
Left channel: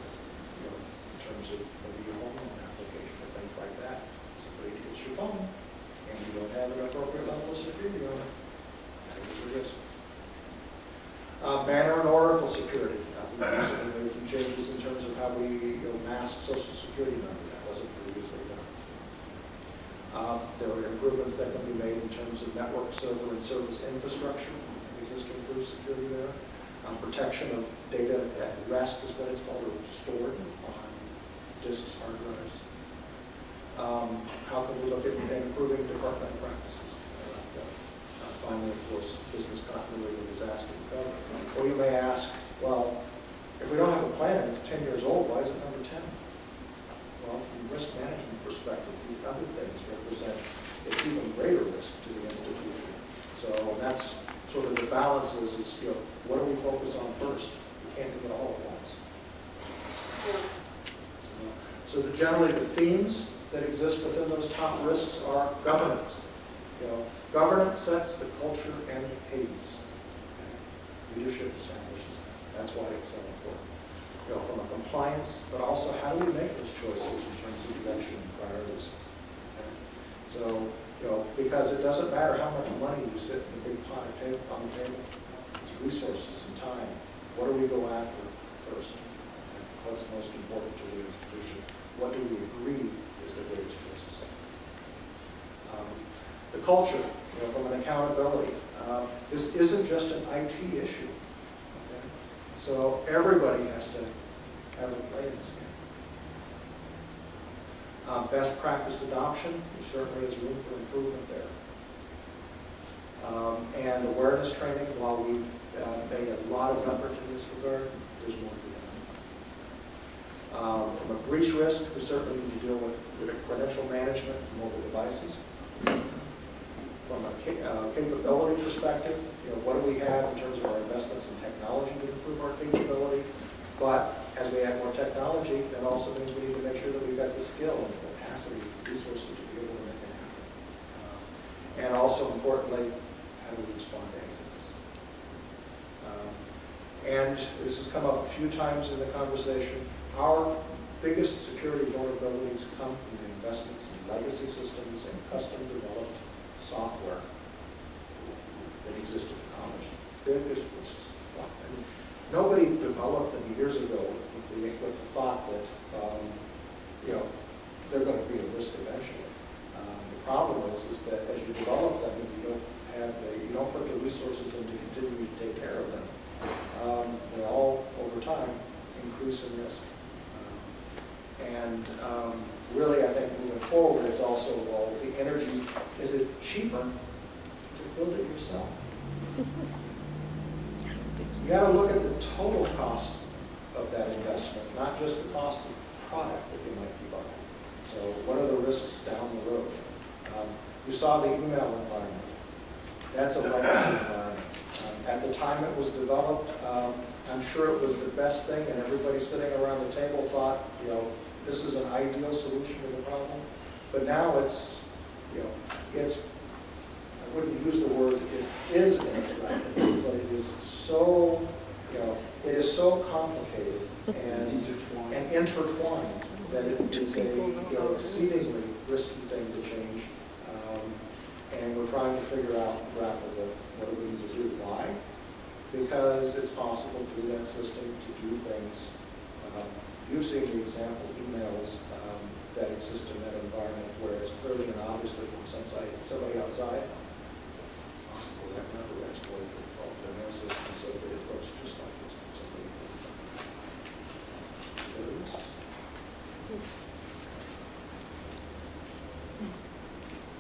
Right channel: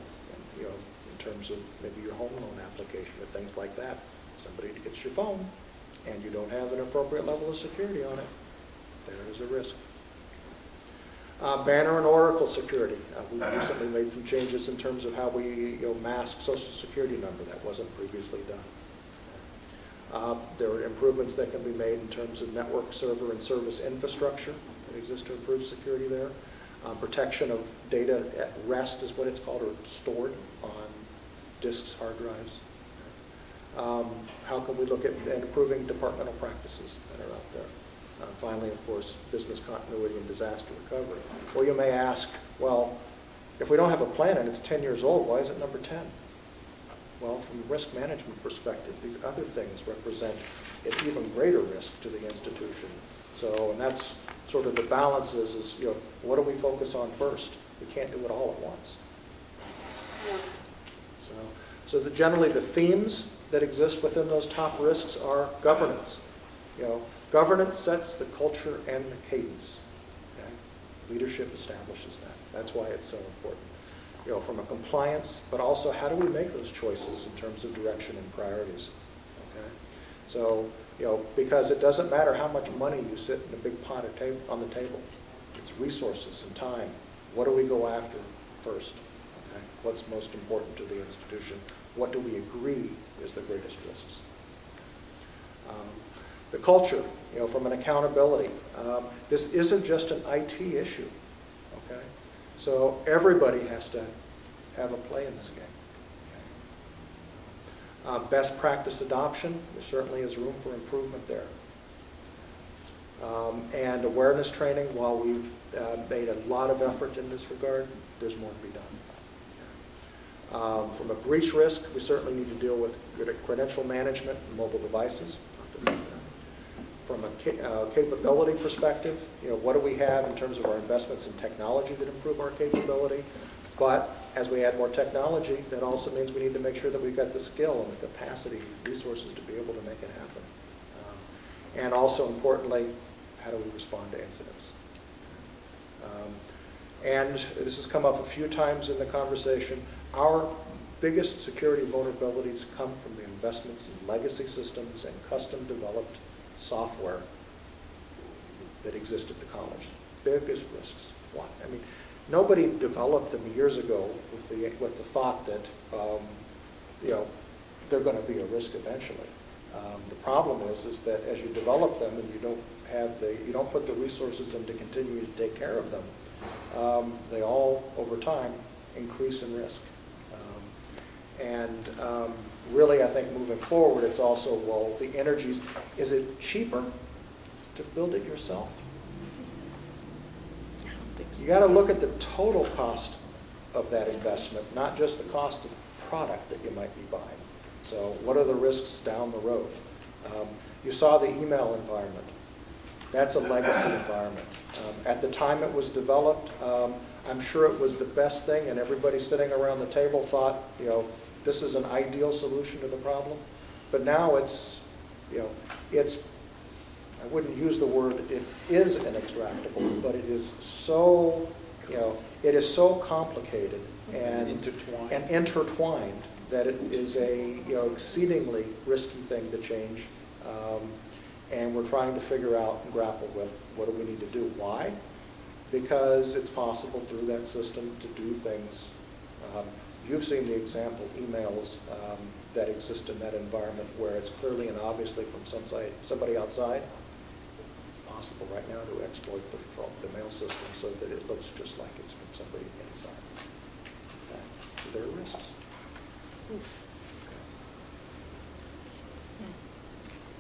in terms of maybe your home loan application or things like that. Somebody gets your phone and you don't have an appropriate level of security on it, that is a risk. Banner and Oracle security. We recently made some changes in terms of how we mask Social Security number. That wasn't previously done. There are improvements that can be made in terms of network server and service infrastructure. That exists to improve security there. Protection of data at rest is what it's called, or stored on disks, hard drives. How can we look at improving departmental practices? Finally, of course, business continuity and disaster recovery. Or you may ask, well, if we don't have a plan and it's 10 years old, why is it number 10? Well, from a risk management perspective, these other things represent an even greater risk to the institution. So that's sort of the balance is what do we focus on first? We can't do it all at once. So generally the themes that exist within those top risks are governance. Governance sets the culture and the cadence. Okay? Leadership establishes that. That's why it's so important. From a compliance, but also how do we make those choices in terms of direction and priorities? Okay? So, because it doesn't matter how much money you sit in a big pot on the table. It's resources and time. What do we go after first? Okay? What's most important to the institution? What do we agree is the greatest risks? The culture, from an accountability. This isn't just an IT issue. Okay? So everybody has to have a play in this game. Best practice adoption, there certainly is room for improvement there. And awareness training, while we've made a lot of effort in this regard, there's more to be done. From a breach risk, we certainly need to deal with credential management and mobile devices. From a capability perspective, what do we have in terms of our investments in technology to improve our capability? But as we add more technology, that also means we need to make sure that we've got the skill and the capacity, resources to be able to make it happen. And also importantly, how do we respond to incidents? And this has come up a few times in the conversation. Our biggest security vulnerabilities come from the investments in legacy systems and custom developed software that exist at the college. Biggest risks. I mean, nobody developed them years ago with the thought that they're going to be a risk eventually. The problem is that as you develop them and you don't put the resources in to continue to take care of them, they all over time increase in risk. Really, I think moving forward, it's also, well, the energies, is it cheaper to build it yourself? I don't think so. You got to look at the total cost of that investment, not just the cost of the product that you might be buying. So what are the risks down the road? You saw the email environment. That's a legacy environment. At the time it was developed, I'm sure it was the best thing, and everybody sitting around the table thought, this is an ideal solution to the problem. But now it's, I wouldn't use the word it is an interactive, but it is so, it is so complicated and intertwined that it is a, exceedingly risky thing to change. And we're trying to figure out and grapple with what do we need to do. Why? Because it's possible through that system to do things. You've seen the example emails that exist in that environment where it's clearly and obviously from somebody outside. It's possible right now to exploit the mail system so that it looks just like it's from somebody inside. There are risks.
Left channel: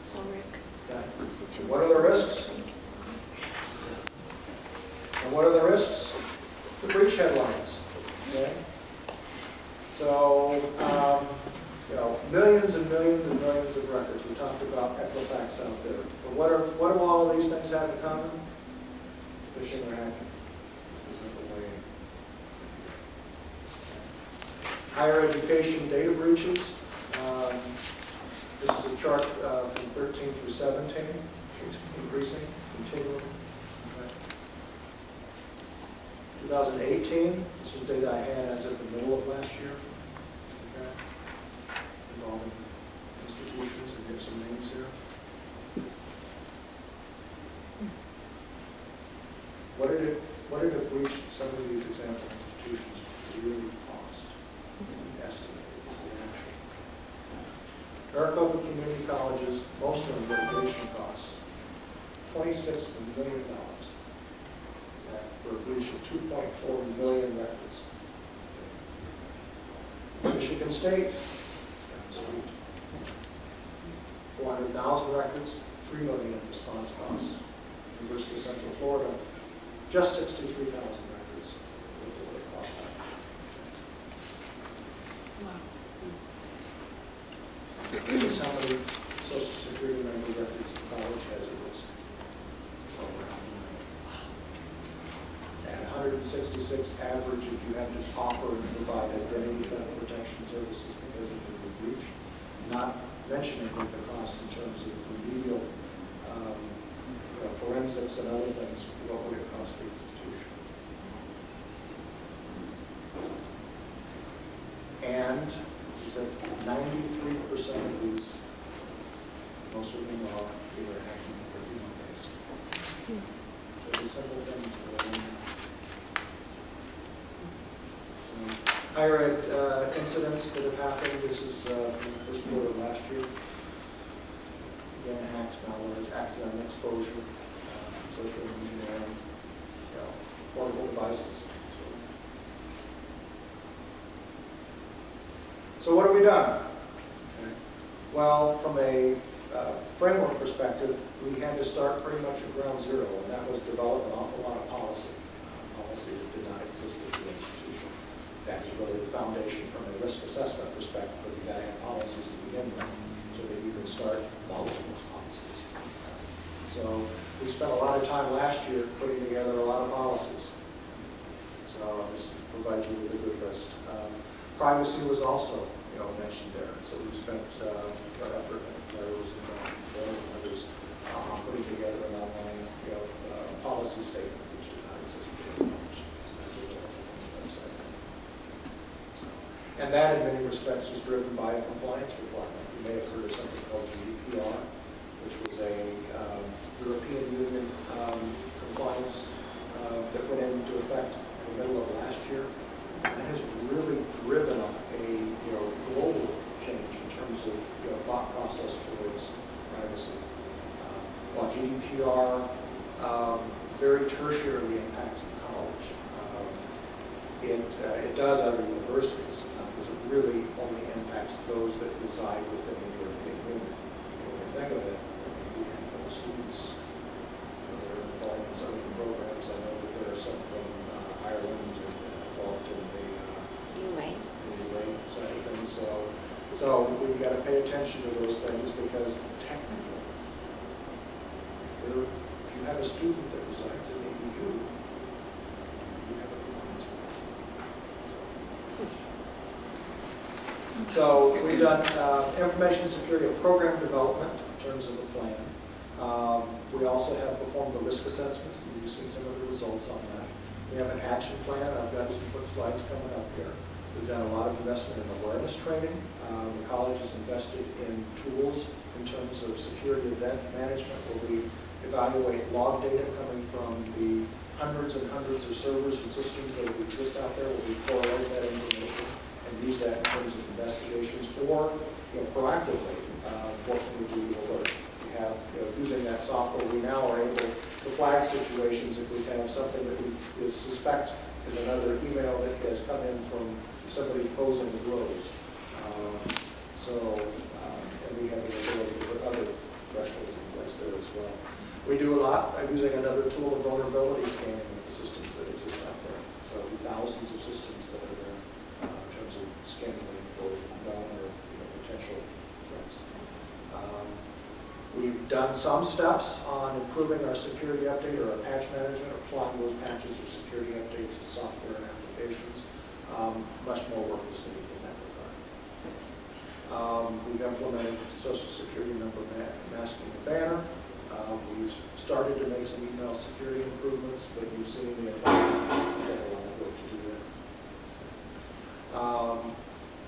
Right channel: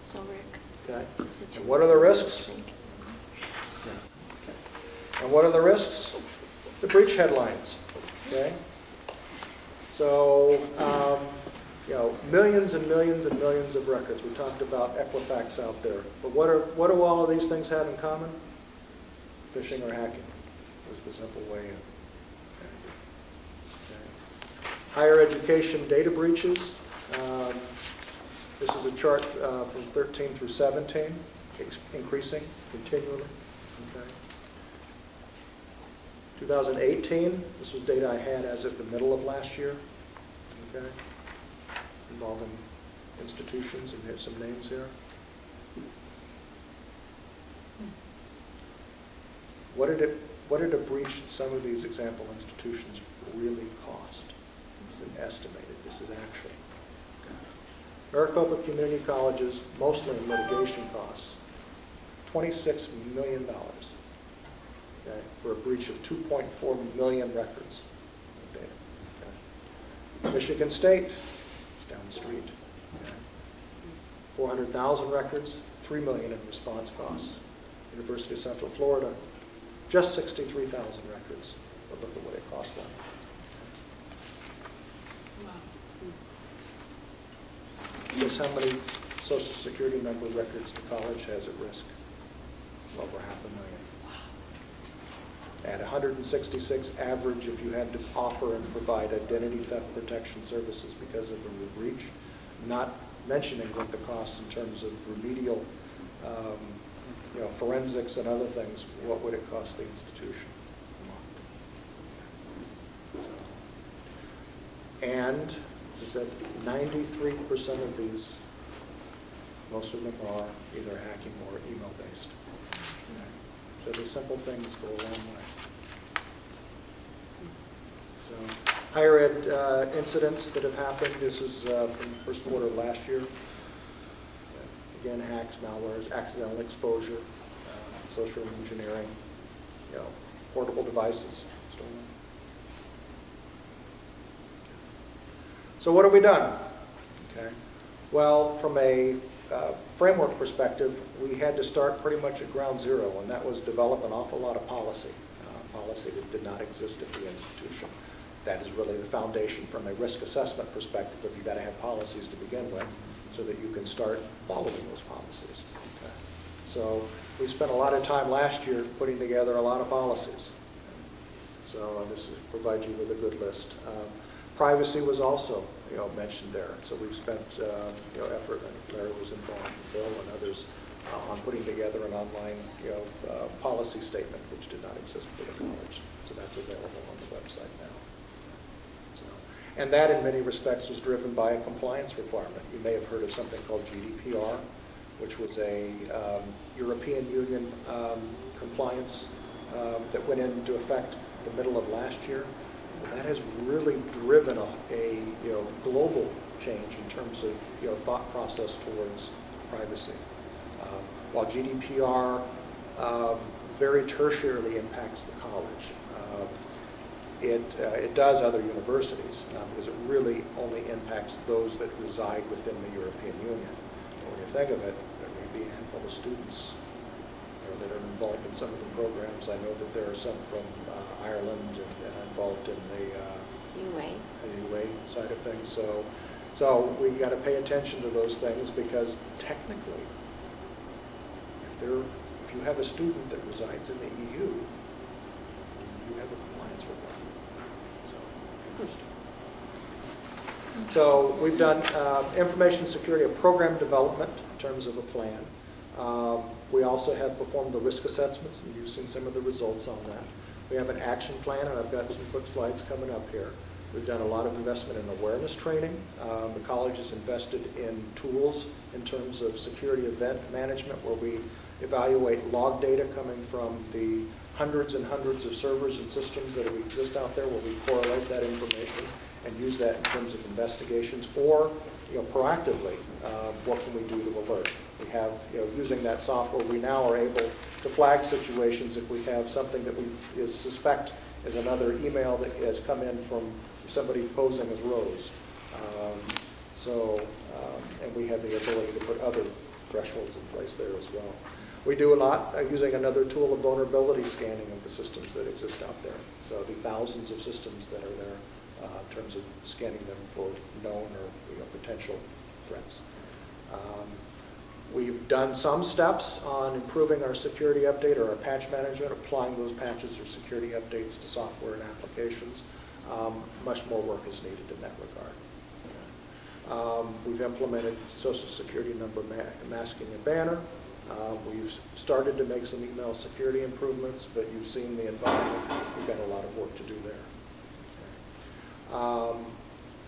So Rick, what are the risks? And what are the risks? The breach headlines. Okay? So, millions and millions and millions of records. We talked about Equifax out there. But what do all of these things have in common? Phishing or hacking is the simple way. Higher education data breaches. This is a chart from 13 through 17, it's increasing continually. Okay. 2018, this was data I had as of the middle of last year, okay, involving institutions, and here's some names here. What did a breach in some of these example institutions really cost? It was an estimate, it was an actual. Maricopa Community College's, most of the litigation costs, $26 million, okay, for a breach of 2.4 million records. Okay. Michigan State, down the street, 400,000 records, $3 million in response costs. University of Central Florida, just 63,000 records. Look at what it costs them. Wow. Here's how many Social Security member records the college has at risk. It's over 500,000. At 166 average, if you have to offer and provide identity theft protection services because of the breach, not mentioning the costs in terms of remedial forensics and other things, what would it cost the institution? And is that 93% of these, most of them are either hacking or email-based. So the simple things go on. So, higher ed incidents that have happened, this is from the first quarter of last year. Again, hacks, malwares, accidental exposure, social engineering, portable devices. So what have we done? Okay. Well, from a framework perspective, we had to start pretty much at ground zero, and that was develop an awful lot of policy. Policy that did not exist at the institution. That is really the foundation from a risk assessment perspective. You've got to have policies to begin with, so that you can start following those policies. So we spent a lot of time last year putting together a lot of policies. So this provides you with a good list. Privacy was also mentioned there. So we've spent effort, Claire was involved before, and others on putting together an online policy statement which did not exist before. So that's available on the website now. So, and that in many respects was driven by a compliance requirement. You may have heard of something called GDPR, which was a European Union compliance that went into effect in the middle of last year. That has really driven a global change in terms of thought process towards privacy. While GDPR very tertiarily impacts the college, it does other universities because it really only impacts those that reside within the European Union. When you think of it, maybe a handful of students that are involved in some of the programs. I know that there are some from Ireland involved in the UA side of things. So we've got to pay attention to those things because technically, if you have a student that resides in the EU, you have a compliance requirement. So we've done information security and program development in terms of a plan. We also have performed the risk assessments, and you've seen some of the results on that. We have an action plan, and I've got some quick slides coming up here. We've done a lot of investment in awareness training. The college has invested in tools in terms of security event management, where we evaluate log data coming from the hundreds and hundreds of servers and systems that exist out there, where we correlate that information and use that in terms of investigations, or proactively, what can we do to alert? We have, using that software, we now are able to flag situations if we have something that we suspect is another email that has come in from somebody posing as Rose. And we have the ability to put other thresholds in place there as well. We do a lot using another tool of vulnerability scanning of the systems that exist out there. So thousands of systems that are there in terms of scanning them for known or potential threats. We've done some steps on improving our security update or our patch management, applying those patches or security updates to software and applications. Much more work is needed in that regard. We We've implemented social security number masking and banner. We've started to make some email security improvements, but you've seen the environment. We've got a lot of work to do there.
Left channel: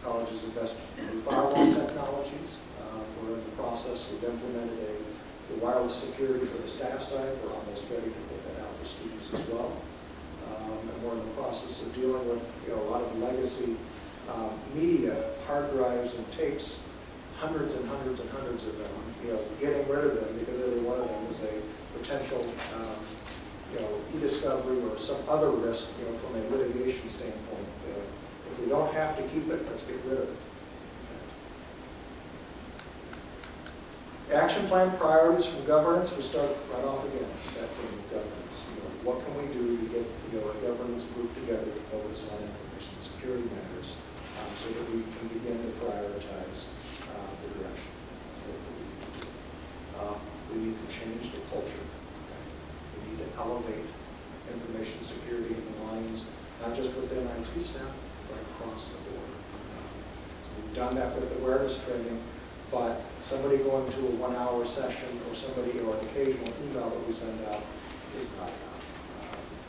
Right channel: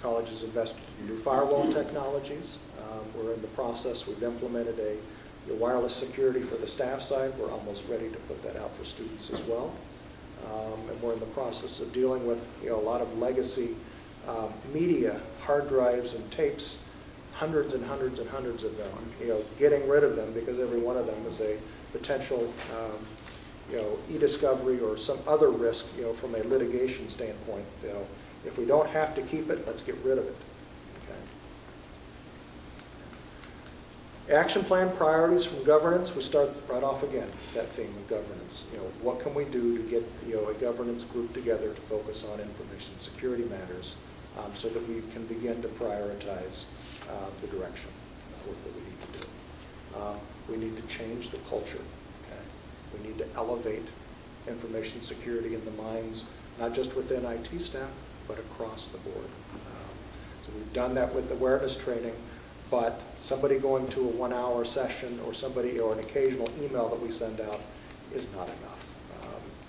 College has invested in new firewall technologies. We're in the process. We've implemented a wireless security for the staff side. We're almost ready to put that out for students as well. And we're in the process of dealing with a lot of legacy media, hard drives and tapes, hundreds and hundreds and hundreds of them. Getting rid of them because every one of them is a potential e-discovery or some other risk from a litigation standpoint. If we don't have to keep it, let's get rid of it. Okay. Action plan priorities from governance. We start right off again with that theme of governance. What can we do to get a governance group together to focus on information security matters so that we can begin to prioritize the direction of what we need to do. We need to change the culture. Okay? We need to elevate information security in the minds, not just within IT staff, but across the board. So we've done that with awareness training, but somebody going to a 1-hour session or somebody or an occasional email that we send out is not enough.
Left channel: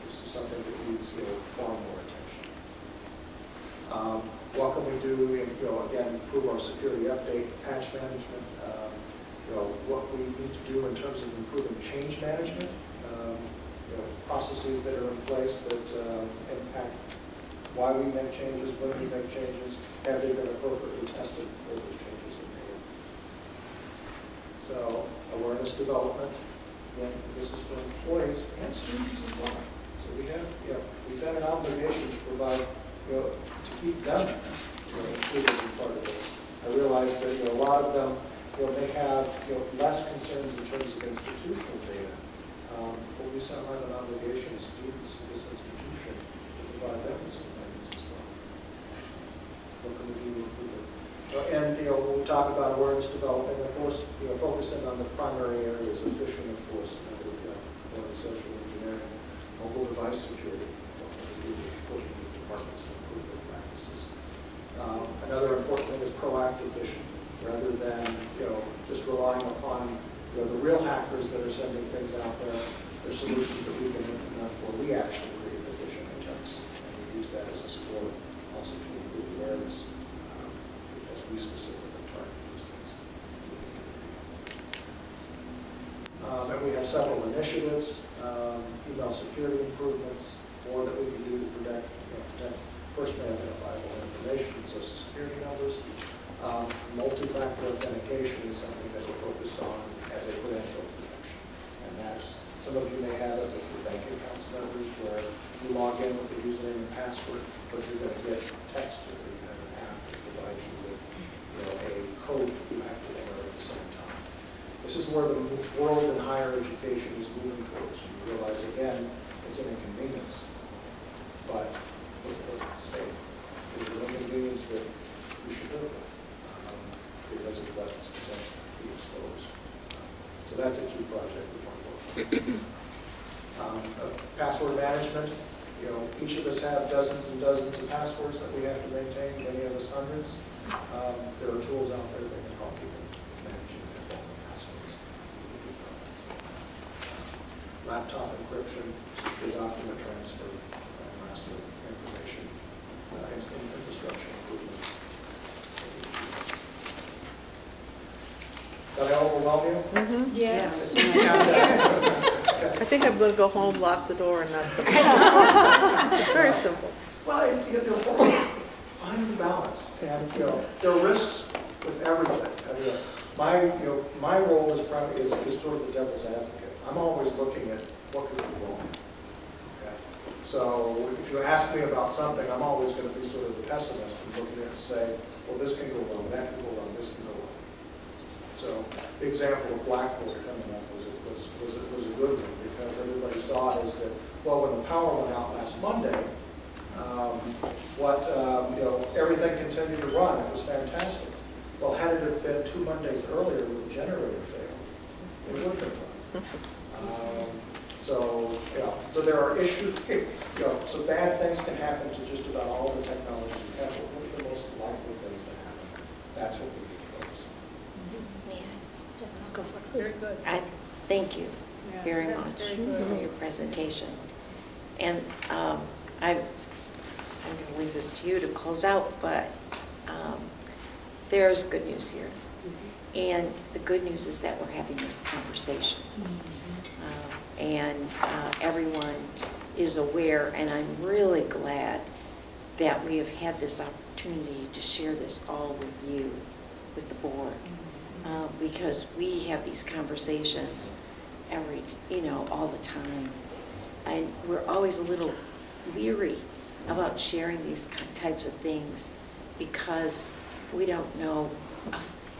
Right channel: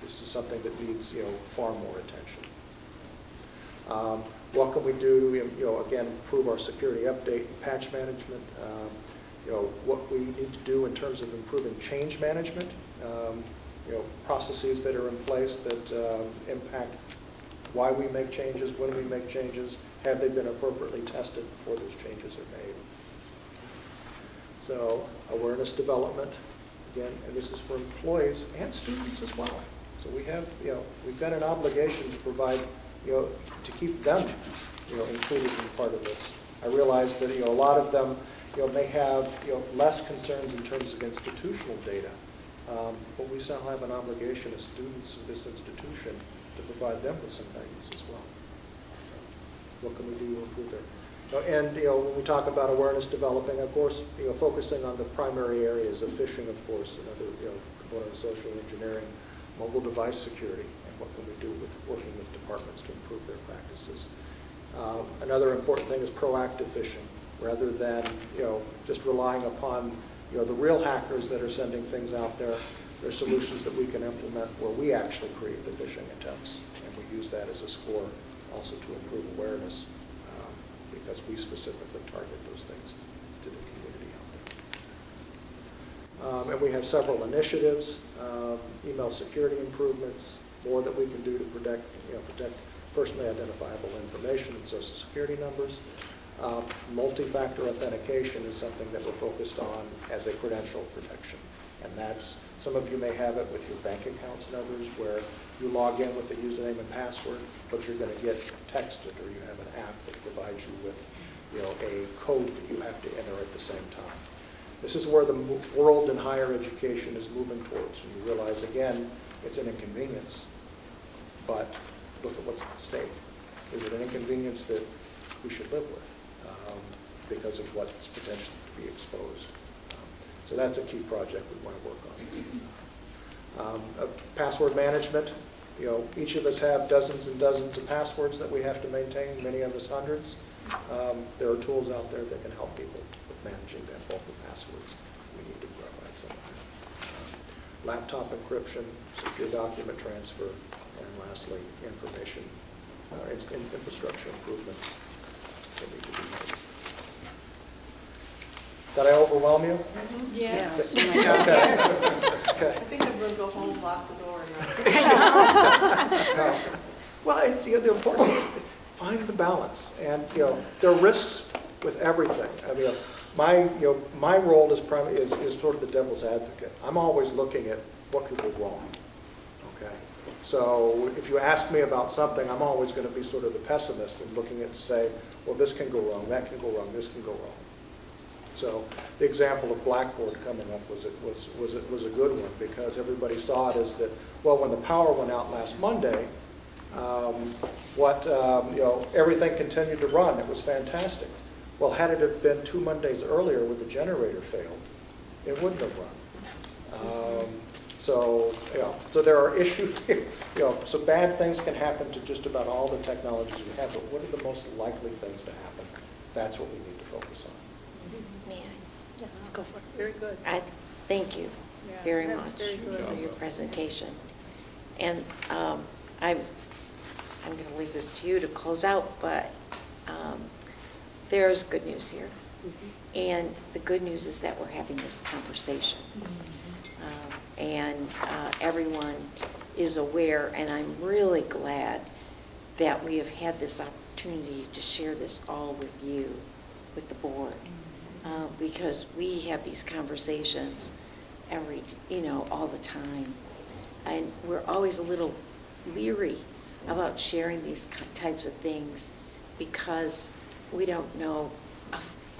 This is something that needs far more attention. What can we do? Again, improve our security update, patch management. What we need to do in terms of improving change management. Processes that are in place that impact why we make changes, when we make changes, have they been appropriately tested before those changes are made. So awareness development, again, this is for employees and students as well. So we have, we've got an obligation to provide, to keep them, included in part of this. I realize that a lot of them, may have less concerns in terms of institutional data. But we still have an obligation as students of this institution to provide them with some things as well. What can we do to improve it? And when we talk about awareness development, of course, focusing on the primary areas of phishing, of course, another social engineering, mobile device security, and what we can do with working with departments to improve their practices. Another important thing is proactive phishing, rather than just relying upon the real hackers that are sending things out there. There are solutions that we can implement where we actually create the phishing attempts and use that as a score also to improve awareness because we specifically target those things to the community. And we have several initiatives, email security improvements, more that we can do to protect personally identifiable information and social security numbers. Multi-factor authentication is something that we're focused on as a credential protection. And that's, some of you may have it with your bank accounts and others where you log in with a username and password, but you're going to get texted or you have an app that provides you with a code that you have to enter at the same time. This is where the world in higher education is moving towards. And we realize, again, it's an inconvenience. But look at what's at stake. Is it an inconvenience that we should live with? Because of what's potentially be exposed. So that's a key project we want to work on. Password management. Each of us have dozens and dozens of passwords that we have to maintain, many of us hundreds. There are tools out there that can help people with managing their own passwords. We need to do that. Laptop encryption, secure document transfer, and lastly, information infrastructure improvements. Did I overwhelm you? Mm-hmm. Yes. Oh my God. Yes. Okay. I think I'm going to go home, lock the door, and not. It's very simple. Well, the important is find the balance, and there are risks with everything. I mean, my role is sort of the devil's advocate. I'm always looking at what could go wrong. Okay, so if you ask me about something, I'm always going to be sort of the pessimist and looking at say, well, this can go wrong, that can go wrong, this can go wrong. So the example of Blackboard coming up was a good one because everybody saw it as that, well, when the power went out last Monday, everything continued to run. It was fantastic. Well, had it have been 2 Mondays earlier when the generator failed, it wouldn't have run. So there are issues, so bad things can happen to just about all the technology we have, but what are the most likely things to happen? That's what we need to focus on. Very good. Thank you Yeah, very that much was very good. for your presentation. And I'm going to leave this to you to close out, but there's good news here. And the good news is that we're having this conversation. And everyone is aware, and I'm really glad that we have had this opportunity to share this all with you, with the board, because we have these conversations all the time. And we're always a little leery about sharing these types of things because we don't know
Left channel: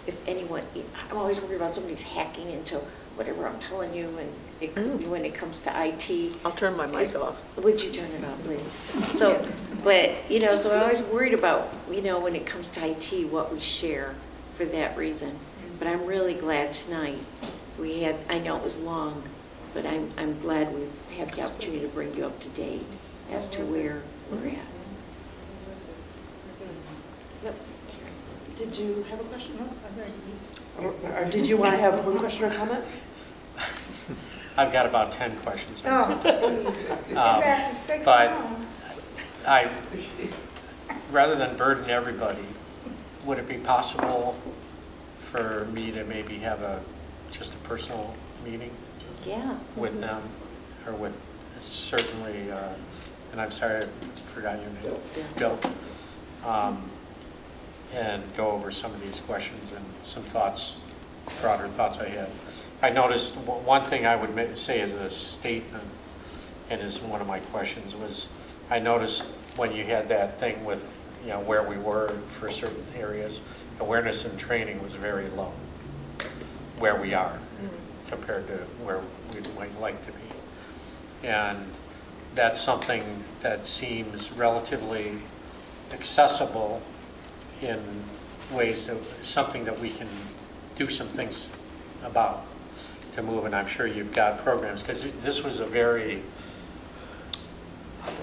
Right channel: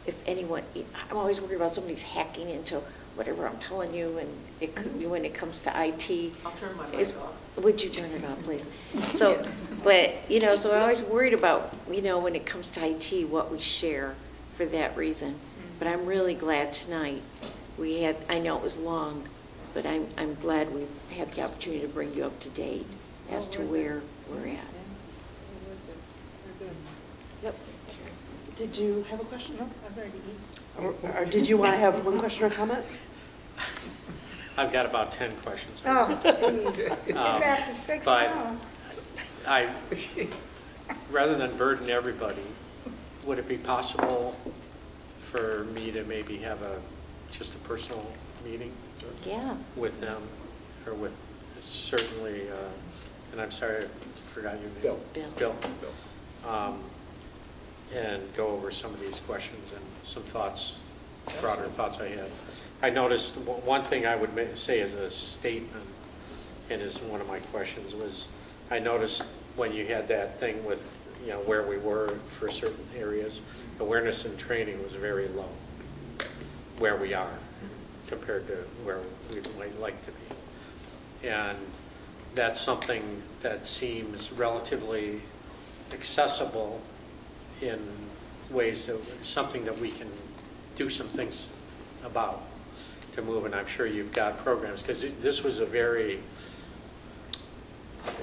if anyone, I'm always worried about somebody's hacking into whatever I'm telling you, and it could be when it comes to IT. I'll turn my mic off. Would you turn it off, please? So, but, so I'm always worried about, when it comes to IT, what we share for that reason. But I'm really glad tonight we had, I know it was long, but I'm glad we've had the opportunity to bring you up to date as to where we're at. Yep. Did you have a question? No, I'm ready. Or did you want to have one question or comment? I've got about 10 questions. Oh, please. It's after 6 now. Rather than burden everybody, would it be possible for me to maybe have just a personal meeting? Yeah. With them, or with certainly, and I'm sorry I forgot your name. Bill. And go over some of these questions and some thoughts, broader thoughts I had. I noticed one thing I would say as a statement, and as one of my questions, was I noticed when you had that thing with where we were for certain areas, awareness and training was very low where we are compared to where we might like to be. And that's something that seems relatively accessible in ways that something that we can do some things about to move. And I'm sure you've got programs, because this was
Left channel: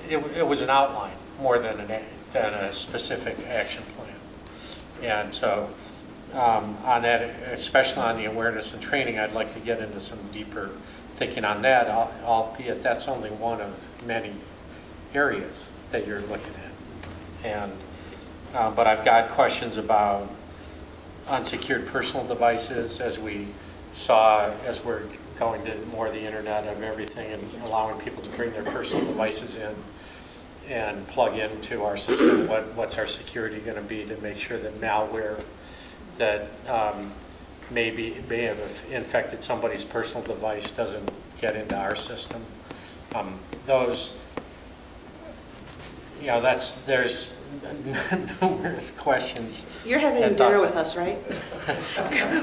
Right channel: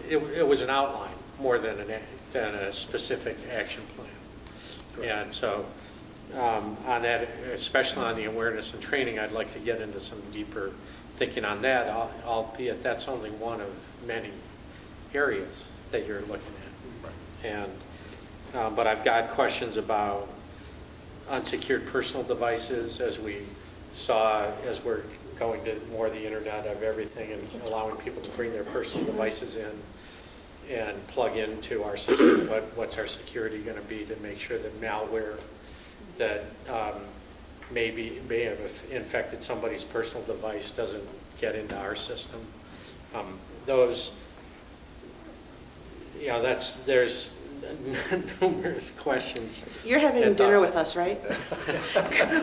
it was an outline more than a specific action plan. And so on that, especially on the awareness and training, I'd like to get into some deeper thinking on that, albeit that's only one of many areas that you're looking at. And but I've got questions about unsecured personal devices, as we saw, as we're going to more the internet of everything and allowing people to bring their personal devices in and plug into our system. What's our security going to be to make sure that malware that may have infected somebody's personal device doesn't get into our system? Those, there's numerous questions. You're having dinner with us, right?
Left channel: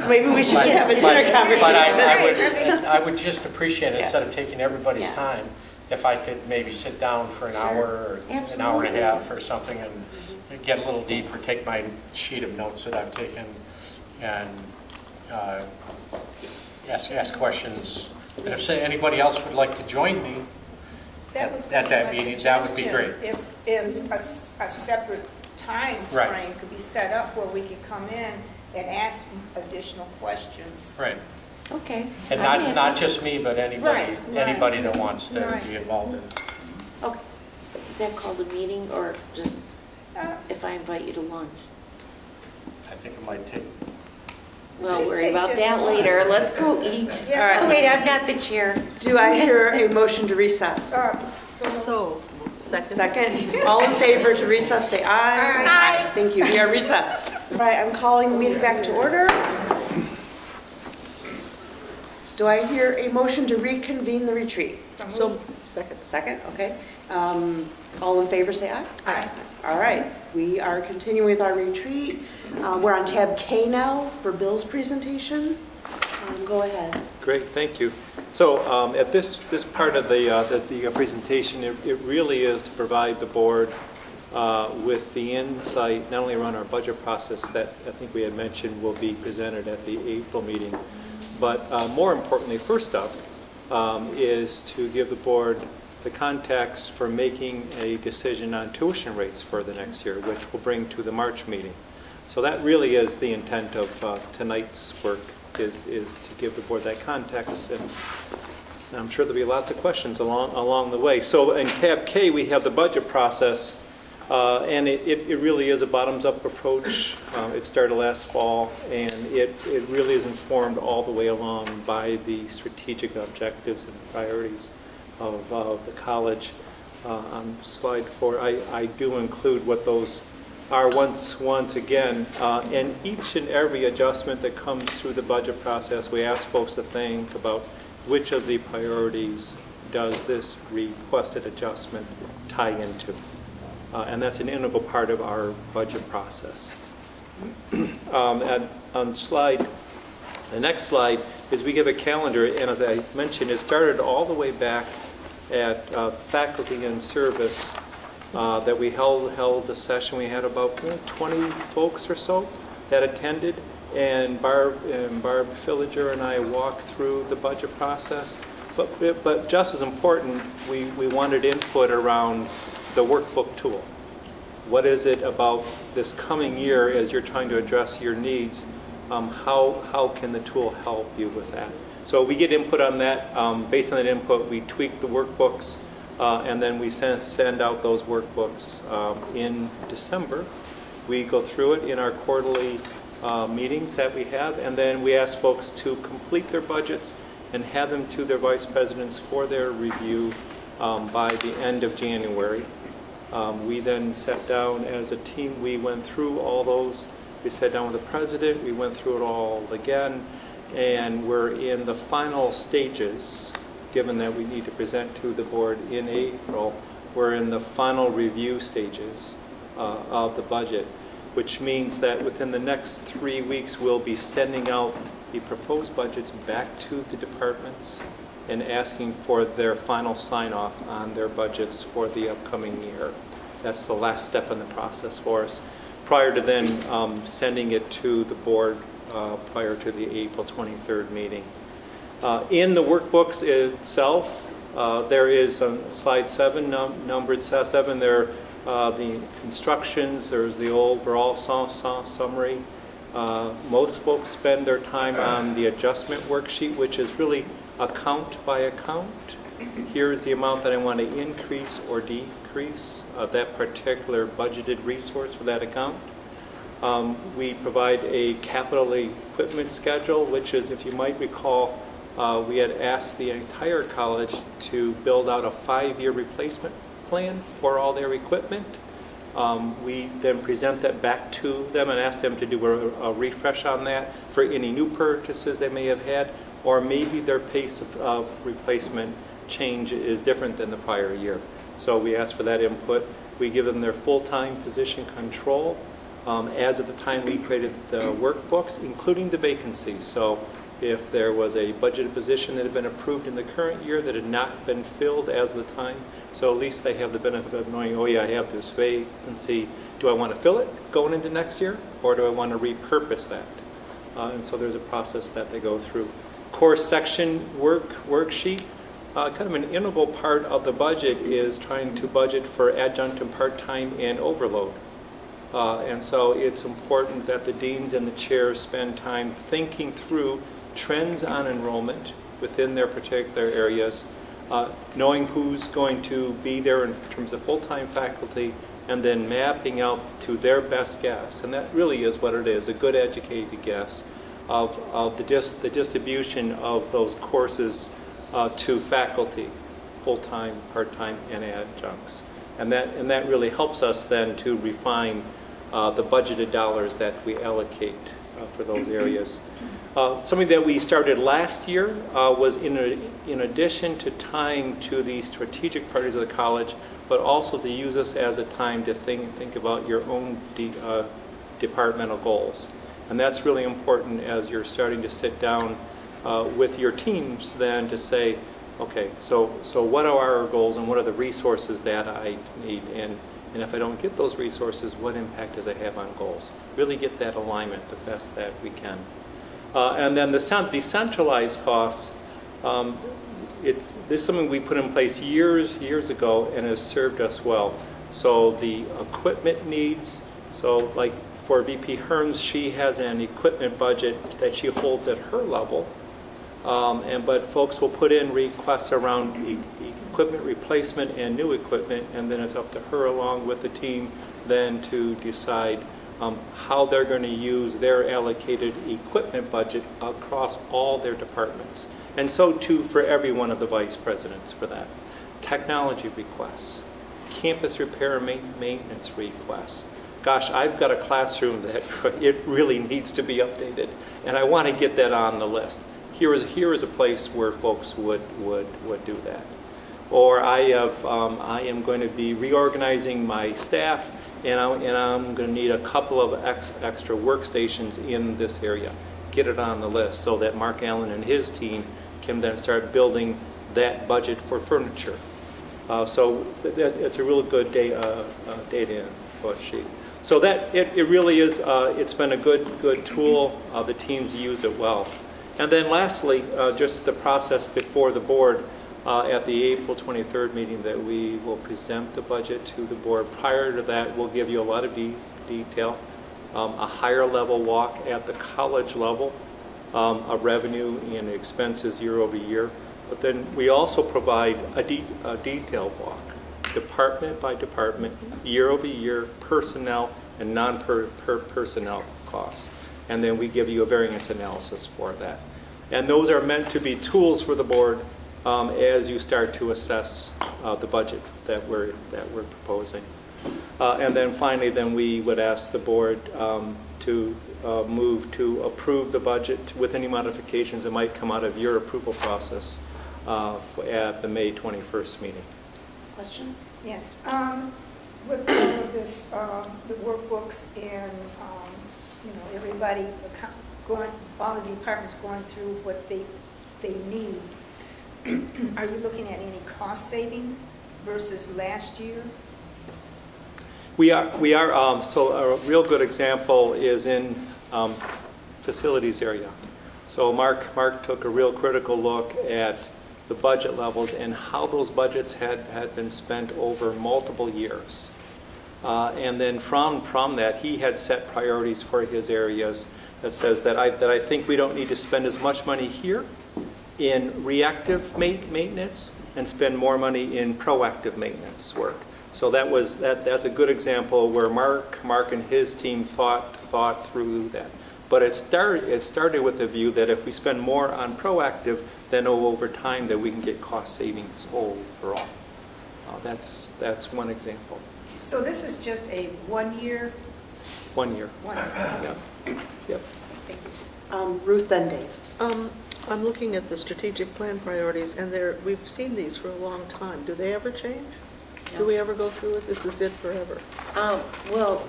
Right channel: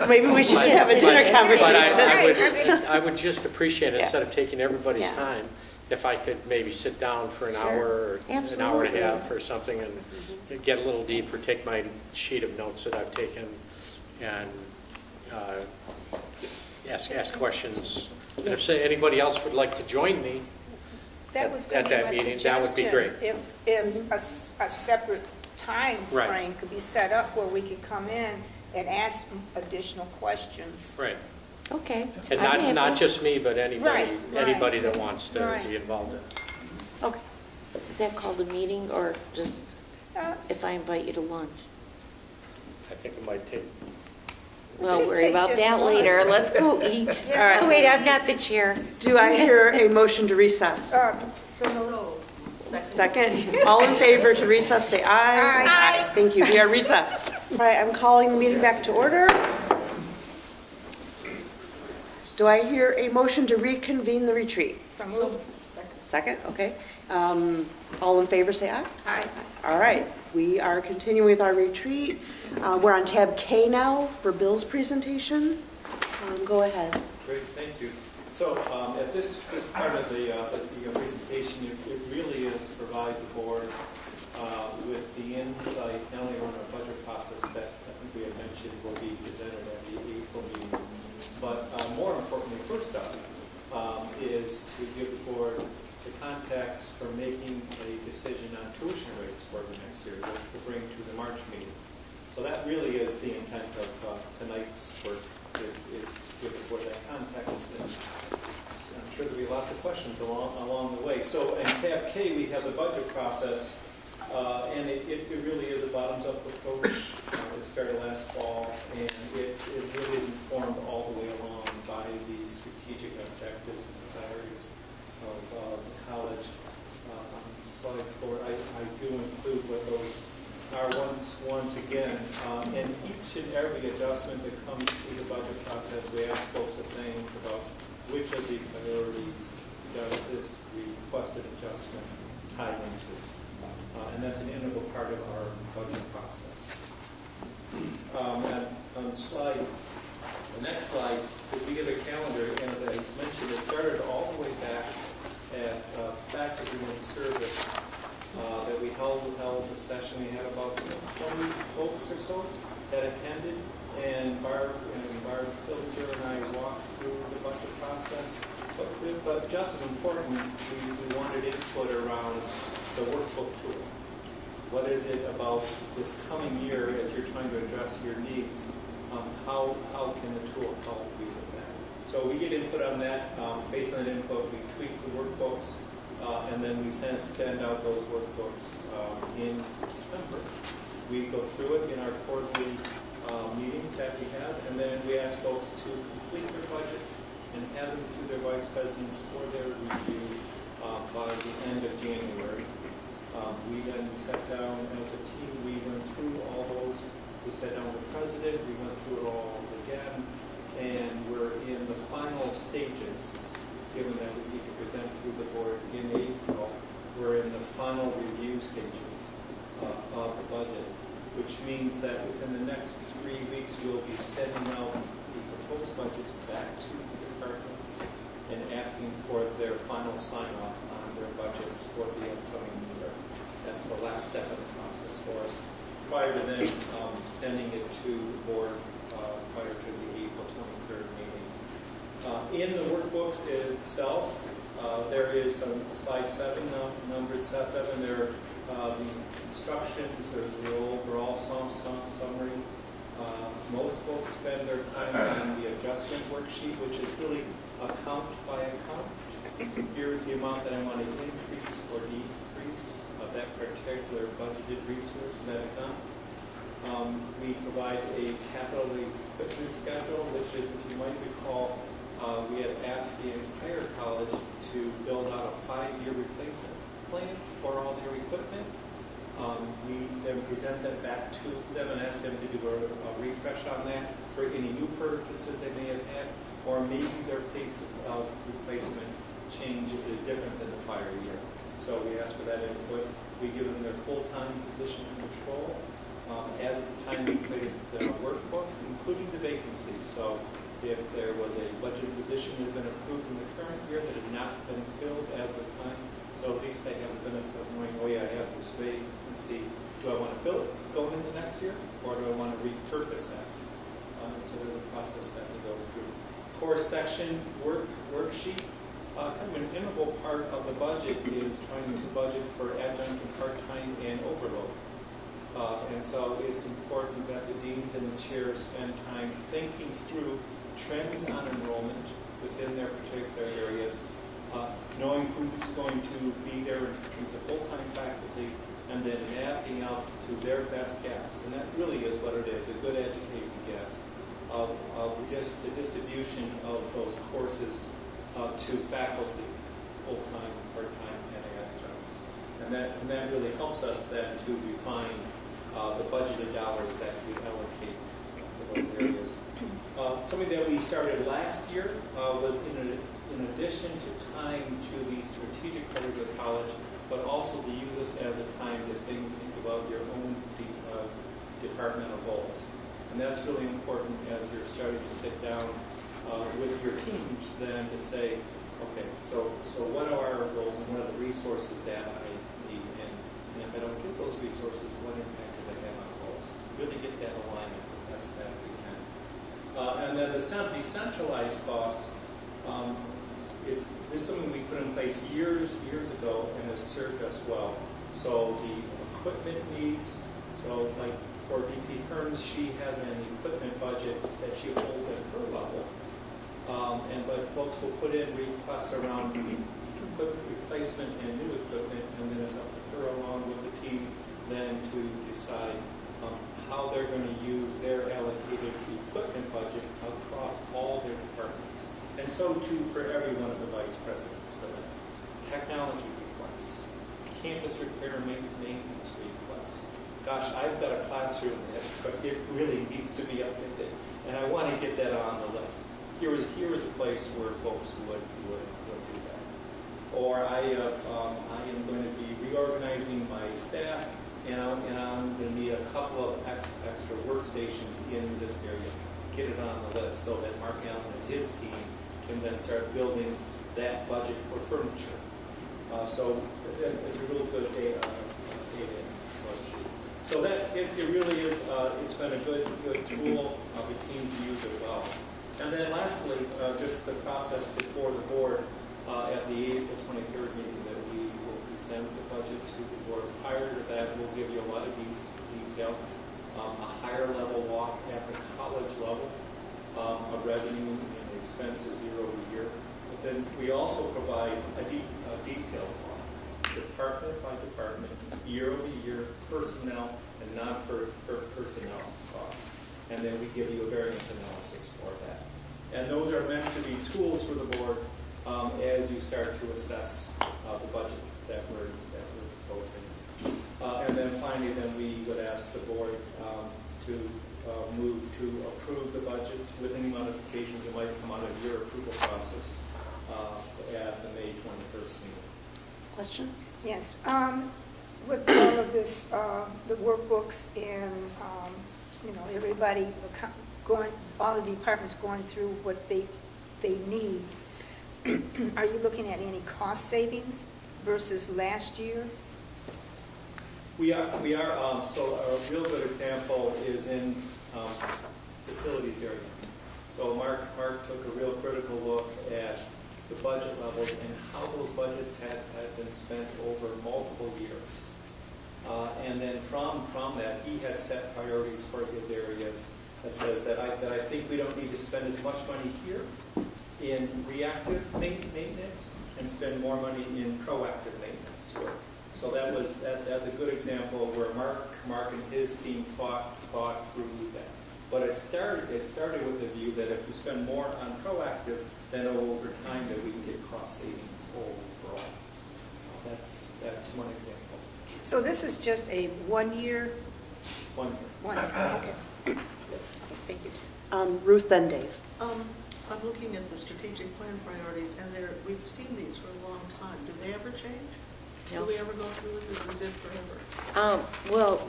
Maybe we should have a dinner conversation. But I would just appreciate it, instead of taking everybody's time, if I could maybe sit down for an hour or an hour and a half or something and get a little deeper, take my sheet of notes that I've taken and ask questions. And if anybody else would like to join me That was at that meeting, that would be great. If a separate time frame could be set up where we could come in and ask additional questions. Right. Okay. And not just me, but anybody that wants to be involved in it. Okay. Is that called a meeting, or just if I invite you to lunch? I think it might take. We'll worry about that later. Let's go eat. All right. Oh, wait, I'm not the chair. Do I hear a motion to recess? Second. All in favor to recess, say aye. Aye. Thank you. We are recessed. All right, I'm calling the meeting back to order. Do I hear a motion to reconvene the retreat? Second, okay. All in favor, say aye. Aye. All right, we are continuing with our retreat. We're on tab K now for Bill's presentation. Go ahead. Great, thank you. So at this part of the presentation, it really is to provide the board with the insight, not only around our budget process that I think we had mentioned will be presented at the April meeting, but more importantly, first up, is to give the board the context for making a decision on tuition rates for the next year, which we'll bring to the March meeting. So that really is the intent of tonight's work, is to give the board that context, and I'm sure there'll be lots of questions along the way. So in tab K, we have the budget process, and it really is a bottoms-up approach. It started last fall, and it really is informed all the way along by the strategic objectives and priorities of the college. On slide 4, I do include what those are once again, and each and every adjustment that comes through the budget process, we ask folks to think about which of the priorities does this requested adjustment tie into. And that's an integral part of our budget process. And on the next slide is we give a calendar, and as I mentioned, it started all the way back at faculty and service that we held a session. We had about 20 folks or so that attended, and Barb Filliger and I walked through the budget process. But just as important, we wanted input around the workbook tool. What is it about this coming year as you're trying to address your needs? How can the tool help you with that? So we get input on that. Based on that input, we tweak the workbooks, and then we send out those workbooks in December. We go through it in our quarterly meetings that we have, and then we ask folks to complete their budgets and have them to their vice presidents for their review by the end of January. We then sat down as a team, we went through all those. We sat down with the president, we went through it all again, and we're in the final stages, given that we need to present to the board in April. We're in the final review stages of the budget, which means that within the next 3 weeks, we'll be sending out the proposed budgets back to the departments and asking for their final sign-off on their budgets for the upcoming year. That's the last step in the process for us, prior to then sending it to the board prior to the April 23rd meeting. In the workbooks itself, there is on slide 7, numbered 7, there the instructions, there's the overall summary. Most folks spend their time on the adjustment worksheet, which is really account by account. Here's the amount that I want to increase or decrease of that particular budgeted resource for that account. We provide a capital equipment schedule, which is, if you might recall, we had asked the entire college to build out a 5-year replacement plan for all their equipment. We then present that back to them and ask them to do a refresh on that for any new purchases they may have had, or maybe their pace of replacement change is different than the prior year. So we ask for that input. We give them their full-time position control as of the time we created the workbooks, including the vacancies. So if there was a budgeted position that had been approved in the current year that had not been filled as of the time, so at least they have the benefit of knowing, oh yeah, I have this vacancy. Do I want to fill it going into next year, or do I want to repurpose that? And so there's a process that they go through. Course section worksheet, kind of an integral part of the budget is trying to budget for adjunct and part-time and overload. And so it's important that the deans and the chairs spend time thinking through trends on enrollment within their particular areas, knowing who's going to be there in terms of full-time faculty, and then mapping out to their best guess. And that really is what it is, a good educated guess of the distribution of those courses to faculty, full-time, part-time, and adjuncts. And that really helps us then to refine the budgeted dollars that we allocate for those areas. Something that we started last year was in addition to tying to the strategic priorities of the college, but also to use us as a time to think about your own departmental goals. And that's really important as you're starting to sit down with your teams then to say, okay, so what are our goals and what are the resources that I need? And if I don't get those resources, what impact does it have on goals? Really get that alignment the best that we can. And then the decentralized costs, this is something we put in place years ago and has served us well. So the equipment needs, so like for VP Herms, she has an equipment budget that she holds at her level. But folks will put in requests around equipment replacement and new equipment, and then it's up to her along with the team then to decide how they're going to use their allocated equipment budget across all their departments. And so too for every one of the vice presidents for that. Technology requests, campus repair and maintenance requests. Gosh, I've got a classroom that it really needs to be updated, and I want to get that on the list. Here is a place where folks would do that. Or I am going to be reorganizing my staff, and I'm going to need a couple of extra workstations in this area. Get it on the list so that Mark Allen and his team can then start building that budget for furniture. So it's a real good data sheet. So that it really is. It's been a good tool. The teams use it well. And then lastly, just the process before the board at the April 23rd meeting that we will present the budget to the board. Prior to that, we'll give you a lot of detail, a higher level walk at the college level of revenue and expenses year over year. But then we also provide a detailed walk, department by department, year over year, personnel and non-personnel costs. And then we give you a variance analysis for that. And those are meant to be tools for the board as you start to assess the budget that we're proposing. And then finally, then we would ask the board to move to approve the budget with any modifications that might come out of your approval process at the May 21st meeting. Question? Yes. With all of this, the workbooks and, everybody all the departments going through what they need, are you looking at any cost savings versus last year? We are. So a real good example is in facilities area. So Mark took a real critical look at the budget levels and how those budgets had been spent over multiple years. And then from that, he had set priorities for his areas that says that I think we don't need to spend as much money here in reactive maintenance and spend more money in proactive maintenance work. So that's a good example where Mark and his team thought through that. But it started with the view that if we spend more on proactive, then over time that we can get cost savings overall. That's one example. So this is just a 1 year? 1 year. 1 year, okay. Yep. Thank you. Ruth, then Dave. I'm looking at the strategic plan priorities, and we've seen these for a long time. Do they ever change? No. Do we ever go through it? This is it forever? Well,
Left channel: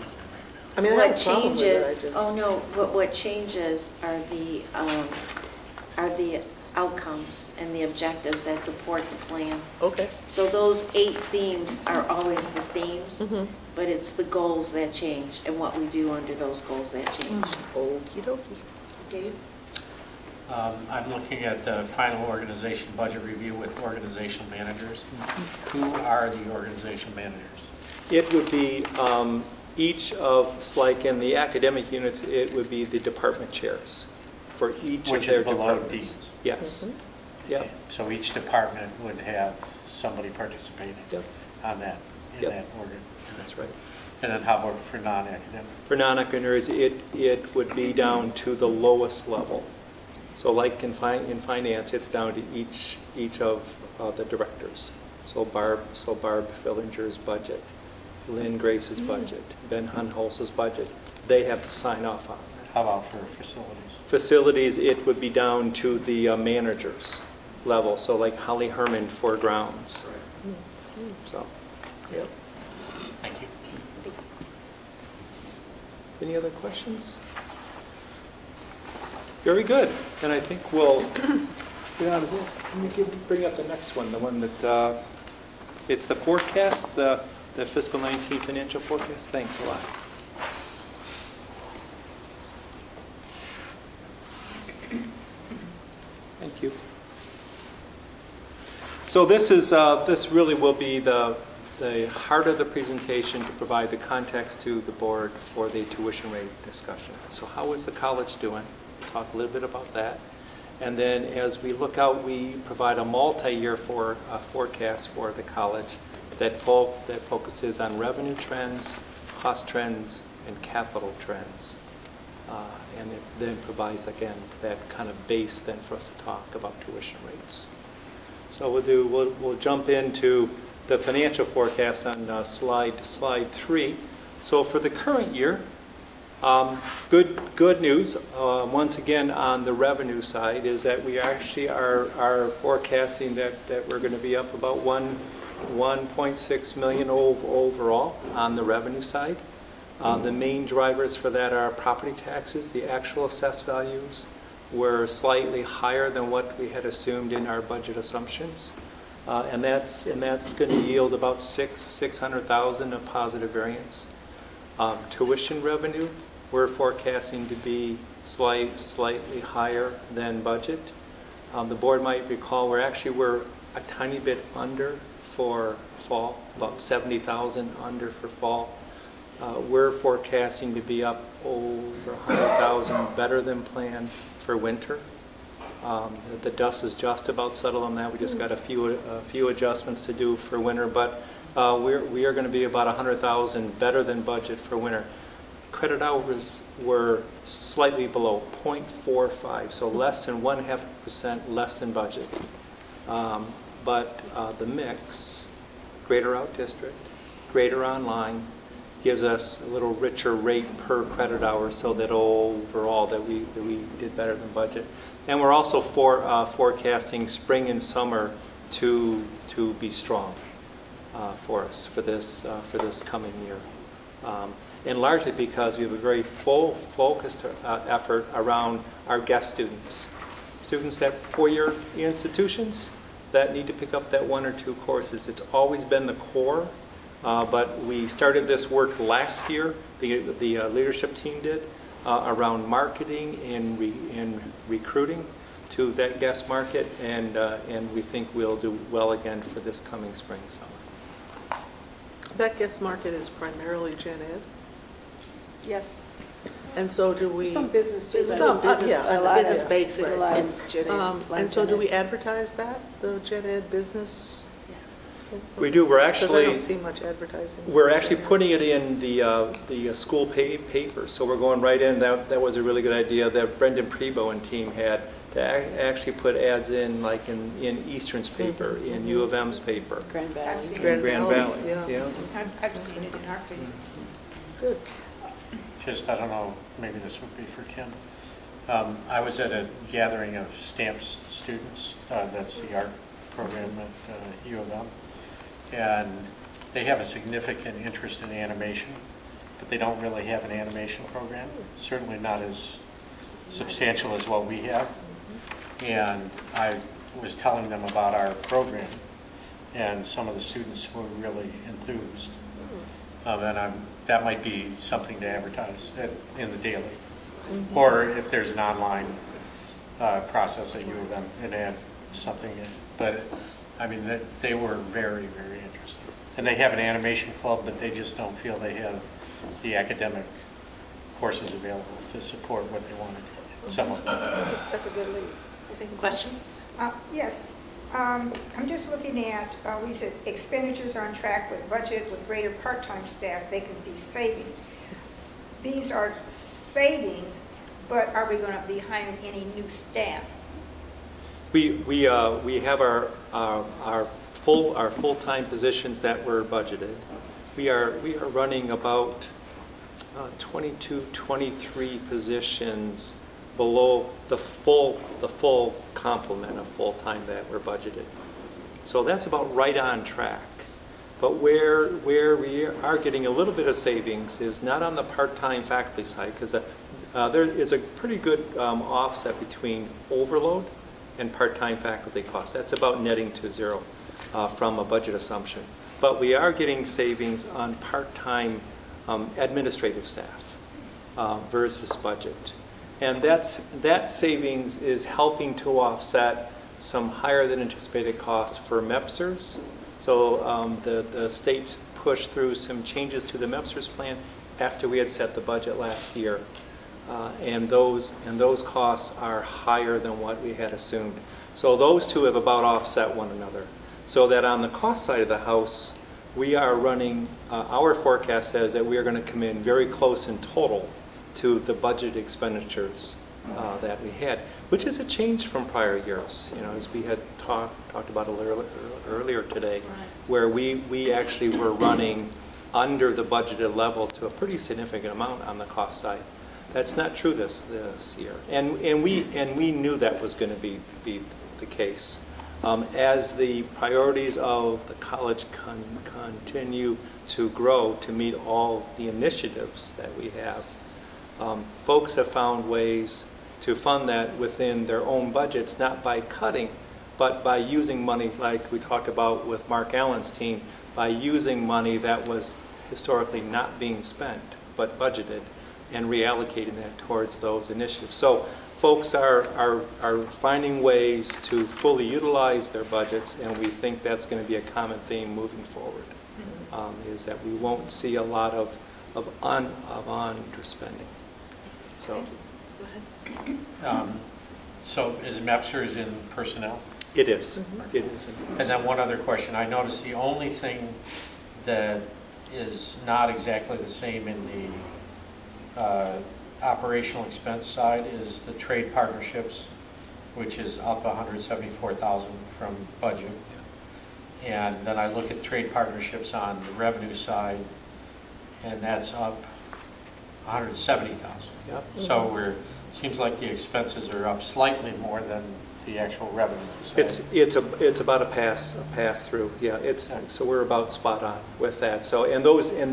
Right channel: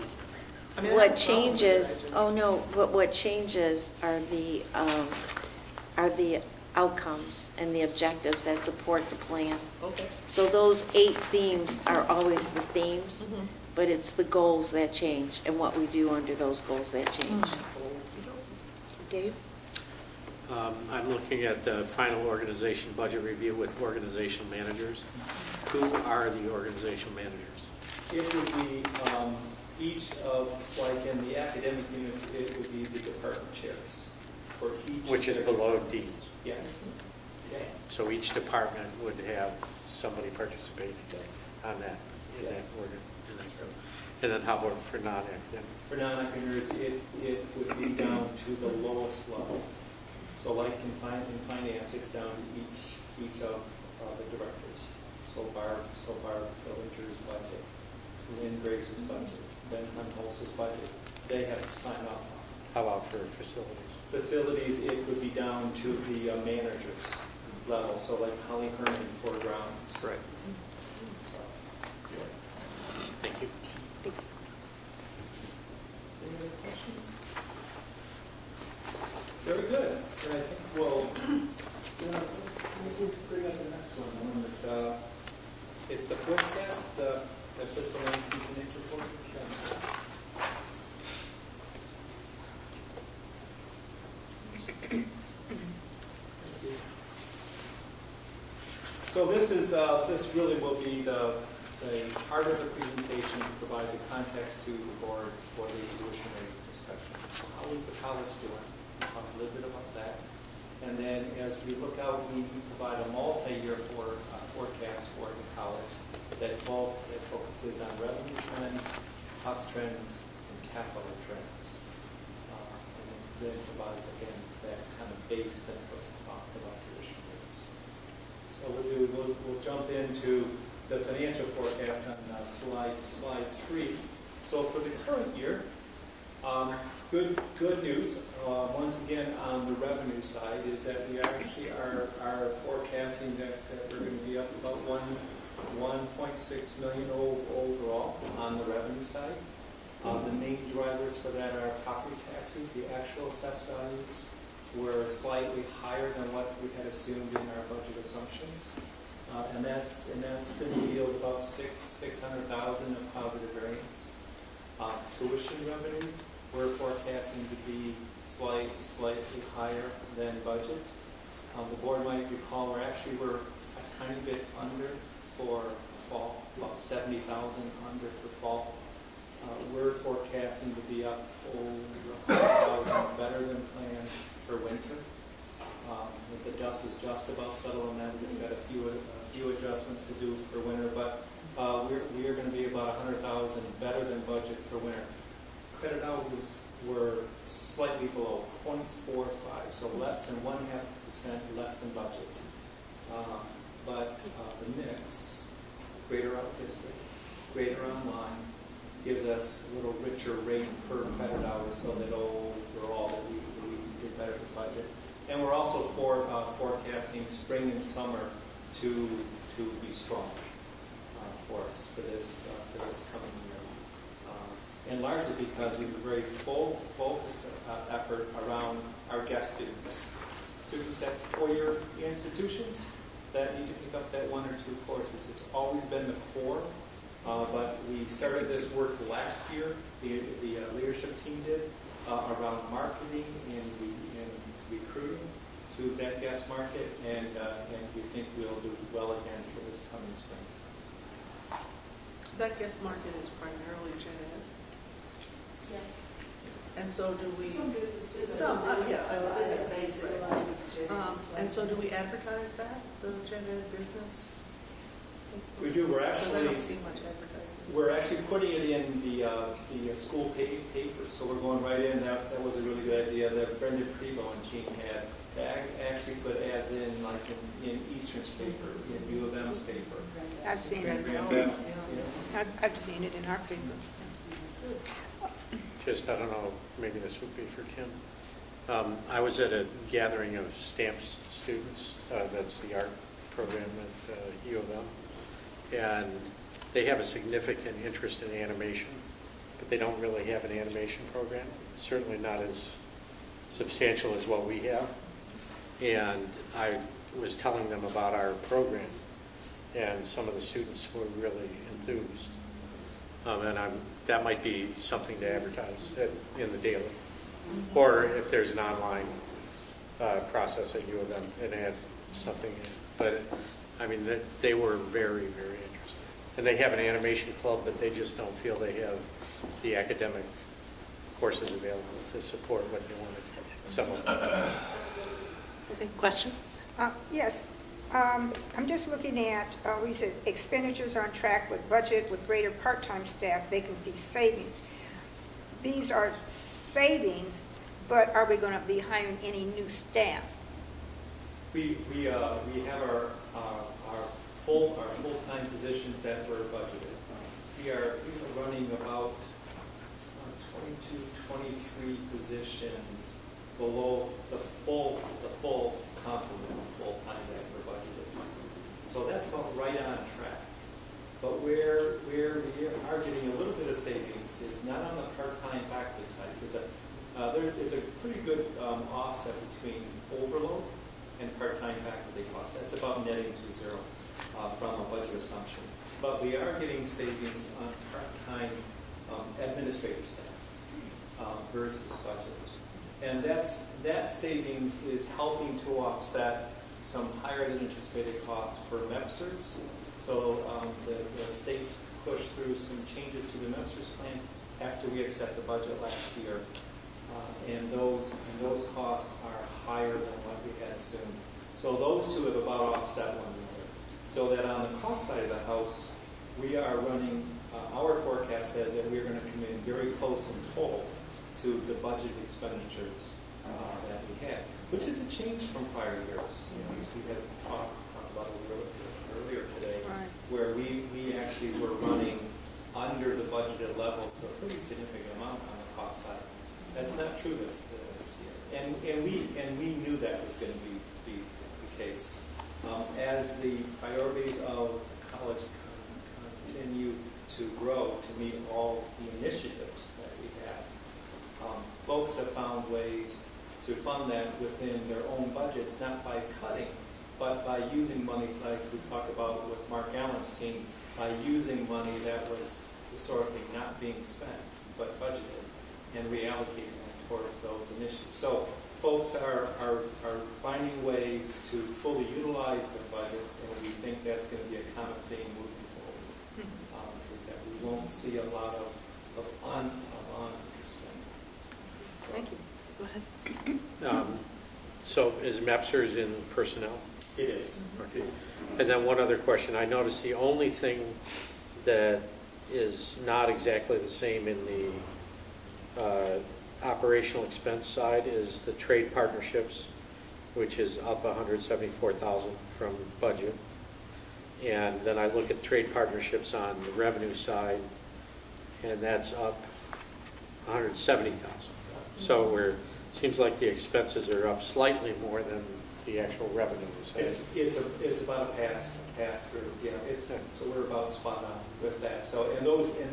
I mean, what changes? Oh no! What changes are the outcomes and the objectives that support the plan. Okay. So those 8 themes are always the themes, but it's the goals that change and what we do under those goals that change. Okie dokie. Dave? I'm looking at the final organization budget review with organization managers. Who are the organization managers? It would be each of, like in the academic units, it would be the department chairs for each Which of their is below departments. deans? Yes. Yeah. So each department would have somebody participating on that, in that order. That's right. And then how about for non-academic? For non-academics, it would be down to the lowest level. So like in finance, it's down to each of the directors. So Barb Fillinger's budget, Lynn Grace's budget, Ben Hunholz's budget, they have to sign off on that. How about for facilities? Facilities, it would be down to the managers level. So like Holly Herman for grounds. Right. So, yeah. Thank you. Any other questions? Very good. And I think we'll get on. We can bring up the next one, the one that it's the forecast, the fiscal 19 financial forecast. Thanks a lot. Thank you. So this is this really will be the the heart of the presentation to provide the context to the board for the tuition rate discussion. So how is the college doing? Talk a little bit about that. And then as we look out, we provide a multi-year forecast for the college that focuses on revenue trends, cost trends, and capital trends. And it then provides, again, that kind of base then for us to talk about tuition rates. So we'll jump into the financial forecast on slide 3. So for the current year, good news, once again, on the revenue side is that we actually are forecasting that we're going to be up about 1.6 million overall on the revenue side. The main drivers for that are property taxes. The actual assessed values were slightly higher than what we had assumed in our budget assumptions. And that's going to yield about $600,000 of positive variance. Tuition revenue, we're forecasting to be slightly higher than budget. The board might recall we're a tiny bit under for fall, about $70,000 under for fall. We're forecasting to be up over $100,000 better than planned for winter. The dust is just about settled on that. We just got a few adjustments to do for winter, but we are going to be about $100,000 better than budget for winter. Credit hours were slightly below, 0.45, so less than 0.5% less than budget. But the mix, greater out district, greater online, gives us a little richer rate per credit hour, so that overall that we did better than budget. And we're also forecasting spring and summer to be strong for us for this coming year, and largely because we have a very focused effort around our guest students at four-year institutions that need to pick up that 1 or 2 courses. It's always been the core. But we started this work last year, the leadership team did, around marketing and recruiting to that guest market, and we think we'll do well again for this coming spring. So. That guest market is primarily gen ed? Yes. And so do we... Some business too. Some business, yeah, a lot business of basics and gen ed. And so do we advertise that, the gen ed business? We do. We're actually... Because I don't see much advertising. We're actually putting it in the school paper, so we're going right in. That was a really good idea that Brendan Prebo and team had, to actually put ads in, like in Eastern's paper, in U of M's paper. I've seen Grand it. Valley. Yeah. I've seen it in our paper. Good. Just, I don't know, maybe this would be for Kim. I was at a gathering of STAMPS students. That's the art program at U of M. And they have a significant interest in animation, but they don't really have an animation program, certainly not as substantial as what we have. And I was telling them about our program, and some of the students were really enthused. And that might be something to advertise in the daily. Mm-hmm. Or if there's an online process at U of M and add something in. But I mean, they were very, very interested. And they have an animation club, but they just don't feel they have the academic courses available to support what they want to do. Some of them. That's a good lead. Okay, question? Yes. I'm just looking at, we said expenditures are on track with budget with greater part-time staff, vacancy savings. These are savings, but are we going to be hiring any new staff? We have our full-time positions that were budgeted. We are running about 22, 23 positions below the full complement of full-time that were budgeted. So that's about right on track. But where we are getting a little bit of savings is not on the part-time faculty side, because there is a pretty good offset between overload and part-time faculty costs. That's about netting to zero from a budget assumption. But we are getting savings on part-time administrative staff versus budget. And that savings is helping to offset some higher than anticipated costs for MEPSers, So the state pushed through some changes to the MEPSRS plan after we had set the budget last year. And those costs are higher than what we had assumed. So those two have about offset one another. So that on the cost side of the house, we are running, our forecast says that we are going to come in very close in total to the budget expenditures that we had, which is a change from prior years, you know, as we had talked about a little earlier today, right, where we actually were running under the budgeted level to a pretty significant amount on the cost side. That's not true this year, and we knew that was going to be the case. As the priorities of the college continue to grow to meet all the initiatives that we have, folks have found ways to fund that within their own budgets, not by cutting, but by using money like we talked about with Mark Allen's team, by using money that was historically not being spent but budgeted and reallocating that towards those initiatives. So folks are finding ways to fully utilize their budgets, and we think that's going to be a common theme moving forward, is that we won't see a lot of underspending. So, thank you. Go ahead. So is MEPSRS in personnel? It is. Mm-hmm. It is. And then one other question. I noticed the only thing that is not exactly the same in the operational expense side is the trade partnerships, which is up $174,000 from budget. And then I look at trade partnerships on the revenue side, and that's up $170,000. Yep. So seems like the expenses are up slightly more than the actual revenue side. It's about a pass through. Yeah, so we're about spot on with that. So and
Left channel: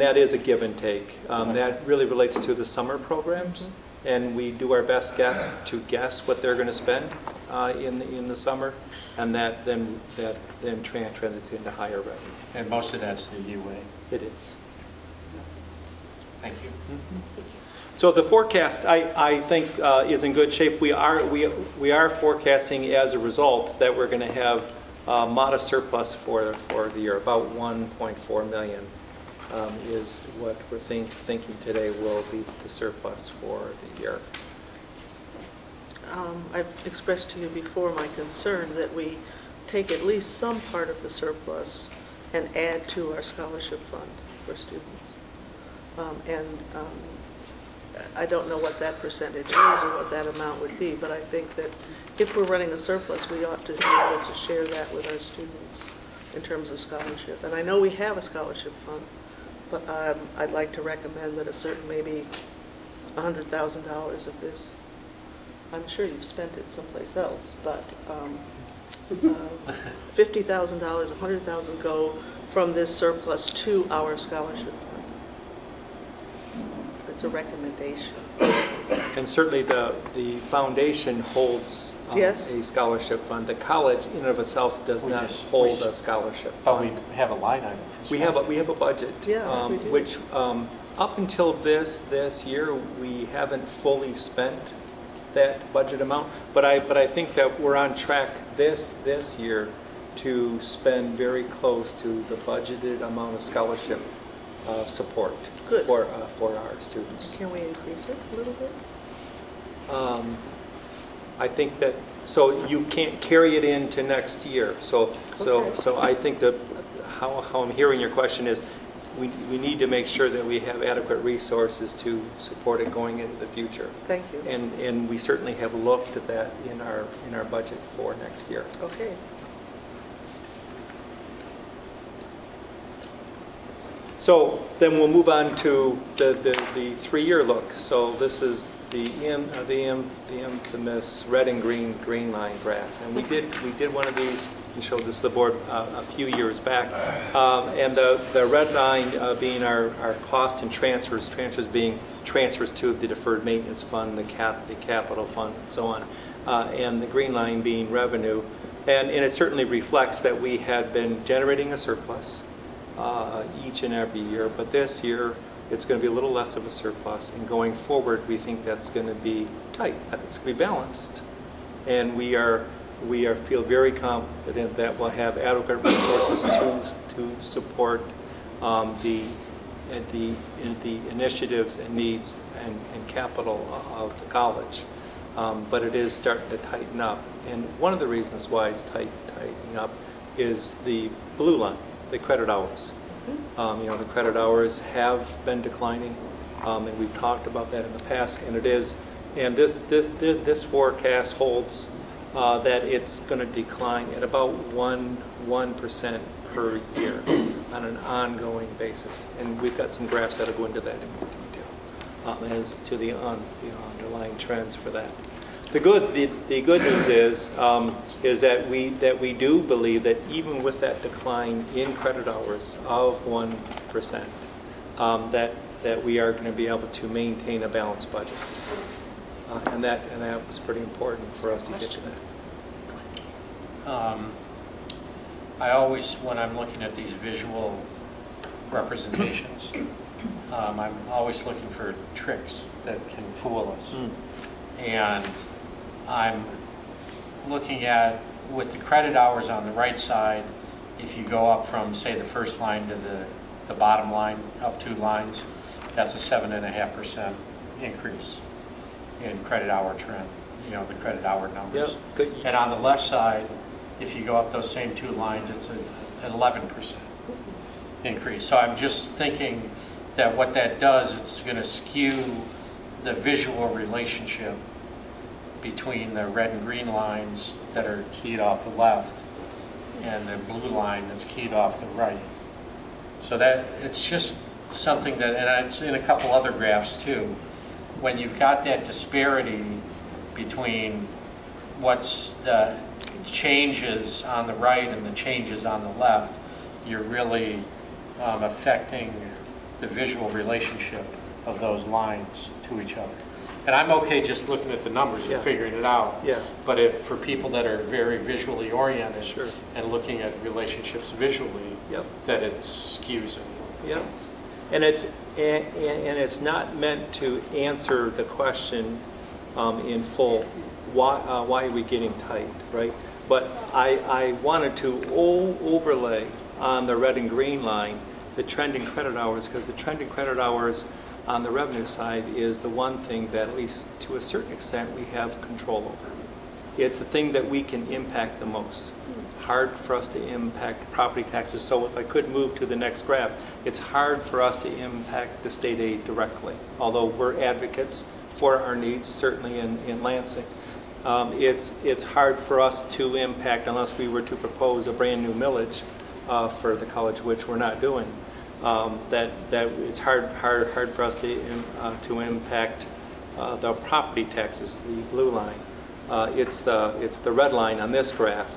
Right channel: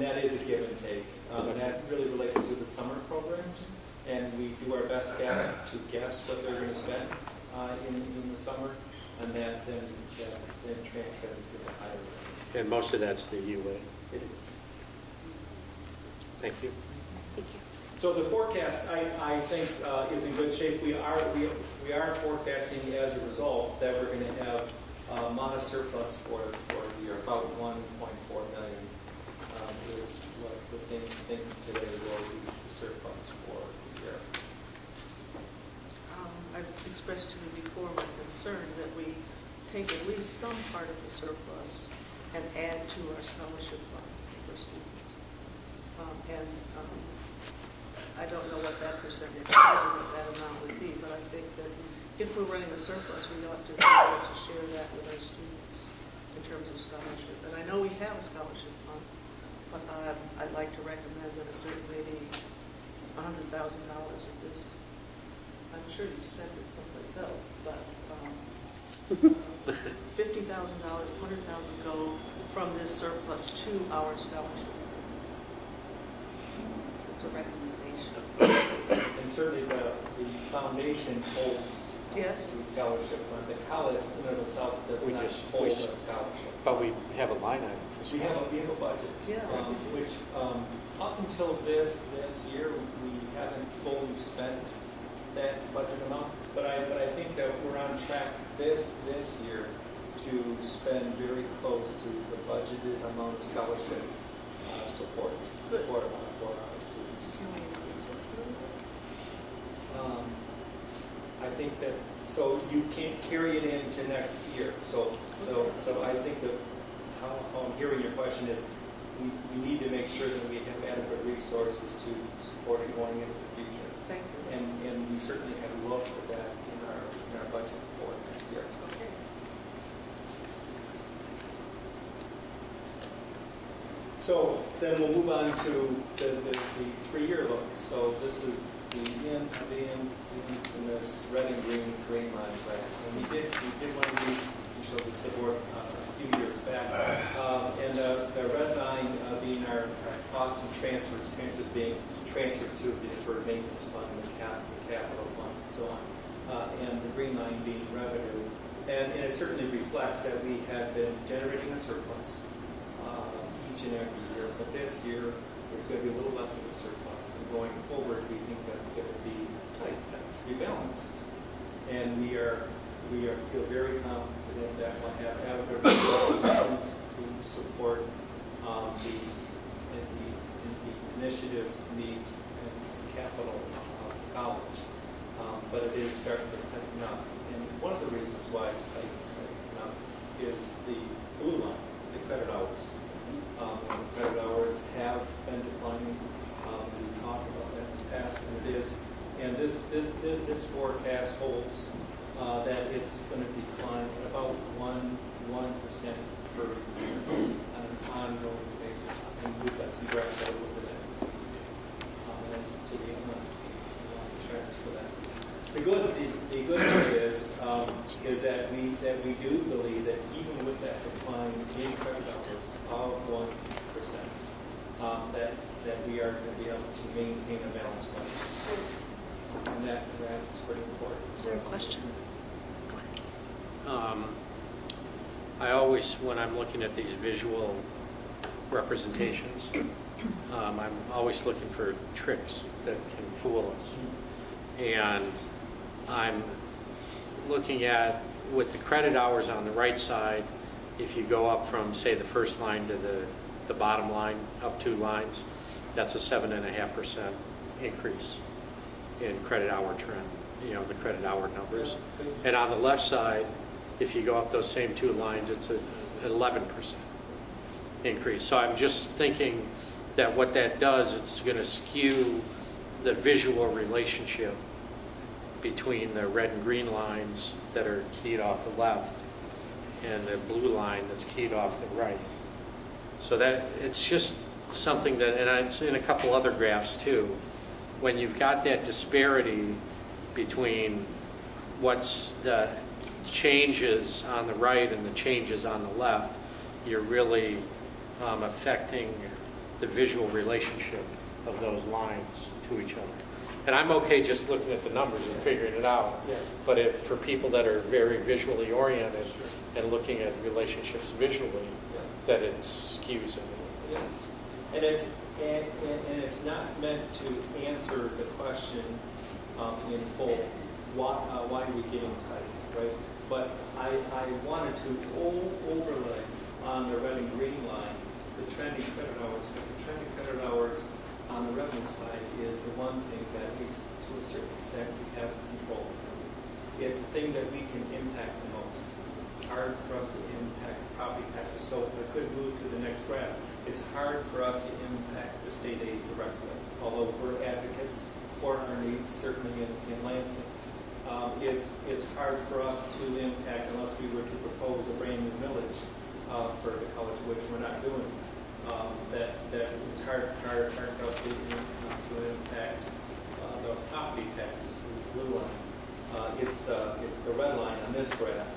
that is a give and take. That really relates to the summer programs, and we do our best to guess what they're going to spend in the summer, and that then translates into higher revenue. And most of that's the UA. It is. Thank you. Thank you. So the forecast, I think, is in good shape. We are forecasting as a result that we're going to have a modest surplus for the year. About 1.4 million is what we're thinking today will be the surplus for the year. I've expressed to you before my concern that we take at least some part of the surplus and add to our scholarship fund for students. I don't know what that percentage is or what that amount would be, but I think that if we're running a surplus, we ought to be able to share that with our students in terms of scholarship. And I know we have a scholarship fund, but I'd like to recommend that a certain, maybe $100,000 of this, I'm sure you've spent it someplace else, but $50,000, $100,000 go from this surplus to our scholarship fund. It's a recommendation. And certainly the foundation holds a scholarship fund. The college in and of itself does not hold a scholarship fund. But we have a line item for we have a budget, which up until this year we haven't fully spent that budget amount. But I think that we're on track this year to spend very close to the budgeted amount of scholarship support for our students. Can we increase it a little bit? I think that, so you can't carry it into next year. So I think that how I'm hearing your question is we need to make sure that we have adequate resources to support it going into the future. Thank you. And we certainly have looked at that in our budget for next year. Okay. So then we'll move on to the 3-year look. So this is the infamous red and green line graph. And we did one of these. We showed this to the board a few years back. And the red line being our cost and transfers being transfers to the deferred maintenance fund, the capital fund, and so on. And the green line being revenue. And it certainly reflects that we had been generating a surplus each and every year, but this year it's going to be a little less of a surplus, and going forward we think that's going to be tight, it's going to be balanced, and we feel very confident that we'll have adequate resources to support the initiatives and needs and capital of the college. But it is starting to tighten up. And one of the reasons why it's tightening up is the blue line, the credit hours. You know, the credit hours have been declining, and we've talked about that in the past, and it is. And this forecast holds that it's going to decline at about 1% per year on an ongoing basis. And we've got some graphs that will go into that in more detail as to the underlying trends for that. The good news is that we do believe that even with that decline in credit hours of 1%, that we are going to be able to maintain a balanced budget, and that was pretty important for us to get to that. I always, when I'm looking at these visual representations, I'm always looking for tricks that can fool us. And I'm looking at, with the credit hours on the right side, if you go up from, say, the first line to the bottom line, up 2 lines, that's a 7.5% increase in credit hour trend, you know, the credit hour numbers. Yep. And on the left side, if you go up those same 2 lines, it's an 11% increase. So I'm just thinking that what that does, it's going to skew the visual relationship between the red and green lines that are keyed off the left and the blue line that's keyed off the right. So that it's just something that, and it's in a couple other graphs too, when you've got that disparity between what's the changes on the right and the changes on the left, you're really affecting the visual relationship of those lines to each other. And I'm okay just looking at the numbers and figuring it out. Yeah. But if for people that are very visually oriented and looking at relationships visually, that it skews it. Yeah. And it's not meant to answer the question in full. Why are we getting tight, right? But I wanted to overlay on the red and green line the trending credit hours, because the trending credit hours on the revenue side is the one thing that, at least to a certain extent, we have control over. It's the thing that we can impact the most. Hard for us to impact property taxes. So if I could move to the next graph, it's hard for us to impact the state aid directly, although we're advocates for our needs, certainly in Lansing. It's hard for us to impact unless we were to propose a brand new millage for the college, which we're not doing. That it's hard for us to impact the property taxes, the blue line. It's the red line on this graph,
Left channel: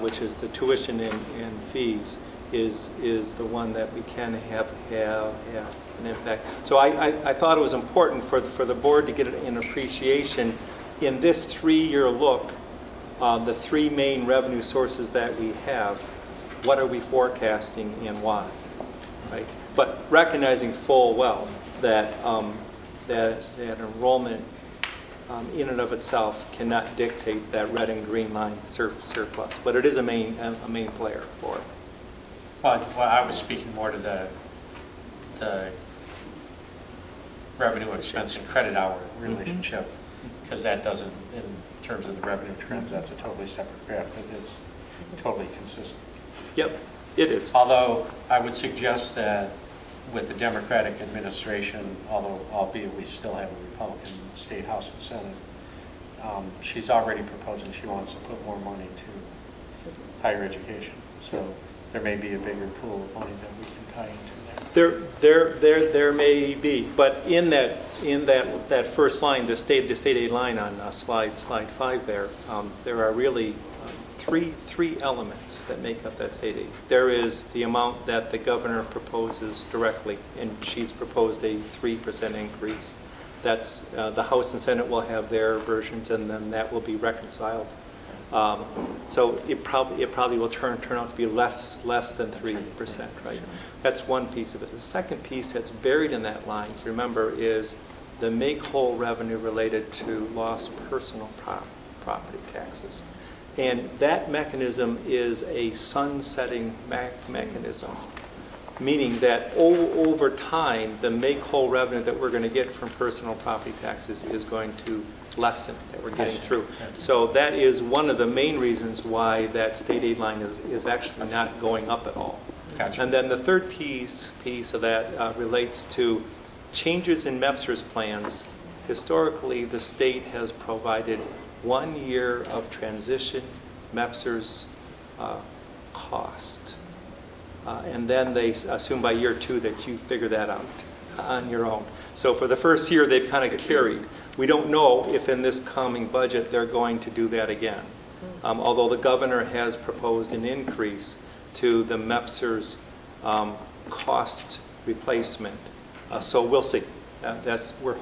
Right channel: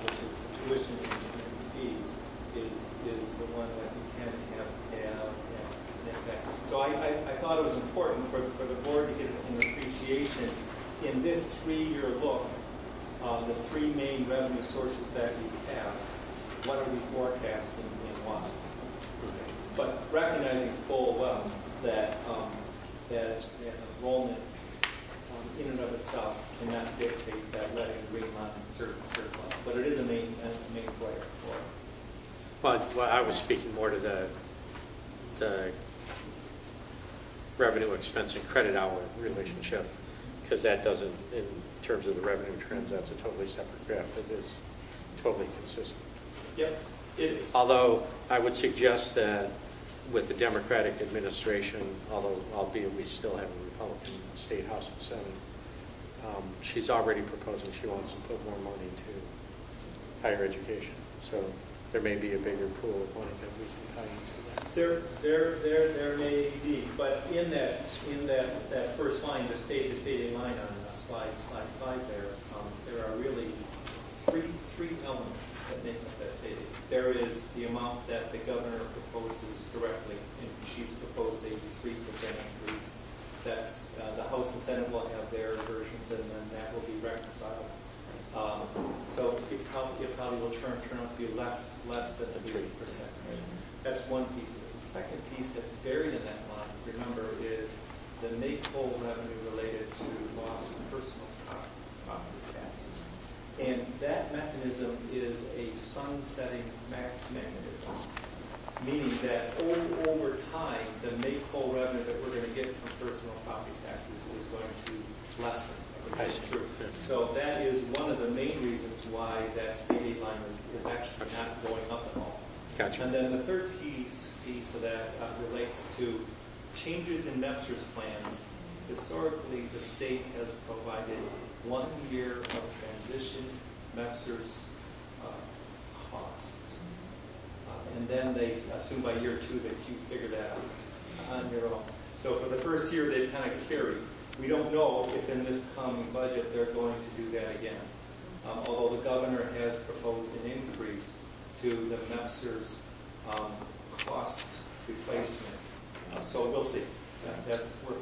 which is the tuition and fees, is the one that we can have an impact. So I thought it was important for the board to get an appreciation in this 3-year look, the 3 main revenue sources that we have. What are we forecasting and why? Right? But recognizing full well that that enrollment in and of itself cannot dictate that red and green line surplus, but it is a main player for it. Well, I was speaking more to the revenue expense and credit hour relationship, because that doesn't, in terms of the revenue trends, that's a totally separate graph that is totally consistent. Yep, it is. Although I would suggest that with the Democratic administration, albeit we still have a Republican state House and Senate, she's already proposing she wants to put more money to higher education. So there may be a bigger pool of money that we can tie into that. There may be, but in that first line, the state aid line on slide 5 there are really three elements that make up that state aid. There is the amount that the governor proposes directly, and she's proposed a 3% increase. That's the House and Senate will have their versions, and then that will be reconciled. So it probably will turn out to be less than 3%, right? That's one piece of it. The second piece that's buried in that line, if you remember, is the make-whole revenue related to lost personal property taxes. And that mechanism is a sunsetting mechanism, meaning that over time, the make-whole revenue that we're going to get from personal property taxes is going to lessen, that we're getting through. So that is one of the main reasons why that state aid line is actually not going up at all. Gotcha. And then the third piece of that relates to changes in MEPSR's plans. Historically, the state has provided 1 year of transition MEPSR's cost. And then they assume by year 2 that you figure that out on your own. So for the first year, they've kind of carried. We don't know if in this coming budget they're going to do that again. Although the governor has proposed an increase to the MEPSR's cost replacement. So we'll see. We're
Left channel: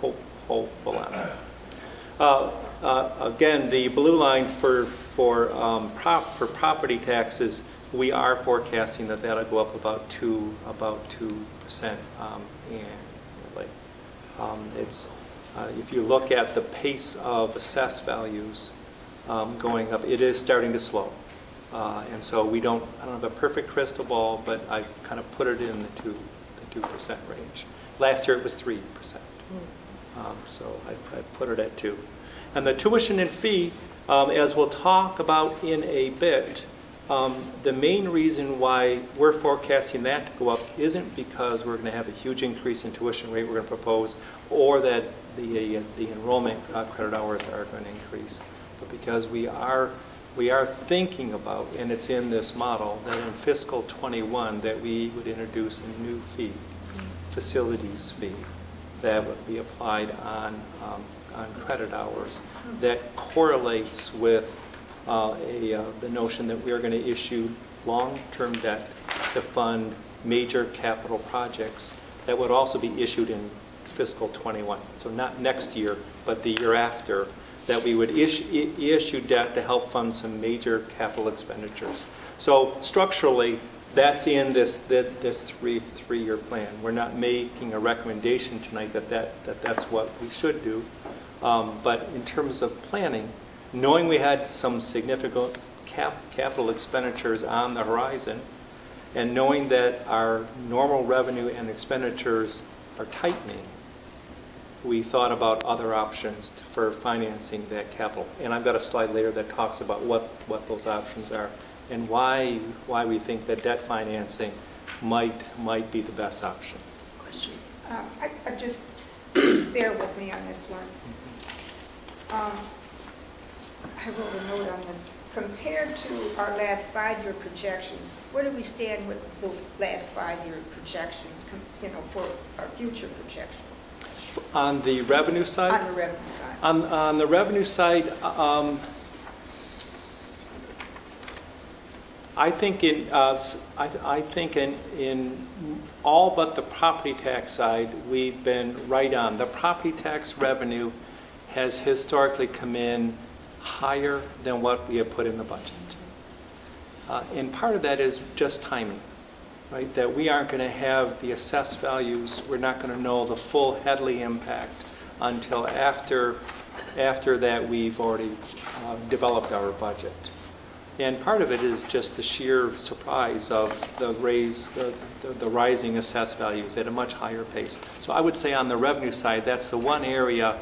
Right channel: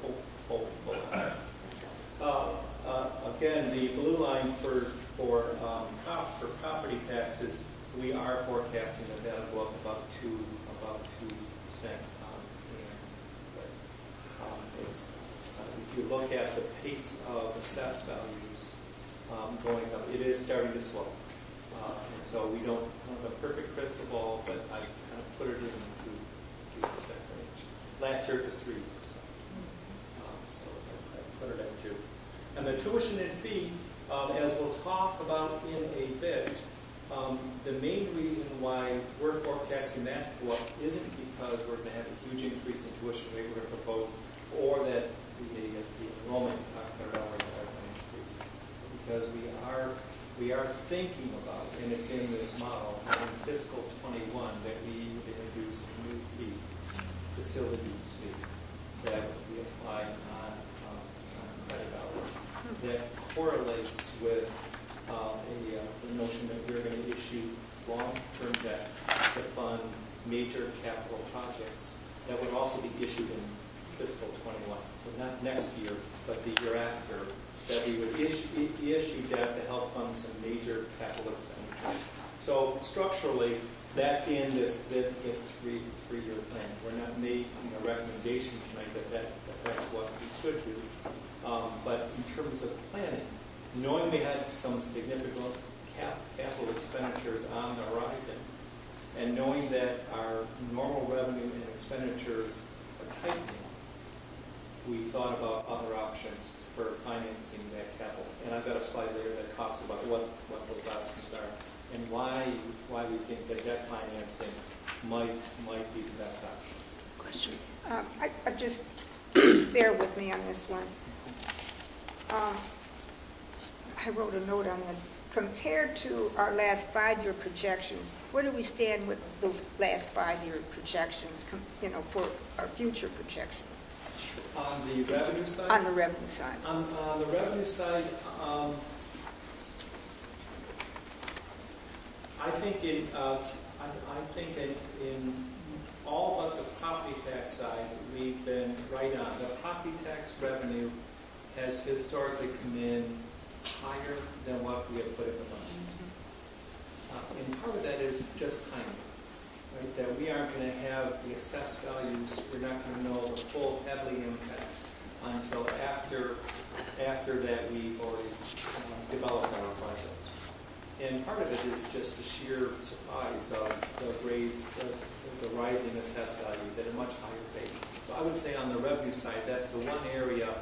hopeful on that. Again, the blue line for property taxes, we are forecasting that that'll go up about 2%. If you look at the pace of assessed values going up, it is starting to slow. And so I don't have a perfect crystal ball, but I kind of put it in the 2% range. Last year it was 3%. So I put it at 2. And the tuition and fee, as we'll talk about in a bit, the main reason why we're forecasting that to go up isn't because we're going to have a huge increase in tuition rate we're going to propose, or that the enrollment credit hours are going to increase, but because we are thinking about, and it's in this model, that in fiscal 21 that we would introduce a new fee, facilities fee, that would be applied on credit hours that correlates with the notion that we are going to issue long-term debt to fund major capital projects that would also be issued in fiscal 21. So not next year, but the year after, that we would issue debt to help fund some major capital expenditures. So structurally, that's in this three-year plan. We're not making a recommendation tonight that that's what we should do. But in terms of planning, knowing we had some significant capital expenditures on the horizon, and knowing that our normal revenue and expenditures are tightening, we thought about other options for financing that capital. And I've got a slide later that talks about what those options are and why we think that debt financing might be the best option. Question? I just, bear with me on this one. I wrote a note on this. Compared to our last 5-year projections, where do we stand with those last 5-year projections, for our future projections? On the revenue side? On the revenue side. On the revenue side, I think in all but the property tax side, we've been right on. The property tax revenue has historically come in higher than what we have put in the budget. And part of that is just timing, right? That we aren't going to have the assessed values. We're not going to know the full Headley impact until after that we've already developed our budget. And part of it is just the sheer surprise of the rising assessed values at a much higher pace. So I would say on the revenue side, that's the one area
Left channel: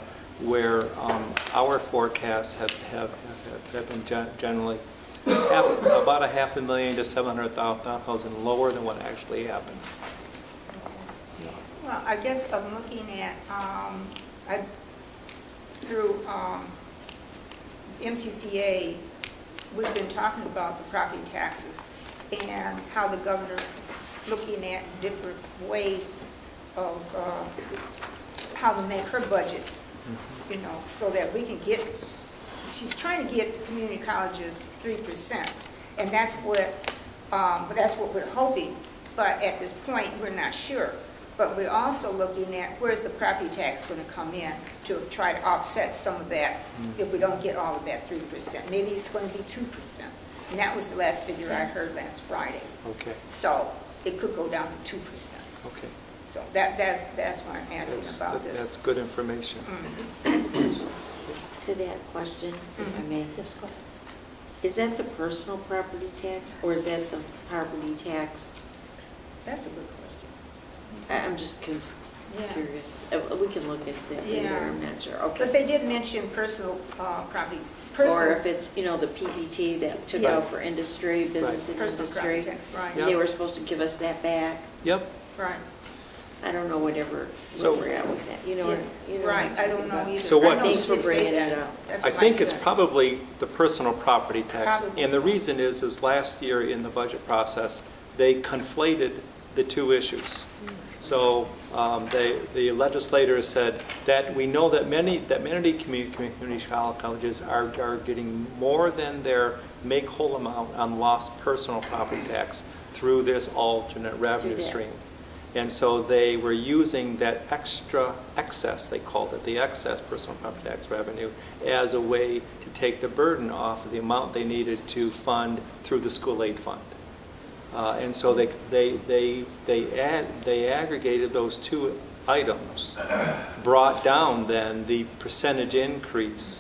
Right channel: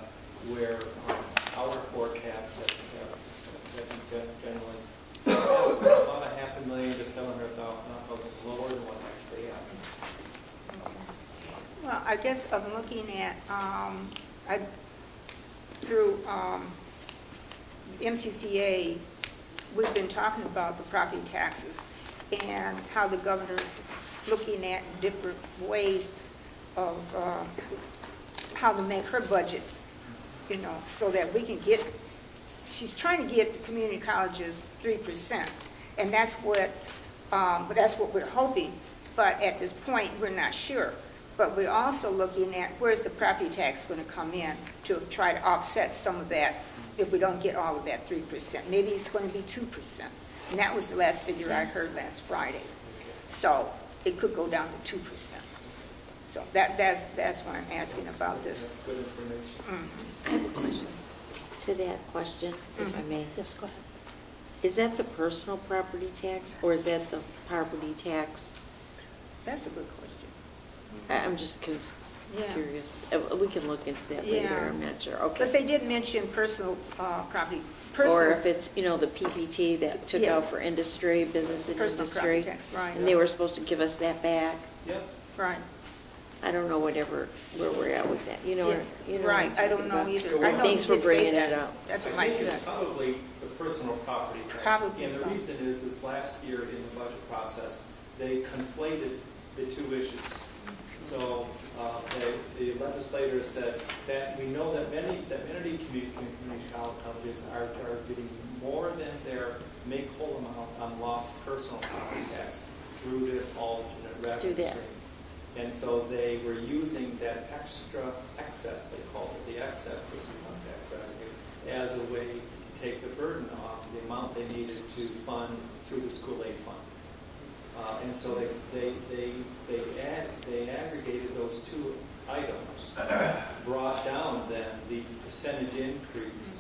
where our forecasts have been generally about $500,000 to $700,000 lower than what actually happened. Well, I guess I'm looking at, through MCCA, we've been talking about the property taxes and how the governor's looking at different ways of how to make her budget, so that we can get, she's trying to get the community colleges 3%. And that's what we're hoping. But at this point, we're not sure. But we're also looking at where's the property tax going to come in to try to offset some of that if we don't get all of that 3%. Maybe it's going to be 2%. And that was the last figure I heard last Friday. Okay. So it could go down to 2%. Okay. So that's why I'm asking about this. That's good information. To that question, if I may. Yes, go ahead. Is that the personal property tax, or is that the property tax? That's a good question. I'm just curious. We can look into that later, Yeah. I'm not sure. Okay. Because they did mention personal property. Or if it's, you know, the PPT that took out for industry, business and Personal industry. property tax, right. And they were supposed to give us that back. Yep. Right. I don't know where we're at with that, you know. Yeah. You know Right, what I'm I don't talking know about. either. So what- Thanks for bringing it up. That's I what think Mike it's said. probably the personal property tax. Probably And the so. reason is last year in the budget process, they conflated the two issues. So the legislators said that we know that many community colleges are getting more than their make-whole amount on lost personal property tax through this alternate revenue stream. And so they were using that excess, they called it the excess personal property tax revenue, as a way to take the burden off of the amount they needed to fund through the school aid fund. And so they aggregated those two items, brought down then the percentage increase.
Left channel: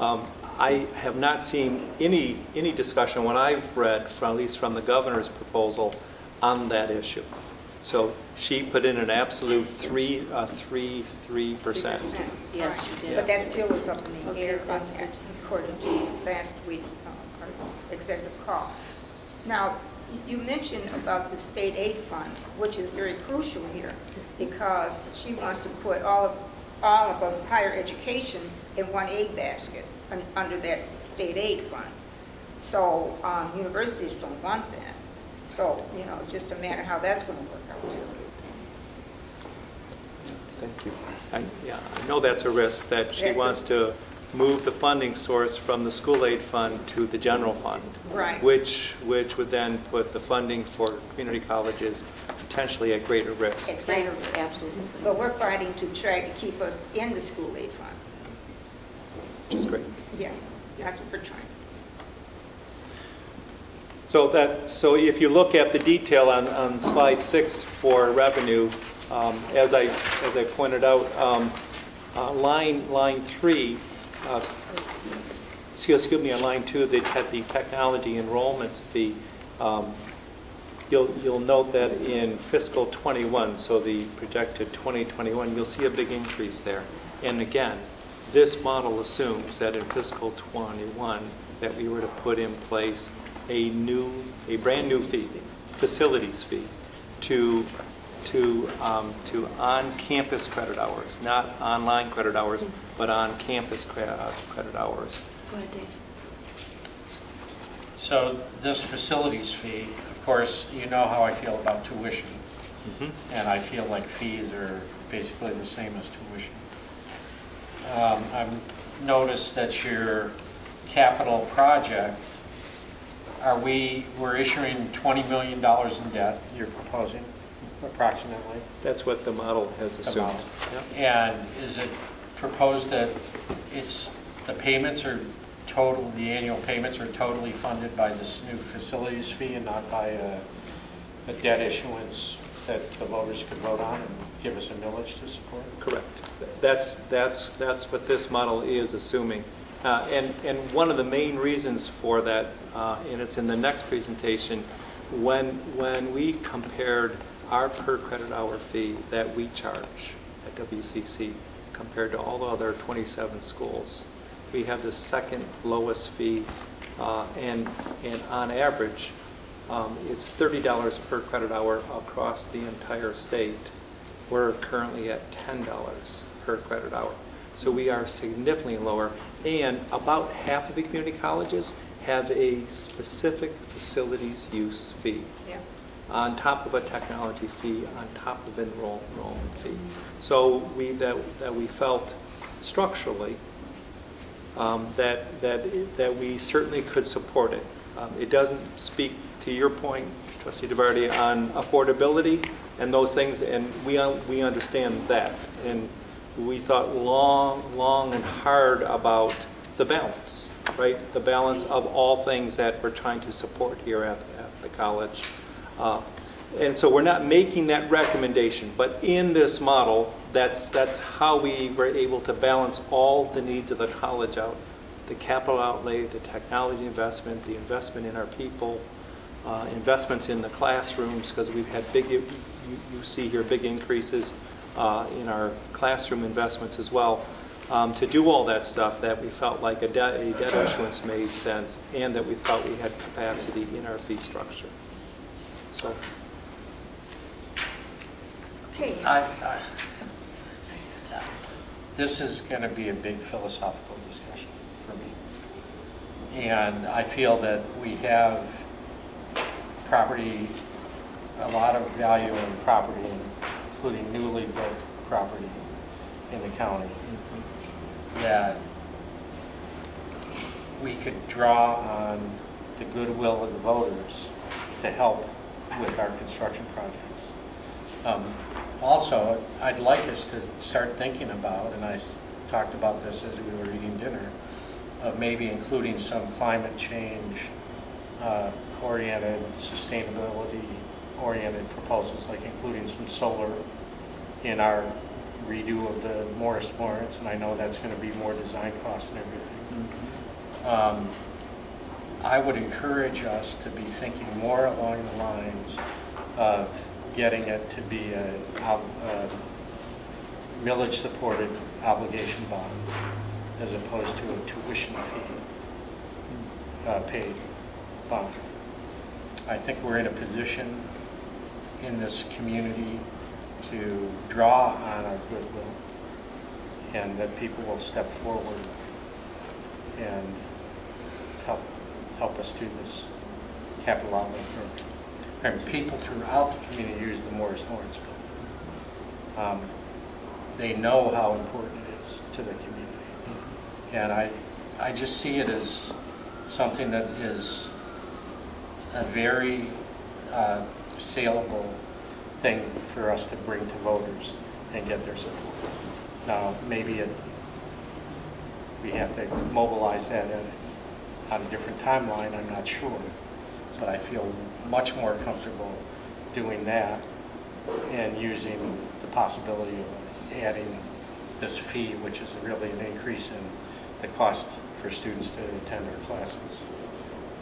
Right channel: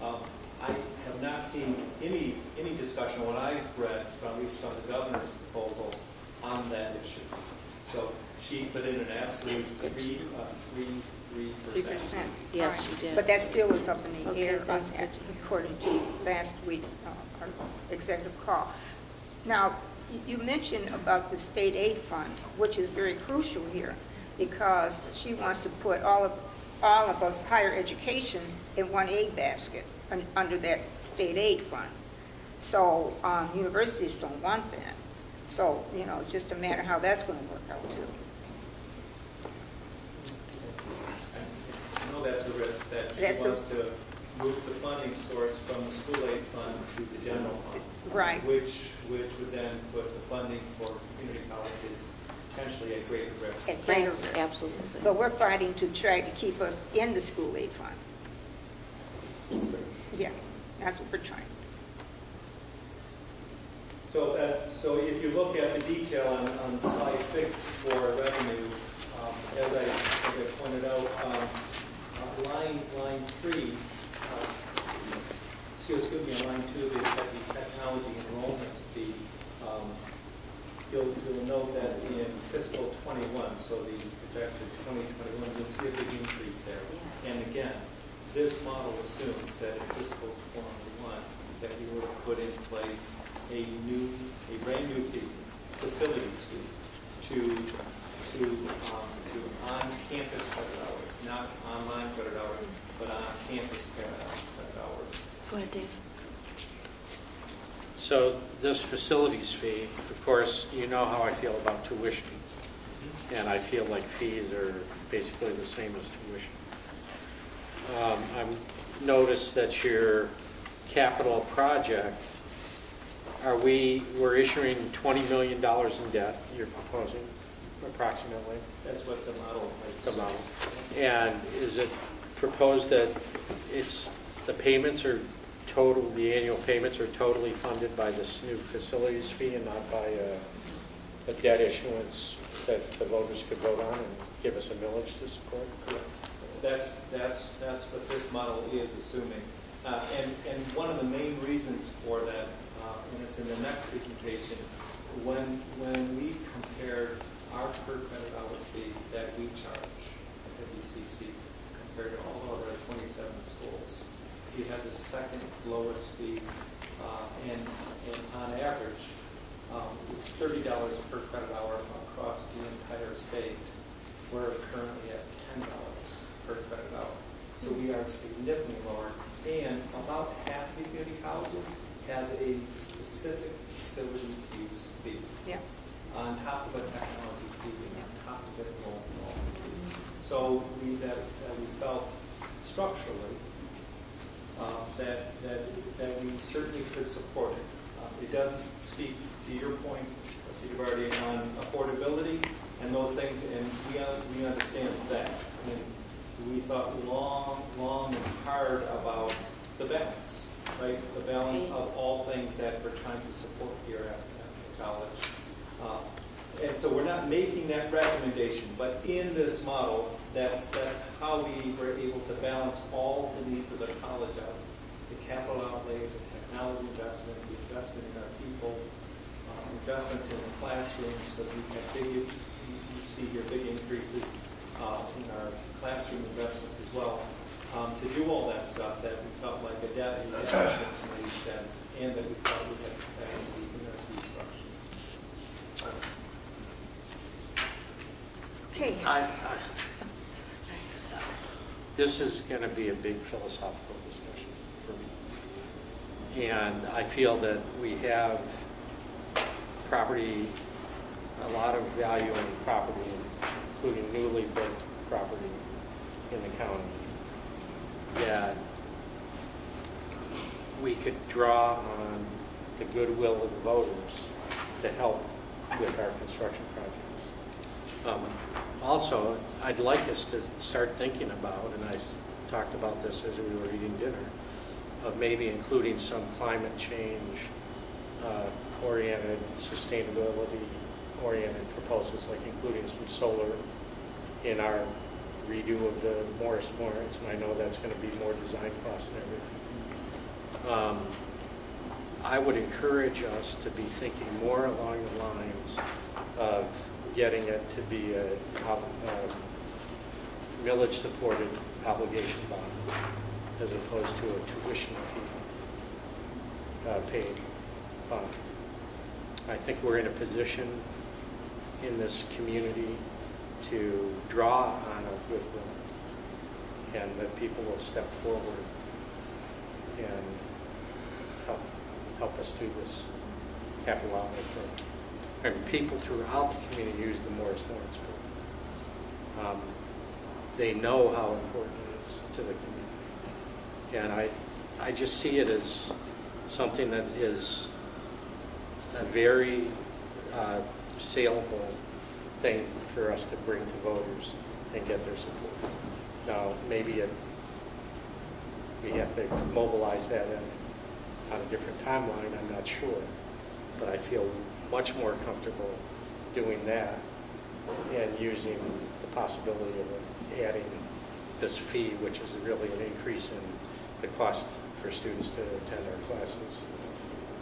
I have not seen any discussion, what I've read, at least from the governor's proposal, on that issue. So she put in an absolute 3%. 3%. Yes, Right. she did. But that still is up in the Okay, air, that's good. according to last week, our executive call. Now, you mentioned about the state aid fund, which is very crucial here, because she wants to put all of us higher education in one aid basket under that state aid fund. So universities don't want that. So, you know, it's just a matter how that's going to work out too. Thank you. I know that's a risk, that she That's wants to move the funding source from the school aid fund to the general fund. Right. Which would then put the funding for community colleges potentially at greater risk. At greater Yes, risk. absolutely. But we're fighting to try to keep us in the school aid fund. Which is great. Yeah, that's what we're trying. So if you look at the detail on slide 6 for revenue, as I pointed out, line 3, excuse me, on line 2, the technology enrollment fee. You'll note that in fiscal 21, so the projected 2021, you'll see a big increase there. And again, this model assumes that in fiscal 21 that we were to put in place a brand new fee, facilities fee, to on-campus credit hours, not online credit hours, but on-campus credit hours. Go ahead, Dave. So this facilities fee, of course, you know how I feel about tuition. And I feel like fees are basically the same as tuition. I've noticed that your capital project, we're issuing $20 million in debt, you're proposing, approximately? That's what the model has assumed. And is it proposed that the payments are the annual payments are totally funded by this new facilities fee and not by a debt issuance that the voters could vote on and give us a millage to support? Correct. That's what this model is assuming. And one of the main reasons for that, and it's in the next presentation, when we compared our per credit hour fee that we charge at WCC compared to all the other 27 schools, we have the second lowest fee, and on average, it's $30 per credit hour across the entire state. We're currently at $10 per credit hour. So we are significantly lower, and about half of the community colleges have a specific facilities use fee. Yeah. On top of a technology fee, on top of an enrollment fee. So we felt structurally that we certainly could support it. It doesn't speak to your point, Trustee DeVardi, on affordability and those things, and we understand that. And we thought long and hard about the balance, right? The balance of all things that we're trying to support here at the college. And so we're not making that recommendation, but in this model, that's how we were able to balance all the needs of the college out. the capital outlay, the technology investment, the investment in our people, investments in the classrooms, because we've had big, you see here, big increases in our classroom investments as well. To do all that stuff, that we felt like a debt issuance made sense, and that we felt we had capacity in our fee structure. So. Okay. This is going to be a big philosophical discussion for me. And I feel that we have property, a lot of value in property, including newly built property in the county, that we could draw on the goodwill of the voters to help with our construction projects. Also, I'd like us to start thinking about, and I talked about this as we were eating dinner, of maybe including some climate change oriented, sustainability oriented proposals, like including some solar in our redo of the Morris Lawrence, and I know that's going to be more design costs and everything. I would encourage us to be thinking more along the lines of getting it to be a village-supported obligation bond as opposed to a tuition fee paid bond. I think we're in a position in this community to draw on our goodwill, and that people will step forward and help us do this capital outlay program. And people throughout the community use the Morris Lawrence building. They know how important it is to the community. And I just see it as something that is a very saleable thing for us to bring to voters and get their support. Now, maybe we have to mobilize that on a different timeline, I'm not sure, but I feel much more comfortable doing that and using the possibility of adding this fee, which is really an increase in the cost for students to attend our classes,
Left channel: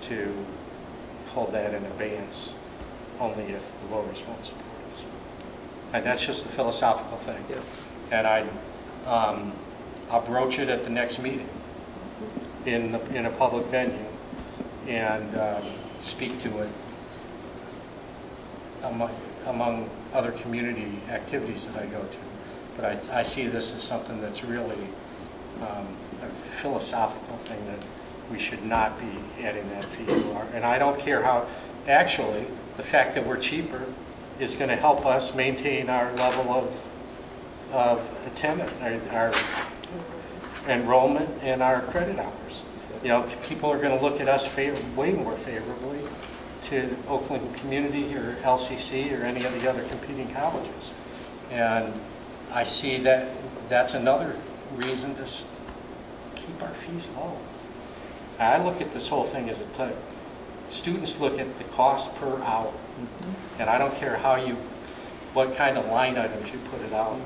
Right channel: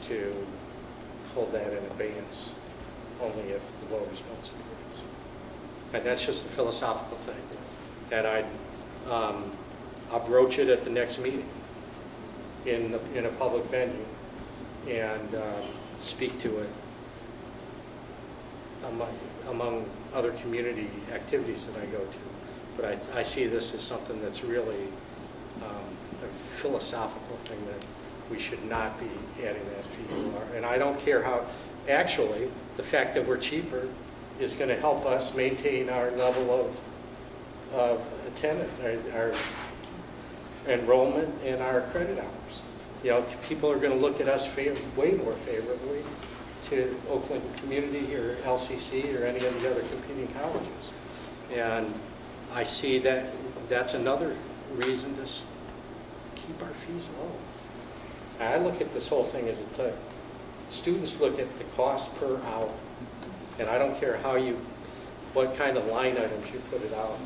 to hold that in abeyance only if the voters want support. And that's just a philosophical thing. And I'll broach it at the next meeting in a public venue and speak to it among other community activities that I go to. But I see this as something that's really a philosophical thing, that we should not be adding that fee to. And I don't care how, actually, the fact that we're cheaper is going to help us maintain our level of attendance, our enrollment, and our credit hours. You know, people are going to look at us way more favorably to Oakland Community or LCC or any of the other competing colleges. And I see that that's another reason to keep our fees low. I look at this whole thing as students look at the cost per hour. And I don't care what kind of line items you put it out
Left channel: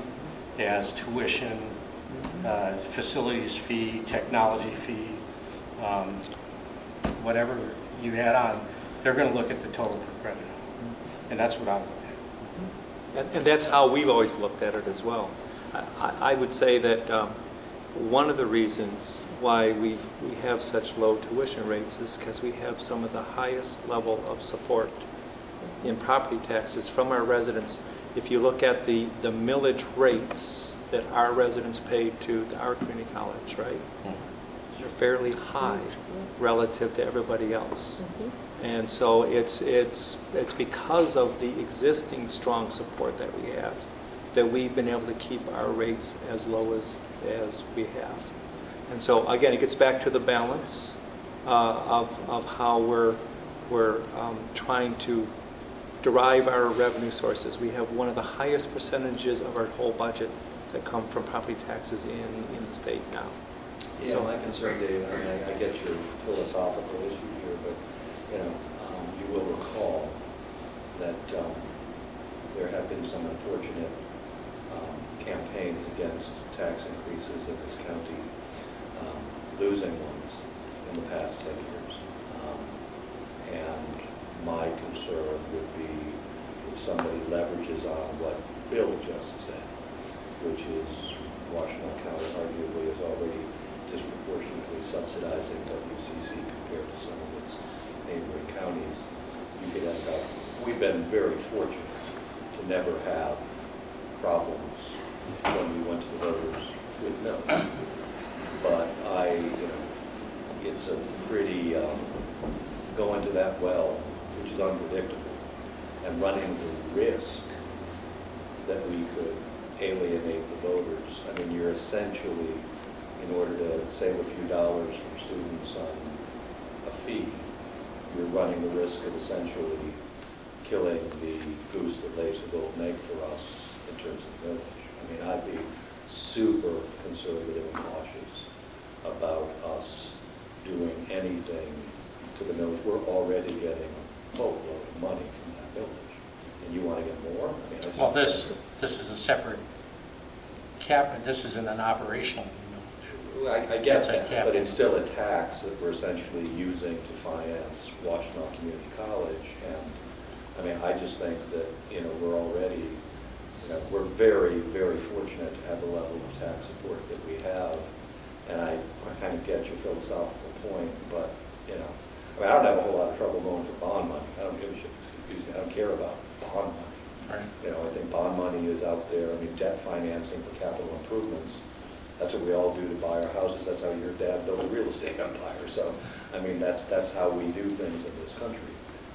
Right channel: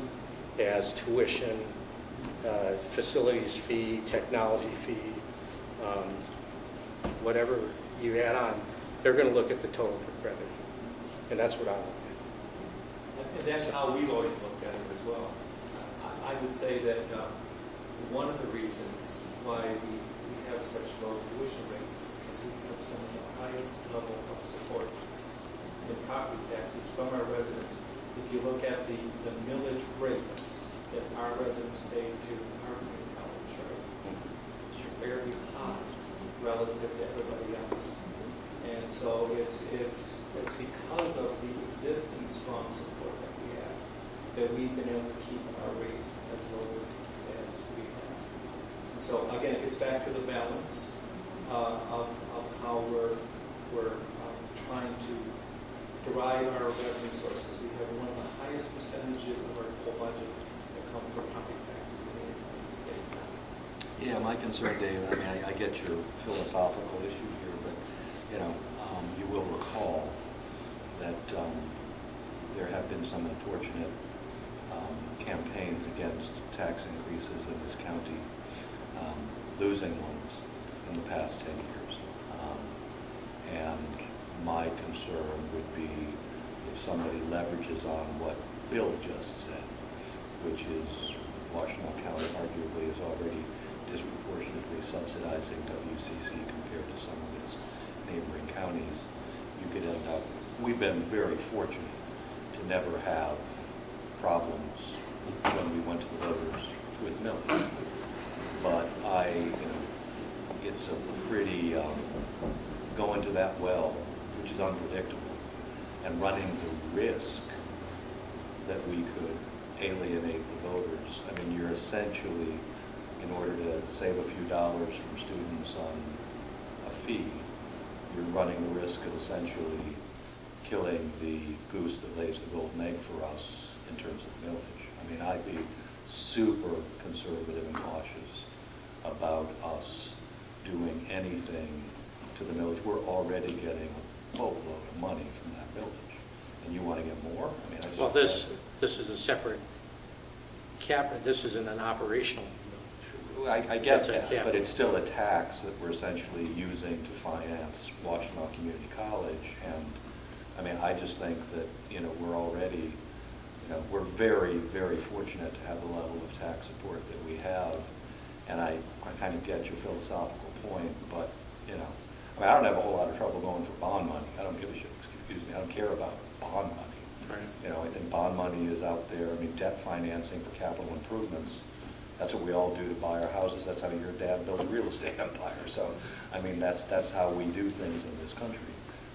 as, tuition, facilities fee, technology fee, whatever you add on, they're going to look at the total per credit hour. And that's what I look at. And that's how we've always looked at it as well. I would say that one of the reasons why we have such low tuition rates is because we have some of the highest level of support in property taxes from our residents. If you look at the millage rates that our residents pay to our community college, right? They're fairly high relative to everybody else. And so it's because of the existing strong support that we have that we've been able to keep our rates as low as we have. And so again, it gets back to the balance of how we're trying to derive our revenue sources. We have one of the highest percentages of our whole budget that come from property taxes in the state now. Yeah, my concern, Dave, I mean, I get your philosophical issue here, but you will recall that there have been some unfortunate campaigns against tax increases in this county losing ones in the past 10 years. And my concern would be if somebody leverages on what Bill just said, which is Washtenaw County arguably is already disproportionately subsidizing WCC compared to some of its neighboring counties. You could end up, we've been very fortunate to never have problems when we went to the voters with millage. But it's a pretty, going to that well, which is unpredictable, and running the risk that we could alienate the voters. I mean, you're essentially, in order to save a few dollars for students on a fee, you're running the risk of essentially killing the goose that lays the golden egg for us in terms of millage. I mean, I'd be super conservative and cautious about us doing anything to the millage. We're already getting a boatload of money from that millage, and you want to get more? I mean, I just well, this is a separate cap. This isn't an operational millage. I get that, but it's still a tax that we're essentially using to finance Washtenaw Community College. And I mean, I just think that, we're already, we're very, very fortunate to have the level of tax support that we have. And I kind of get your philosophical point, but, I don't have a whole lot of trouble going for bond money. I don't give a shit, excuse me, I don't care about bond money. Right. I think bond money is out there. I mean, debt financing for capital improvements, that's what we all do to buy our houses. That's how your dad built a real estate empire. So, I mean, that's how we do things in this country.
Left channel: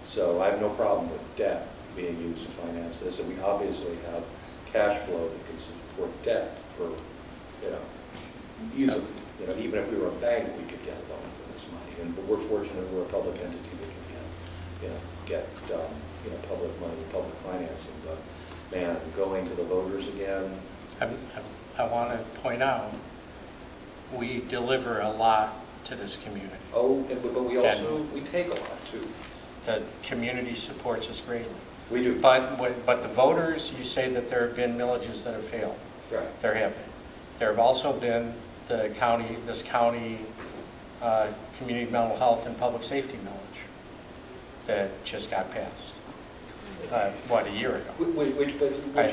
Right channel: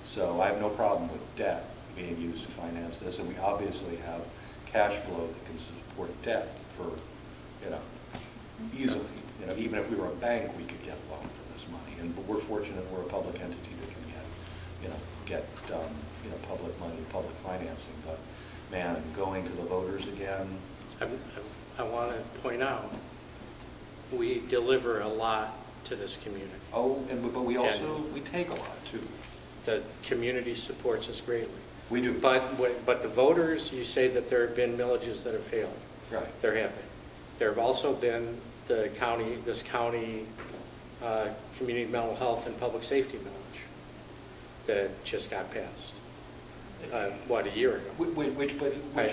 So I have no problem with debt being used to finance this. And we obviously have cash flow that can support debt for, easily. Even if we were a bank, we could get a loan for this money. But we're fortunate that we're a public entity that can get public money, public financing. But man, going to the voters again. I want to point out, we deliver a lot to this community. Oh, but we also, we take a lot too. The community supports us greatly. We do. But the voters, you say that there have been millages that have failed. Right. There have been. There have also been this county community mental health and public safety millage that just got passed. A year ago? Which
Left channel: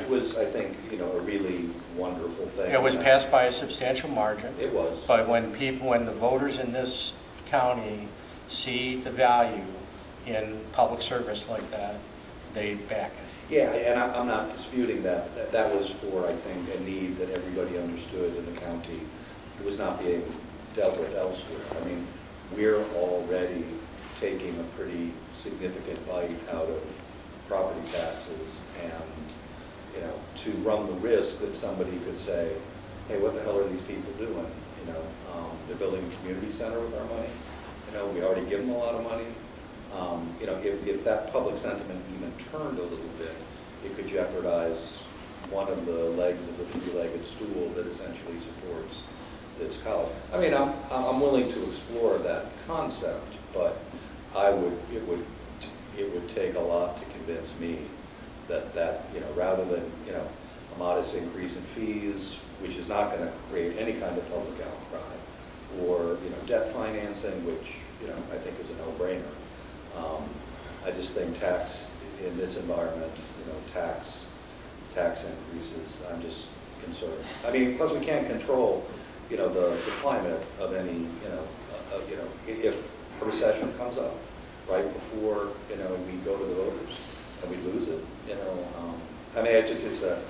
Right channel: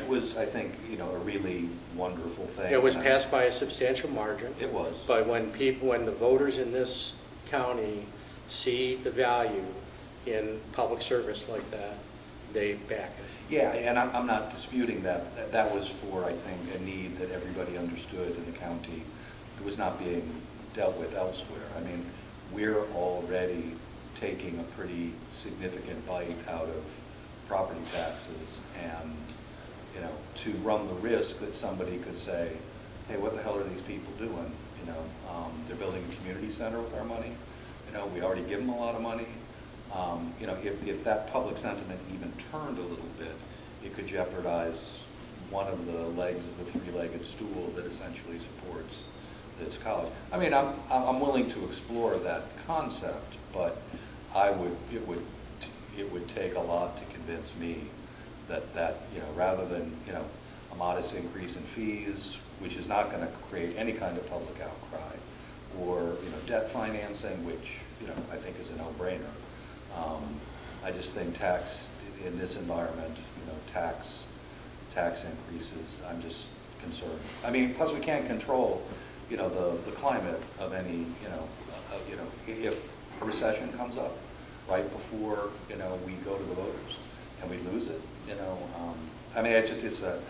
was, I think, a really wonderful thing. It was passed by a substantial margin. It was. But when the voters in this county see the value in public service like that, they back it. Yeah, and I'm not disputing that. That was for, I think, a need that everybody understood in the county that was not being dealt with elsewhere. I mean, we're already taking a pretty significant bite out of property taxes, and to run the risk that somebody could say, hey, what the hell are these people doing? They're building a community center with our money. We already give them a lot of money. If that public sentiment even turned a little bit, it could jeopardize one of the legs of the three-legged stool that essentially supports this college. I mean, I'm willing to explore that concept, but it would take a lot to convince me that rather than a modest increase in fees, which is not going to create any kind of public outcry, or debt financing, which I think is a no-brainer. I just think tax in this environment, tax increases, I'm just concerned. I mean, plus we can't control the climate of any if a recession comes up right before we go to the voters and we lose it. I mean, it's a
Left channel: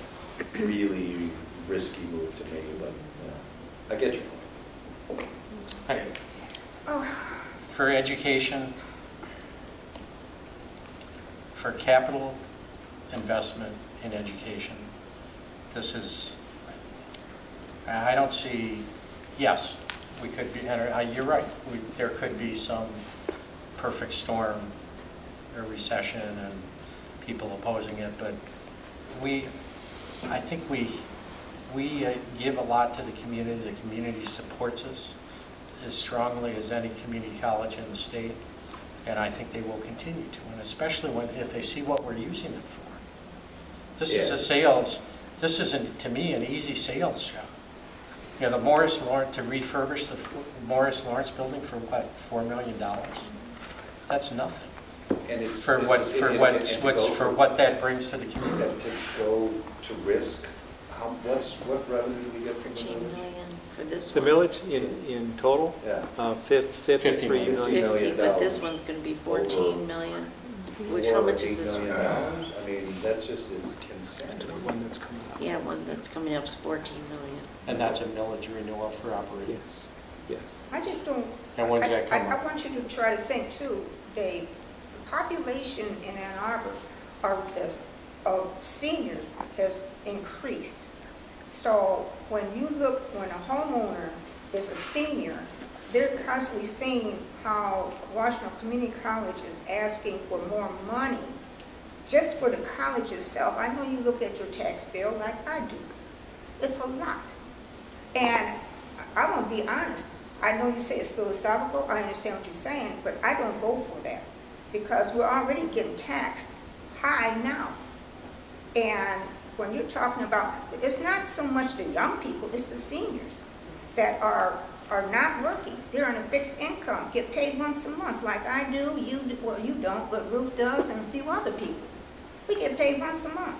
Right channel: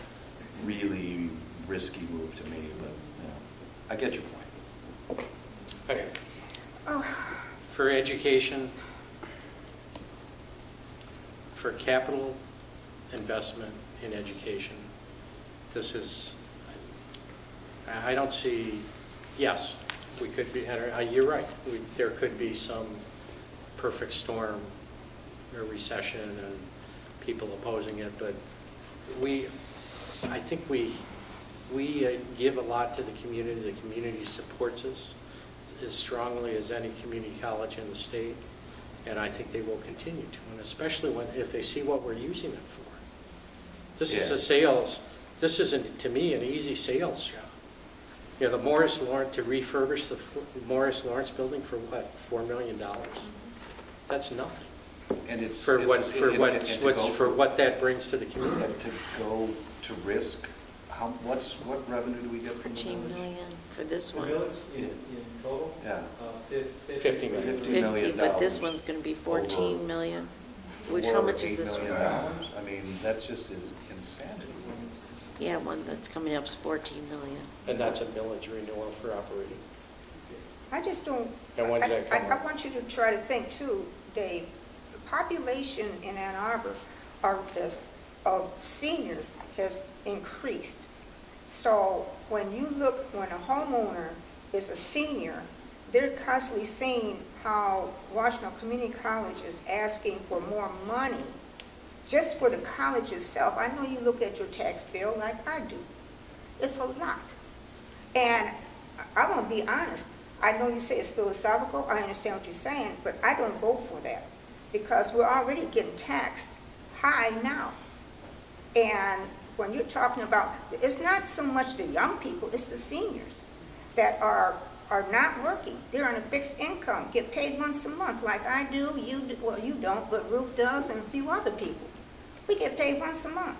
really risky move to me, but I get your point. Okay. For education, for capital investment in education, this is, I don't see, yes, we could be, you're right, there could be some perfect storm or recession and people opposing it, but I think we give a lot to the community supports us as strongly as any community college in the state, and I think they will continue to, and especially if they see what we're using it for. This is a sales, this isn't, to me, an easy sales job. Yeah, the Morris Lawrence, to refurbish the Morris Lawrence building for what, $4 million? That's nothing. And it's For it's what, just- for and- what, and to what's, go for what that brings to the community. And to go to risk, what revenue do we get from the 14 village? million for this The one. millage in total? Yeah. 53 million. $50 million. But this one's going to be 14 million. Which, how much is this $4 one? million. I mean, that's just insanity. Yeah, one that's coming up is 14 million. And that's a millage renewal for operating. Yes. I just don't, And when's that coming? I want you to try to think too, Dave, the population in Ann Arbor of seniors has increased. So when you look, when a homeowner is a senior, they're constantly seeing how Washtenaw Community College is asking for more money just for the college itself. I know you look at your tax bill like I do. It's a lot. And I want to be honest. I know you say it's philosophical. I understand what you're saying, but I don't vote for that because we're already getting taxed high now. And when you're talking about, it's not so much the young people, it's the seniors that are not working. They're on a fixed income, get paid once a month like I do, well, you don't, but Ruth does and a few other people. We get paid once a month.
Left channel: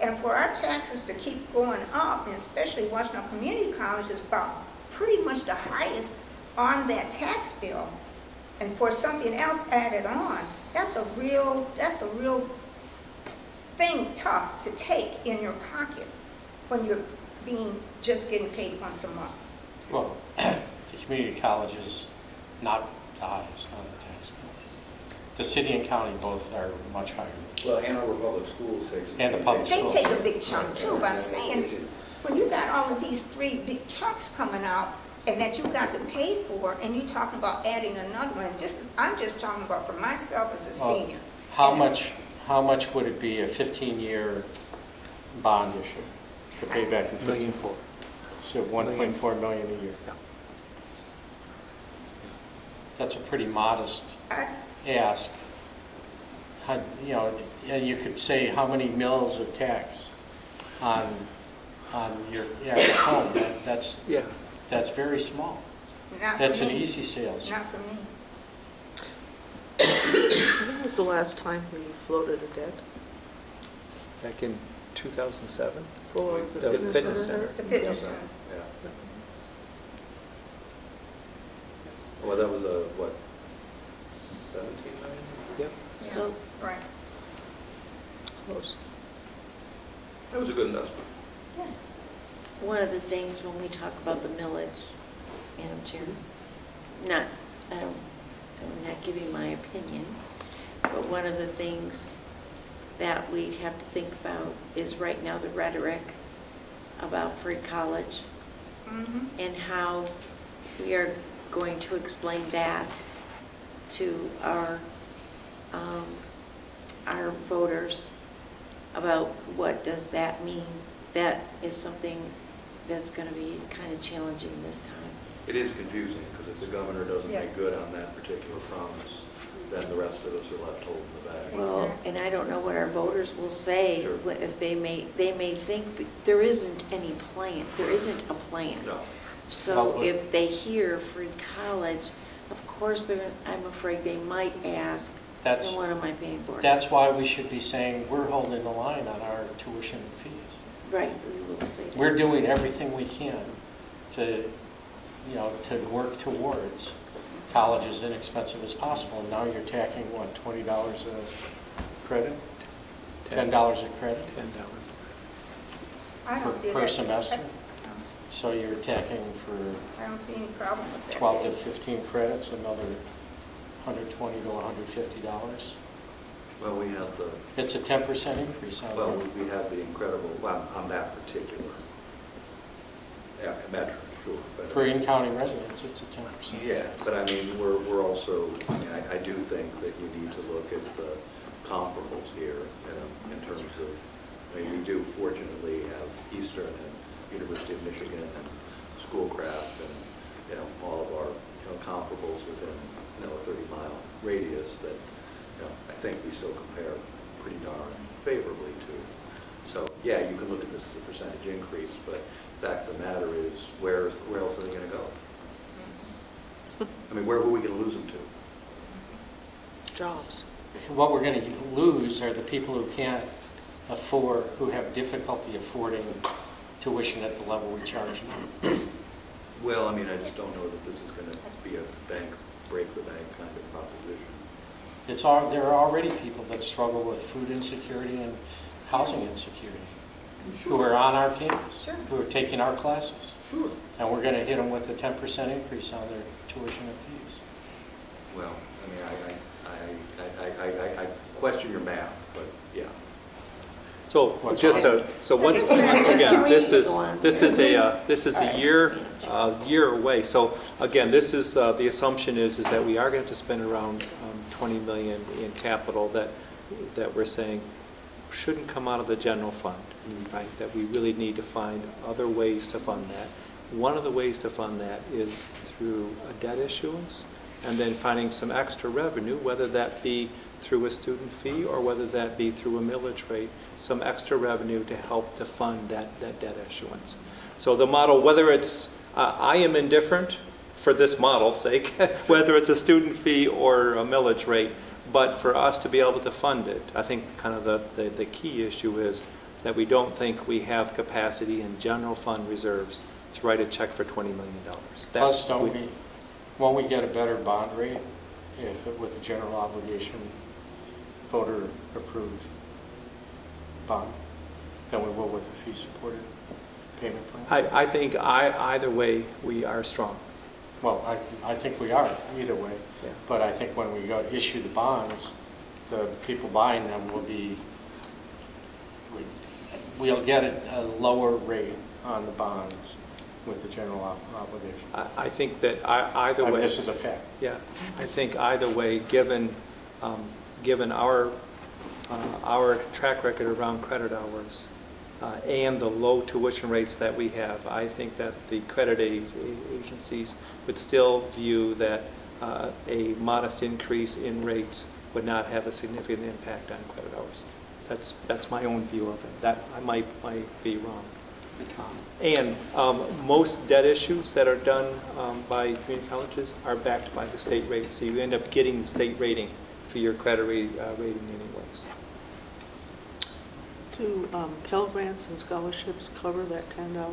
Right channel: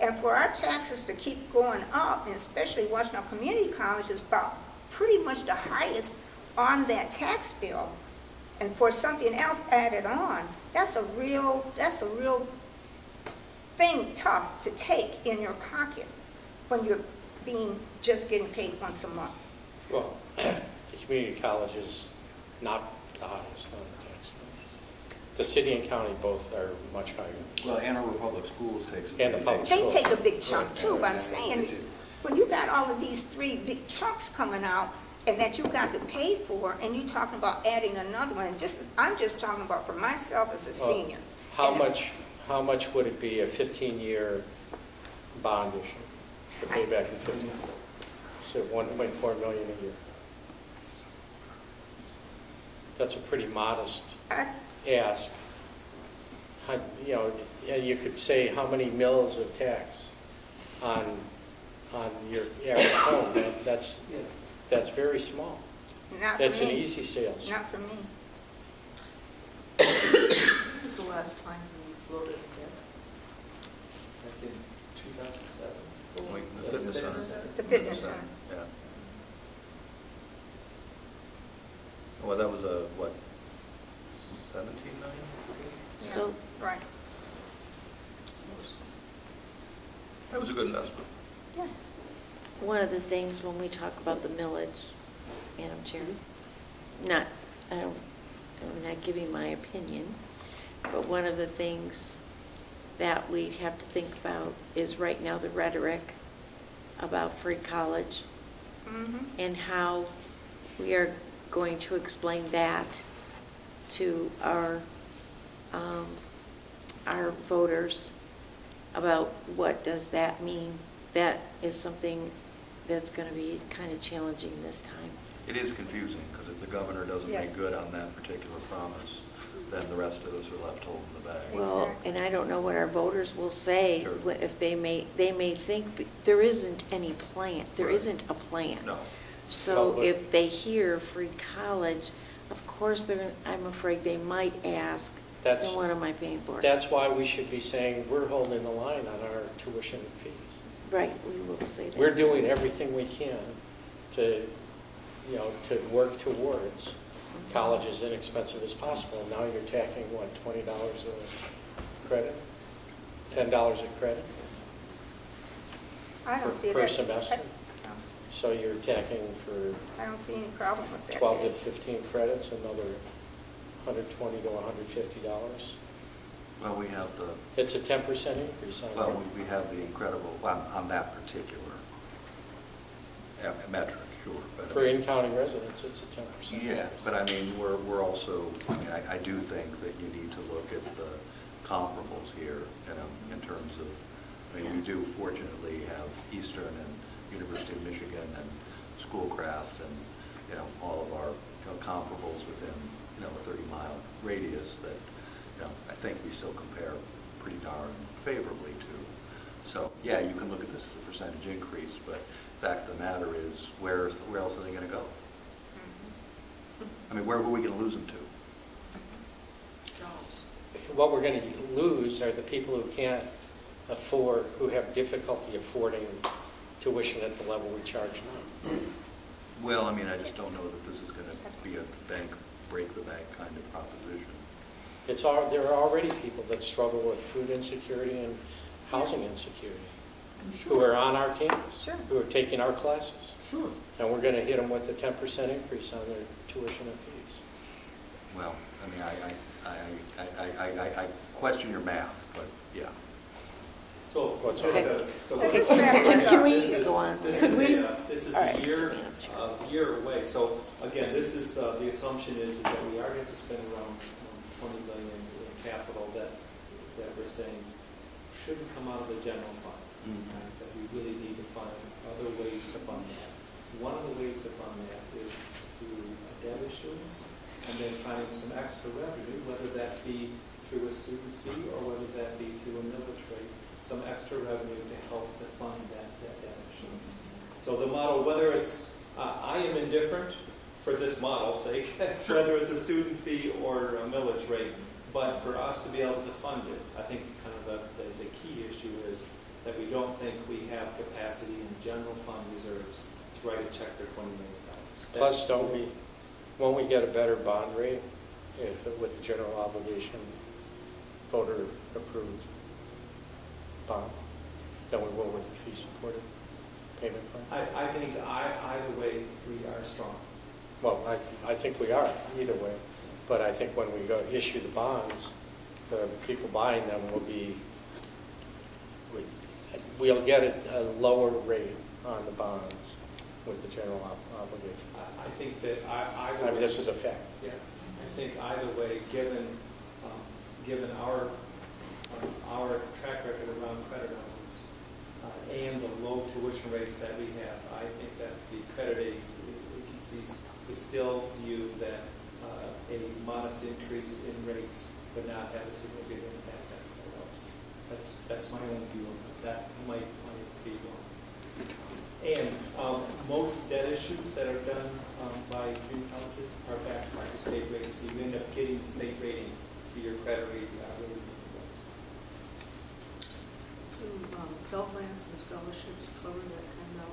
And for our taxes to keep going up, and especially Washtenaw Community College is about pretty much the highest on that tax bill, and for something else added on, that's a real thing tough to take in your pocket when you're just getting paid once a month. Well, the community college is not the highest on the tax bill. The city and county both are much higher. Well, Ann Arbor Public Schools takes. And the public They schools. take a big chunk too, but I'm saying, when you got all of these three big chunks coming out and that you got to pay for, and you're talking about adding another one, I'm just talking about for myself as a senior. How much would it be a 15-year bond issue to pay back in 15? So 1.4 million a year. That's a pretty modest ask. You know, you could say how many mills of tax on your average home. That's very small. Not That's for an me. easy sales. Not for me. When was the last time we floated a debt? Back in 2007. For the fitness center? The fitness center. Yeah. Well, that was what, 17 million? Yeah. So, right. Close. That was a good investment. Yeah. one of the things when we talk about the millage, Madam Chair, I'm not giving my opinion, but one of the things that we have to think about is right now the rhetoric about free college and how we are going to explain that to our voters about what does that mean. That is something that's going to be kind of challenging this time. It is confusing, because if the governor doesn't make good on that particular promise, then the rest of us are left holding the bag. Well, and I don't know what our voters will say if they may think there isn't any plan. There isn't a plan. No. So if they hear free college, of course I'm afraid they might ask, then what am I paying for? That's why we should be saying we're holding the line on our tuition fees. Right, we will say that. We're doing everything we can to work towards college as inexpensive as possible. Now you're tacking, what, $20 a credit? $10 a credit? I don't see that. Per semester? No. So you're tacking for I don't see any problem with that. 12 to 15 credits, another $120 to $150. Well, we have the... It's a 10% increase on Well, we have the incredible, on that particular metric, sure. But For in-county residents, it's a 10%. Yeah, but I mean, we're also, I do think that you need to look at the comparables here, in terms of, we do fortunately have Eastern and University of Michigan and Schoolcraft and, all of our comparables within, a 30-mile radius that, I think we still compare pretty darn favorably to. So, yeah, you can look at this as a percentage increase, but the fact of the matter is, where else are they going to go? I mean, who are we going to lose them to? Jobs. What we're going to lose are the people who can't afford, who have difficulty affording tuition at the level we charge now. Well, I mean, I just don't know that this is going to be a break the bank kind of proposition. There are already people that struggle with food insecurity and housing insecurity, who are on our campus, who are taking our classes. Sure. And we're going to hit them with a 10% increase on their tuition and fees. Well, I mean, I question your math, but yeah. So just so Okay, once can we this go on? is a year away. So again, this is the assumption is that we are going to spend around 20 million in capital that we're saying shouldn't come out of the general fund, right? That we really need to find other ways to fund that. One of the ways to fund that is through a debt issuance, and then finding some extra revenue, whether that be through a student fee or whether that be through a millage rate, some extra revenue to help to fund that debt issuance. So the model, whether it's, I am indifferent for this model's sake, whether it's a student fee or a millage rate, but for us to be able to fund it, I think kind of the key issue is that we don't think we have capacity in general fund reserves to write a check for $20 million. Plus, won't we get a better bond rate with the general obligation voter approved bond than we will with the fee supported payment plan? I think either way we are strong. Well, I think we are either way, but I think when we go issue the bonds, the people buying them will be, we'll get a lower rate on the bonds with the general obligation. I think that either way. This is a fact. Yeah, I think either way, given our track record around credit hours and the low tuition rates that we have, I think that the credit agencies would still view that a modest increase in rates would not have a significant impact on credit hours. That's my own view of it. That I might be wrong. And most debt issues that are done by community colleges are backed by the state rating, so you end up getting the state rating for your credit rating anyways. Do Pell Grants and scholarships cover that $10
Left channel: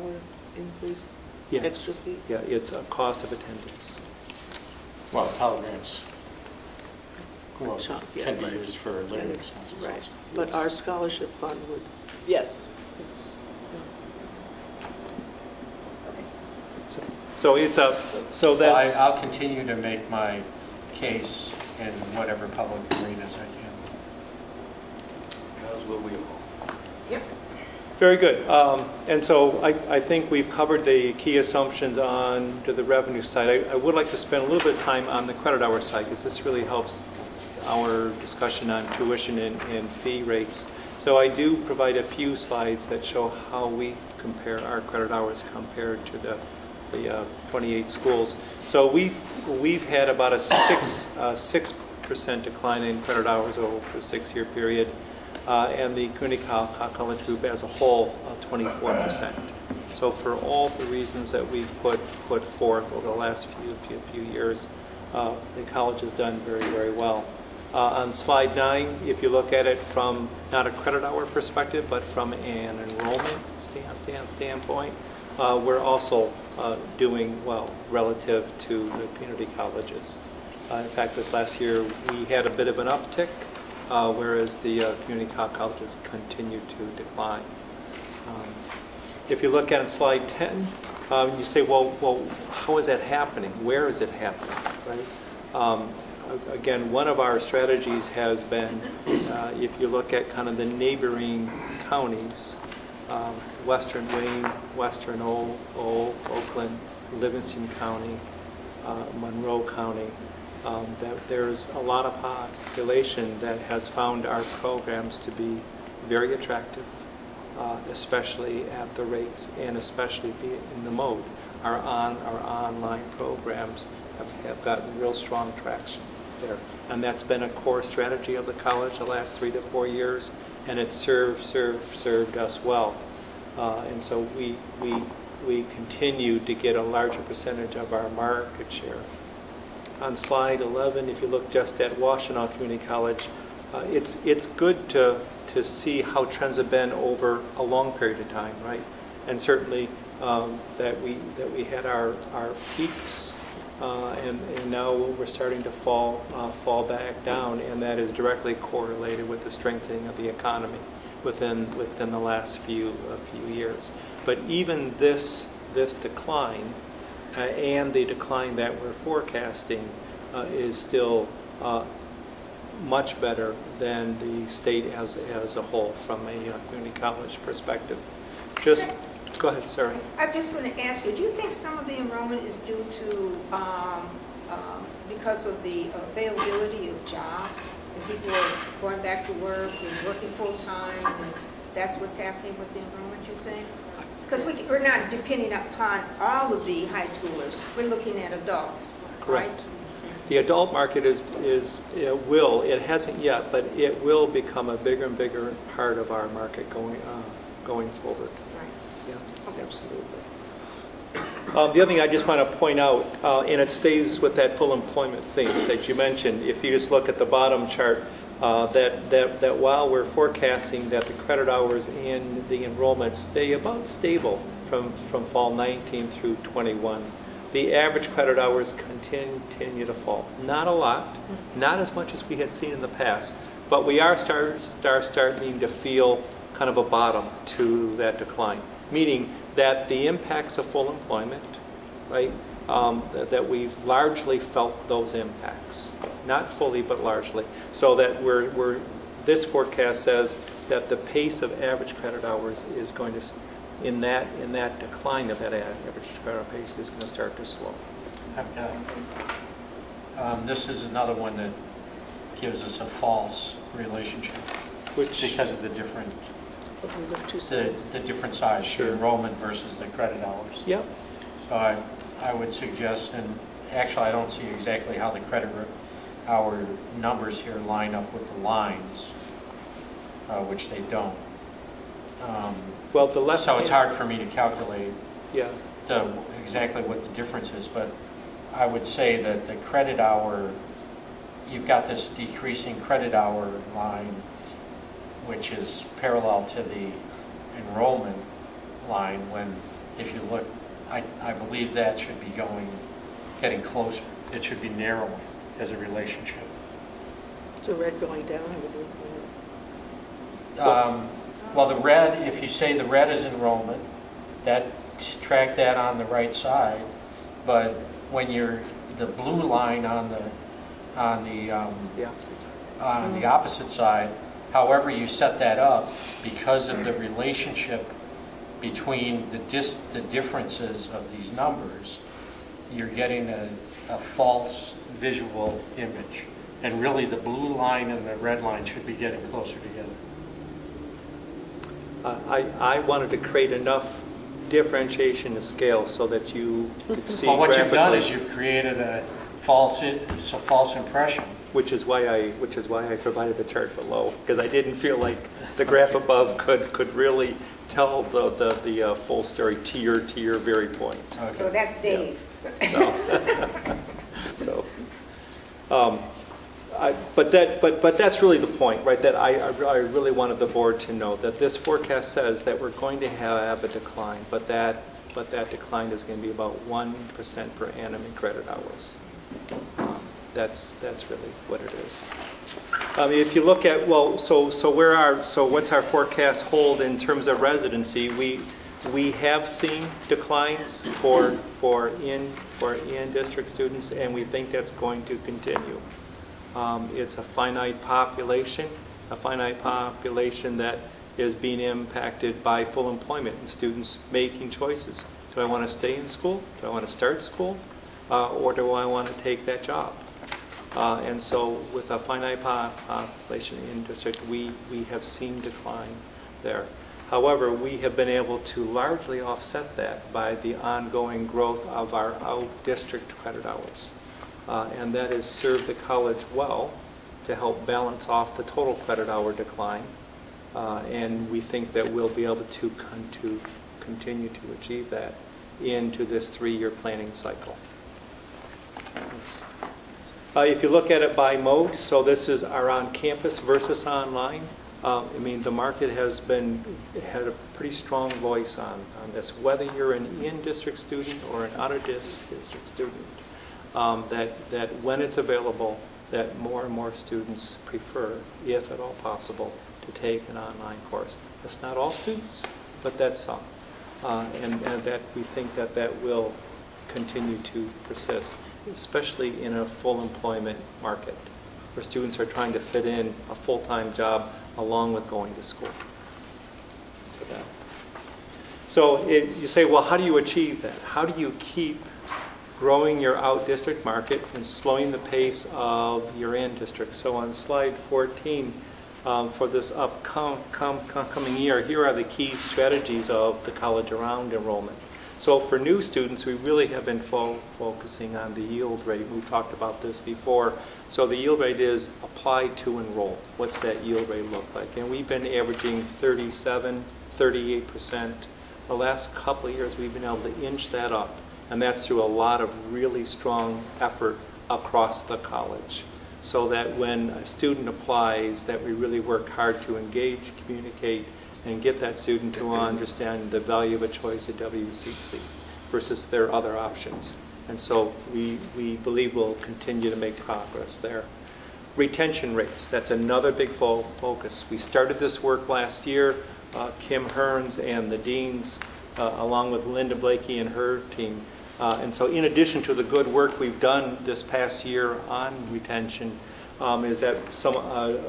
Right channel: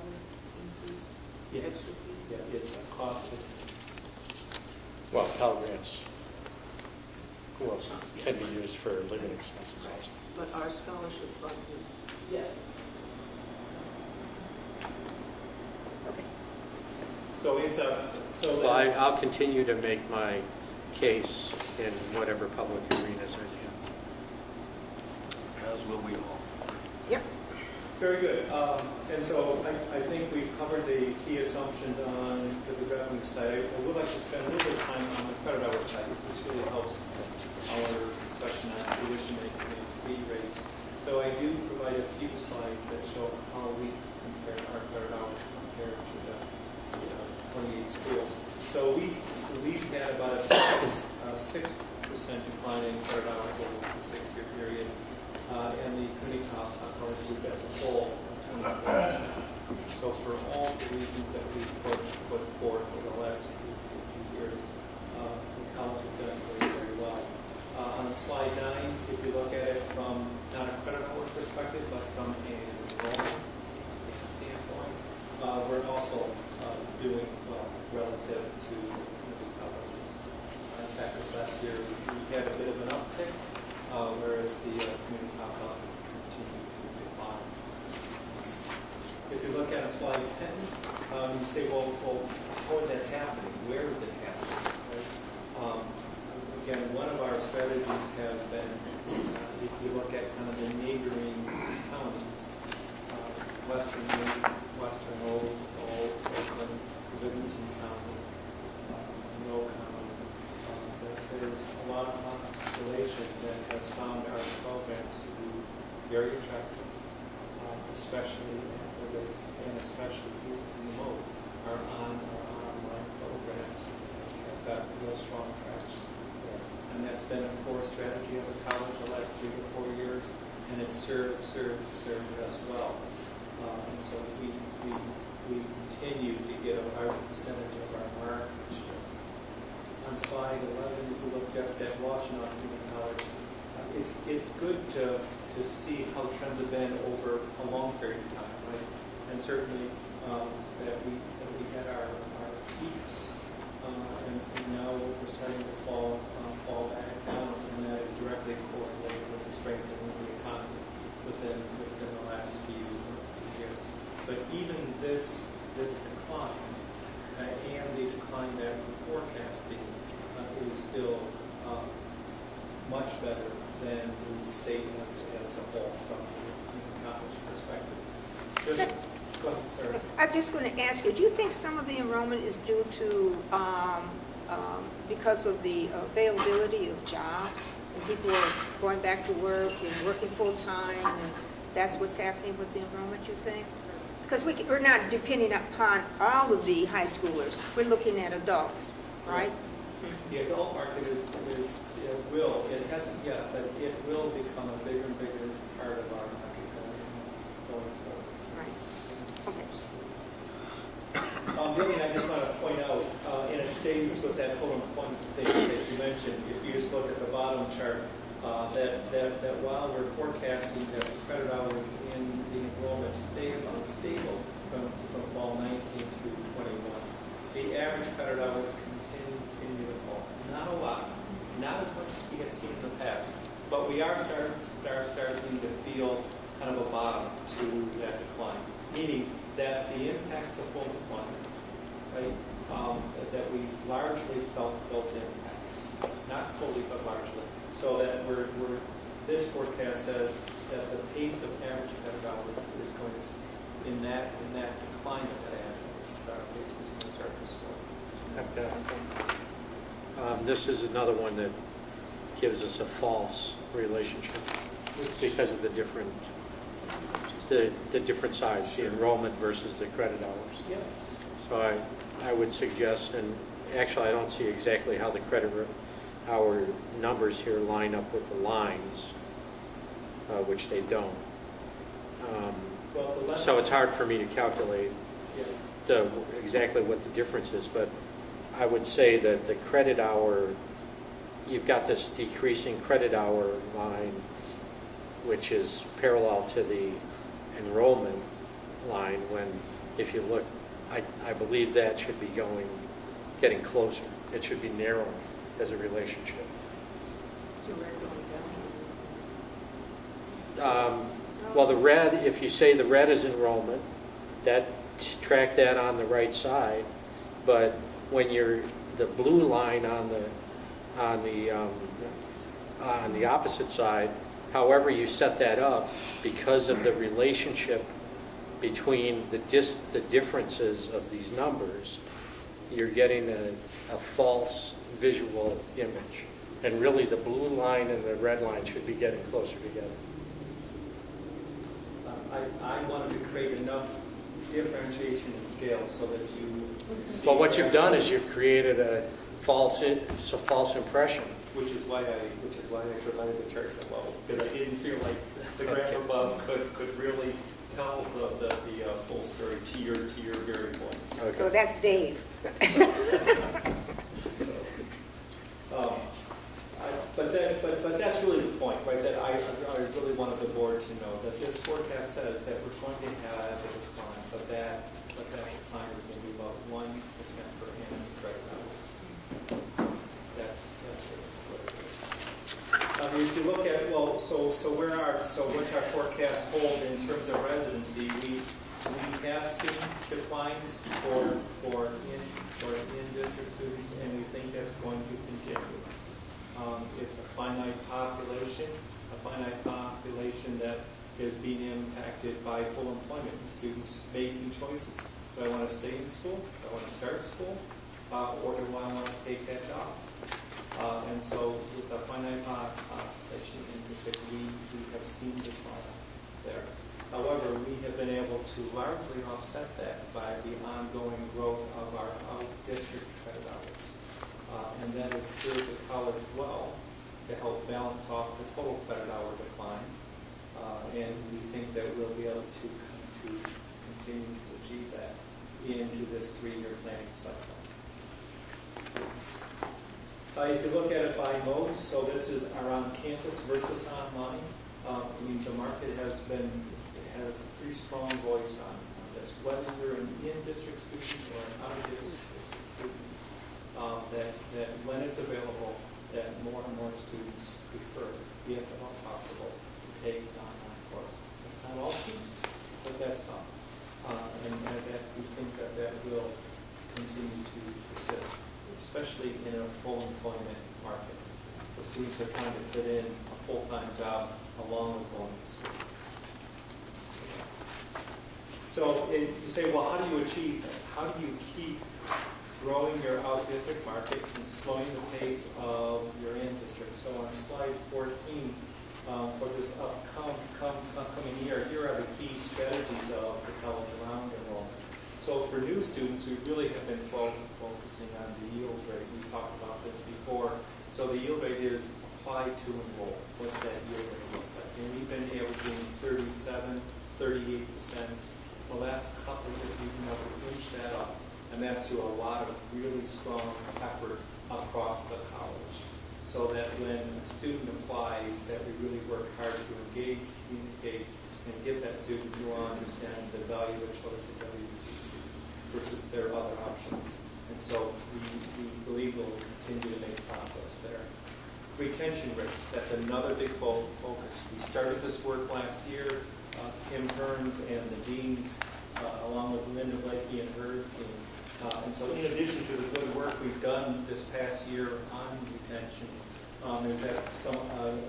increase? Yes. Extra fee? Yeah, it's a cost of attendance. Well, Pell Grants can be used for living expenses. Right, but our scholarship fund would, yes. So it's a, so that. Well, I'll continue to make my case in whatever public arenas I can. As will we all. Yep. Very good. And so I think we've covered the key assumptions on to the revenue side. I would like to spend a little bit of time on the credit hour side, because this really helps our discussion on tuition and fee rates. So I do provide a few slides that show how we compare our credit hours compared to the 28 schools. So we've had about a 6% decline in credit hours over the 6-year period, and the community college group as a whole, 24%. So for all the reasons that we put forth over the last few years, the college has done very, very well. On slide 9, if you look at it from not a credit hour perspective, but from an enrollment standpoint, we're also doing well relative to the community colleges. In fact, this last year we had a bit of an uptick, whereas the community colleges continue to decline. If you look at slide 10, you say, well, how is that happening? Where is it happening? Right? Again, one of our strategies has been, if you look at kind of the neighboring counties, Western Wayne, Western Oakland, Livingston County, Monroe County, that there's a lot of population that has found our programs to be very attractive, especially at the rates and especially in the mode. Our online programs have got real strong traction there. And that's been a core strategy of the college the last 3 to 4 years. and it's served us well. And so we continue to get a larger percentage of our market share. On slide 11, if you look just at Washtenaw Community College, it's good to see how trends have been over a long period of time, right? And certainly that we had our peaks, and now we're starting to fall back down, and that is directly correlated with the strengthening of the economy within the last few years. But even this decline and the decline that we're forecasting is still much better than the state as a whole from a community college perspective. Just go ahead, Sarah. I'm just going to ask you, do you think some of the enrollment is due to because of the availability of jobs and people are going back to work and working full-time, and that's what's happening with the enrollment, you think? Because we're not depending upon all of the high schoolers. We're looking at adults, right? The adult market it hasn't yet, but it will become a bigger and bigger part of our market going forward. Right. Yeah. Okay. The other thing I just want to point out, and it stays with that full employment thing that you mentioned, if you just look at the bottom chart, that while we're forecasting that the credit hours and the enrollment stay about stable from fall 19 through 21, the average credit hours continue to fall. Not a lot, not as much as we had seen in the past, but we are starting to feel kind of a bottom to that decline, meaning that the impacts of full employment, right, that we've largely felt those impacts, not fully but largely, so that this forecast says that the pace of average credit hours is going to, in that decline of that average credit pace is going to start to slow. This is another one that gives us a false relationship because of the different size, the enrollment versus the credit hours. Yep. So I would suggest, and actually I don't see exactly how the credit hour numbers here line up with the lines, which they don't. So it's hard for me to calculate exactly what the difference is, but I would say that the credit hour, you've got this decreasing credit hour line, which is parallel to the enrollment line, when if you look, I believe that should be getting closer. It should be narrowing as a relationship. So red going down? Well, the red, if you say the red is enrollment, track that on the right side, but when you're the blue line on the opposite side, however you set that up, because of the relationship between the differences of these numbers, you're getting a false visual image. And really the blue line and the red line should be getting closer together. I wanted to create enough differentiation to scale so that you could see. Well, what you've done is you've created a false impression. Which is why I provided the chart below, because I didn't feel like the graph above could really tell the full story to your very point. Okay. So that's Dave. But that's really the point, right? That I really wanted the board to know that this forecast says that we're going to have a decline, but that decline is going to be about 1% per annum in credit hours. That's really what it is. If you look at, so what's our forecast hold in terms of residency? We have seen declines for in-district students, and we think that's going to continue. It's a finite population that is being impacted by full employment and students making choices. Do I want to stay in school? Do I want to start school? Or do I want to take that job? And so with a finite population in district, we have seen decline there. However, we have been able to largely offset that by the ongoing growth of our out-district credit hours. And that has served the college well to help balance off the total credit hour decline And we think that we'll be able to continue to achieve that into this 3-year planning cycle. If you look at it by mode, so this is our on-campus versus online. I mean, the market had a pretty strong voice on this, whether you're an in-district student or an out-of-district student, that when it's available, that more and more students prefer, if at all possible, to take an online course. That's not all students, but that's some. And that we think that that will continue to persist, especially in a full employment market, where students are trying to fit in a full-time job along with going to school. So you say, well, how do you achieve that? How do you keep growing your out-district market and slowing the pace of your in-district? So on slide 14, for this upcoming year, here are the key strategies of the college around enrollment. So for new students, we really have been focusing on the yield rate. We've talked about this before. So the yield rate is apply to enroll. What's that yield rate look like? And we've been averaging 37, 38%. The last couple of years, we've been able to inch that up. And that's through a lot of really strong effort across the college. So that when a student applies, that we really work hard to engage, communicate, and get that student to understand the value of a choice at WCC versus their other options. And so we believe we'll continue to make progress there. Retention rates, that's another big focus. We started this work last year. Kim Hearns and the deans, along with Linda Blakey and her team. And so in addition to the good work we've done this past year on retention, is that some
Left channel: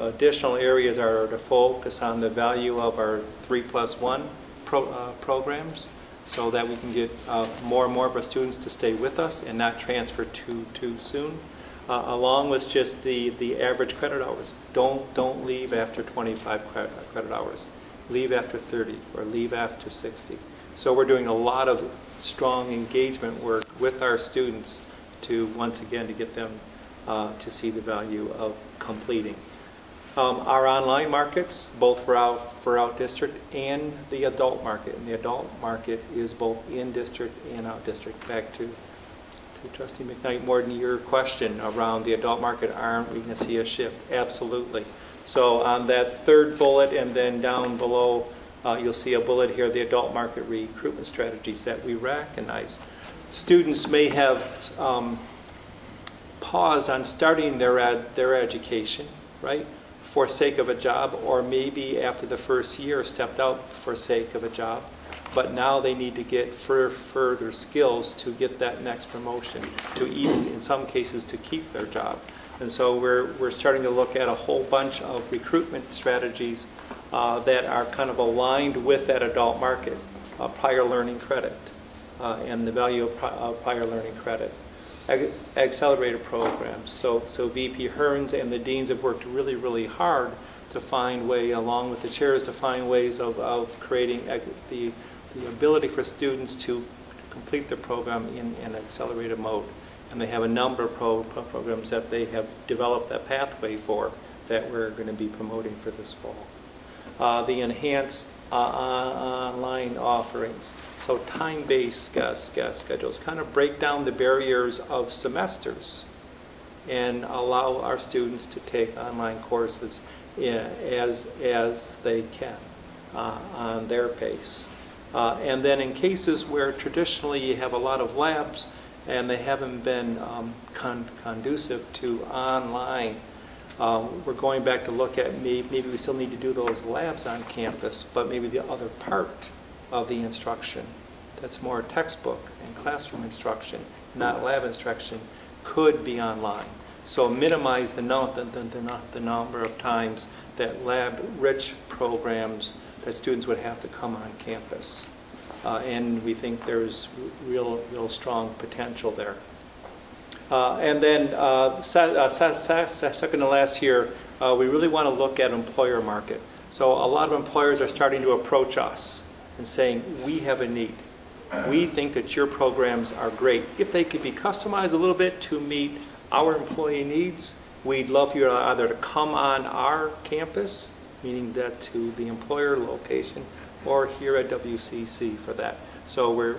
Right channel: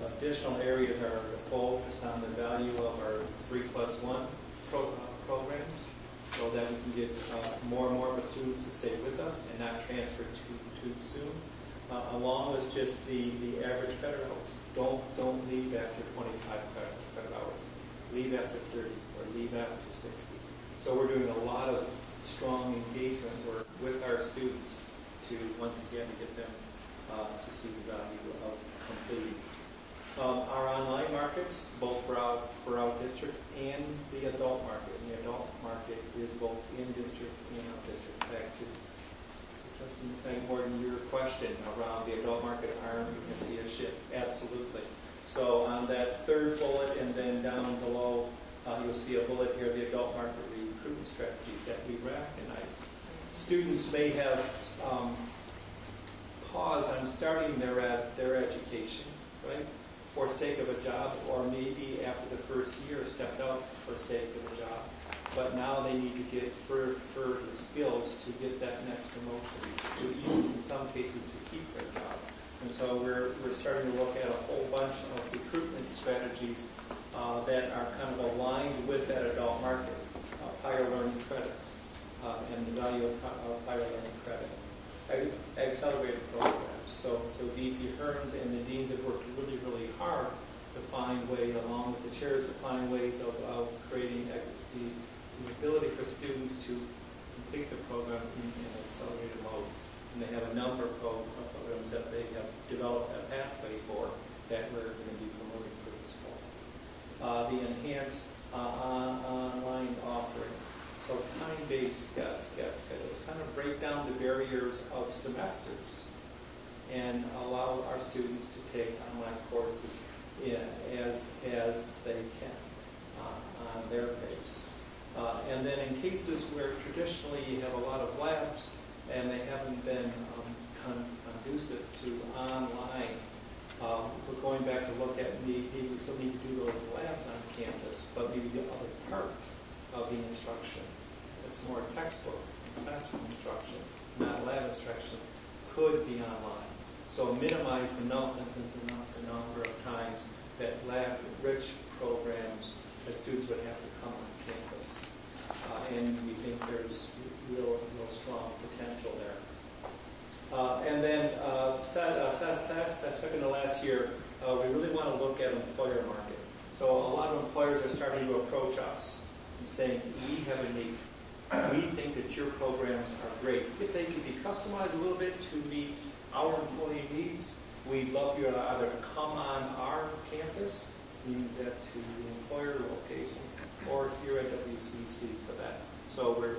additional areas are to focus on the value of our 3+1 programs, so that we can get more and more of our students to stay with us and not transfer too soon. Along with just the average credit hours. Don't leave after 25 credit hours. Leave after 30 or leave after 60. So we're doing a lot of strong engagement work with our students to, once again, to get them to see the value of completing. Our online markets, both for out district and the adult market. And the adult market is both in district and out district. Back to Trustee McKnight, more than your question around the adult market, aren't we going to see a shift? Absolutely. So on that third bullet and then down below, you'll see a bullet here, the adult market recruitment strategies that we recognize. Students may have paused on starting their education, right, for sake of a job, or maybe after the first year stepped out for sake of a job, but now they need to get further skills to get that next promotion, to even, in some cases, to keep their job. And so we're starting to look at a whole bunch of recruitment strategies that are kind of aligned with that adult market, prior learning credit, and the value of prior learning credit. Accelerated programs. So VP Hearns and the deans have worked really, really hard to find way, along with the chairs, to find ways of creating the ability for students to complete their program in an accelerated mode. And they have a number of programs that they have developed a pathway for that we're going to be promoting for this fall. The enhanced online offerings. So time-based schedules kind of break down the barriers of semesters and allow our students to take online courses as they can on their pace. And then in cases where traditionally you have a lot of labs and they haven't been conducive to online, we're going back to look at maybe we still need to do those labs on campus, but maybe the other part of the instruction that's more textbook and classroom instruction, not lab instruction, could be online. So minimize the number of times that lab-rich programs that students would have to come on campus. And we think there's real strong potential there. And then second to last year, we really want to look at employer market. So a lot of employers are starting to approach us and saying, we have a need. We think that your programs are great. If they could be customized a little bit to meet our employee needs, we'd love you either to come on our campus meaning that to the employer location or here at WCC for that. So we're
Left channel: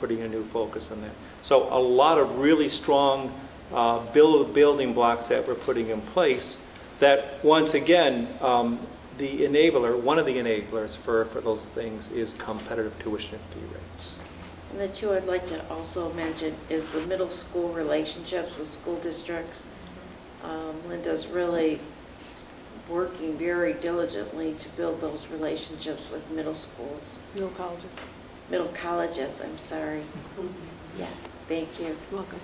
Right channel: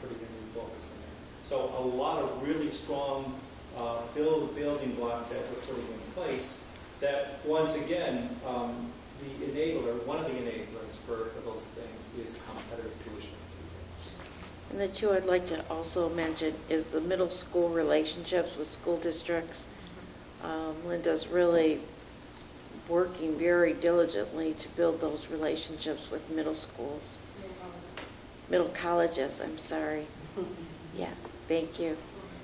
putting a new focus on that. So a lot of really strong building blocks that we're putting in place that, once again, the enabler, one of the enablers for those things is competitive tuition fee rates. And the two I'd like to also mention is the middle school relationships with school districts. Linda's really working very diligently to build those relationships with middle schools. Middle colleges. Middle colleges, I'm sorry. Yeah, thank you. You're welcome.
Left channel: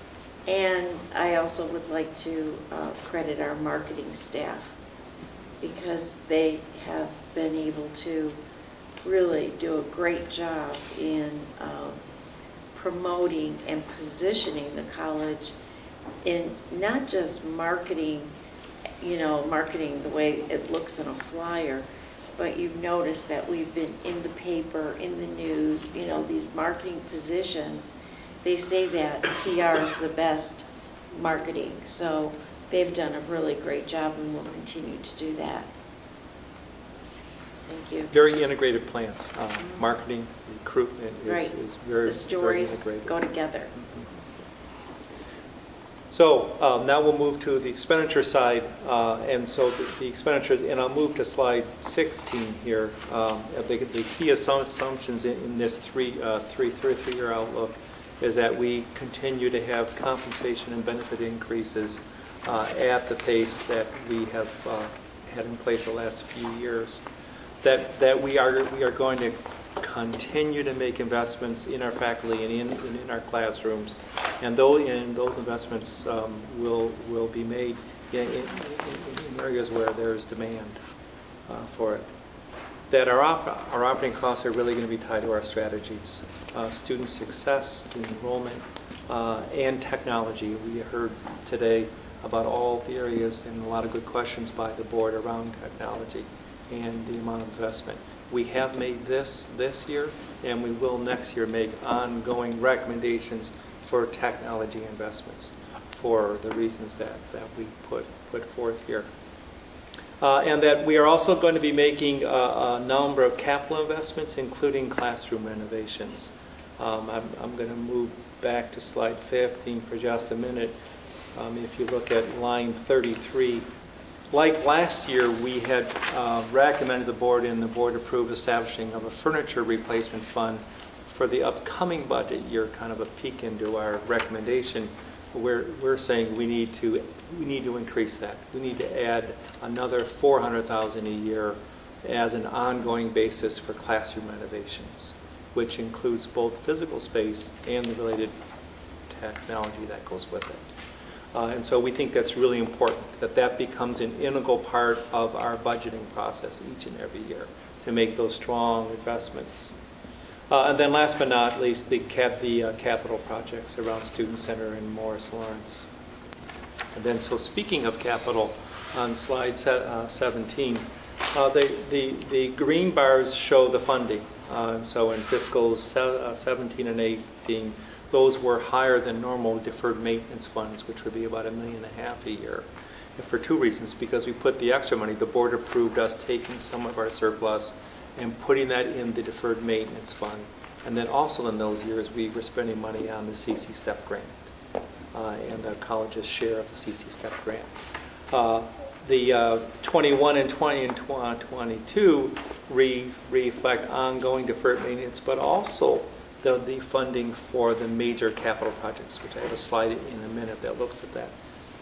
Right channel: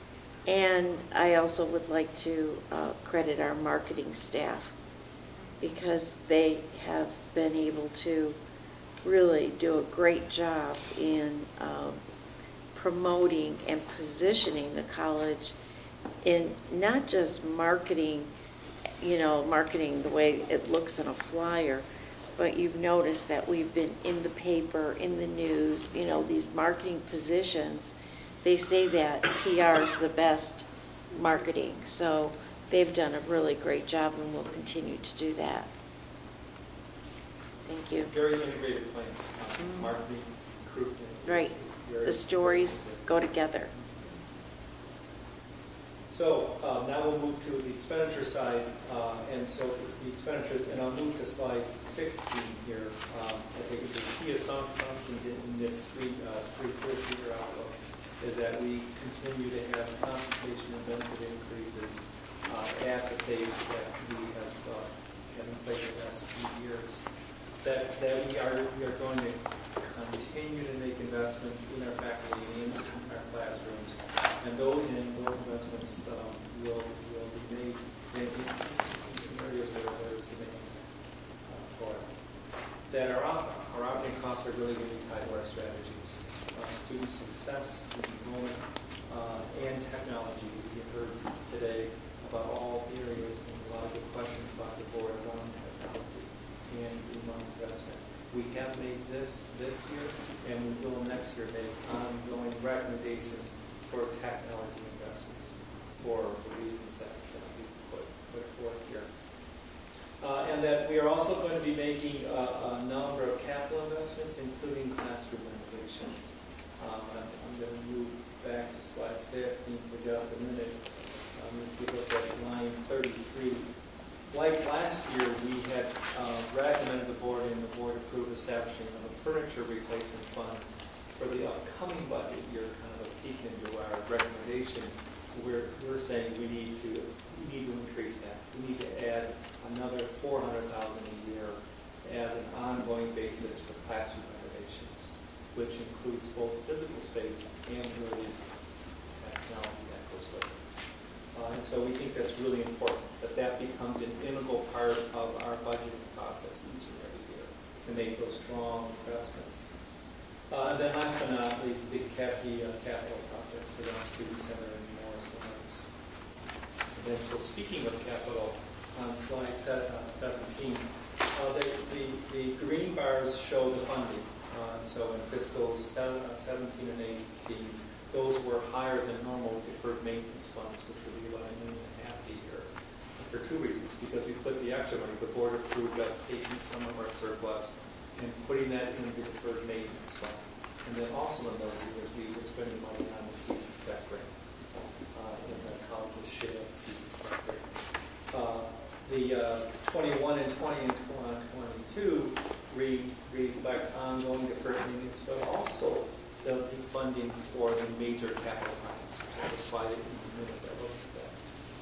And I also would like to credit our marketing staff because they have been able to really do a great job in promoting and positioning the college in not just marketing, you know, marketing the way it looks in a flyer, but you've noticed that we've been in the paper, in the news, you know, these marketing positions. They say that PR is the best marketing, so they've done a really great job and will continue to do that. Thank you. Very integrated plans. Marketing, recruitment is very, the stories very go together. So now we'll move to the expenditure side, and so the expenditures, and I'll move to slide 16 here. The key assumptions in this three-year outlook is that we continue to have compensation and benefit increases at the pace that we have had in place the last few years. That we are going to continue to make investments in our faculty and in our classrooms, and those investments will be made in areas where there's demand for it. That our operating costs are really going to be tied to our strategies, student success, student enrollment, and technology. We heard today about all the areas and a lot of good questions by the board around technology and the amount of investment. We have made this year, and we will next year make ongoing recommendations for technology investments for the reasons that we put forth here. And that we are also going to be making a number of capital investments, including classroom renovations. I'm going to move back to slide 15 for just a minute. If you look at line 33, like last year, we had recommended the board, and the board approved establishing of a furniture replacement fund for the upcoming budget year, kind of a peek into our recommendation. We're saying we need to increase that. We need to add another $400,000 a year as an ongoing basis for classroom renovations, which includes both physical space and the related technology that goes with it. And so we think that's really important, that becomes an integral part of our budgeting process each and every year to make those strong investments. And then last but not least, the capital projects around Student Center and Morris Lawrence. And then, so speaking of capital, on slide 17, the green bars show the funding. So in fiscals 17 and 18, those were higher than normal deferred maintenance funds, which would be about $1.5 million a year. And for two reasons: because we put the extra money, the board approved us taking some of our surplus and putting that in the deferred maintenance fund. And then also in those years, we were spending money on the CC STEP grant and the college's share of the CC STEP grant. The 21 and 20 and 22 reflect ongoing deferred maintenance, but also the funding for the major capital projects, which I have a slide in a minute that looks at that.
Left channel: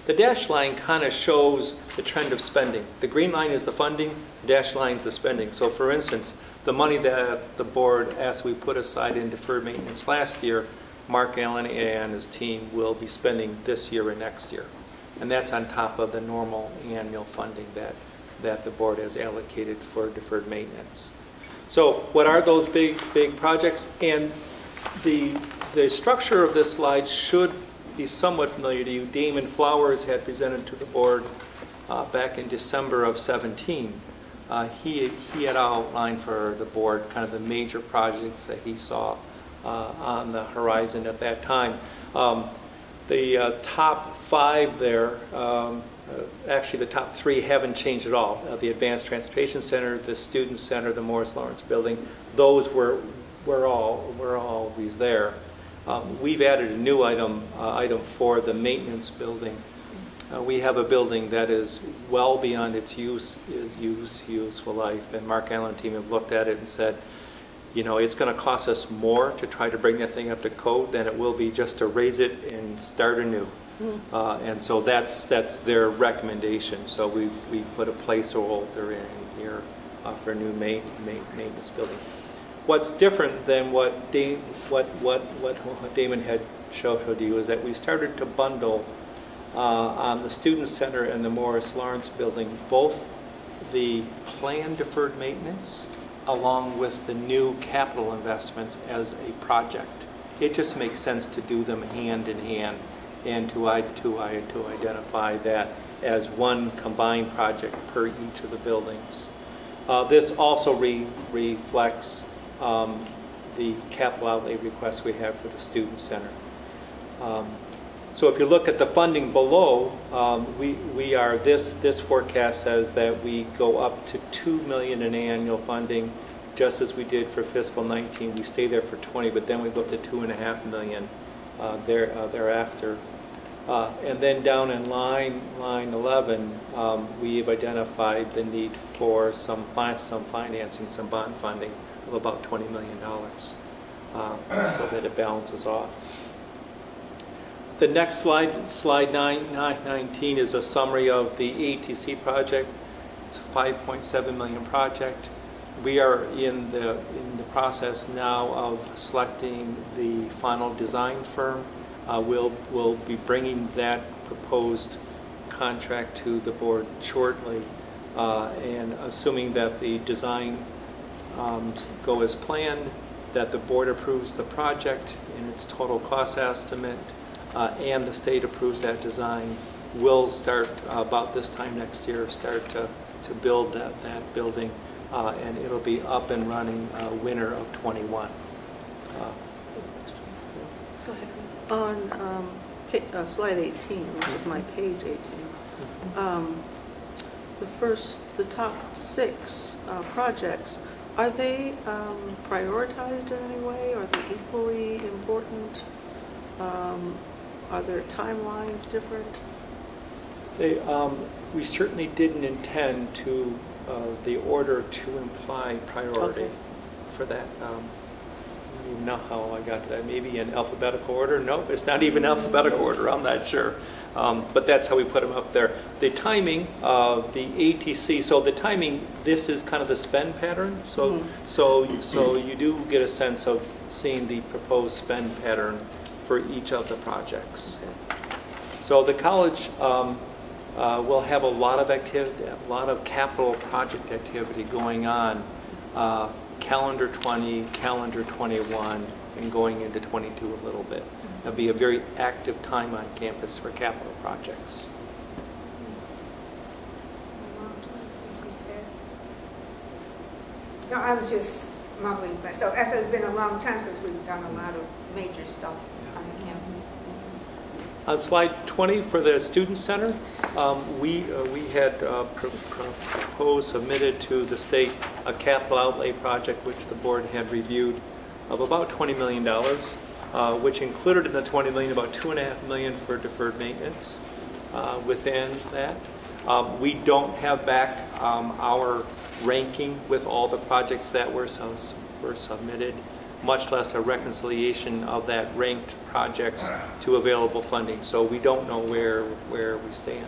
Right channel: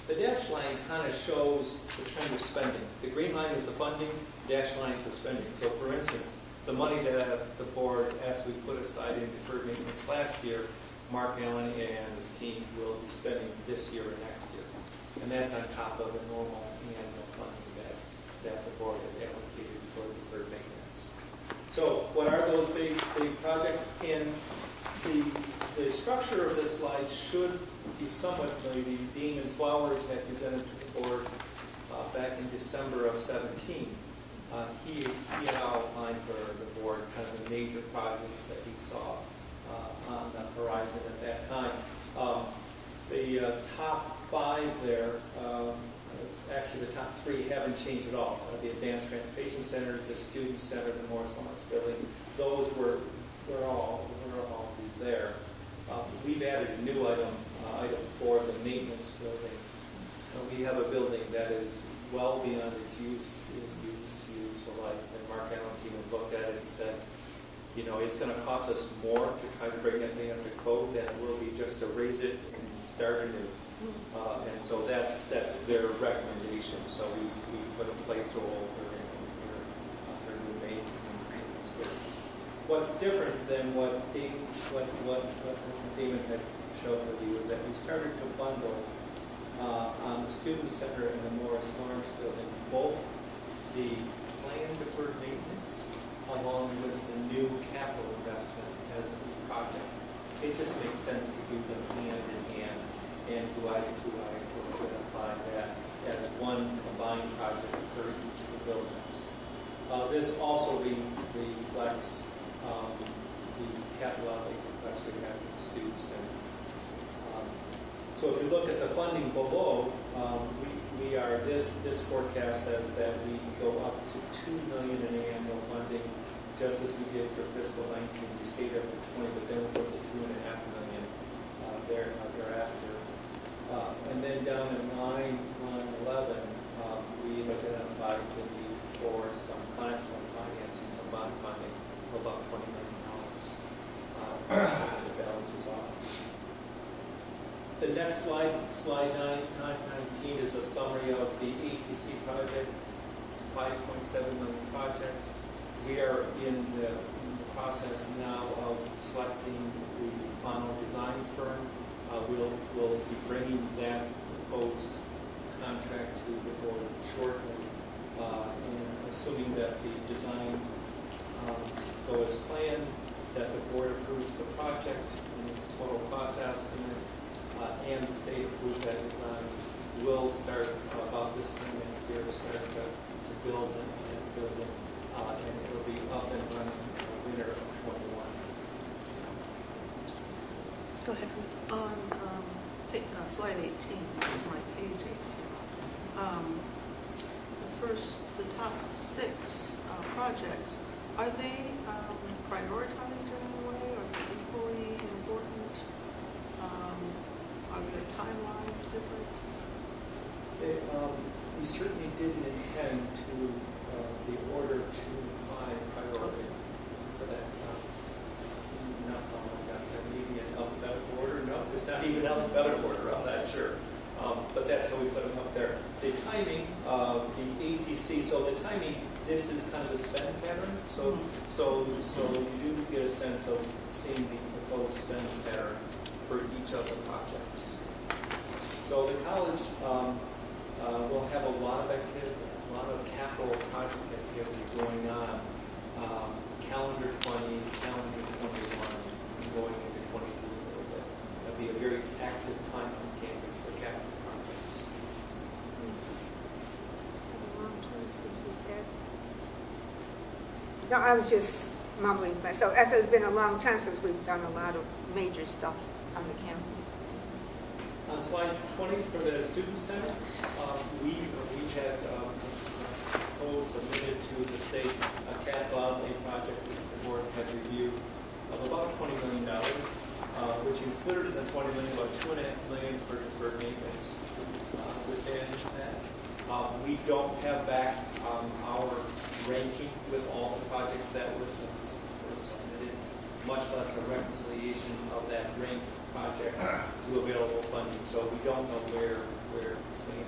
The dashed line kind of shows the trend of spending. The green line is the funding, the dashed line is the spending. So for instance, the money that the board asked we put aside in deferred maintenance last year, Mark Allen and his team will be spending this year and next year. And that's on top of the normal annual funding that the board has allocated for deferred maintenance. So what are those big projects? And the structure of this slide should be somewhat familiar to you. Damon Flowers had presented to the board back in December of 17. He had outlined for the board kind of the major projects that he saw on the horizon at that time. The top 5 there, actually the top three haven't changed at all. The Advanced Transportation Center, the Student Center, the Morris Lawrence Building, those were always there. We've added a new item for the maintenance building. We have a building that is well beyond its useful life, and Mark Allen and team have looked at it and said, you know, it's going to cost us more to try to bring that thing up to code than it will be just to raise it and start anew. And so that's their recommendation. So we've put a placeholder in here for a new maintenance building. What's different than what Damon had showed you is that we started to bundle on the Student Center and the Morris Lawrence Building both the planned deferred maintenance along with the new capital investments as a project. It just makes sense to do them hand in hand and to identify that as one combined project per each of the buildings. This also reflects the capital outlay request we have for the Student Center. So if you look at the funding below, this forecast says that we go up to $2 million in annual funding, just as we did for fiscal 19. We stayed there for 20, but then we go to $2.5 million thereafter. And then down in line 11, we've identified the need for some financing, some bond funding of about $20 million, so that it balances off. The next slide 19, is a summary of the ATC project. It's a $5.7 million project. We are in the process now of selecting the final design firm. We'll be bringing that proposed contract to the board shortly, and assuming that the design go as planned, that the board approves the project and its total cost estimate, and the state approves that design, we'll start about this time next year, start to build that building, and it'll be up and running winter of 21. Go ahead. On slide 18, which is my page 18, the top 6 projects, are they prioritized in any way? Are they equally important? Are their timelines different? We certainly didn't intend to the order to imply priority for that. You know how I got to that? Maybe in alphabetical order? No, it's not even alphabetical order. I'm not sure. But that's how we put them up there. The timing of the ATC, so the timing, this is kind of the spend pattern. So you do get a sense of seeing the proposed spend pattern for each of the projects. So the college will have a lot of activity, a lot of capital project activity going on, calendar 20, calendar 21, and going into 22 a little bit. It'll be a very active time on campus for capital projects. No, I was just mumbling, but so as it's been a long time since we've done a lot of major stuff on the campus. On slide 20 for the Student Center, we had proposed, submitted to the state a capital outlay project which the board had reviewed of about $20 million, which included in the $20 million about $2.5 million for deferred maintenance within that. We don't have back our ranking with all the projects that were submitted, much less a reconciliation of that ranked projects to available funding. So we don't know where we stand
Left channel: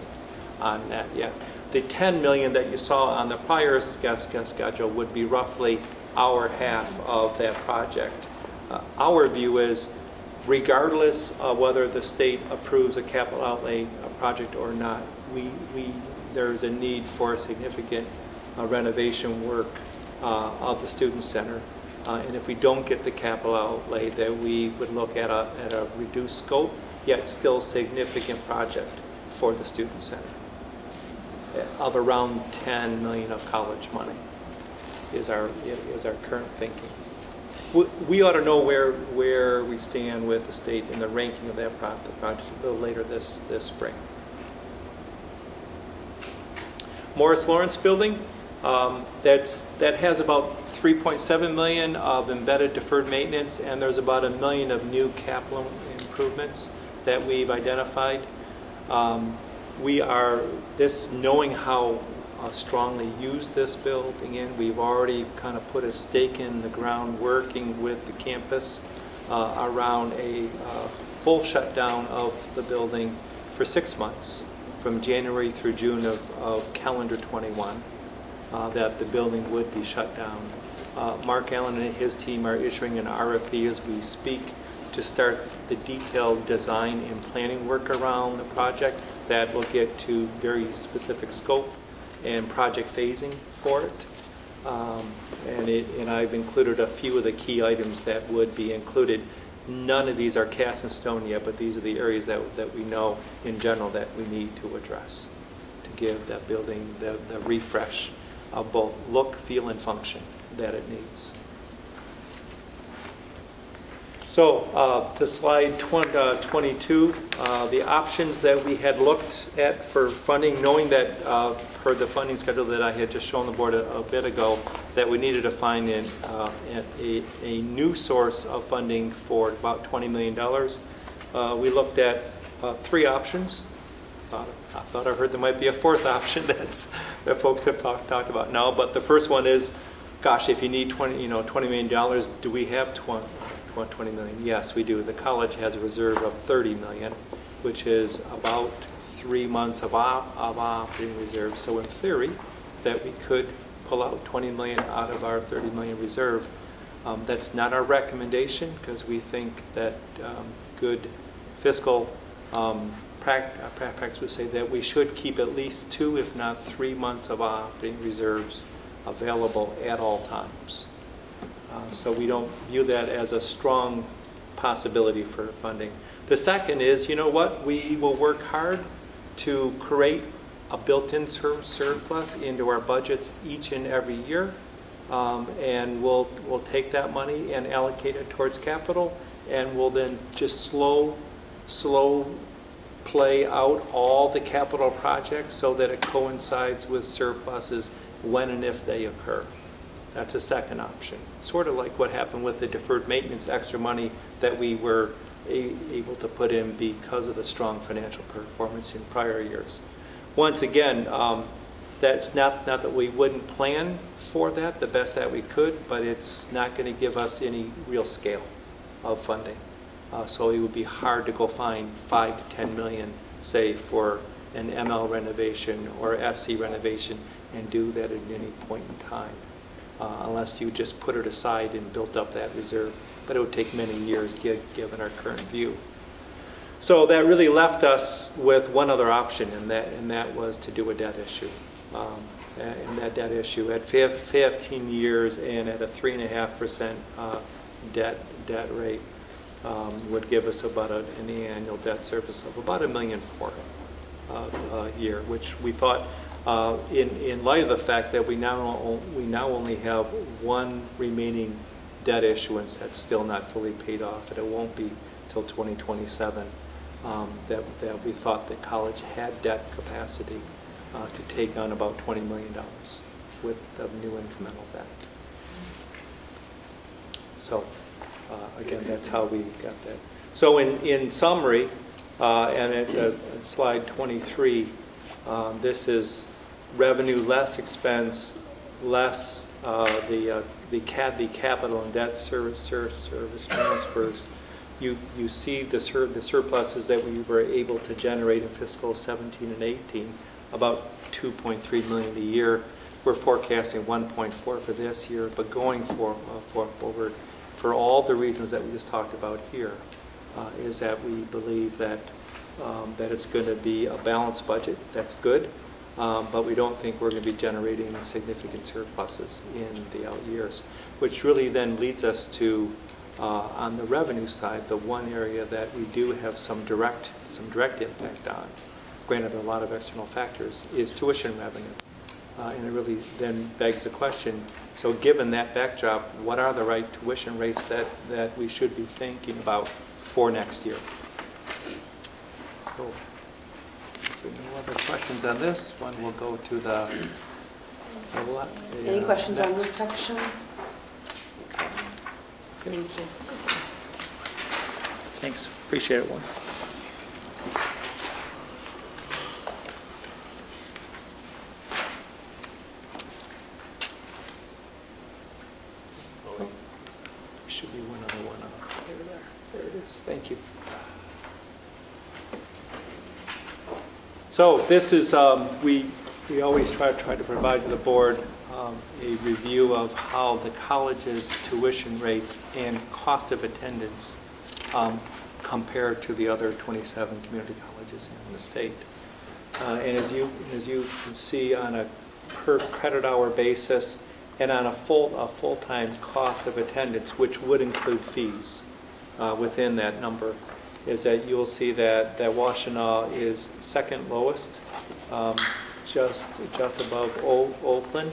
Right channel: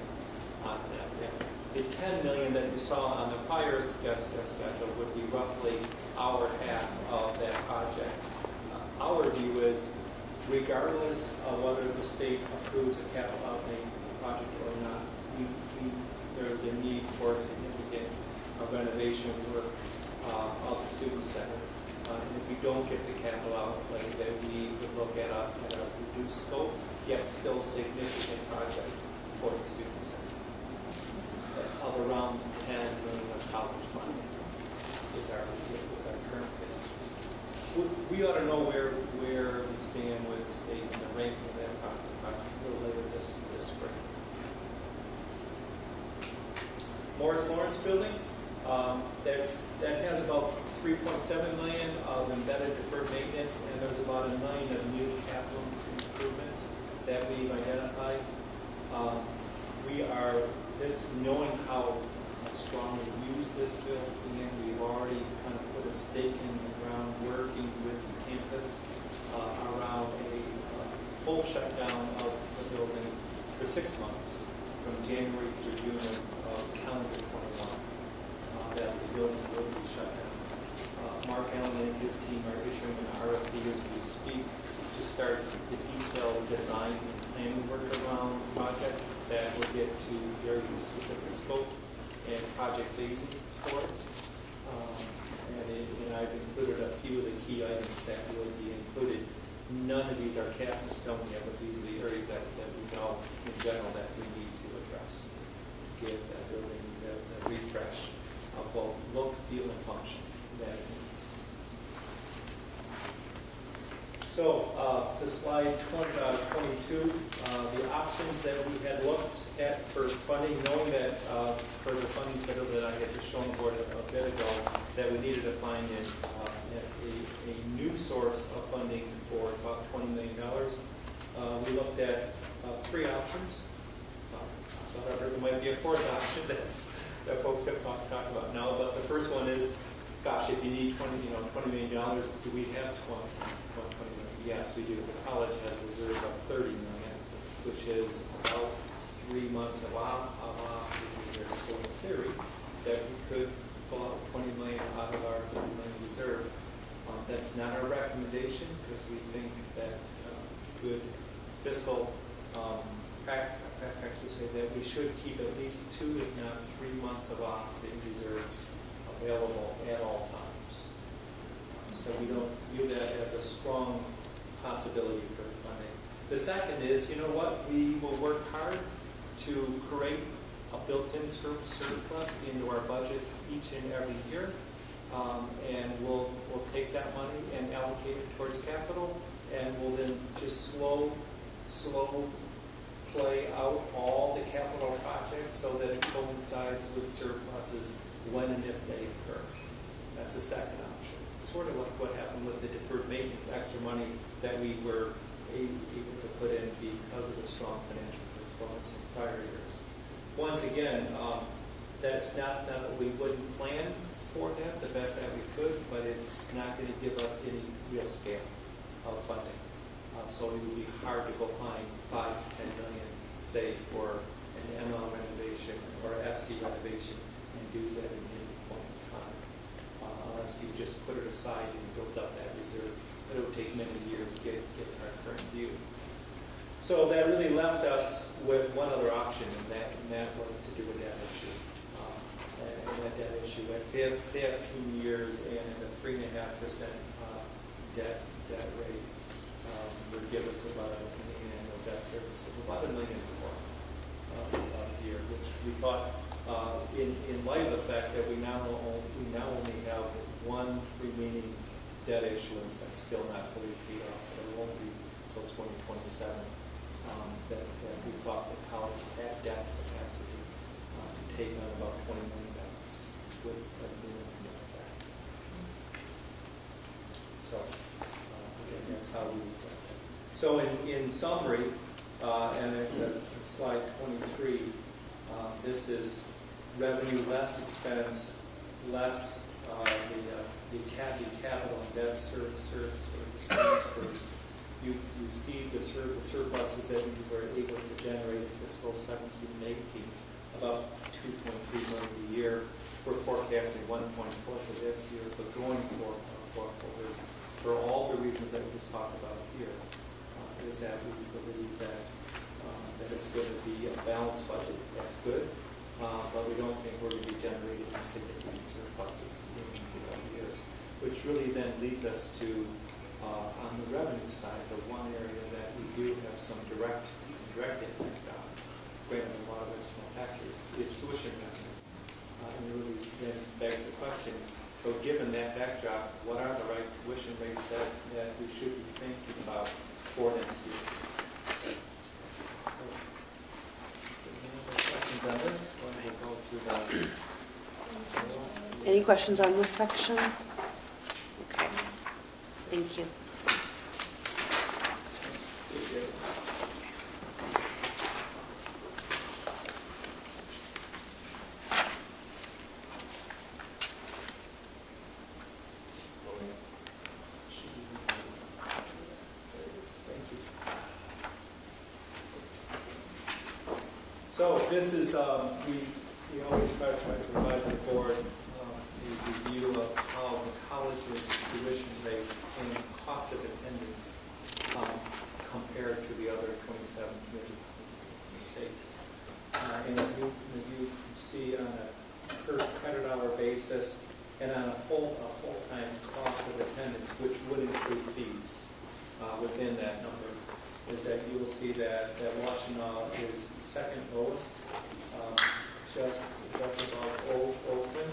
on that yet. The $10 million that you saw on the prior schedule would be roughly our half of that project. Our view is, regardless of whether the state approves a capital outlay project or not, there is a need for a significant renovation work of the Student Center. And if we don't get the capital outlay, then we would look at a reduced scope, yet still significant project for the Student Center of around $10 million of college money is our current thinking. We ought to know where we stand with the state in the ranking of that project later this spring. Morris Lawrence building. That has about 3.7 million of embedded deferred maintenance, and there's about $1 million of new capital improvements that we've identified. Knowing how strongly used this building in, we've already kind of put a stake in the ground working with the campus around a full shutdown of the building for 6 months, from January through June of calendar 21, that the building would be shut down. Mark Allen and his team are issuing an RFP as we speak to start the detailed design and planning work around the project that will get to very specific scope and project phasing for it. And I've included a few of the key items that would be included. None of these are cast in stone yet, but these are the areas that we know in general that we need to address to give that building the refresh of both look, feel, and function that it needs. So to slide 22, the options that we had looked at for funding, knowing that per the funding schedule that I had just shown the board a bit ago, that we needed to find a new source of funding for about $20 million. We looked at 3 options. I thought I heard there might be a 4th option that folks have talked about now, but the first one is, gosh, if you need $20 million, do we have 20 million? Yes, we do. The college has a reserve of 30 million, which is about 3 months of operating reserve. So in theory, that we could pull out 20 million out of our 30 million reserve. That's not our recommendation, because we think that good fiscal practice would say that we should keep at least 2, if not 3 months of operating reserves available at all times. So we don't view that as a strong possibility for funding. The second is, you know what, we will work hard to create a built-in surplus into our budgets each and every year, and we'll take that money and allocate it towards capital, and we'll then just slow play out all the capital projects so that it coincides with surpluses when and if they occur. That's a second option. Sort of like what happened with the deferred maintenance extra money that we were able to put in because of the strong financial performance in prior years. Once again, that's not that we wouldn't plan for that the best that we could, but it's not going to give us any real scale of funding. So it would be hard to go find 5 to 10 million, say, for an ML renovation or SC renovation and do that at any point in time. Unless you just put it aside and built up that reserve. But it would take many years given our current view. So that really left us with one other option, and that was to do a debt issue. And that debt issue at 15 years and at a 3.5% debt rate would give us about an annual debt service of about $1.4 million a year, which we thought, in light of the fact that we now only have one remaining debt issuance that's still not fully paid off, and it won't be until 2027, that we thought the college had debt capacity to take on about $20 million with the new incremental debt. So again, that's how we got that. So in summary, and at slide 23, this is revenue less expense, less the capital and debt service transfers. You see the surpluses that we were able to generate in fiscal 17 and 18, about 2.3 million a year. We're forecasting 1.4 for this year, but going forward, for all the reasons that we just talked about here, is that we believe that that it's going to be a balanced budget. That's good, but we don't think we're going to be generating significant surpluses in the out years, which really then leads us to, on the revenue side, the one area that we do have some direct impact on, granted a lot of external factors, is tuition revenue. And it really then begs the question, so given that backdrop, what are the right tuition rates that we should be thinking about for next year? So, any other questions questions on this one? We'll go to the... Any questions on this section? Okay, thank you. Thanks, appreciate it. Should be one on one. There it is, thank you. So this is, we always try to provide to the board a review of how the college's tuition rates and cost of attendance compare to the other 27 community colleges in the state. And as you can see, on a per credit hour basis and on a full-time cost of attendance, which would include fees within that number, is that you'll see that Washtenaw is second lowest, just above Oakland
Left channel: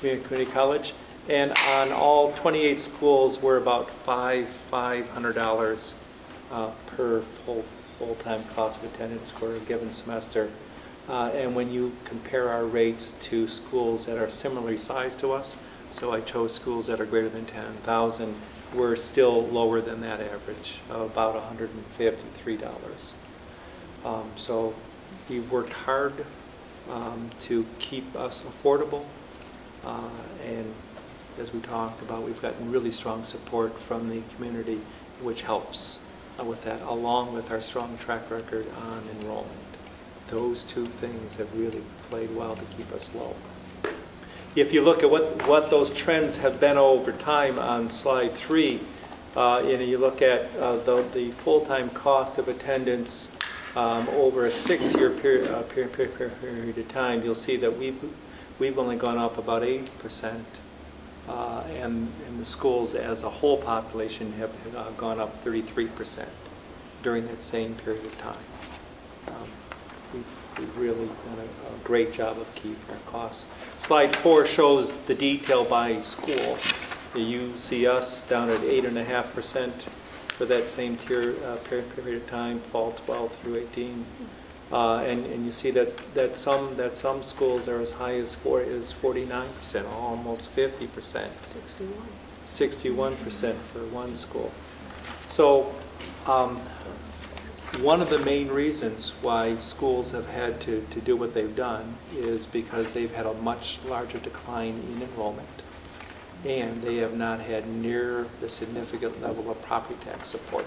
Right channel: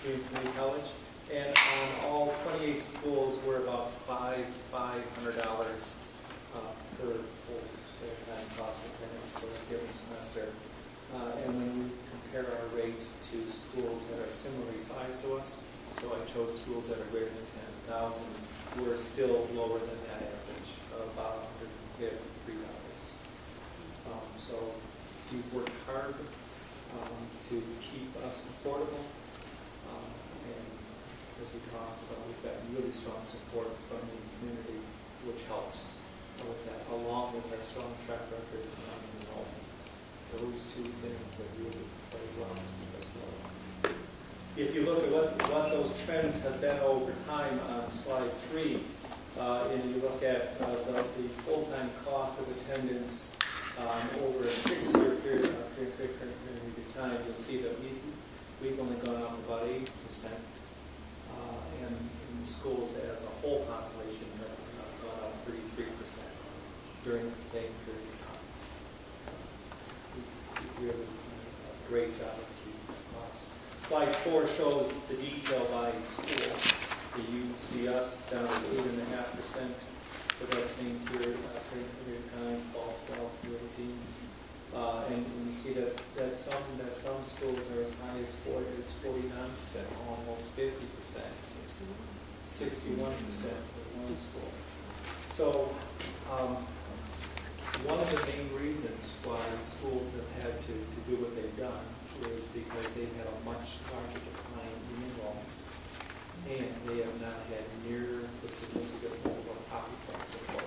Community College. And on all 28 schools, we're about $500 per full-time cost of attendance for a given semester. And when you compare our rates to schools that are similarly sized to us, so I chose schools that are greater than 10,000, we're still lower than that average, of about $153. So we've worked hard to keep us affordable, and as we talked about, we've gotten really strong support from the community, which helps with that, along with our strong track record on enrollment. Those two things have really played well to keep us low. If you look at what those trends have been over time on slide 3, you look at the full-time cost of attendance over a 6-year period of time, you'll see that we've only gone up about 80%, and the schools as a whole population have gone up 33% during that same period of time. We've really done a great job of keeping our costs. Slide 4 shows the detail by school. You see us down at 8.5% for that same period of time, fall 12 through 18. And you see that some schools are as high as 49%, almost 50%. 61% for one school. So one of the main reasons why schools have had to do what they've done is because they've had a much larger decline in enrollment, and they have not had near the significant level of property tax support.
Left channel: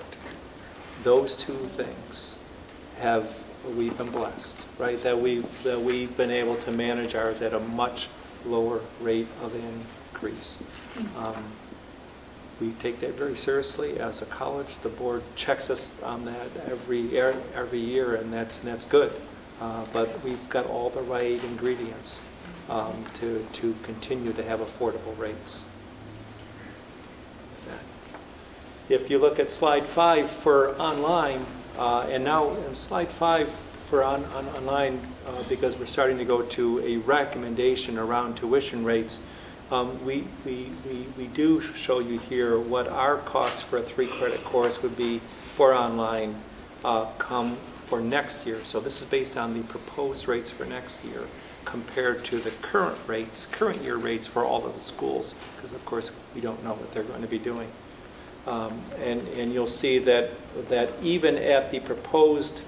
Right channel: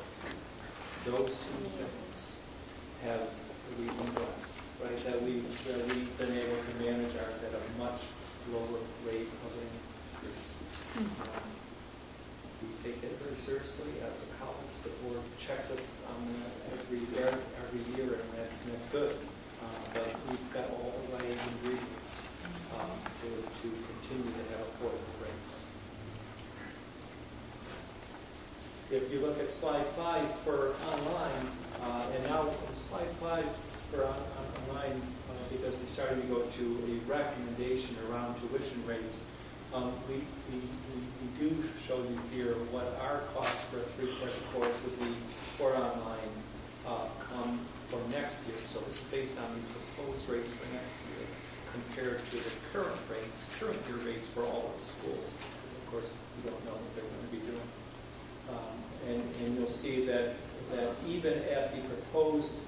Those two things we've been blessed, right? That we've been able to manage ours at a much lower rate of increase. We take that very seriously as a college. The board checks us on that every year, and that's good. But we've got all the right ingredients to continue to have affordable rates. If you look at slide 5 for online, and now slide 5 for online, because we're starting to go to a recommendation around tuition rates, we do show you here what our cost for a 3-credit course would be for online come for next year. So this is based on the proposed rates for next year compared to the current year rates for all of the schools, because of course we don't know what they're going to be doing. And you'll see that even at the proposed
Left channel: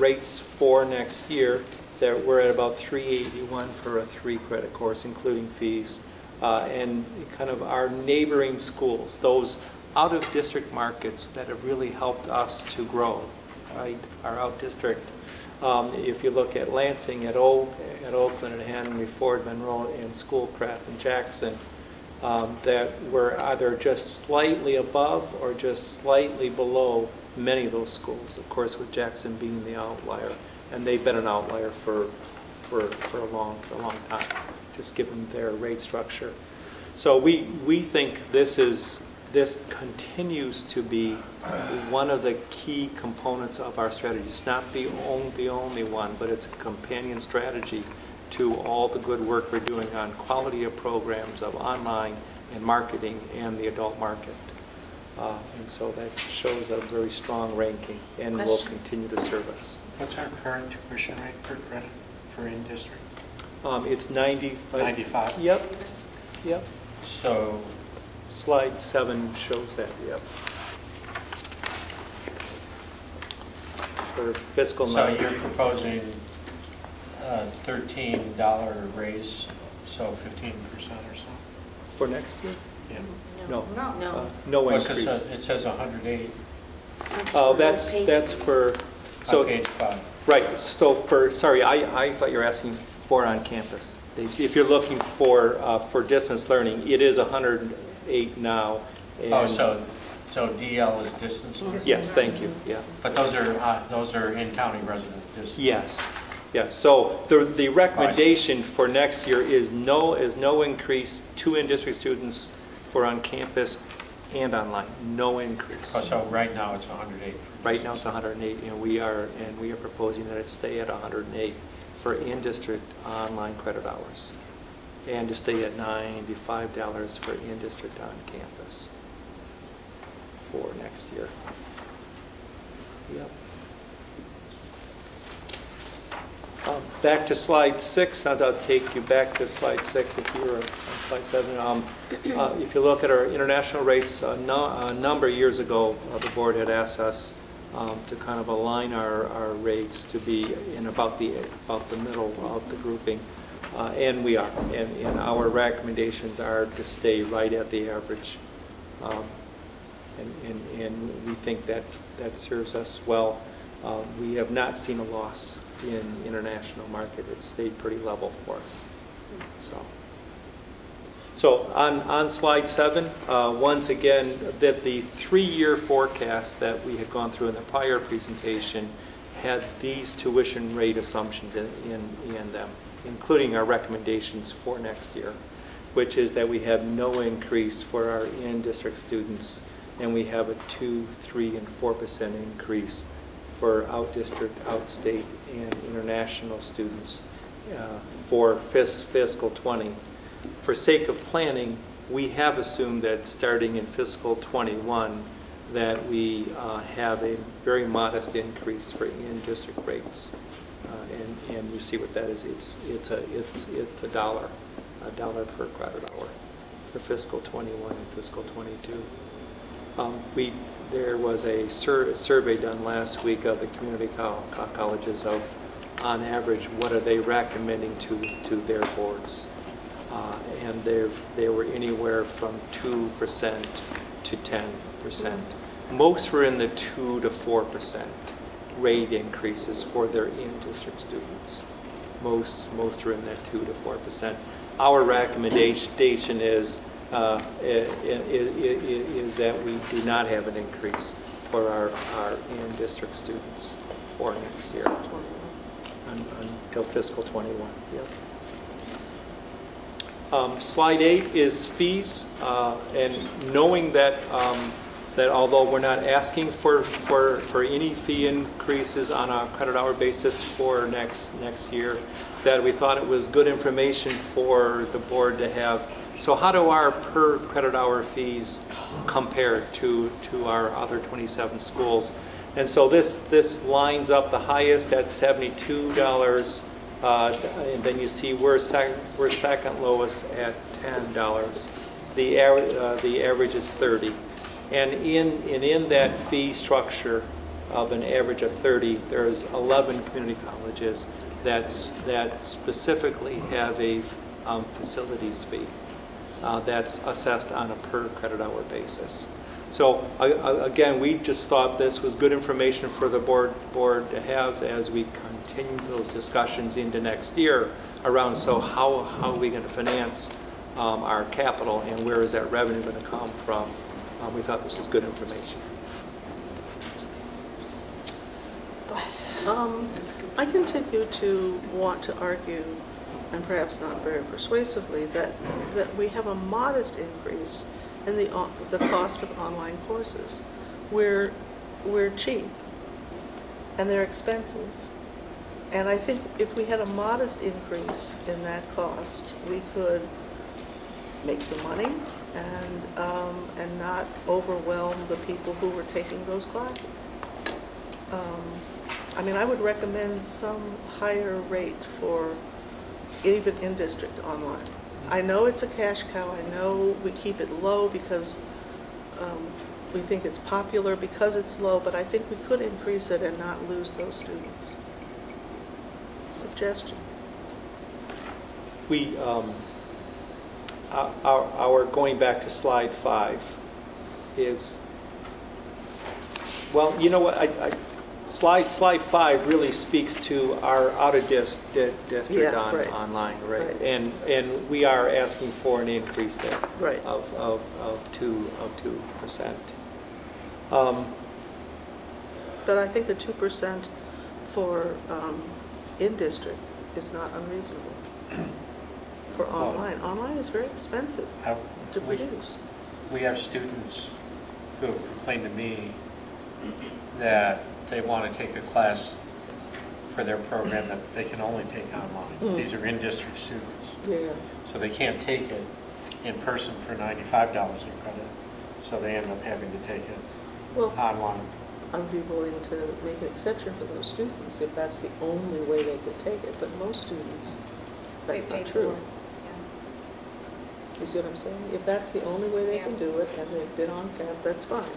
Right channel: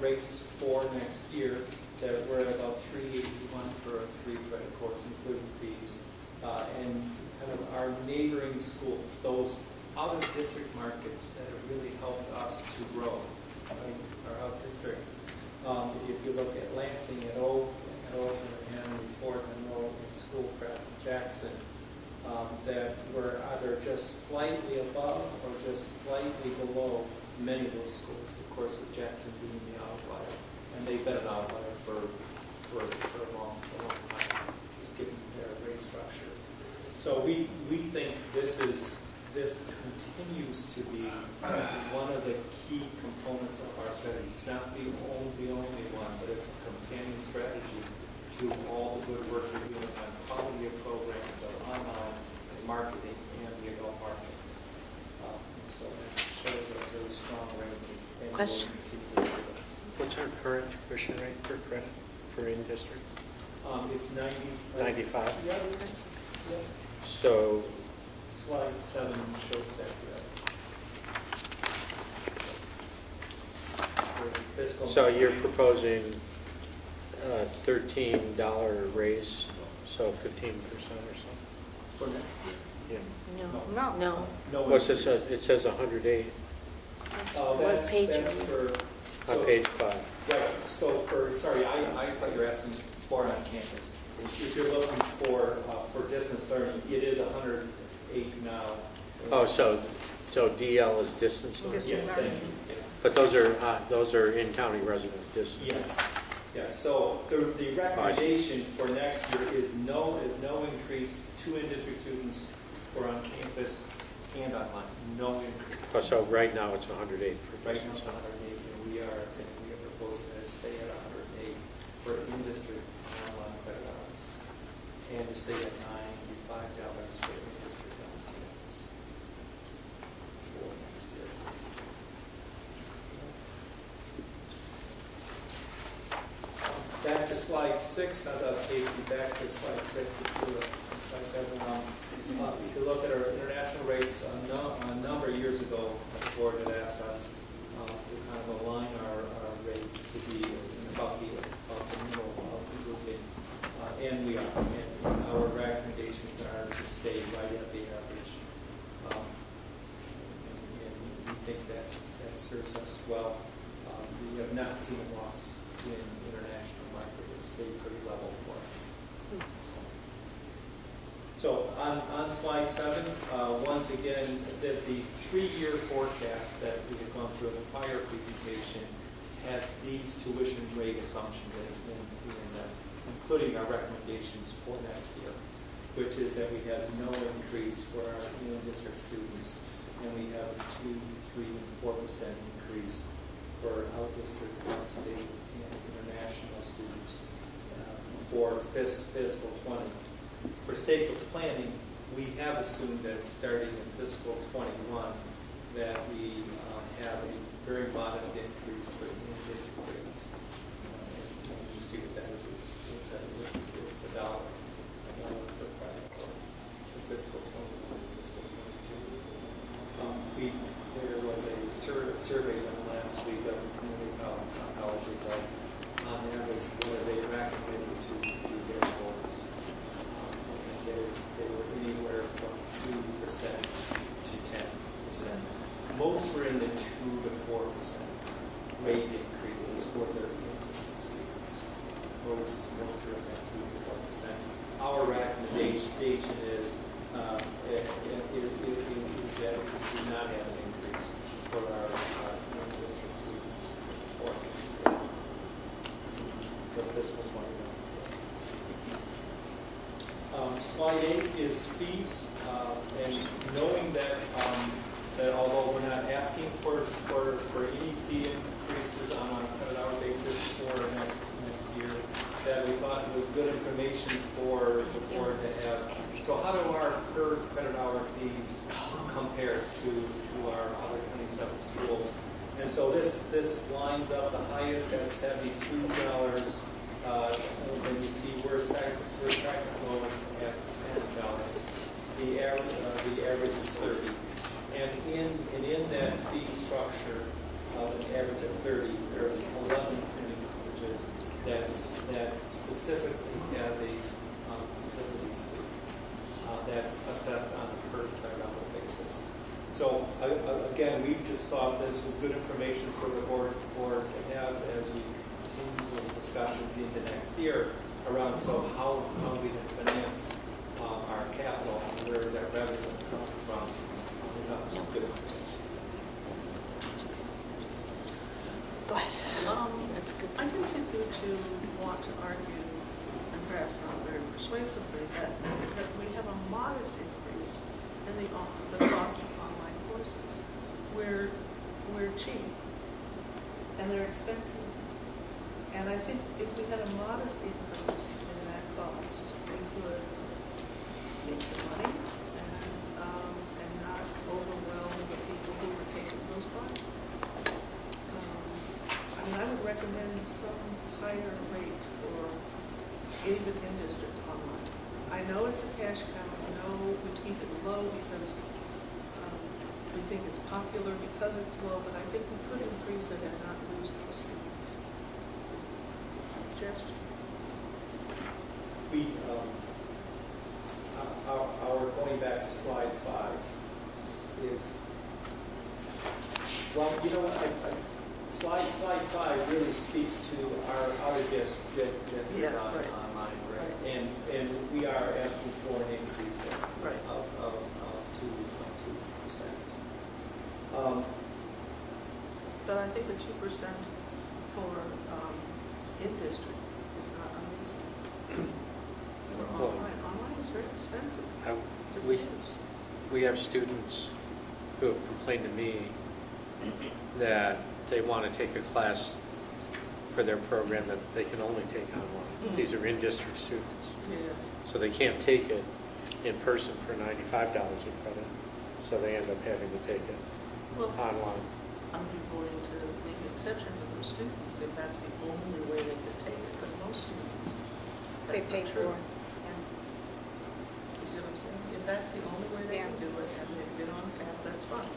rates for next year, that we're at about $381 for a 3-credit course, including fees. And kind of our neighboring schools, those out-of-district markets that have really helped us to grow, right? Our out-district. If you look at Lansing, at Oakland, and Henry Ford, Monroe, and Schoolcraft, and Jackson, that we're either just slightly above or just slightly below many of those schools. Of course, with Jackson being the outlier, and they've been an outlier for a long time, just given their rate structure. So we think this continues to be one of the key components of our strategy. It's not the only one, but it's a companion strategy to all the good work we're doing on quality of programs, of online and marketing, and the adult market. And so that shows a very strong ranking, and will continue to serve us. What's our current tuition rate per credit for in-district? It's 95. 95? Yep, yep. So slide 7 shows that, yep. For fiscal so you're proposing a $13 raise, so 15% or so? For next year? Yeah. No Well, increase. it says 108. Oh, that's for, so. On page 5. Right, so for, sorry, I thought you were asking for on campus. If you're looking for distance learning, it is 108 now. Oh, so DL is distance learning? Yes, thank you, yeah. But those are in-county resident distance? Yes, yes. So the recommendation for next year is no increase to in-district students for on-campus and online, no increase. Oh, so right now it's 108. Right now it's 108, and we are proposing that it stay at 108 for in-district online credit hours, and to stay at $95 for in-district on campus for next year. Back to slide 6, I'll take you back to slide 6 if you were on slide 7. If you look at our international rates, a number of years ago, the board had asked us to kind of align our rates to be in about the middle of the grouping, and we are. And our recommendations are to stay right at the average, and we think that serves us well. We have not seen a loss in international market. It's stayed pretty level for us. So on slide 7, once again, that the 3-year forecast that we had gone through in the prior presentation had these tuition rate assumptions in them, including our recommendations for next year, which is that we have no increase for our in-district students, and we have a 2%, 3%, and 4% increase for out-district, out-state, and international students for fiscal 20. For sake of planning, we have assumed that starting in fiscal 21 that we have a very modest increase for in-district rates, and you see what that is. It's a dollar per credit hour for fiscal 21 and fiscal 22. There was a survey done last week of the community colleges of, on average, what are they recommending to their boards. And they were anywhere from 2% to 10%. Most were in the 2 to 4% rate increases for their in-district students. Most are in that 2 to 4%. Our recommendation is that we do not have an increase for our in-district students for next year until fiscal 21. Slide 8 is fees, and knowing that that although we're not asking for any fee increases on a credit hour basis for next year, that we thought it was good information for the board to have. So how do our per credit hour fees compare to our other 27 schools? And so this lines up the highest at $72. And then you see we're second lowest at $10. The average is 30. And in that fee structure of an average of 30, there's 11 community colleges that specifically have a facilities fee that's assessed on a per credit hour basis. So again, we just thought this was good information for the board to have as we continue those discussions into next year around, so how are we going to finance our capital, and where is that revenue going to come from? We thought this was good information. Go ahead. I continue to want to argue, and perhaps not very persuasively, that we have a modest increase in the cost of online courses. We're cheap, and they're expensive. And I think if we had a modest increase in that cost, we could make some money and not overwhelm the people who were taking those classes. I mean, I would recommend some higher rate for even in-district online. I know it's a cash cow, I know we keep it low because we think it's popular because it's low, but I think we could increase it and not lose those students. Suggestion. We, our going back to slide 5 is, well, you know what, slide 5 really speaks to our out-of-district right. online, right? Right. And we are asking for an increase there right. of 2%. But I think the 2% for in-district is not unreasonable for online. Online is very expensive to produce. We have students who have complained to me that they want to take a class for their program that they can only take online. These are in-district students. Yeah. So they can't take it in person for $95 a credit, so they end up having to take it online. I'd be willing to make an exception for those students if that's the only way they could take it, but most students, that's not true. You see what I'm saying? If that's the only way they can do it, and they've been on cap, that's fine.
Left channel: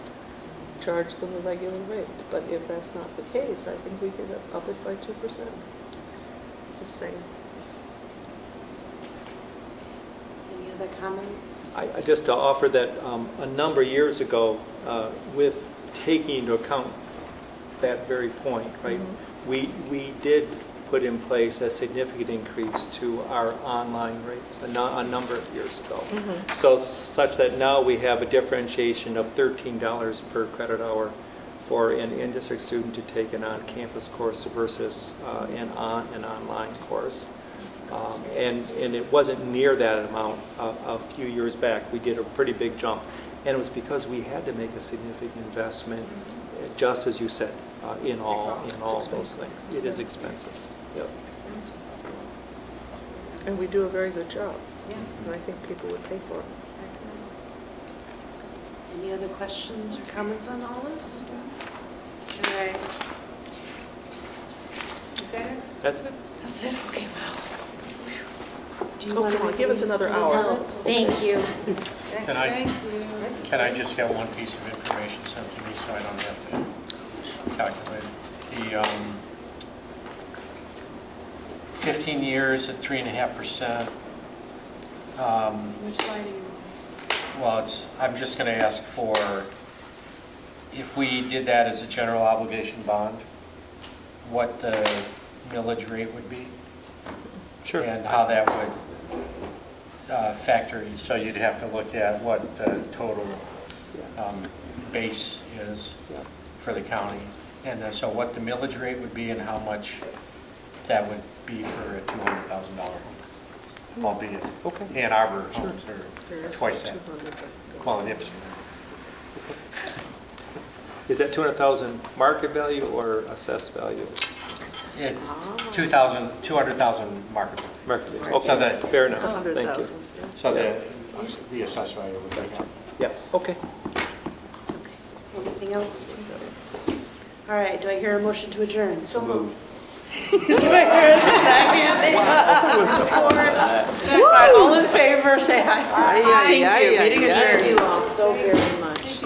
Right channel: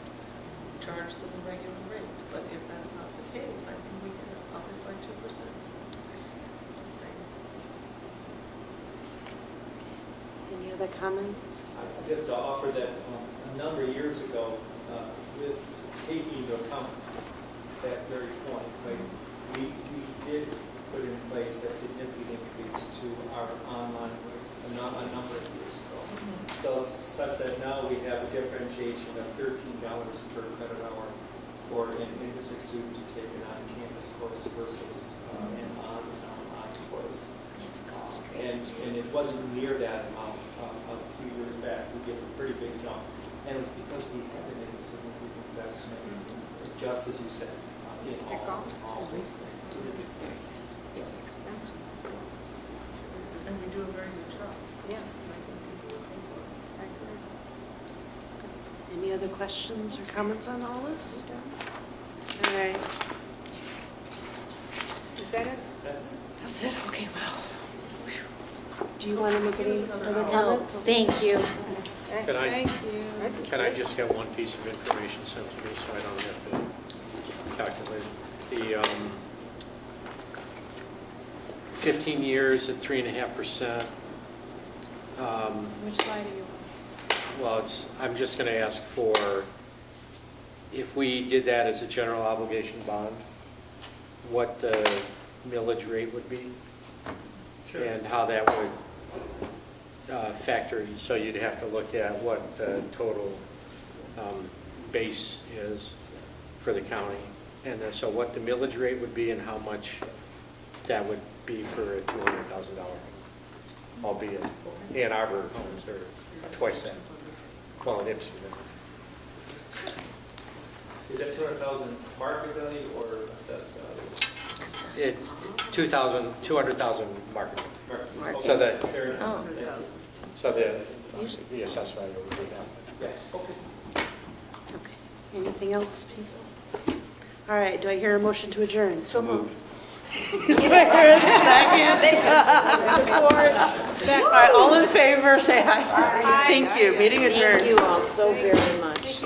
Charge them the regular rate. But if that's not the case, I think we could up it by 2%. Just saying. Any other comments? I just to offer that a number of years ago, with taking into account that very point, right? We did put in place a significant increase to our online rates a number of years ago. So such that now we have a differentiation of $13 per credit hour for an in-district student to take an on-campus course versus an online course. And it wasn't near that amount a few years back. We did a pretty big jump. And it was because we had to make a significant investment, just as you said, in all those things. It is expensive. It's expensive. And we do a very good job. Yes. And I think people would pay for it. Any other questions or comments on all this? All right. Is that it? That's it. That's it? Okay, wow. Do you want to give us another hour? comments? Thank you. Can I just get one piece of information sent to me so I don't have to calculate it? The 15 years at 3.5%. Which slide are you on? Well, I'm just going to ask for, if we did that as a general obligation bond, what the millage rate would be? Sure. And how that would factor in. So you'd have to look at what the total base is for the county. And so what the millage rate would be and how much that would be for a $200,000, albeit Ann Arbor homes are twice that. Well, in Ipsy. Is that 200,000 market value or assessed value? 200,000 market. Okay. So that, fair enough. Thank you. So the assessed value would be. Yeah. Okay. Okay. Anything else, people? All right. Do I hear a motion to adjourn? So moved. Do I hear a second? Support. All right, all in favor, say aye. Thank you. Meeting adjourned. Thank you all so very much.